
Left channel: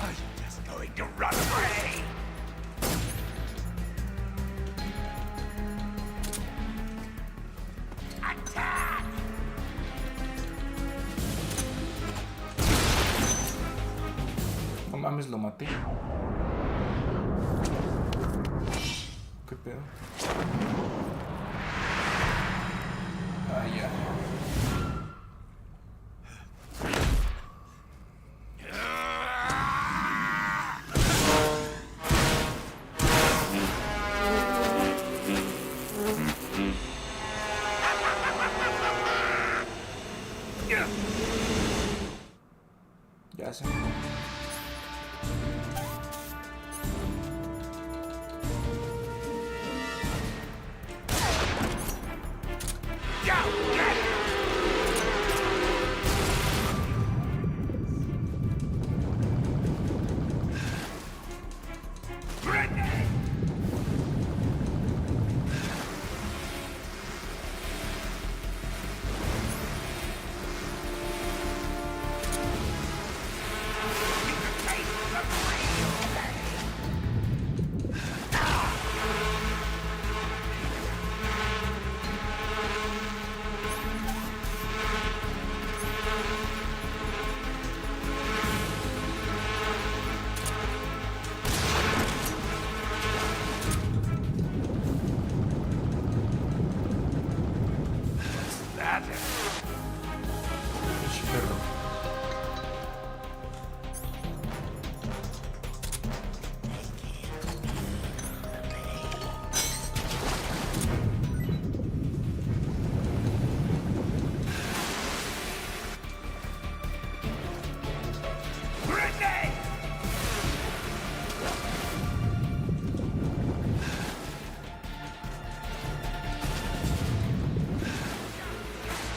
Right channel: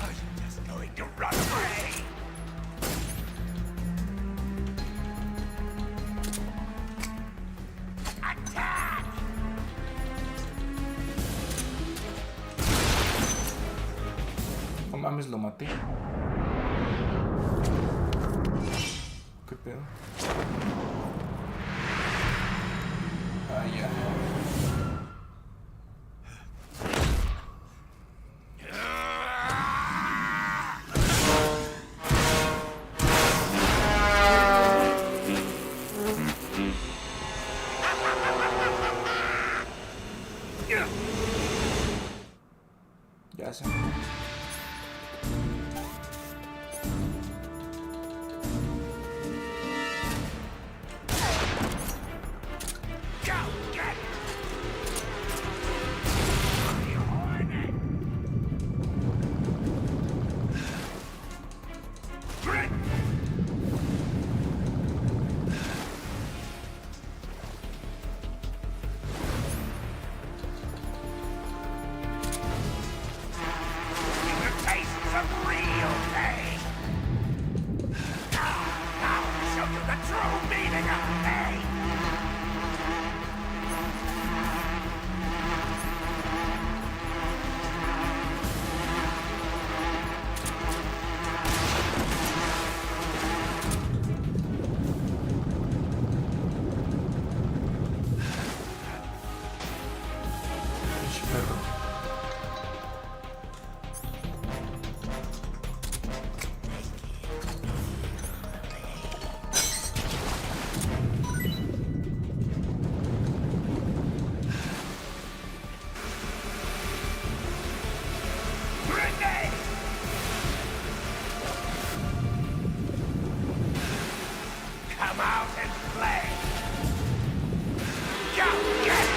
Are you just going to run away? Attack! mames, lo maté. ¿Qué pedo? Ah, ya. Ya sé. Perro. Come out and play. Go get it.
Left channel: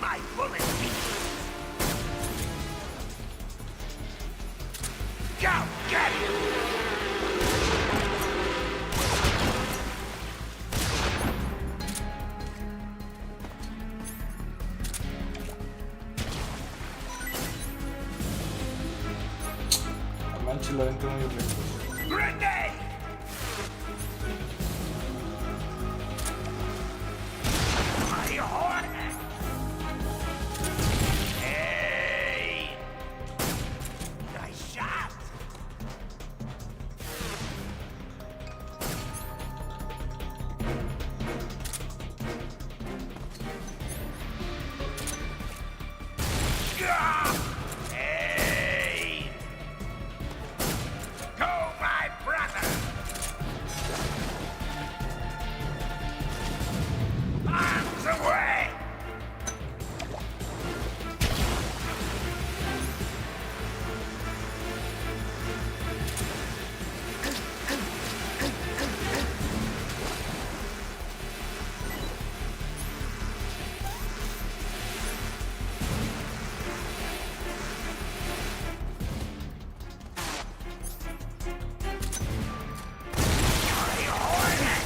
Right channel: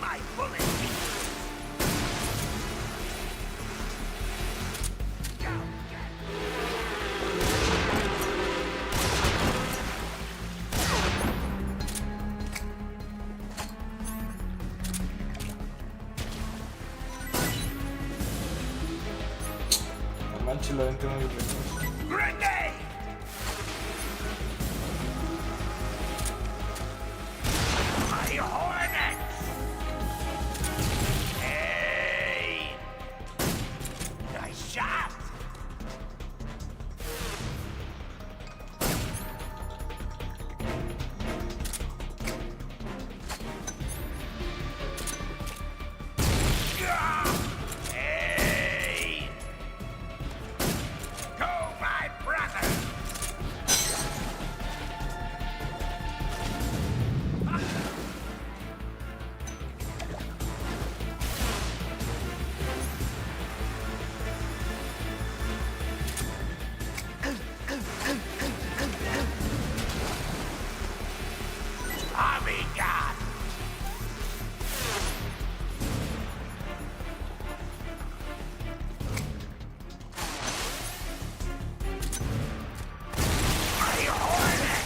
My bullet beast. Go get it. No manches, la vente muy lejos. Grenade. My hornet. Hey! Nice shot! Gah! Hey! Go, my brother! Arms away! Amiga! My hornet!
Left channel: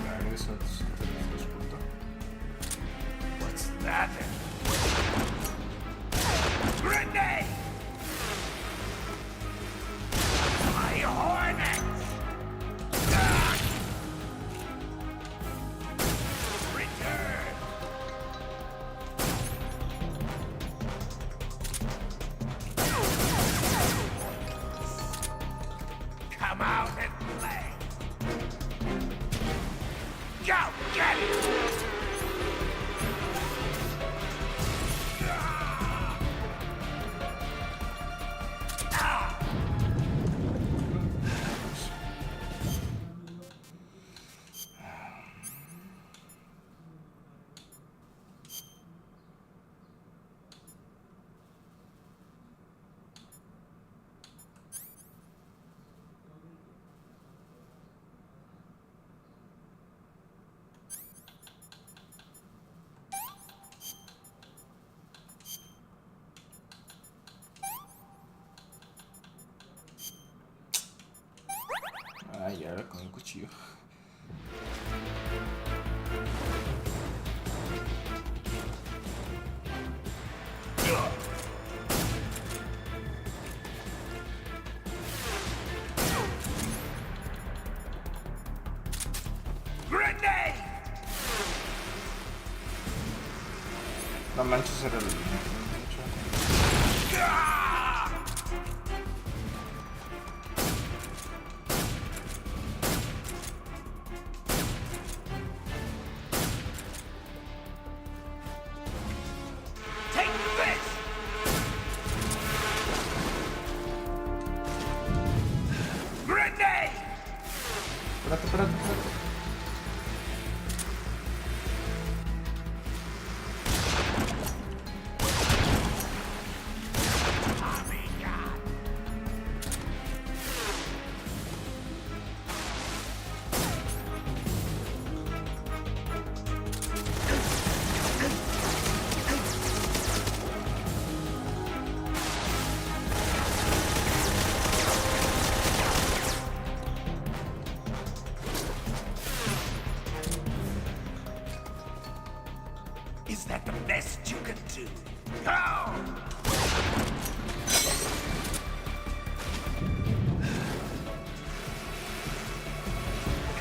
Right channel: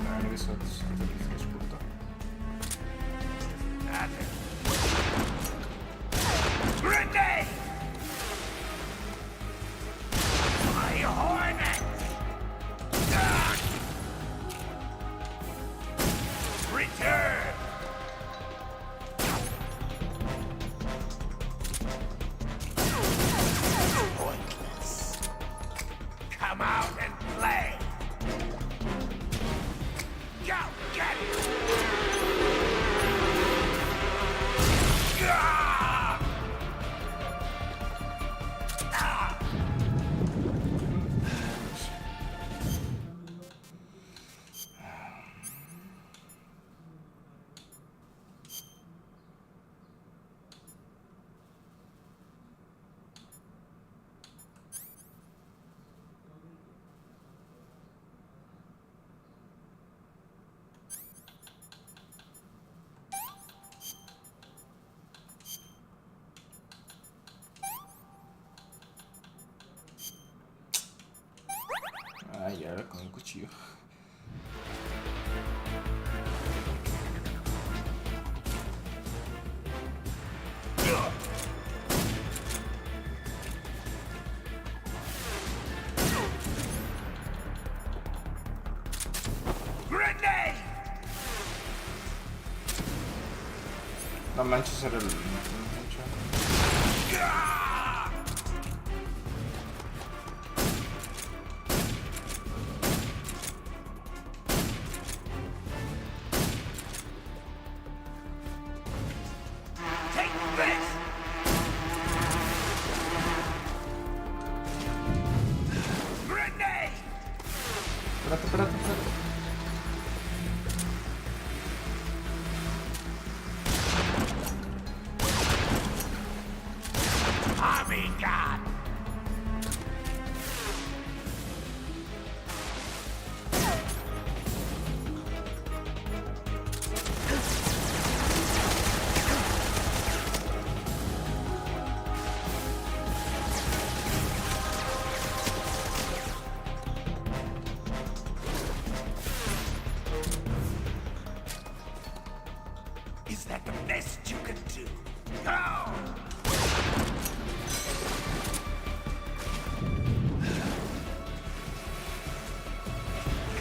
Claro, eso es puta. What's that? Grenade! My hornet! Ah! Return! Pointless. Come out and play! Go get it! Ah! era con un cuchillo. Grenade! No manches, era el mucho. Take this! Grenade! Espérate. Army God! Is that the best you can do? Go!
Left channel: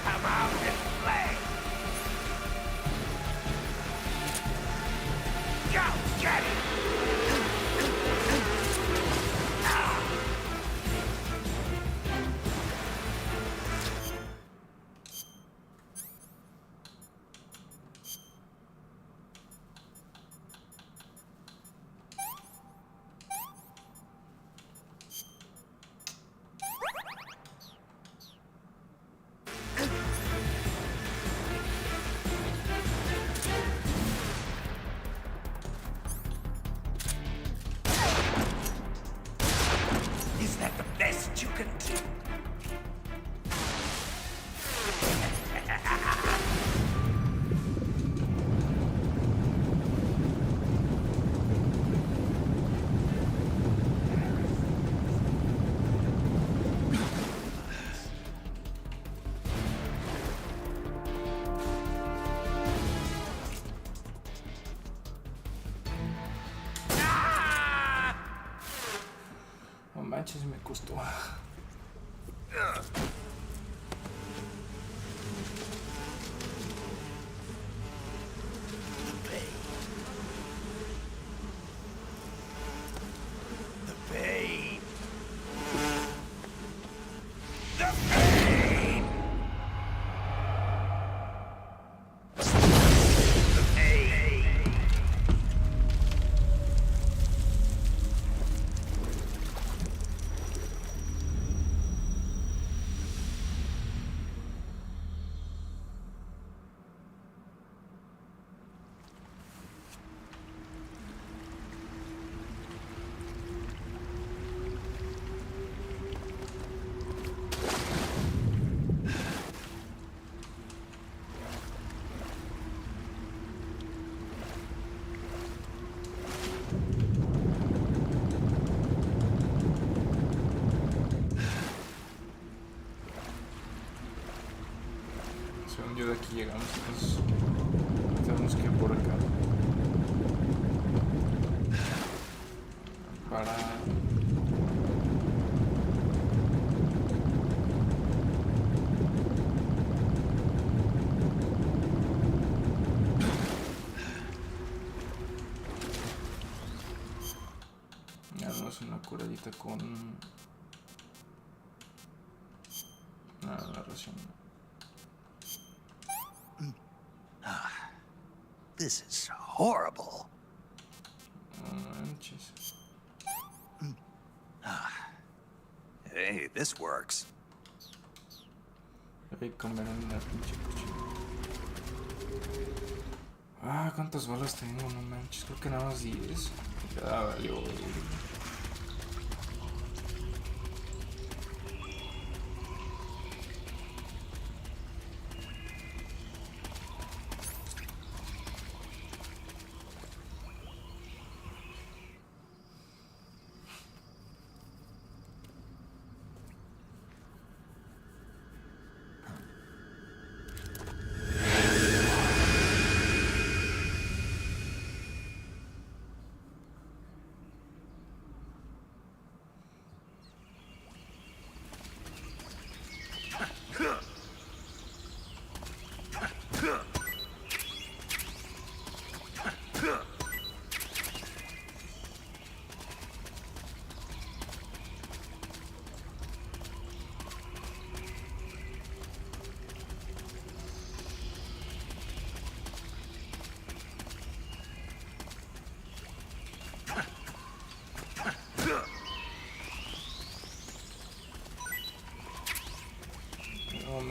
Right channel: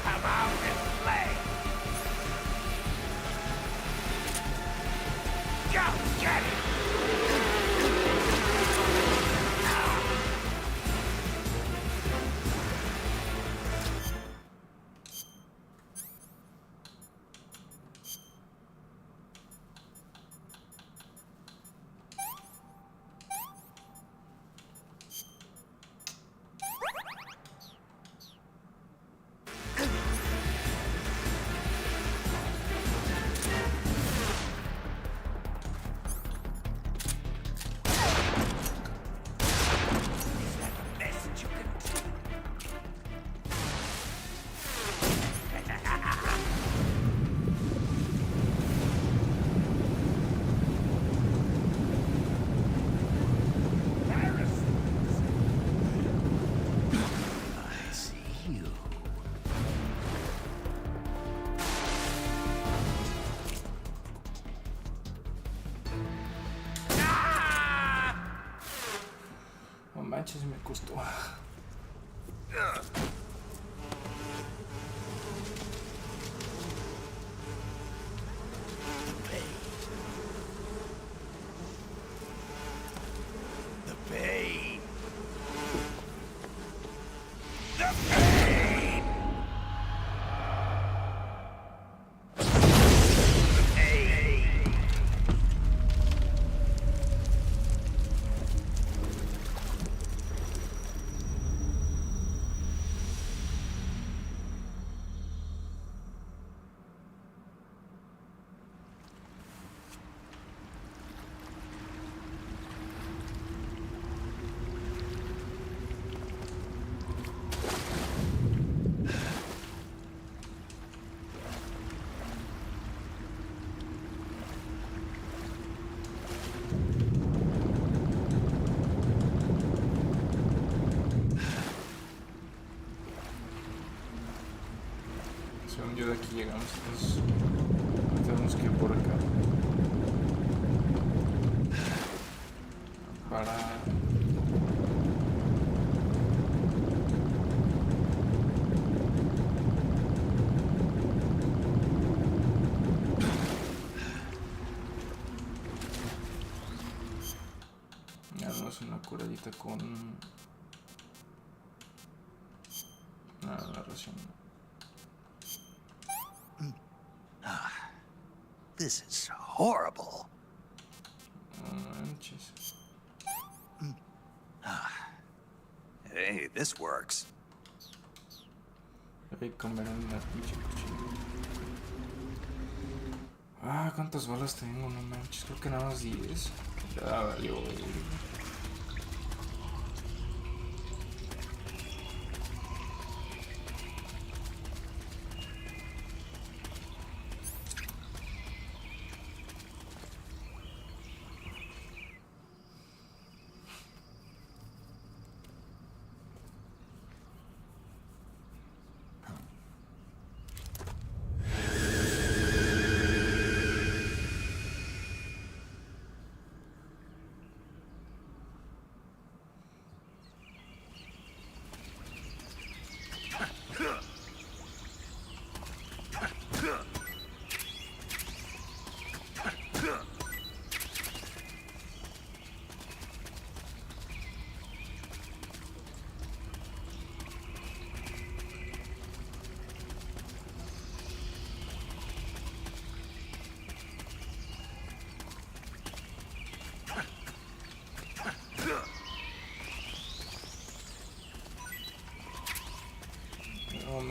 Come out and play! Go get it! Is that the best you can do? No manches, me costó. The pain! The pain! The pain! Según yo de aquí llegamos, entonces tenemos que ir por acá. Para... darnos una curadita con... nada, la ración. No manches. Hay que comer en una pinche cuchilla. Ah, ¿cuántas balas tengo? No manches, creo que nada más 10. Ya valió, güey.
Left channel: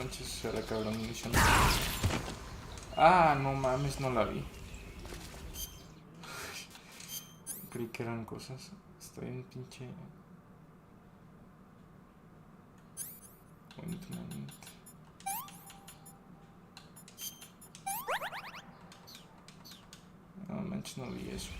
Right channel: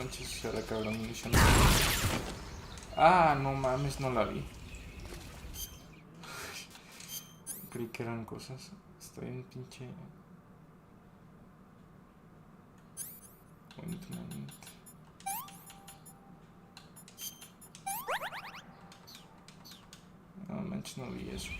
manches, se le acabó la munición. Ah, no mames, no la vi. Creí que eran cosas. Estoy en pinche... Ointment. No manches, no vi eso.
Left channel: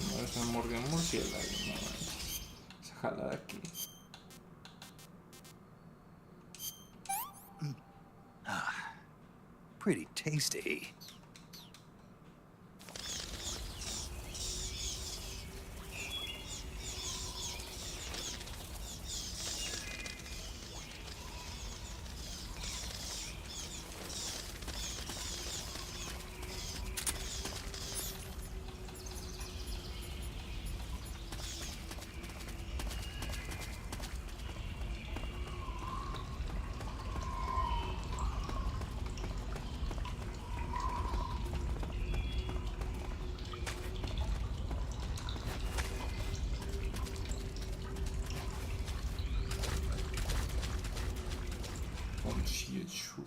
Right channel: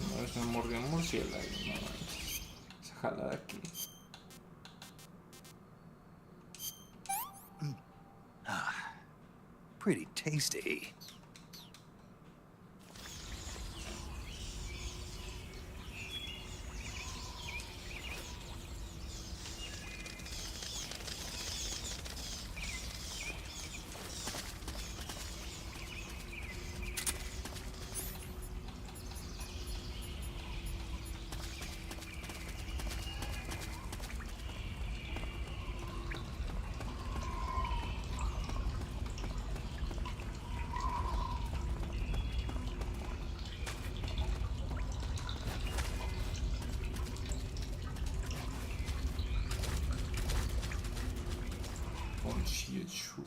Una vez me mordió un murciélago, no manches. Se jala de aquí. Shoot.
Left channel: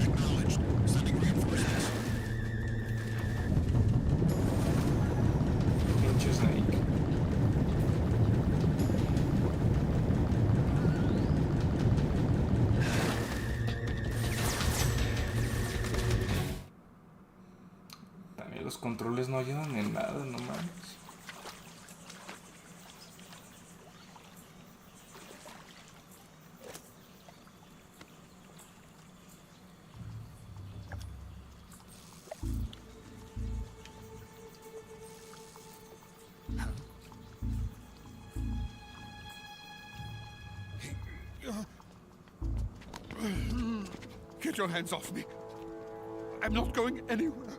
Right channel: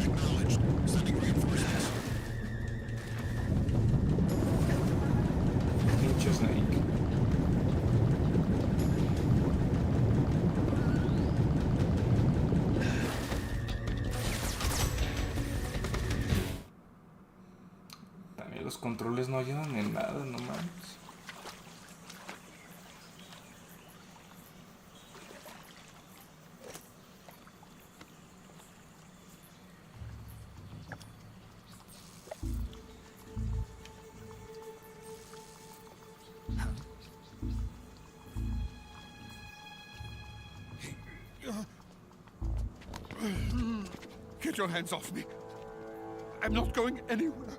Acknowledged. Sending reinforcements. Pinche Snake. También los controles no ayudan en nada, no mames. Get your hands off me. I'm not going anywhere.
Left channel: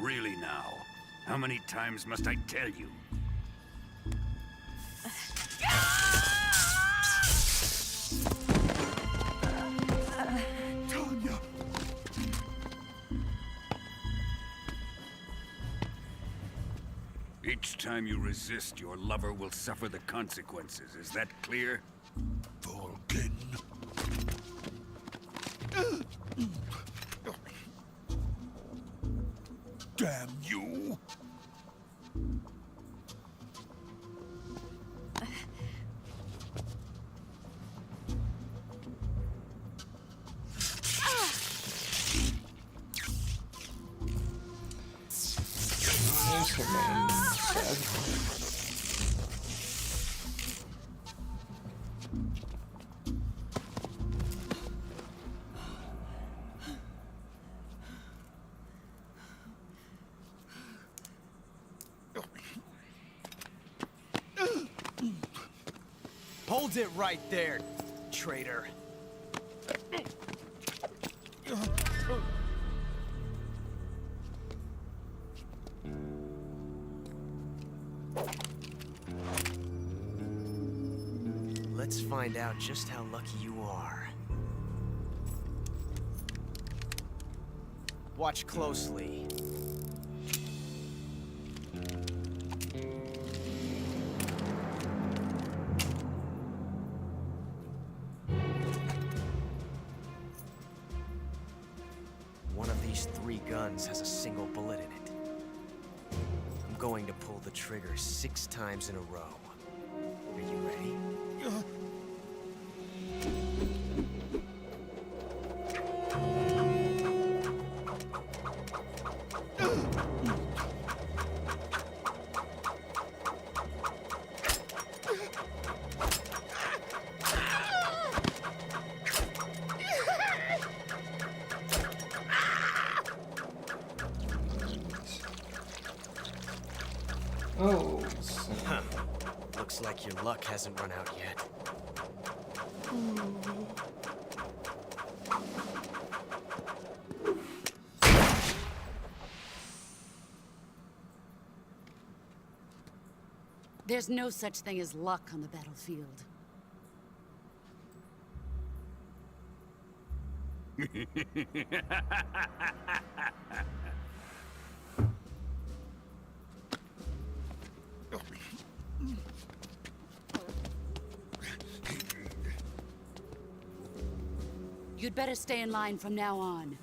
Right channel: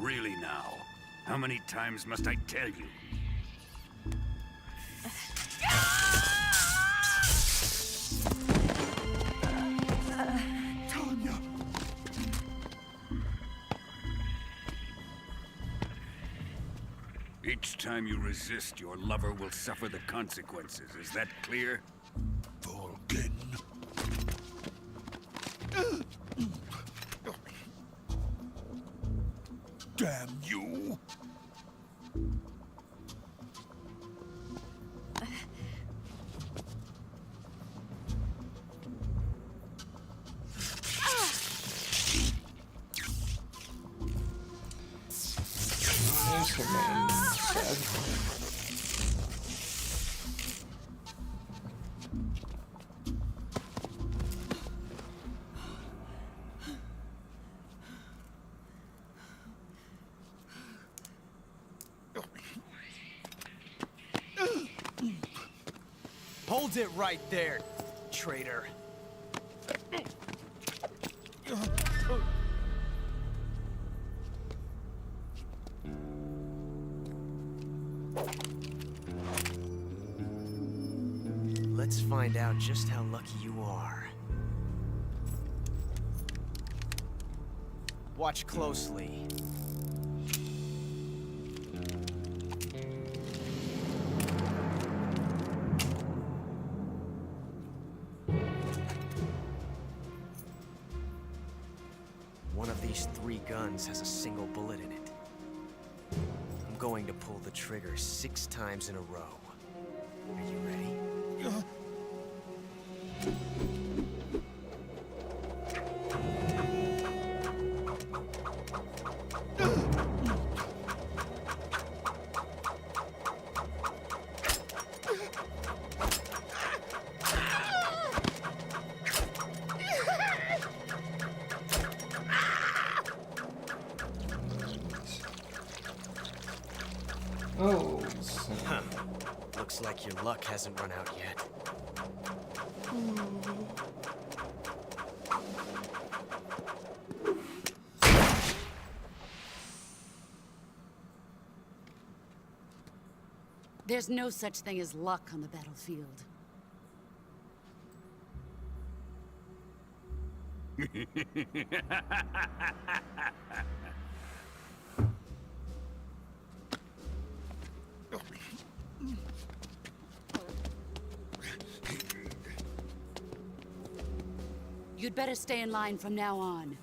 Really now? How many times must I tell you? Tanya! Each time you resist, your lover will suffer the consequences. Is that clear? Vulcan. Damn you! Eso me... Hold it right there, traitor. Let's find out just how lucky you are. Watch closely. One of these 3 guns has a single bullet in it. I'm going to pull the trigger 6 times in a row. Are you ready? Oh, so... Huh. Looks like your luck hasn't run out yet. There's no such thing as luck on the battlefield. You'd better stay in line from now on.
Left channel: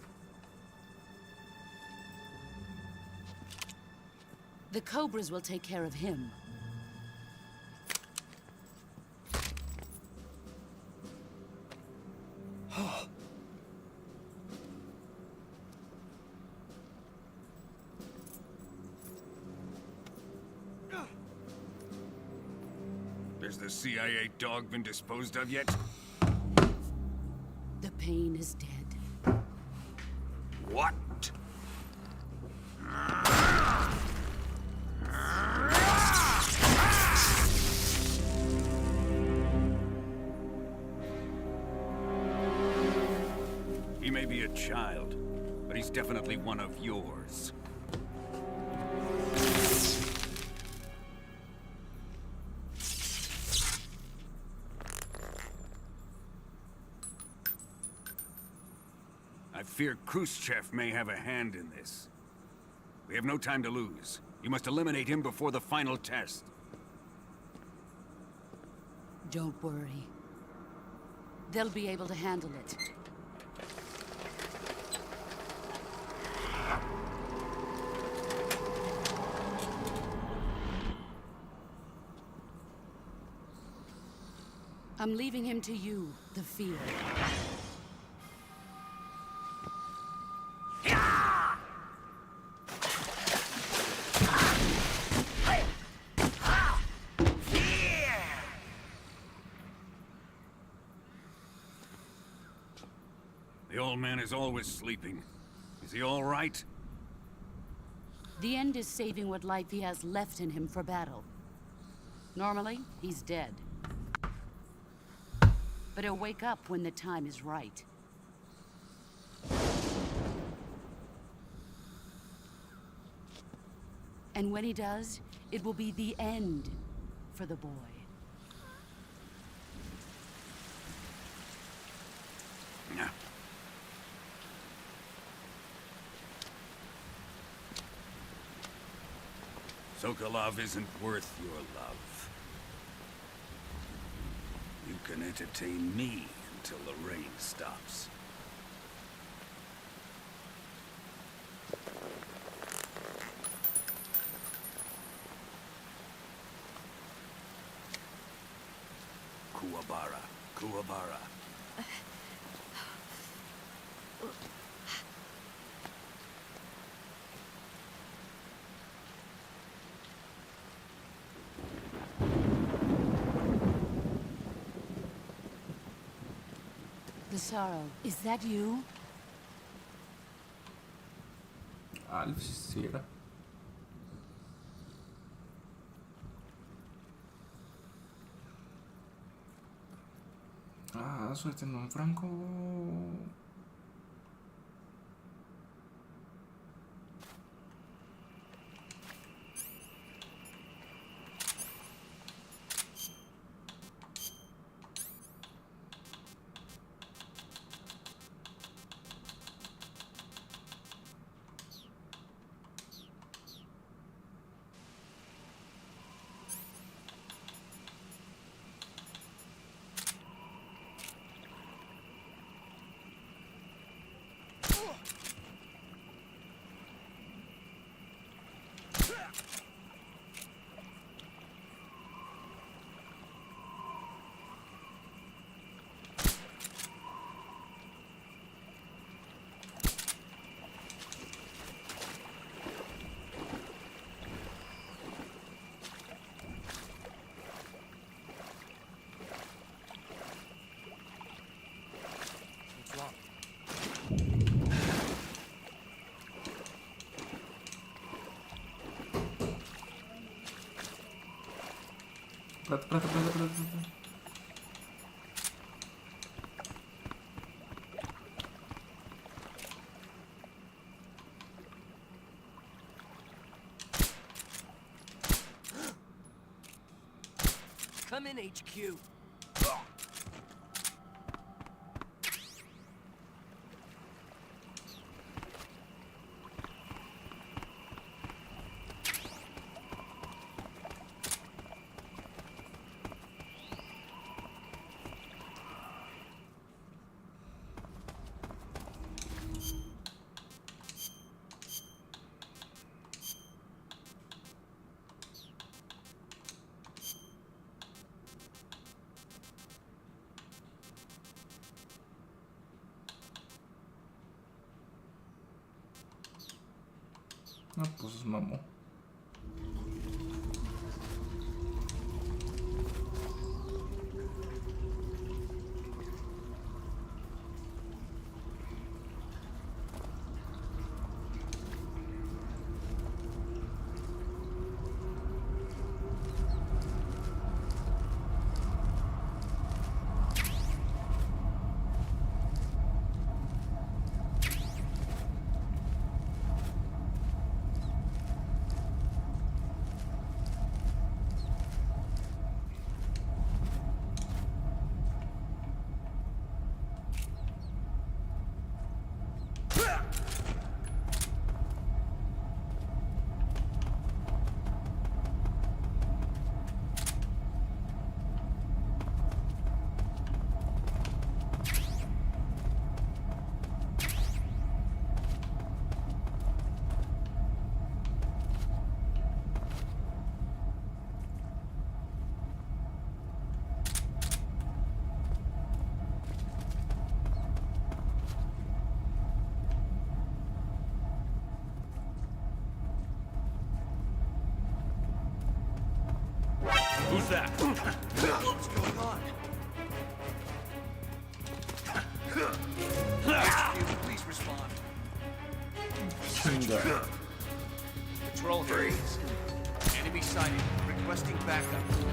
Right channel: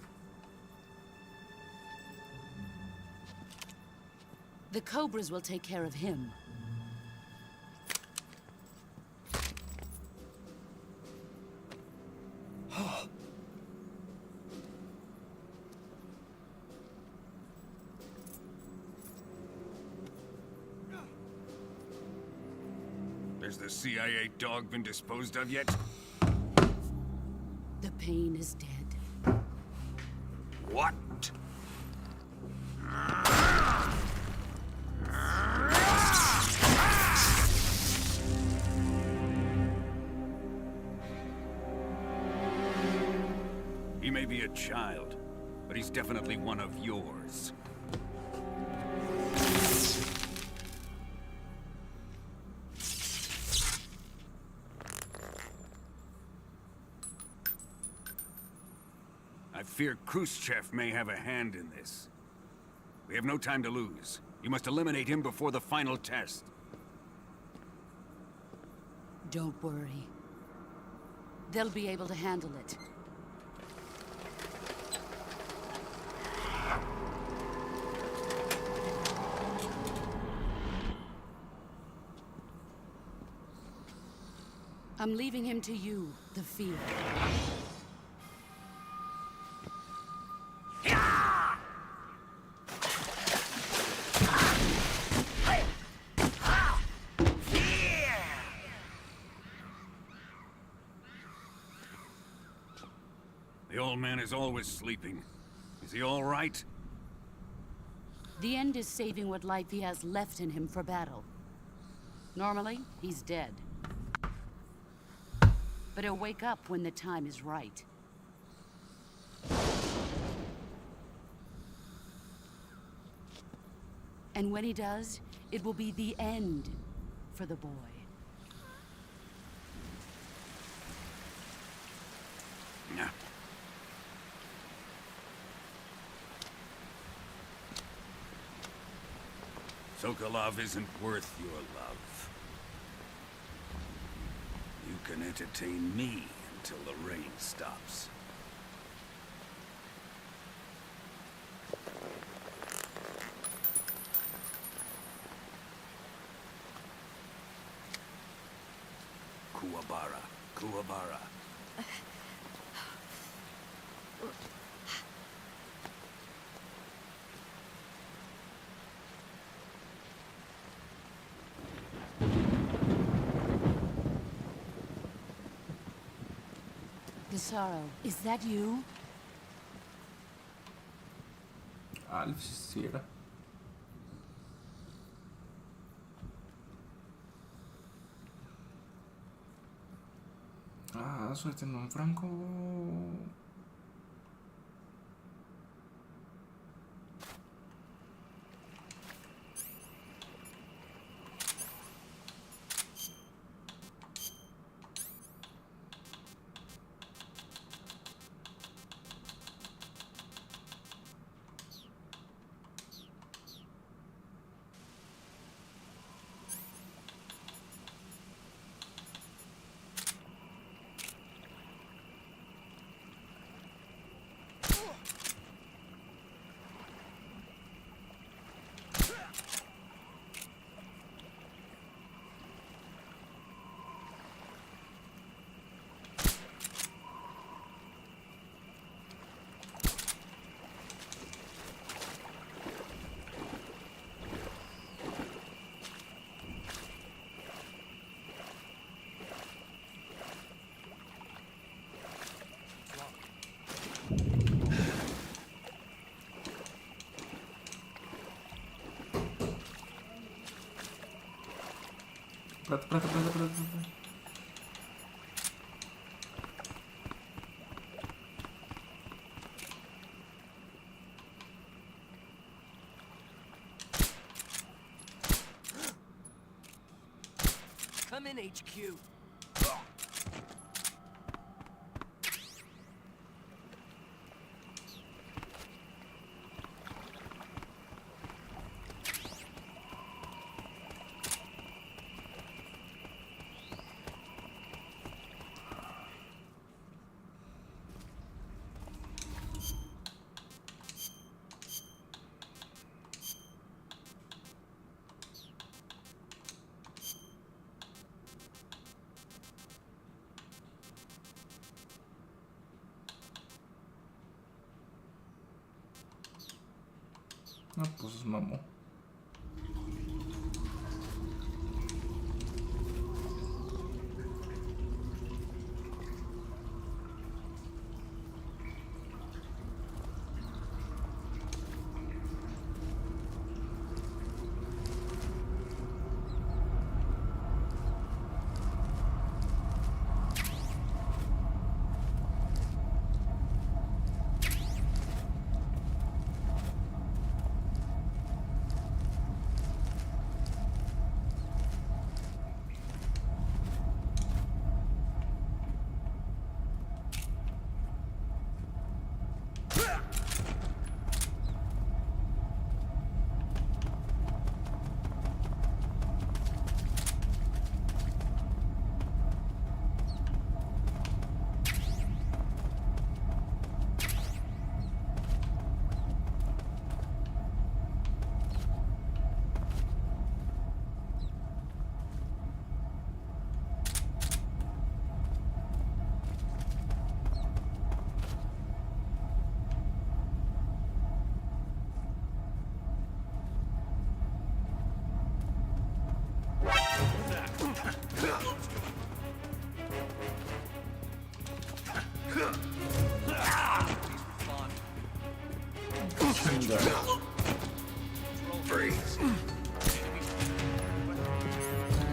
The Cobras will take care of him. Has the CIA dog been disposed of yet? The pain is dead. What? He may be a child, but he's definitely one of yours. I fear Khrushchev may have a hand in this. We have no time to lose. You must eliminate him before the final test. Don't worry. They'll be able to handle it. I'm leaving him to you, the field. The old man is always sleeping. Is he all right? The end is saving what life he has left in him for battle. Normally, he's dead. But he'll wake up when the time is right. And when he does, it will be the end for the boy. Yeah. Sokolov isn't worth your love. You can entertain me until the rain stops. Kuwabara, Kuwabara. The sorrow, is that you? Alf, si era. Ah, suéltenme un Franco. Espérate. Come in, HQ. No, pues mamó. Who's that? What's going on? Please respond. Control. Freeze. Enemy sighted. Requesting backup.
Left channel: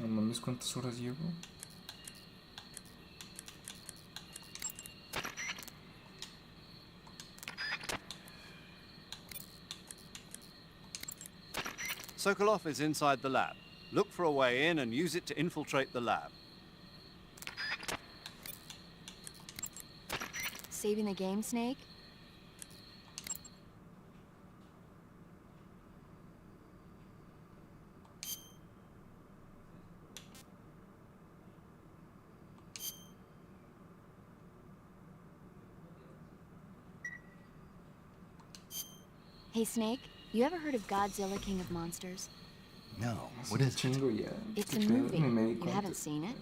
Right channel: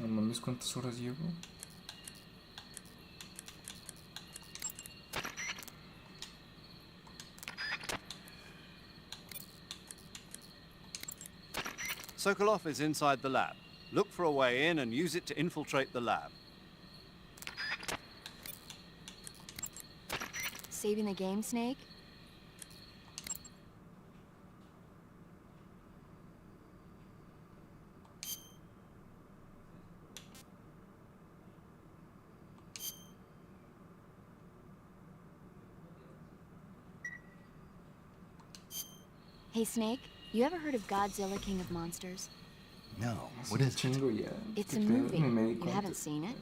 No mames, ¿cuántas horas llevo? Sokolov is inside the lab. Look for a way in and use it to infiltrate the lab. Saving the game, Snake? Hey, Snake, you ever heard of Godzilla, King of Monsters? No, what is it? It's a movie. You haven't seen it?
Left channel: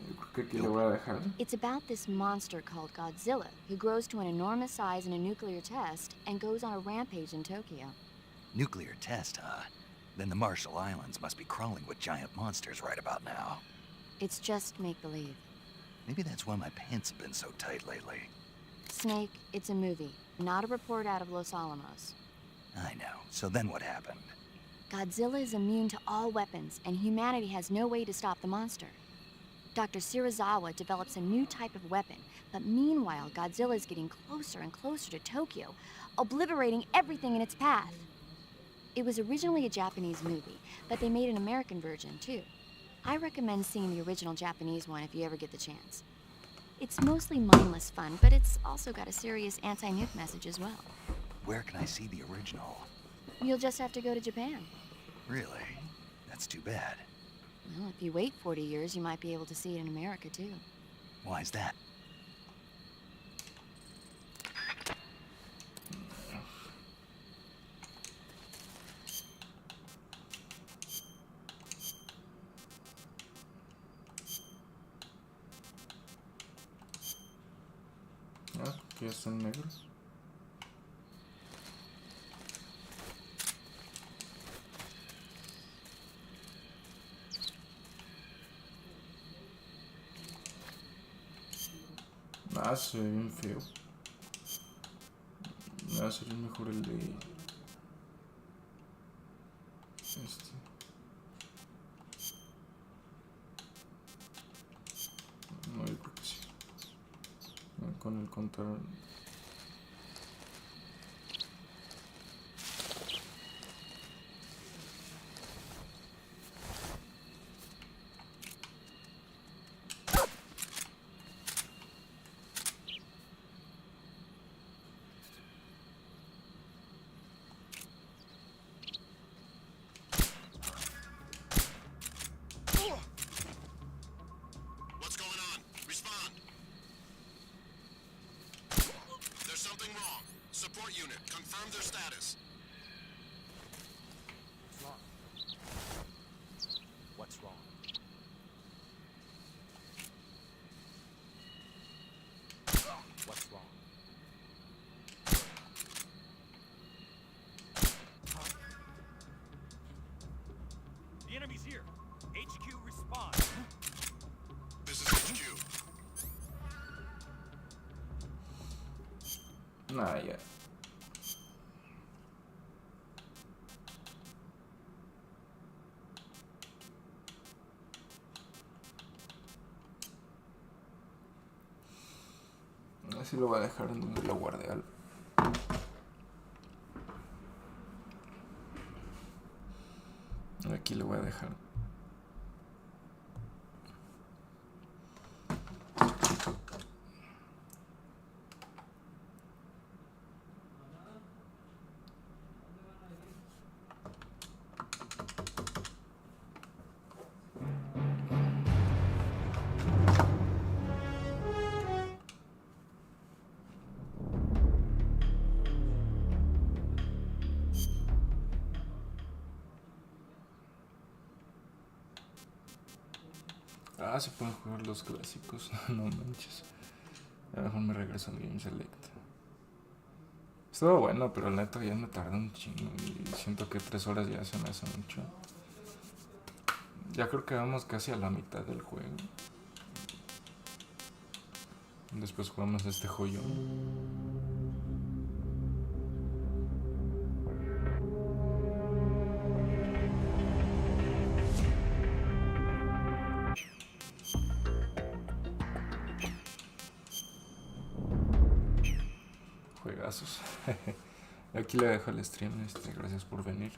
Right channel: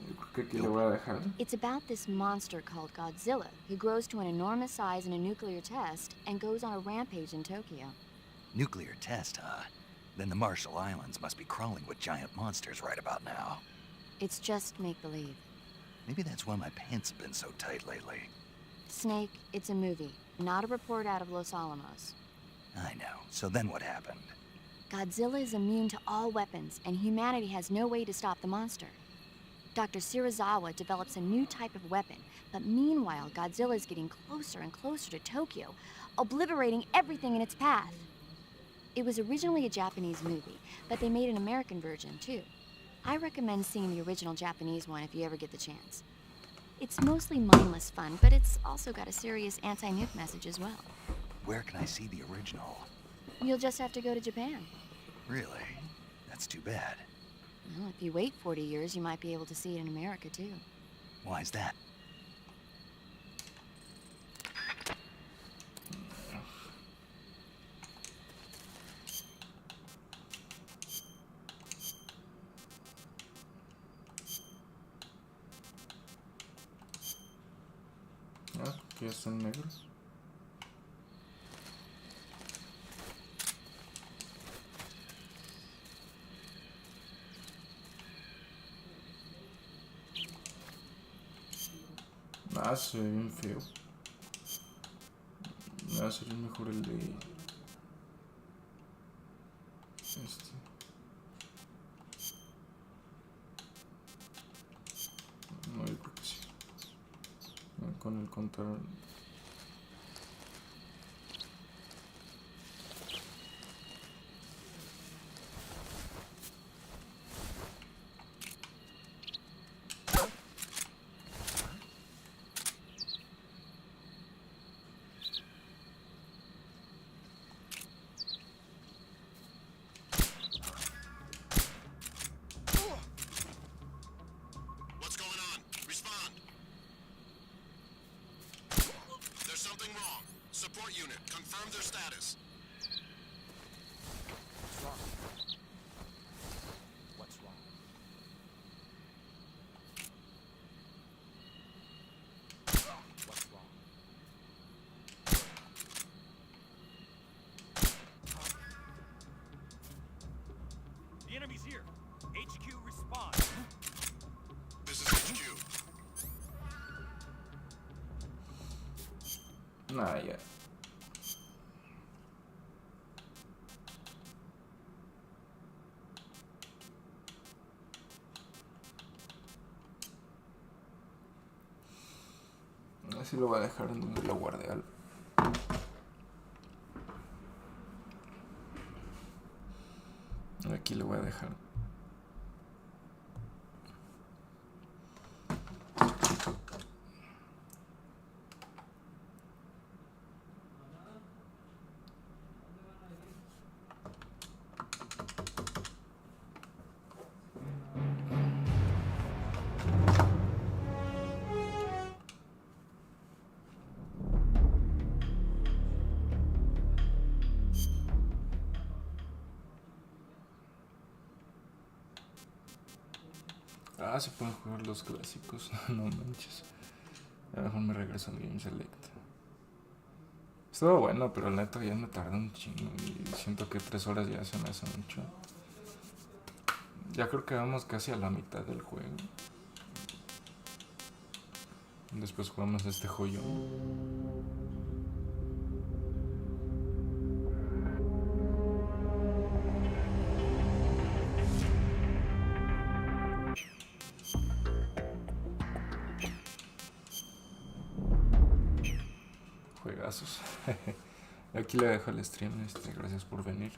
It's about this monster called Godzilla, who grows to an enormous size in a nuclear test and goes on a rampage in Tokyo. Nuclear test, huh? Then the Marshall Islands must be crawling with giant monsters right about now. It's just make-believe. Maybe that's why my pants have been so tight lately. Snake, it's a movie, not a report out of Los Alamos. I know. So then what happened? Godzilla is immune to all weapons, and humanity has no way to stop the monster. Dr. Shirazawa develops a new type of weapon, but meanwhile, Godzilla is getting closer and closer to Tokyo, obliterating everything in its path. It was originally a Japanese movie, but they made an American version, too. I recommend seeing the original Japanese one if you ever get the chance. It's mostly mindless fun, but it's also got a serious anti-nuke message as well. Where can I see the original? You'll just have to go to Japan. Really? That's too bad. Well, if you wait 40 years, you might be able to see it in America, too. Why's that? Ah, que ya están negros. Ah, se ve bien feo. Ah, sería mejor el de... Este. No, yo creo que sí. Con el control... What's going on? Respond. There's something wrong. Support unit, confirm their status. What's wrong? The enemy's here. HQ, respond. This is HQ. Nah, ya. Así lo voy a dejar en donde lo guardé. Aquí lo voy a dejar. Ah, se pueden jugar los clásicos. No manches. A lo mejor me regreso al Game Select. Estuvo bueno, pero la neta ya me tardé un chingo. Y siento que 3 horas ya se me hace mucho. Ya creo que vamos casi a la mitad del juego. Después jugamos este joyón. vergazos. Aquí le dejo el stream. Gracias por venir.